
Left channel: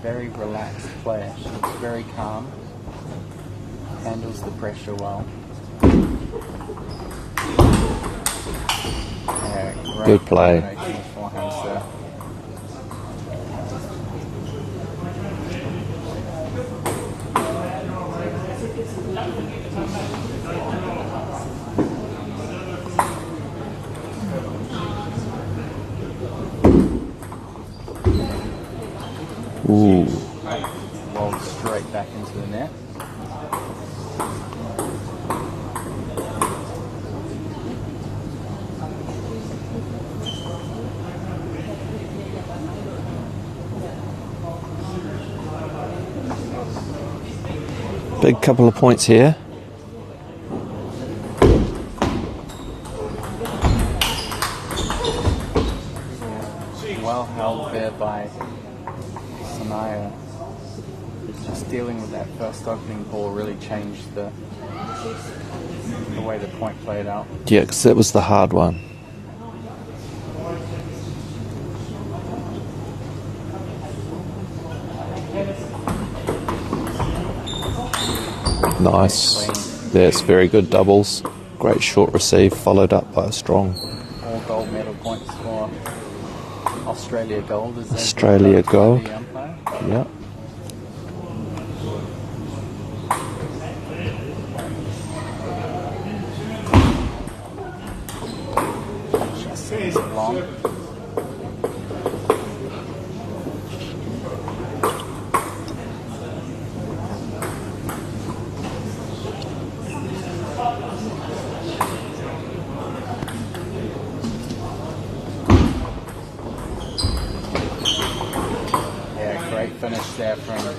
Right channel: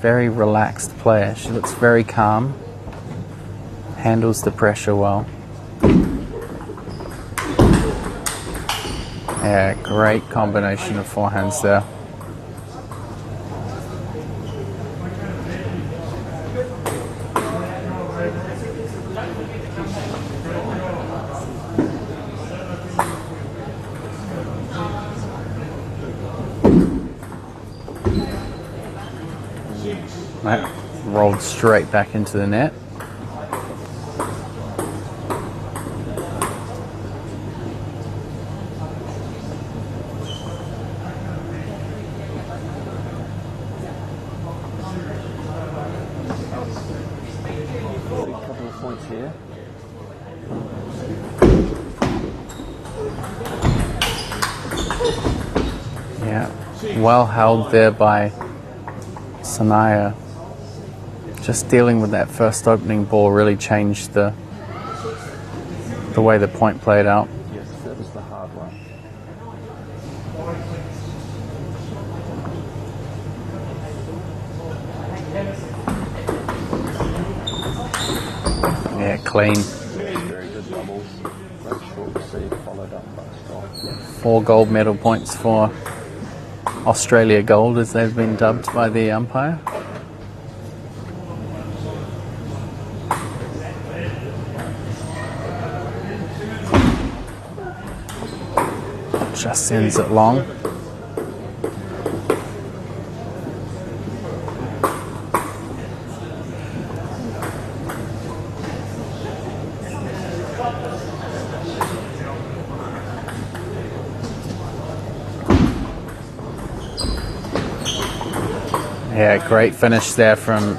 very relaxed player. She looks very calm, handles the pressure well. Yeah, great combination of forehands there. Ooh. That rolled straight back into the net. Big couple of points here. Yeah, well held there by Sanaya. Just dealing with that first opening ball really changed the way the point played out. Yeah, because that was the hard one. Nice. Yeah, clean. That's very good doubles. Great short receive, followed up by a strong. 4 gold medal points for Australia Gold, as they've been Australia dubbed by Gold. the umpire. Yeah. Just sends it long. Yeah, great finish there from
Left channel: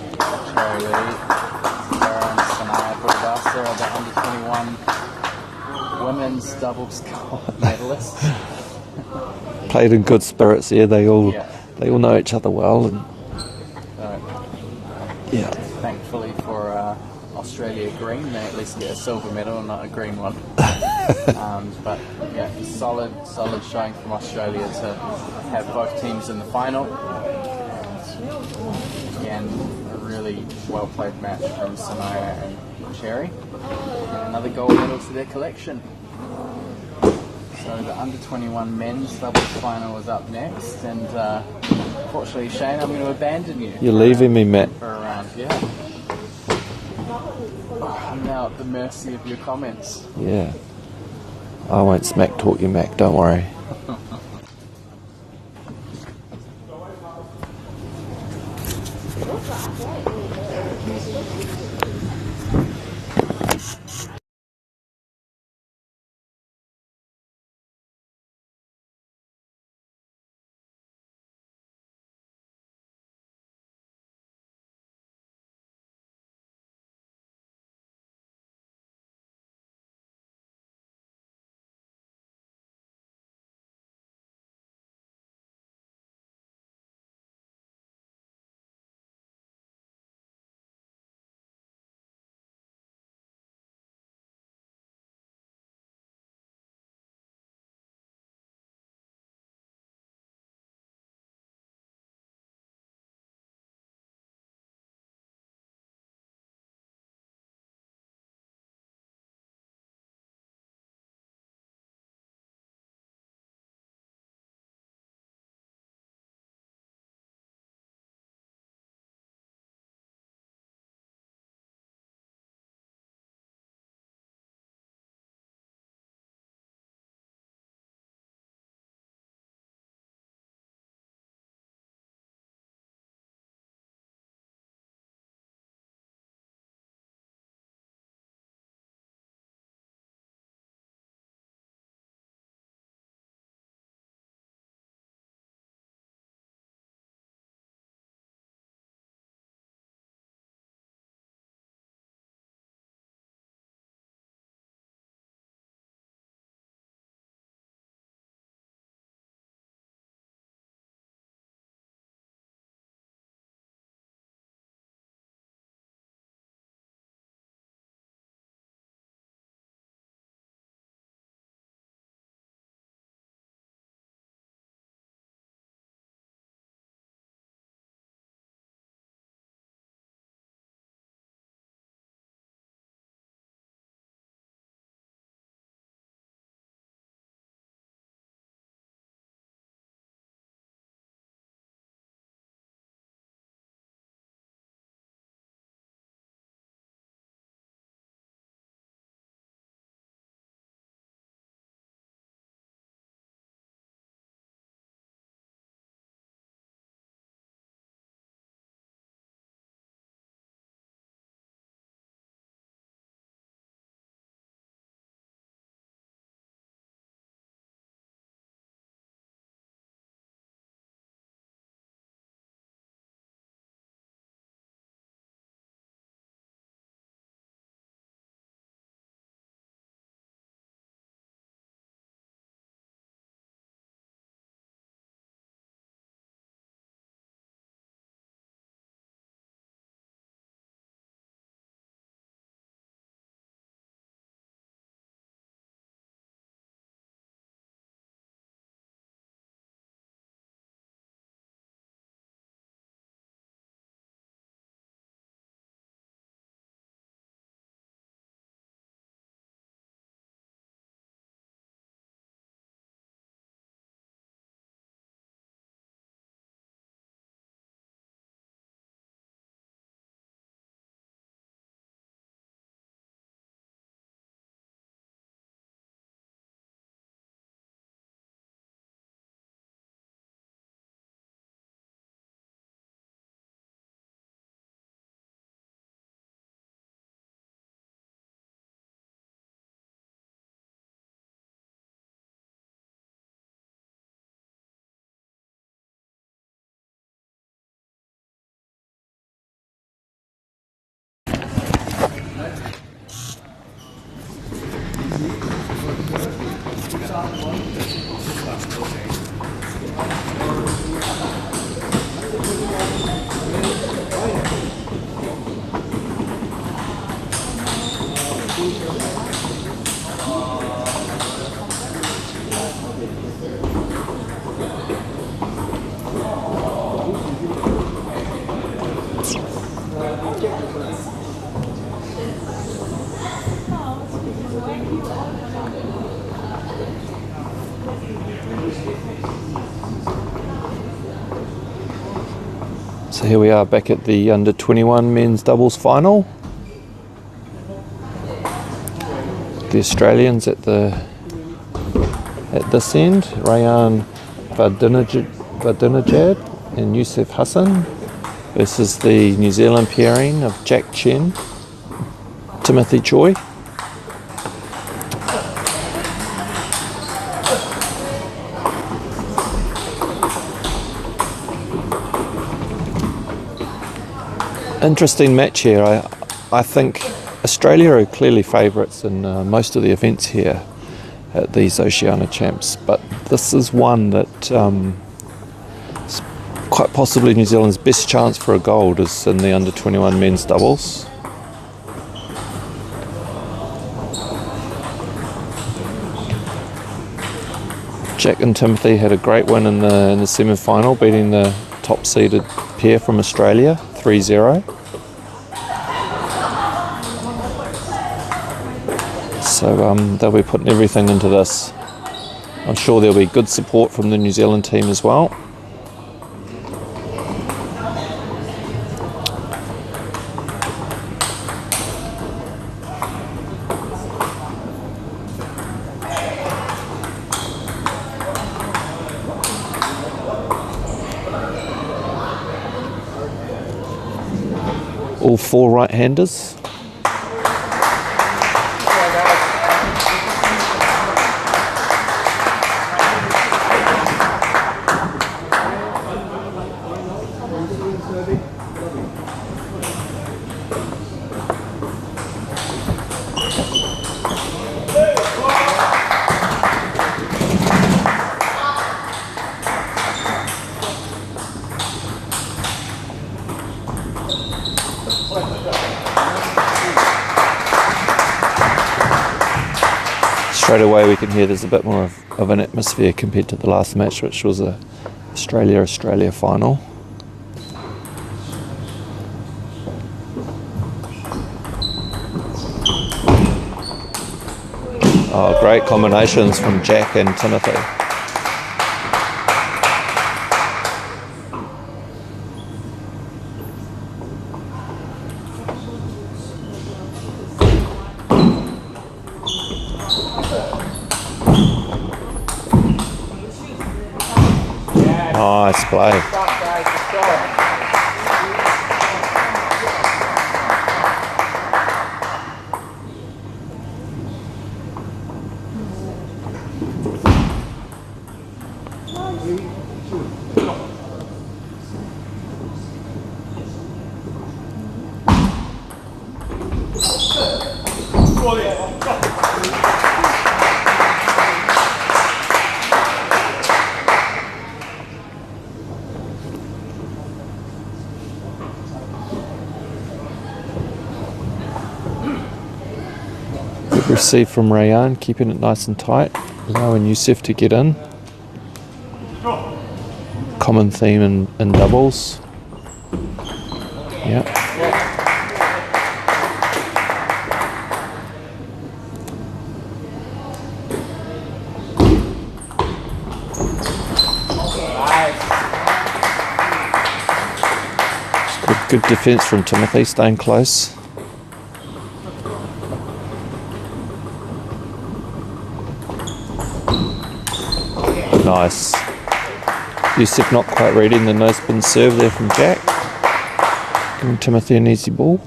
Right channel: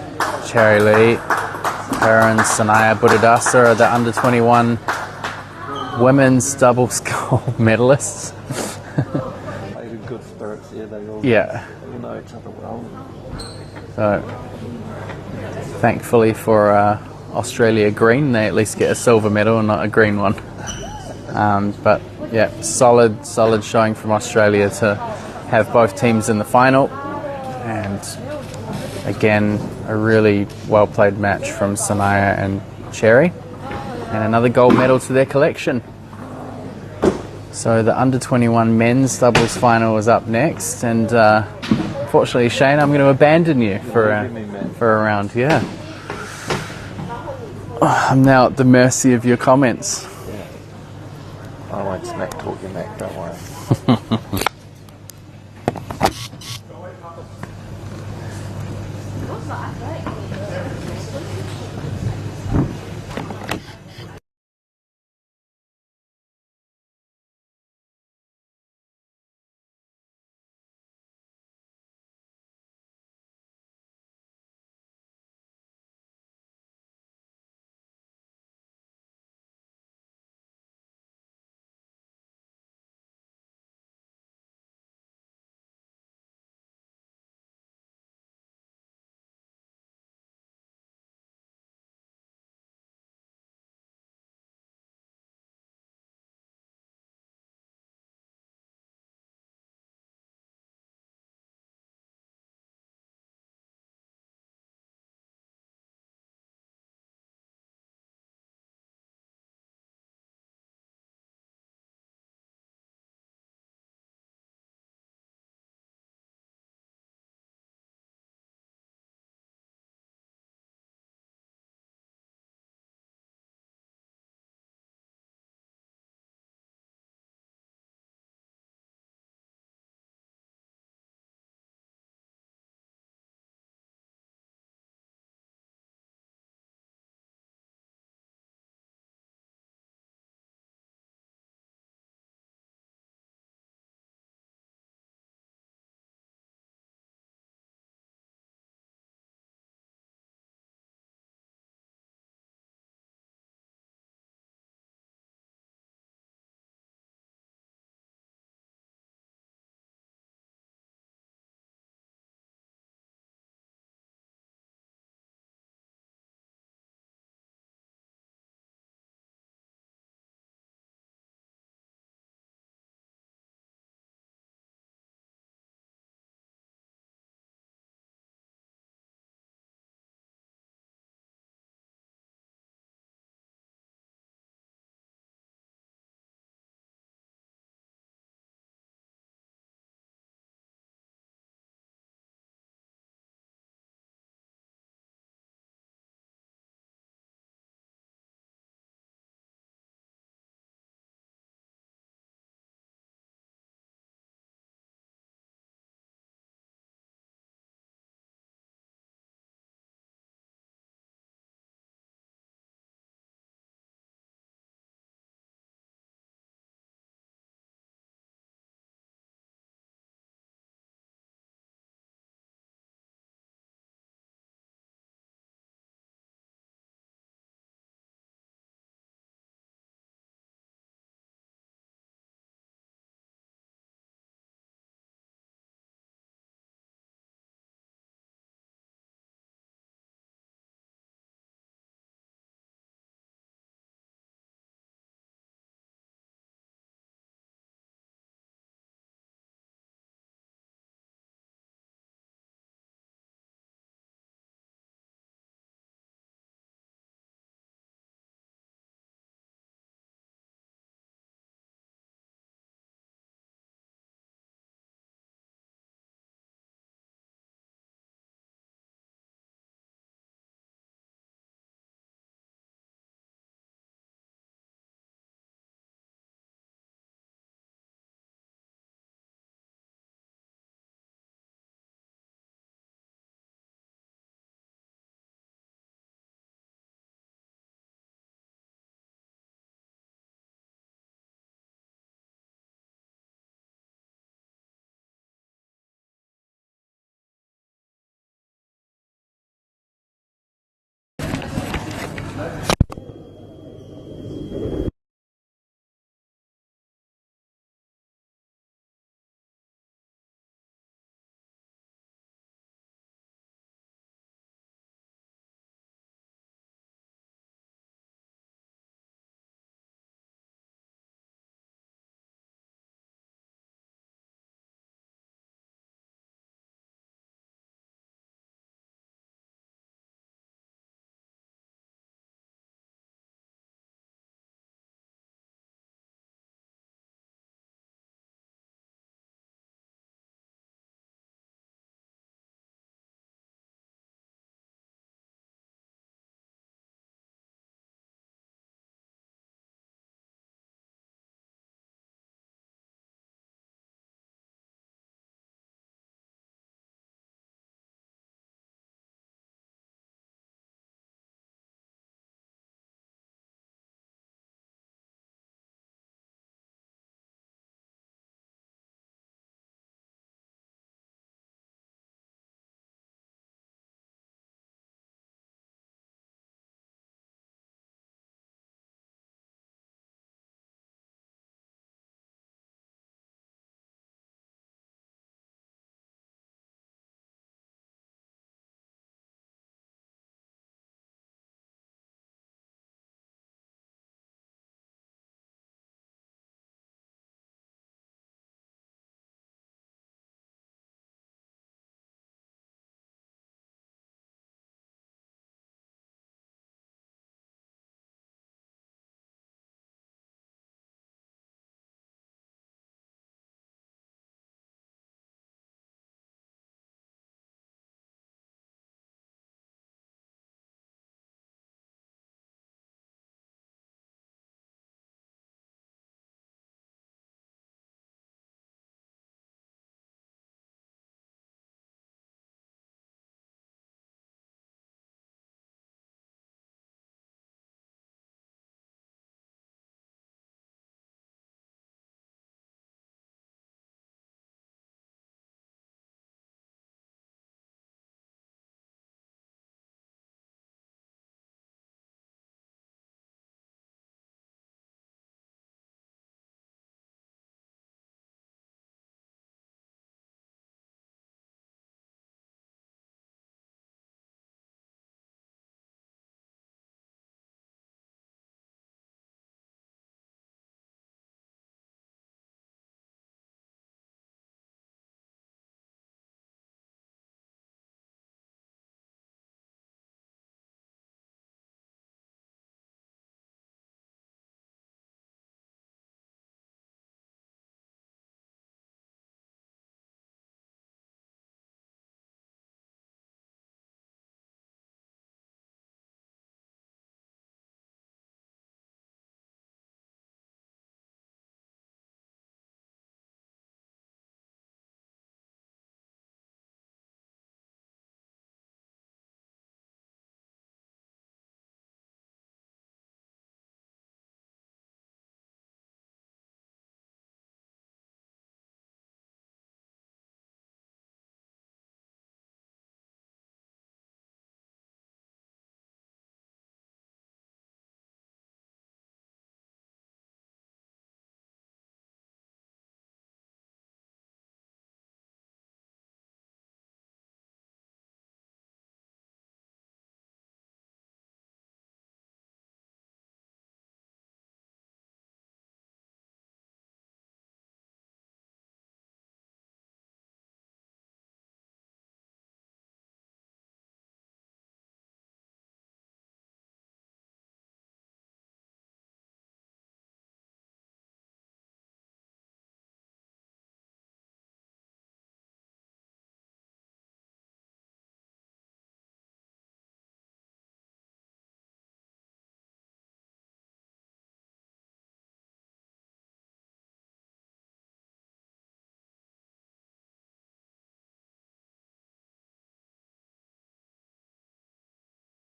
Cherry Lee. Her and Sanaya Buddhadasa are the under 21 women's doubles gold medalists. Played in good spirits here. They all Yeah. know each other well. And, So yeah. thankfully for Australia green, they at least get a silver medal and not a green one. But yeah, solid showing from Australia to have both teams in the final. And again, a really well played match from Sanaya and Cherry. And another gold medal to their collection. So the under 21 men's doubles final is up next. And unfortunately, Shane, I'm going to abandon you. You're leaving me, Matt. For a round, yeah. I'm now at the mercy of your comments. Yeah. I won't smack talk you, Mac. Don't worry. So here we are back at the under 21 men's doubles final. The Australians at this end, Rayan Vadinajad and Youssef Hassan, versus the New Zealand pairing of Jack Chen, Timothy Choi. Interesting match here. I think Australia are clearly favourites in most of the events here at these Oceania Champs, but this is one that is quite possibly New Zealand's best chance for a gold is in the under 21 men's doubles. Jack and Timothy had a great win in the semi-final, beating the top-seeded pair from Australia 3-0. So they'll be putting everything into this. I'm sure there'll be good support from the New Zealand team as well. All four right-handers. Straight away we can hear there's a bit more of an atmosphere compared to the last match, which was a Australia final. Oh, great combinations from Jack and Timothy. Nice play. Good receive from Rayan, keeping it nice and tight, allowing Youssef to get in. Common theme in doubles. Yeah. Good defence from Timothy, staying close. Nice. Youssef not quite reading the no spin serve there from Jack. Giving Timothy an easy ball.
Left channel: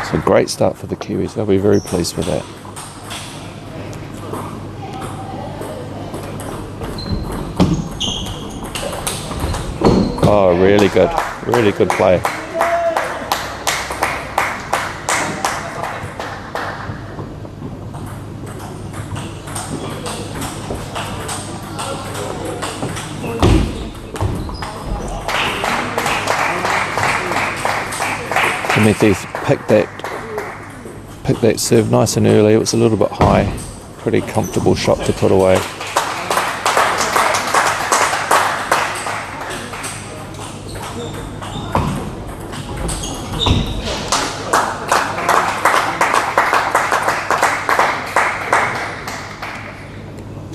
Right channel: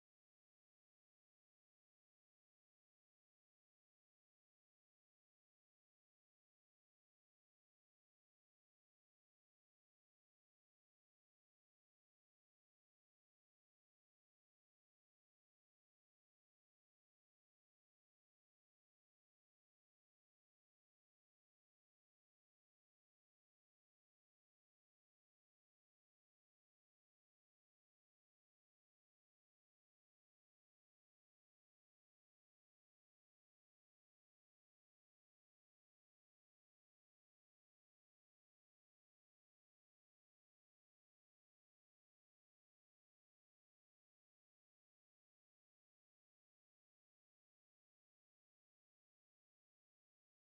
It's a great start for the Kiwis. They'll be very pleased with that. Oh, really good play. Timothy picked that serve nice and early. It was a little bit high. Pretty comfortable shot to put away.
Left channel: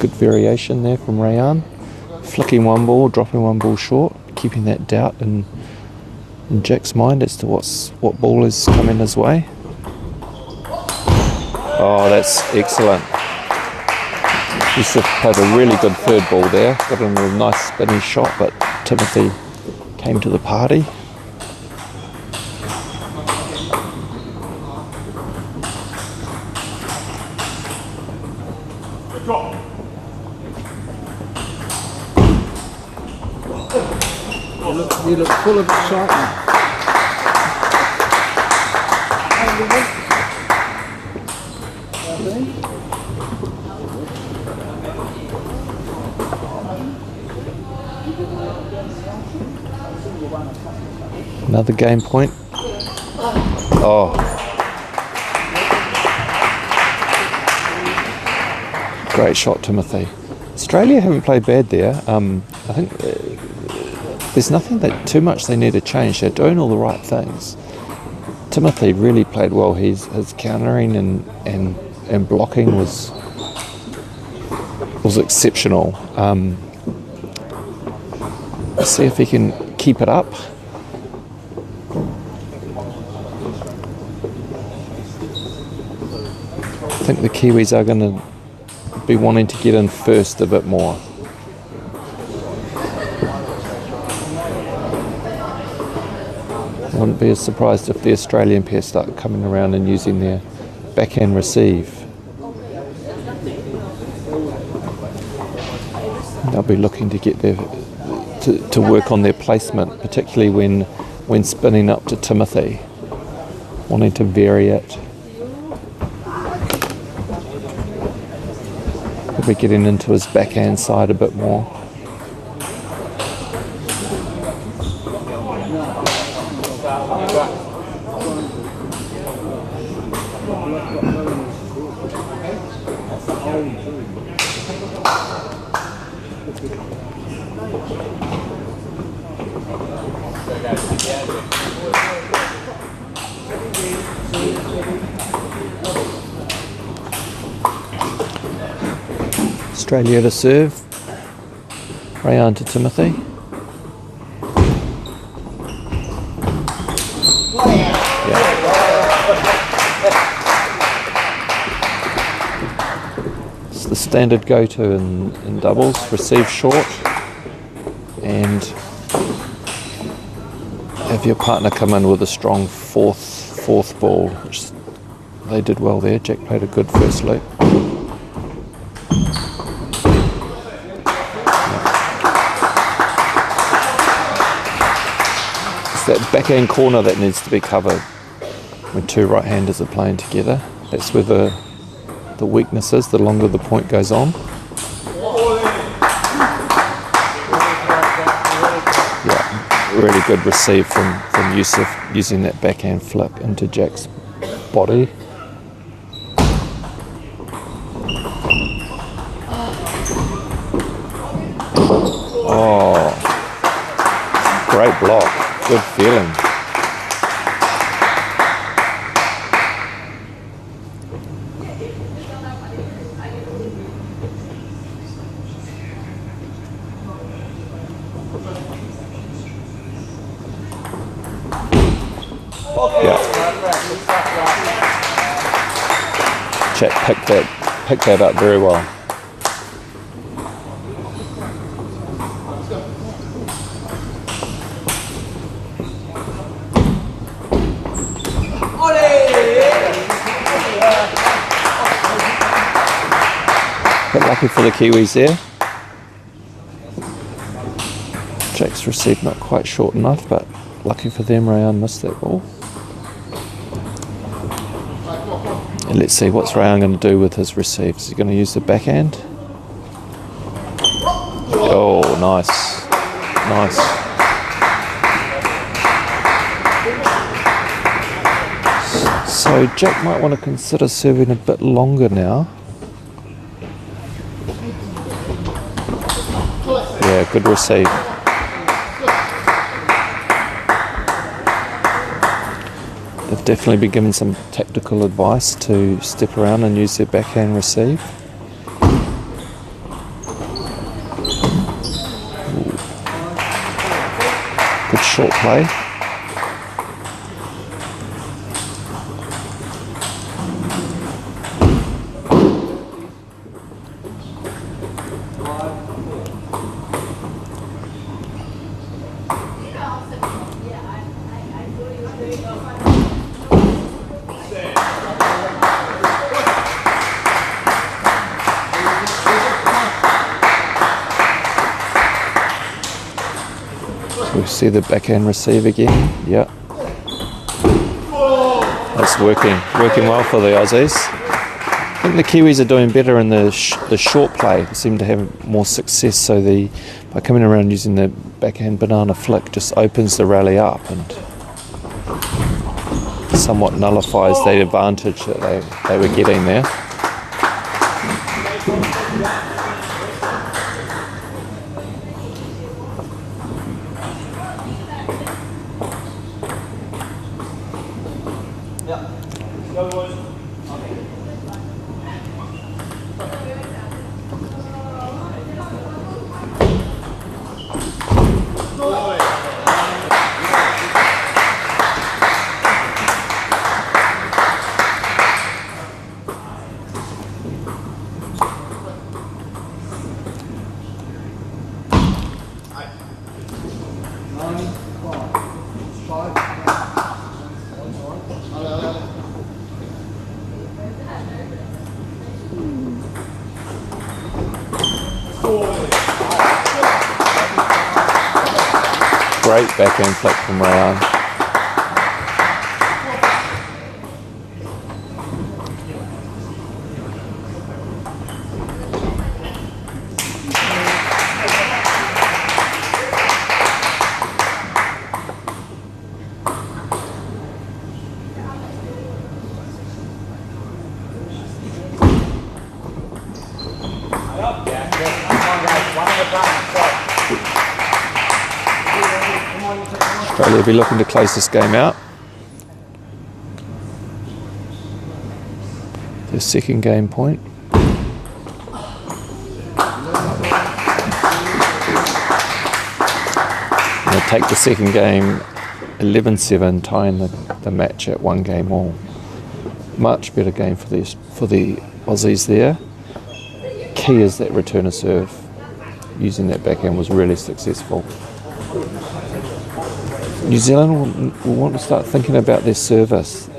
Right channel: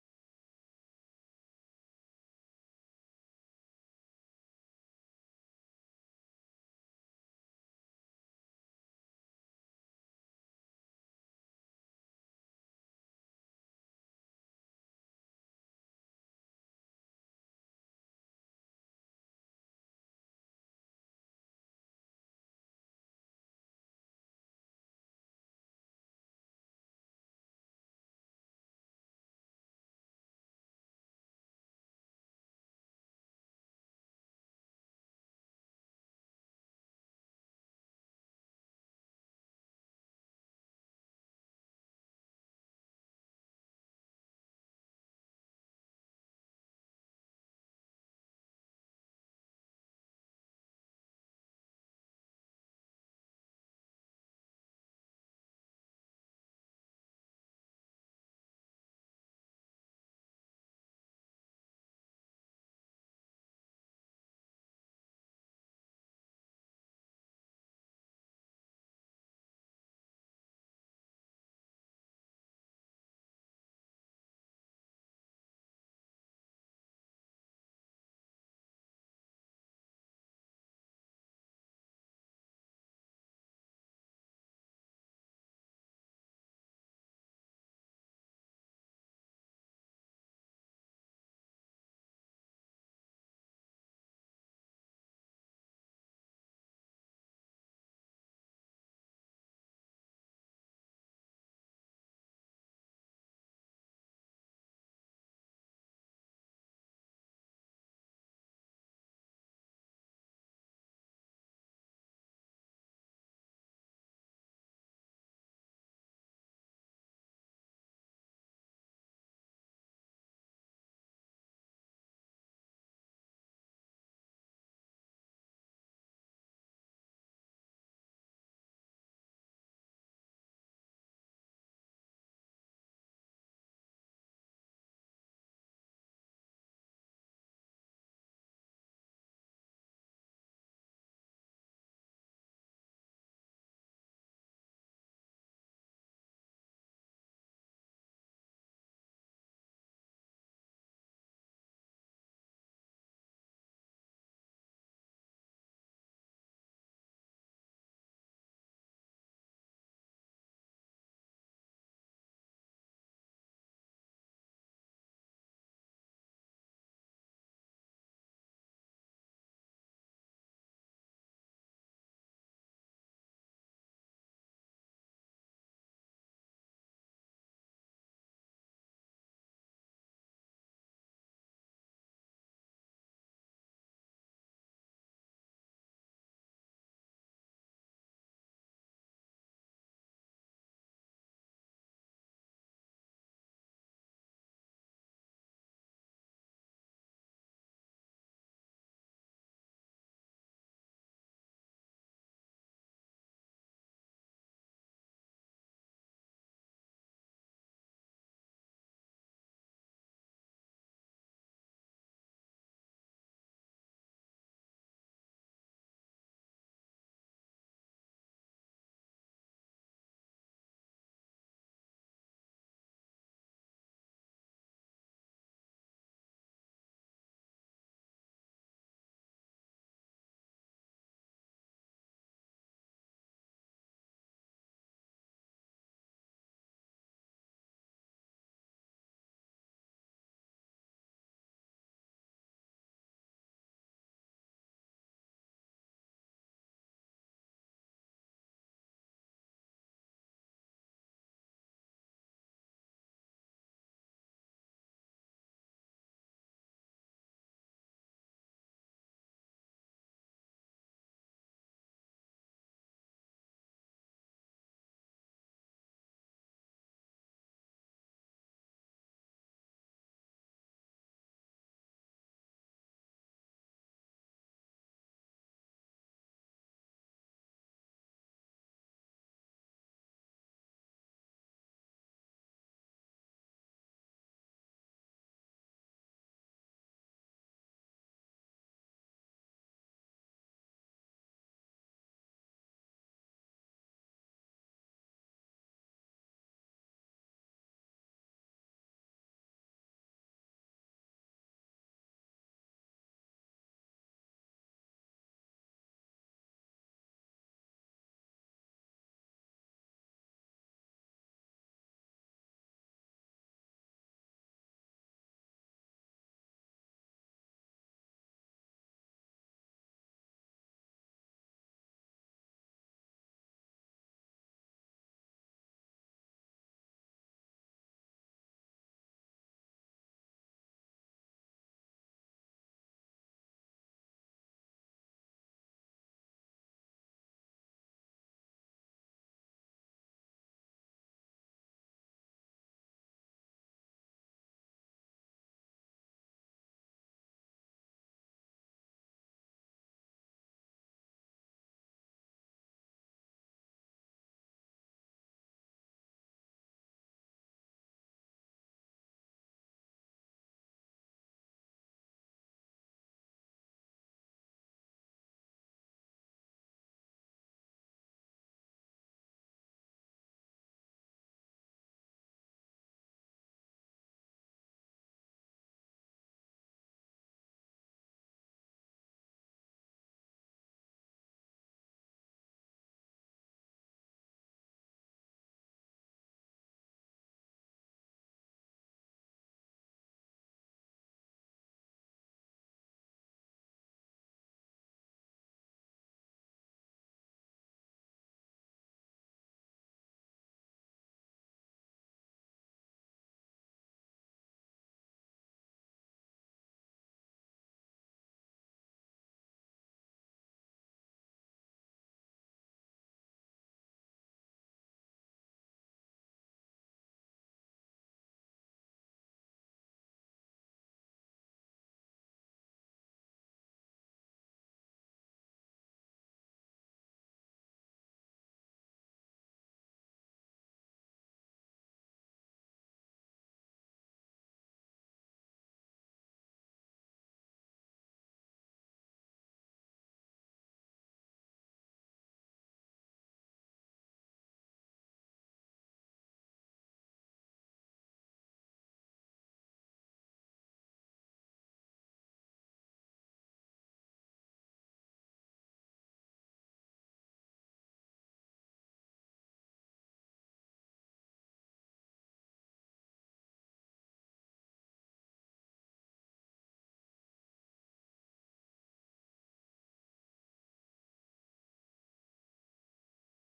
good variation there from Rayan. Flicking one ball, dropping one ball short, keeping that doubt in Jack's mind as to what ball is coming his way. Oh, that's excellent. Yusuf played a really good third ball there. Got in a nice spinny shot, but Timothy came to the party. You look full of excitement. Another game point. Oh. Great shot, Timothy. Australia haven't played bad there. I think there's nothing that too much they need to change. They're doing all the right things. Timothy really played well. His countering and blocking was exceptional. Let's see if he can keep it up. I think the Kiwis are going to be wanting to get in first a bit more. I wouldn't be as surprised if the Australian pair start coming around and using their backhand receive. They'll be looking to get their to work on their placement, particularly when spinning up to Timothy, wanting to vary it. He'll be getting into his backhand side a bit more. Australia to serve. Rayan to Timothy. It's the standard go-to in doubles. Receive short and have your partner come in with a strong fourth ball, which they did well there. Jack played a good first loop. That backhand corner that needs to be covered when two right-handers are playing together. That's where the weakness is, the longer the point goes on. Yeah, really good receive from Yusuf using that backhand flip into Jack's body. Oh, great block. Good feeling. Yeah. Jack picked that up very well. Lucky for the Kiwis there. Jack's receive not quite short enough, but lucky for them, Rayan missed that ball. And let's see what's Rayan going to do with his receive. Is he going to use the backhand? Oh, nice. Nice. So Jack might want to consider serving a bit longer now. Yeah, good receive. They've definitely been given some tactical advice to step around and use their backhand receive. short play. We see the backhand receive again. Yeah, that's working well for the Aussies. I think the Kiwis are doing better in the short play. They seem to have more success. So by coming around using the backhand banana flick, just opens the rally up and somewhat nullifies the advantage that they were getting there. Great backhand flick from Rayan. Australia will be looking to close this game out. Their second game point. They'll take the second game 11-7, tying the match at one game all. Much better game for the Aussies there. Key is that return of serve. Using that backhand was really successful. New Zealand will want to start thinking about their service,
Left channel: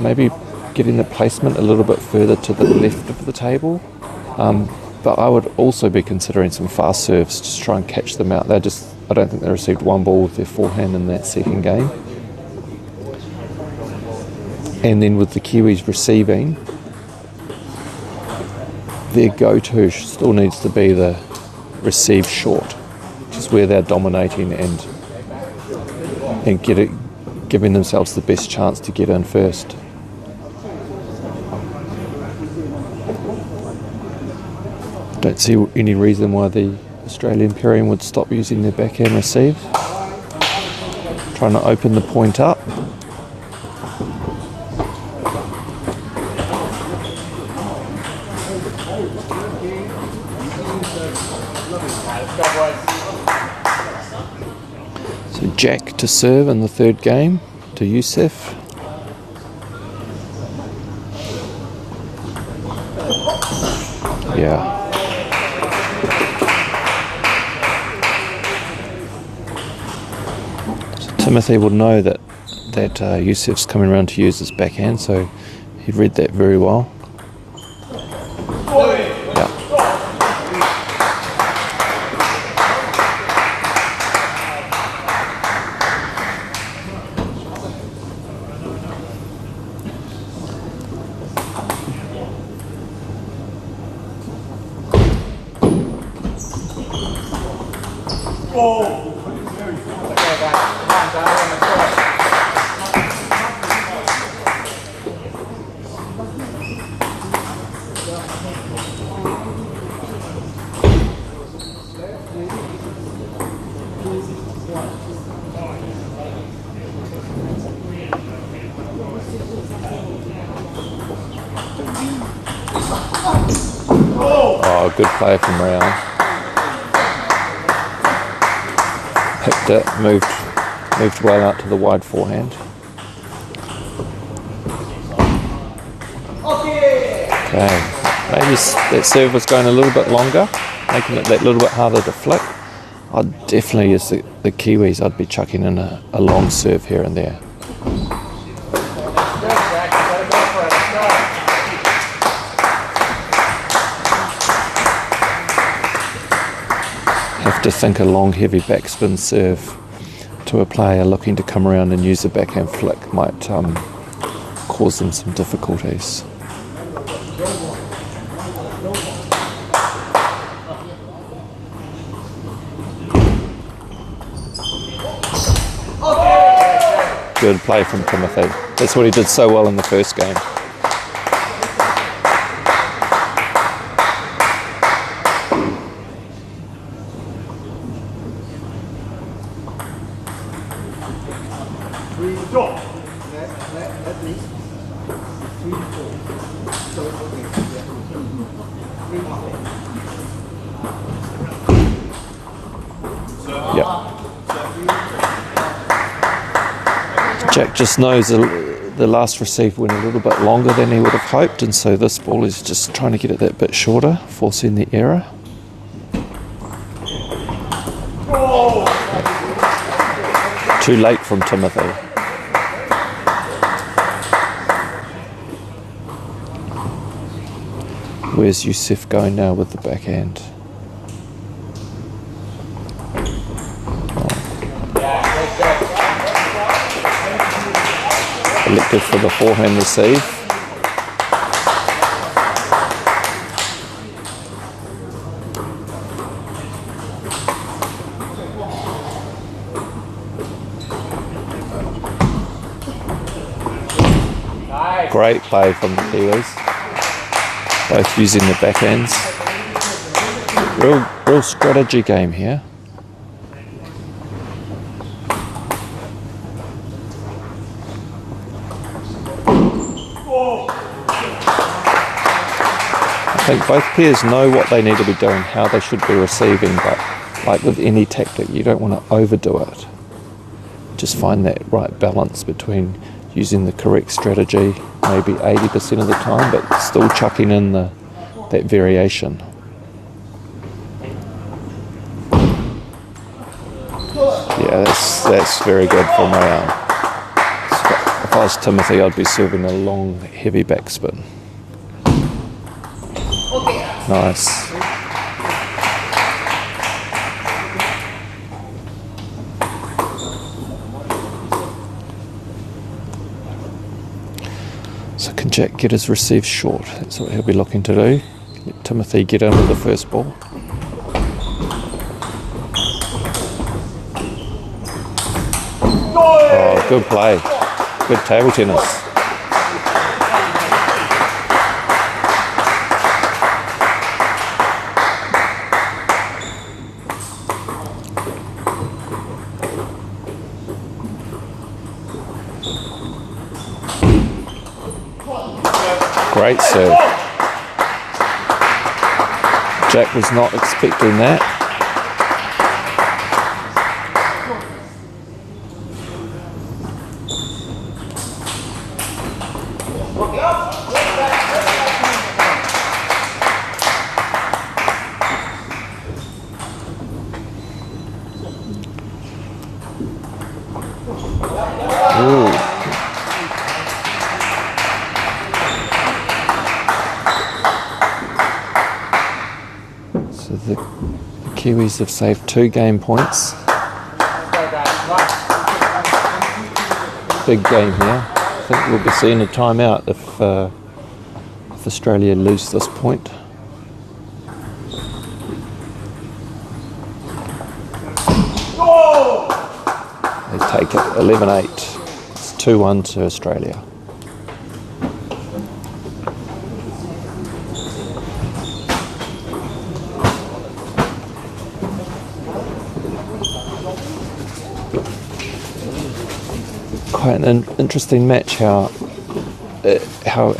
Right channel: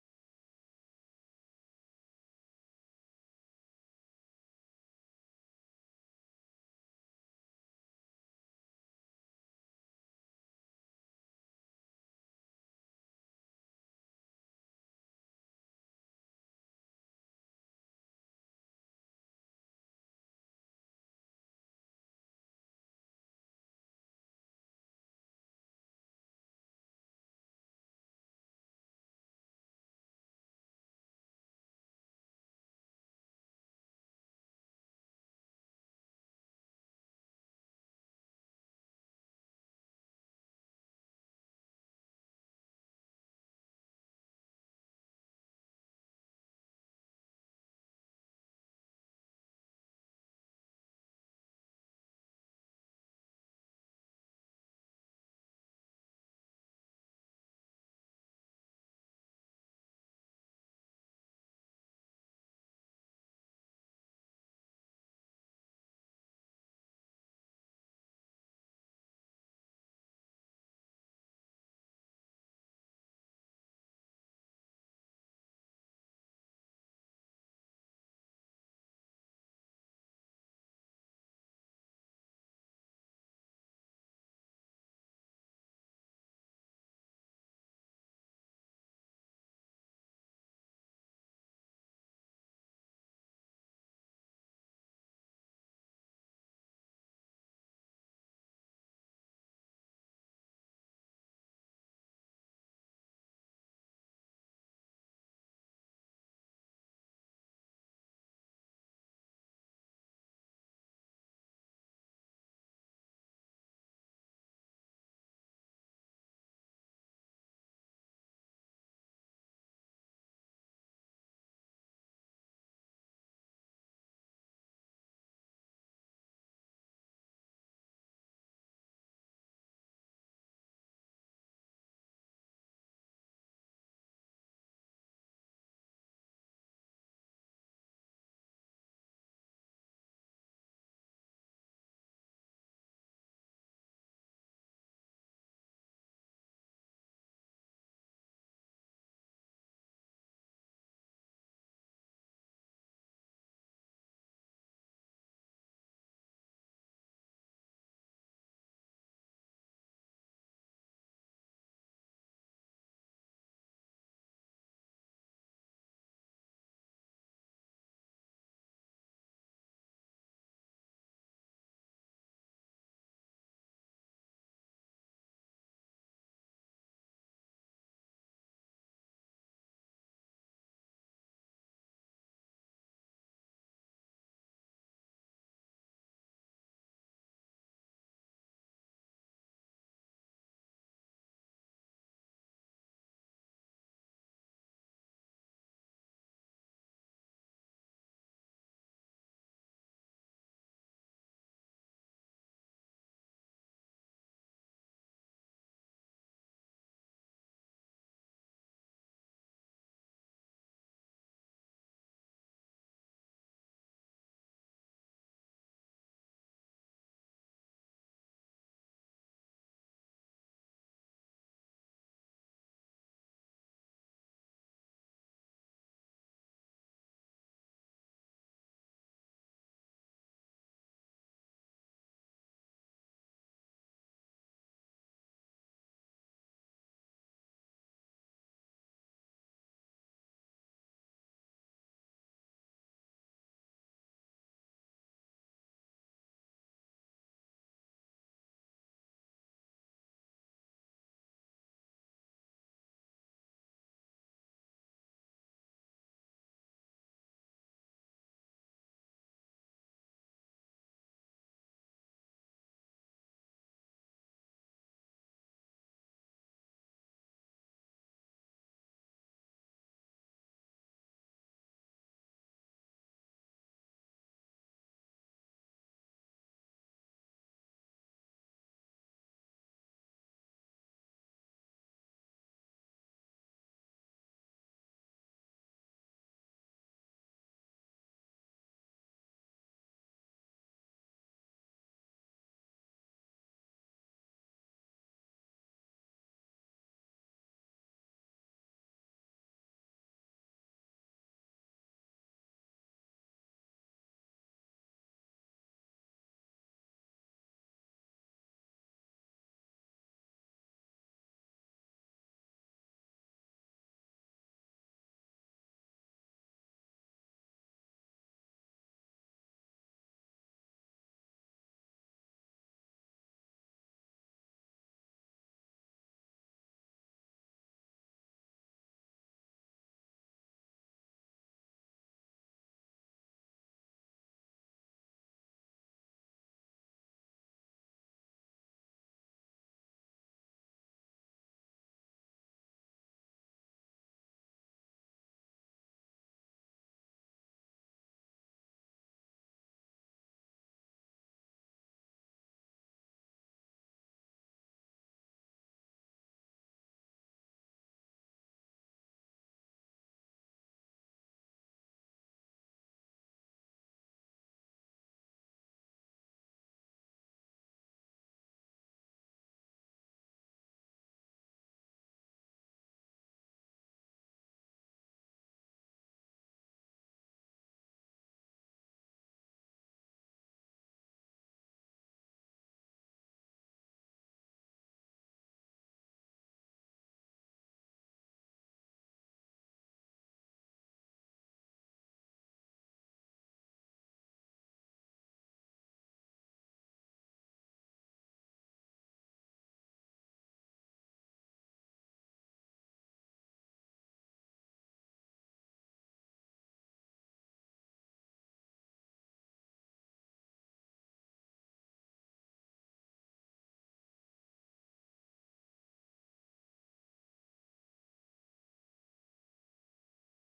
maybe getting the placement a little bit further to the left of the table. But I would also be considering some fast serves to try and catch them out. I don't think they received one ball with their forehand in that second game. And then with the Kiwis receiving, their go-to still needs to be the receive short, which is where they're dominating and giving themselves the best chance to get in first. Don't see any reason why the Australian pairing would stop using their backhand receive. Trying to open the point up. So Jack to serve in the third game to Youssef. Yeah. So Timothy will know that Youssef's coming around to use his backhand, so he read that very well. Yeah. Oh, good play from Rayan. Picked it, moved Moved well out to the wide forehand. Okay, maybe that serve was going a little bit longer, making it that little bit harder to flick. I'd definitely, as the Kiwis, I'd be chucking in a long serve here and there. Have to think a long, heavy backspin serve to a player looking to come around and use a backhand flick might cause them some difficulties. Good play from Timothy. That's what he did so well in the first game. Jack just knows the last receive went a little bit longer than he would have hoped, and so this ball is just trying to get it that bit shorter, forcing the error. Too late from Timothy. Where's Youssef going now with the backhand? Elected for the forehand receive. Great play from the Kiwis. Both using the backhands. Real strategy game here. I think both pairs know what they need to be doing, how they should be receiving, but like with any tactic, you don't want to overdo it. Just find that right balance between using the correct strategy, maybe 80% of the time, but still chucking in that variation. Yeah, that's very good from Rayan. If I was Timothy, I'd be serving a long, heavy backspin. Nice. So can Jack get his receive short? That's what he'll be looking to do. Let Timothy get in with the first ball. Oh, good play. Good table tennis. Great serve. Jack was not expecting that. Ooh. So the Kiwis have saved 2 game points. Big game here. I think we'll be seeing a timeout if Australia lose this point. They take it 11-8. It's 2-1 to Australia. Quite an interesting match. How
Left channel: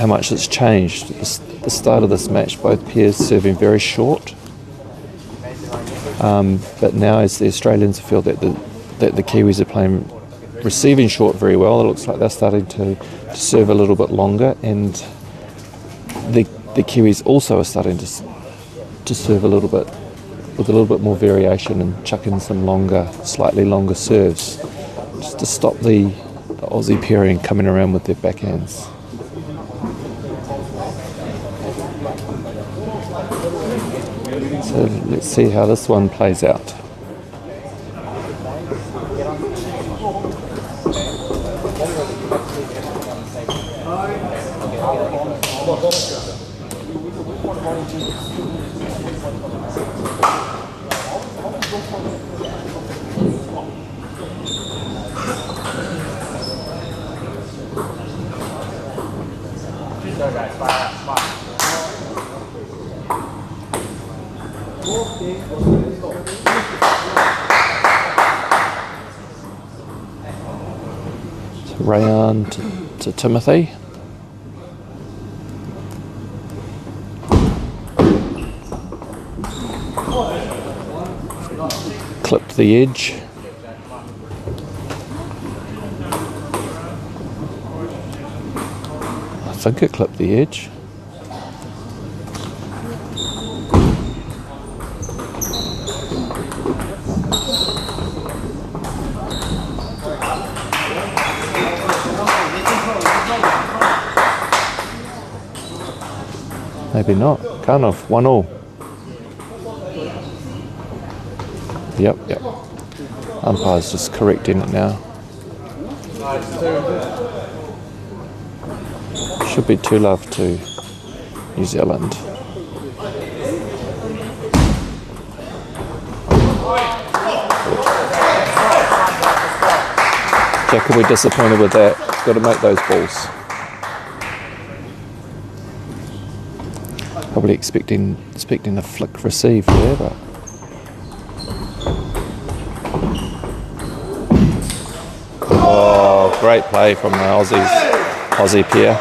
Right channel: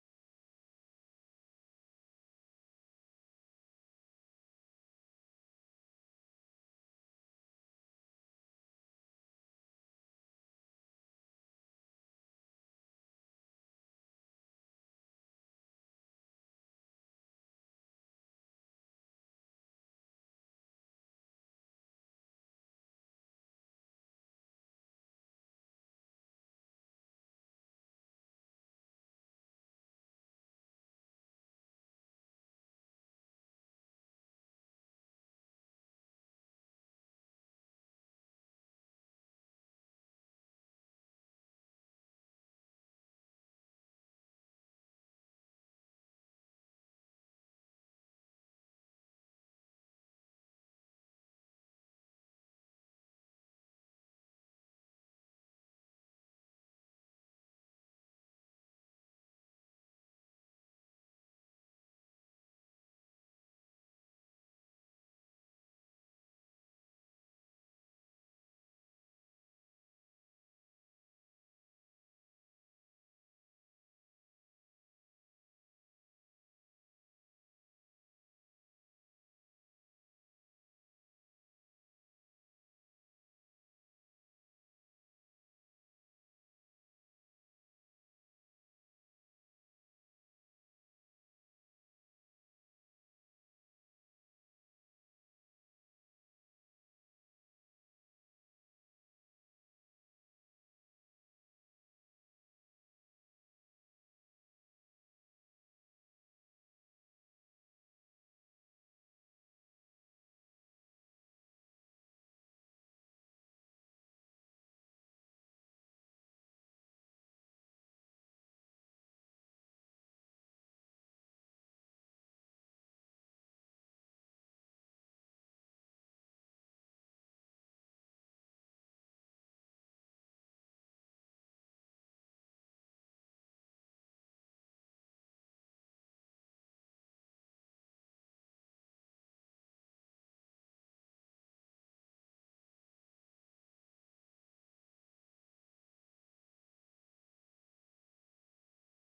much it's changed. The start of this match, both pairs serving very short, but now as the Australians feel that the Kiwis are playing receiving short very well. It looks like they're starting to serve a little bit longer, and the Kiwis also are starting to serve a little bit with a little bit more variation and chuck in some slightly longer serves, just to stop the Aussie pairing coming around with their backhands. So let's see how this one plays out. Rayan to Timothy. Clipped the edge. I think it clipped the edge. Maybe not. Kind of 1-1. Yep. Umpire's just correcting it now. Should be 2-love to New Zealand. Jack will be disappointed with that. Got to make those balls. Probably expecting a flick receive there, but oh, great play from the Aussie pair.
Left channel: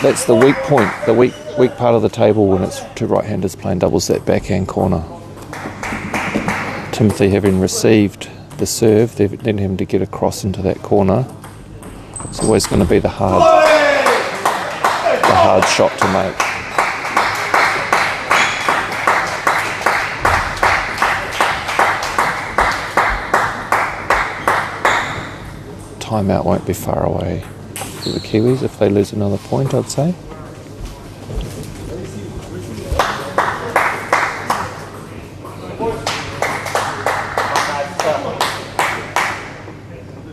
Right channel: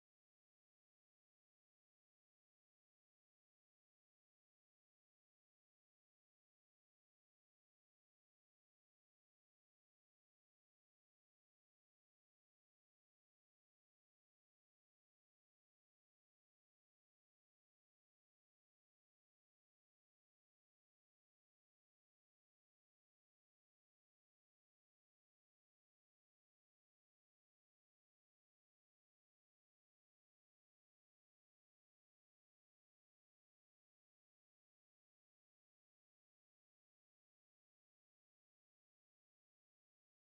That's the weak point, the weak part of the table when it's two right-handers playing doubles, that backhand corner. Timothy, having received the serve, they're letting him to get across into that corner. It's always going to be the hard shot to make. Timeout won't be far away for the Kiwis if they lose another point, I'd say.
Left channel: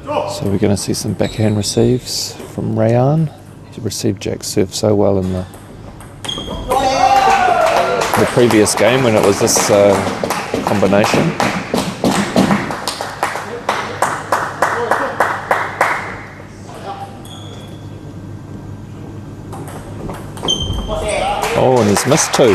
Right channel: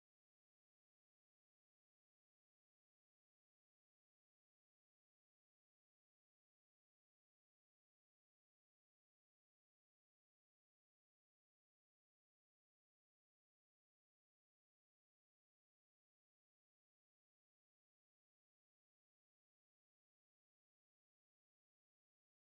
So we're going to see some backhand receives from Rayan. He received Jack's serve so well in the previous game when it was this combination. Oh, and he's missed two.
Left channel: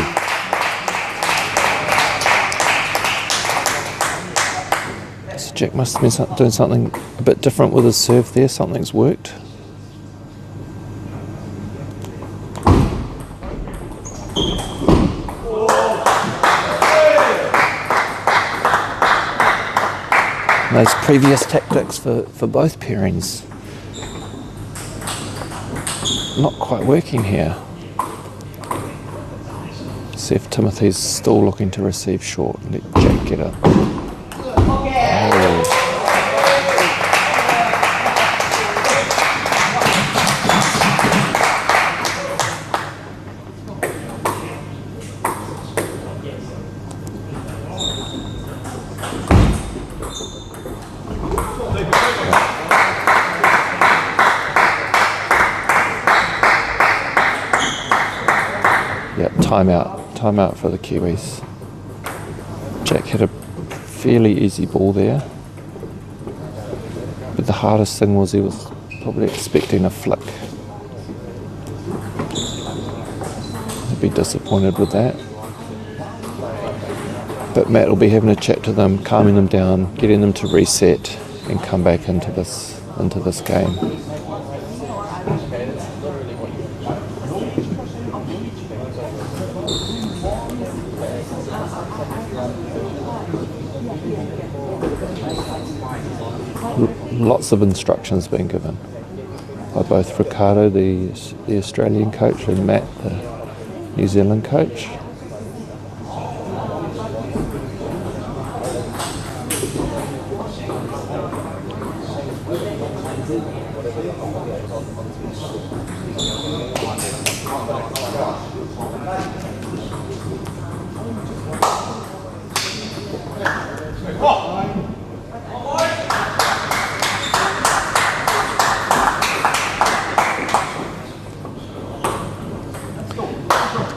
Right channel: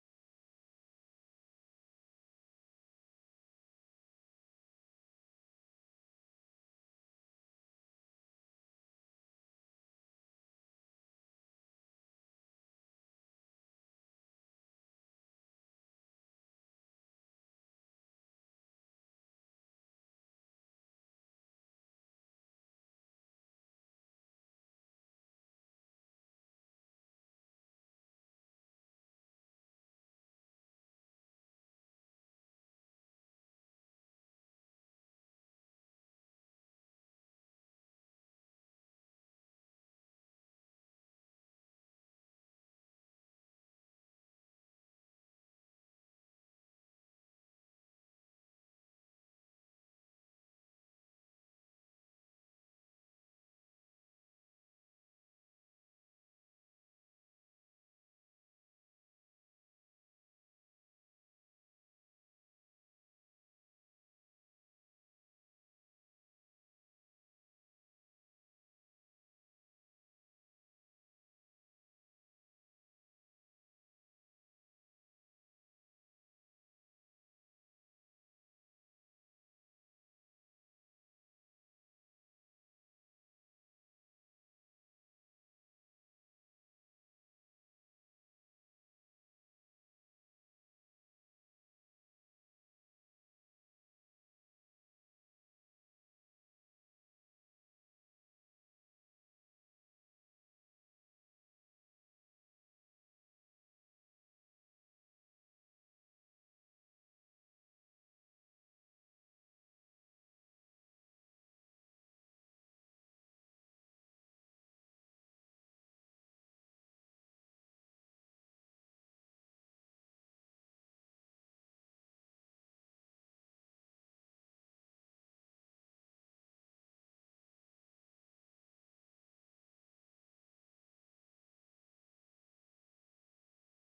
So Jack must have been doing something a bit different with his serve there. Something's worked. And those previous tactics for both pairings not quite working here. See if Timothy's still looking to receive short. Let Jack get it. Oh. Yep, timeout for the Kiwis. Jack had a fairly easy ball there, but the hardest thing was he was Probably expecting a flick. He'd be disappointed with that. But Matt will be having a chat to them, calming them down, getting them to reset and come back into this game. Lots of instructions being given by both Ricardo, the Australian coach, and Matt, the New Zealand coach.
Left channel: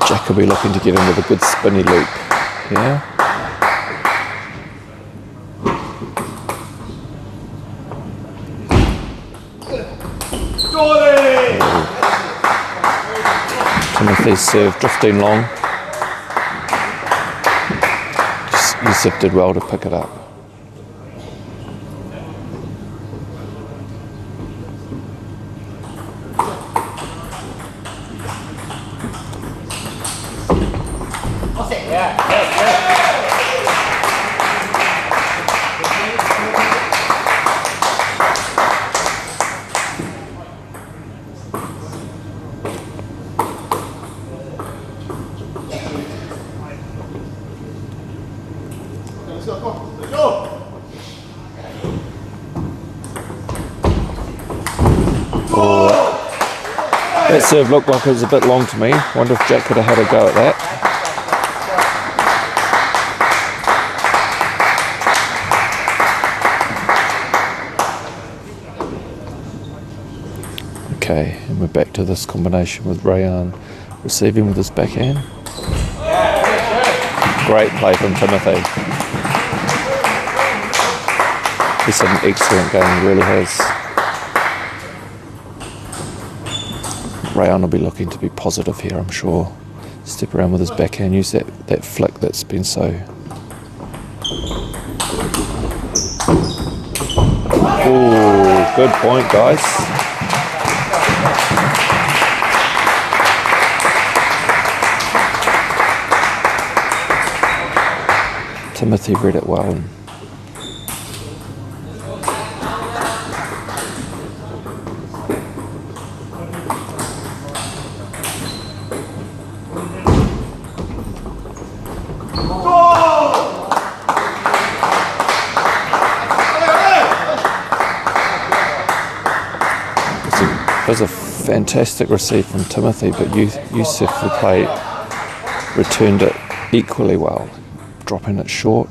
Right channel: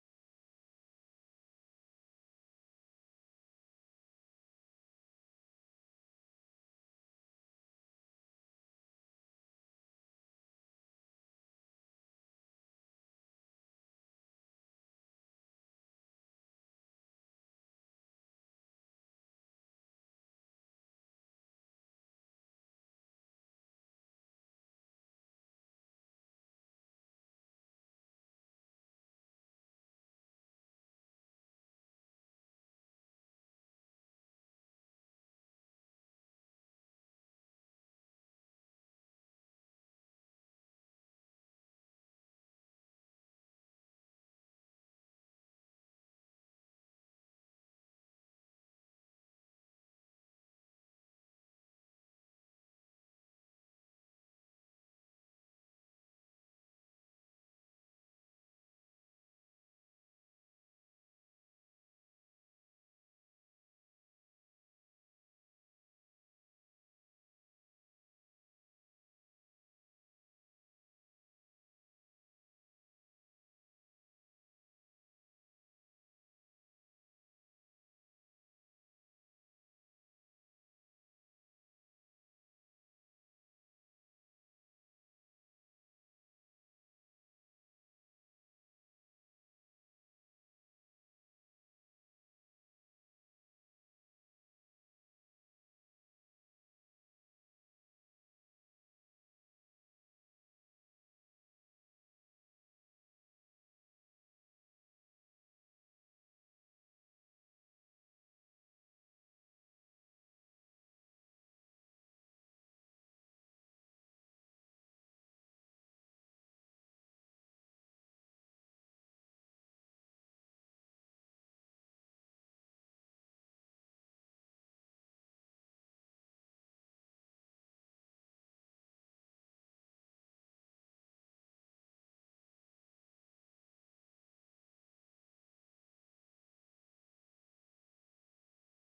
Jack will be looking to get in with a good spinny loop. Yeah. Timothy's serve drifting long. Yusuf did well to pick it up. That serve looked like it was a bit long to me. Wonder if Jack could have had a go at that. Okay, and we're back to this combination with Rayan receiving with his backhand. Great play from Timothy. He's had an excellent game, he really has. Rayan will be looking to be positive here, I'm sure. Step around with his backhand, use that flick that's been so... Oh, good point, guys. Timothy read it well. It was a fantastic receive from Timothy, but Yusuf, who played, returned it equally well, dropping it short.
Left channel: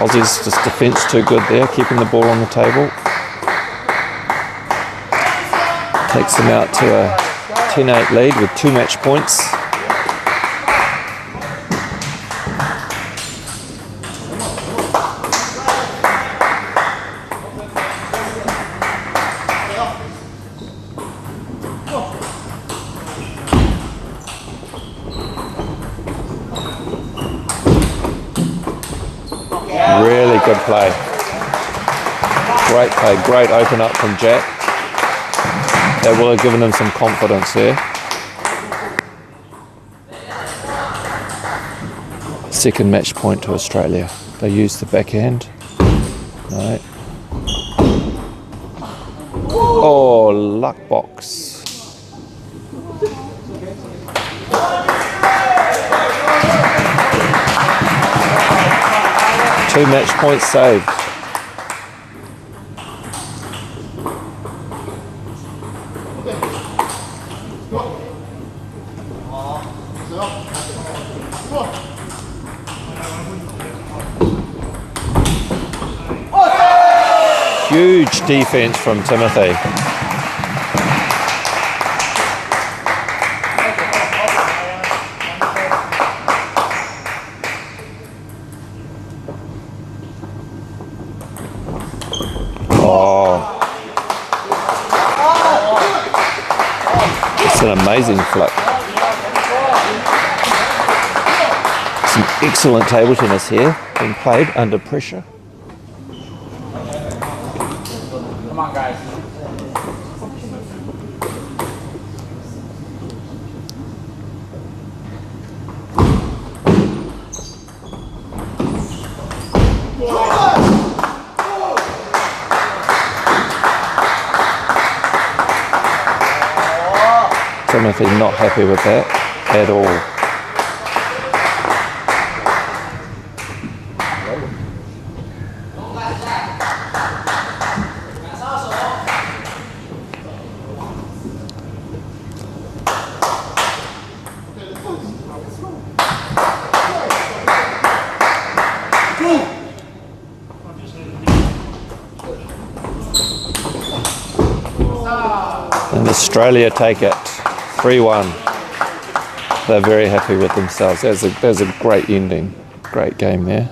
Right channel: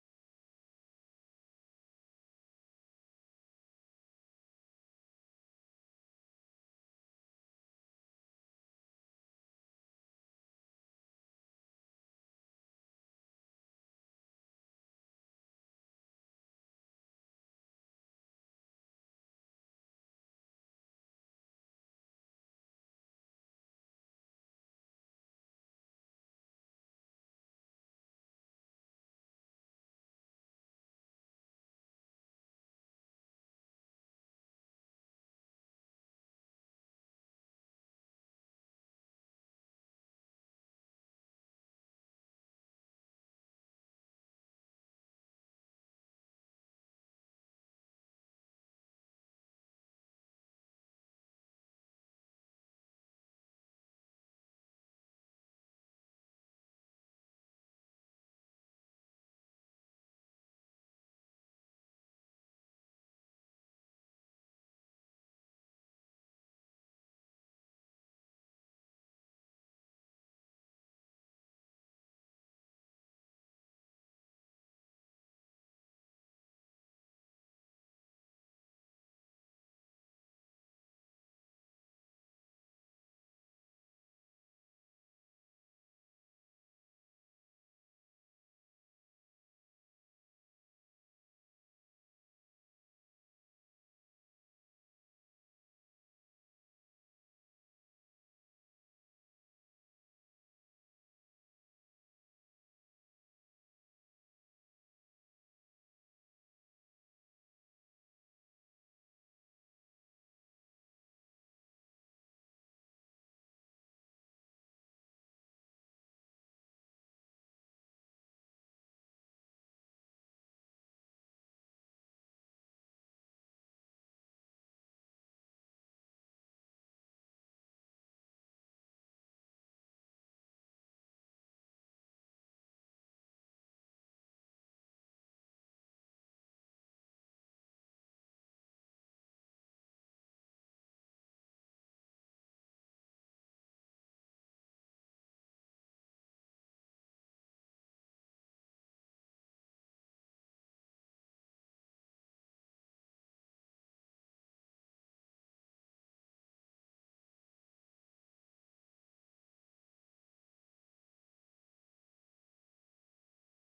Aussie's just defence too good there, keeping the ball on the table. Takes them out to a 10-8 lead with 2 match points. Really good play. Great play, great open up from Jack. That will have given him some confidence there. Second match point to Australia. They used the backhand. Right. Oh, luck box. Two match points saved. Huge defense from Timothy. Oh. It's an amazing flip. Some excellent table tennis here, being played under pressure. Come on, guys. Timothy not happy with that at all. And Australia take it 3-1. They're very happy with themselves. That was a great ending. Great game there.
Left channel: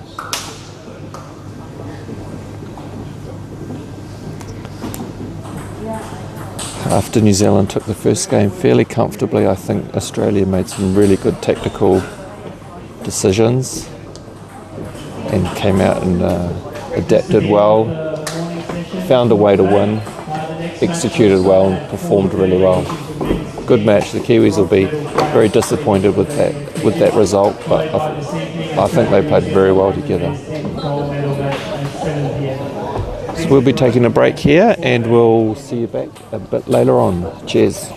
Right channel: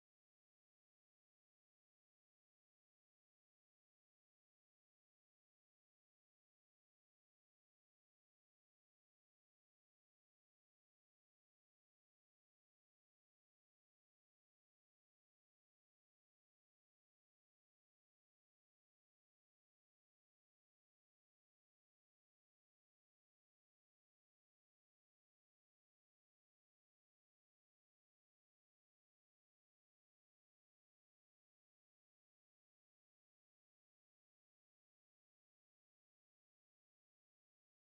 After New Zealand took the first game fairly comfortably, I think Australia made some really good tactical decisions and came out and adapted well, found a way to win, executed well and performed really well. Good match. The Kiwis will be very disappointed with that result, but I think they played very well together. So we'll be taking a break here and we'll see you back a bit later on. Cheers.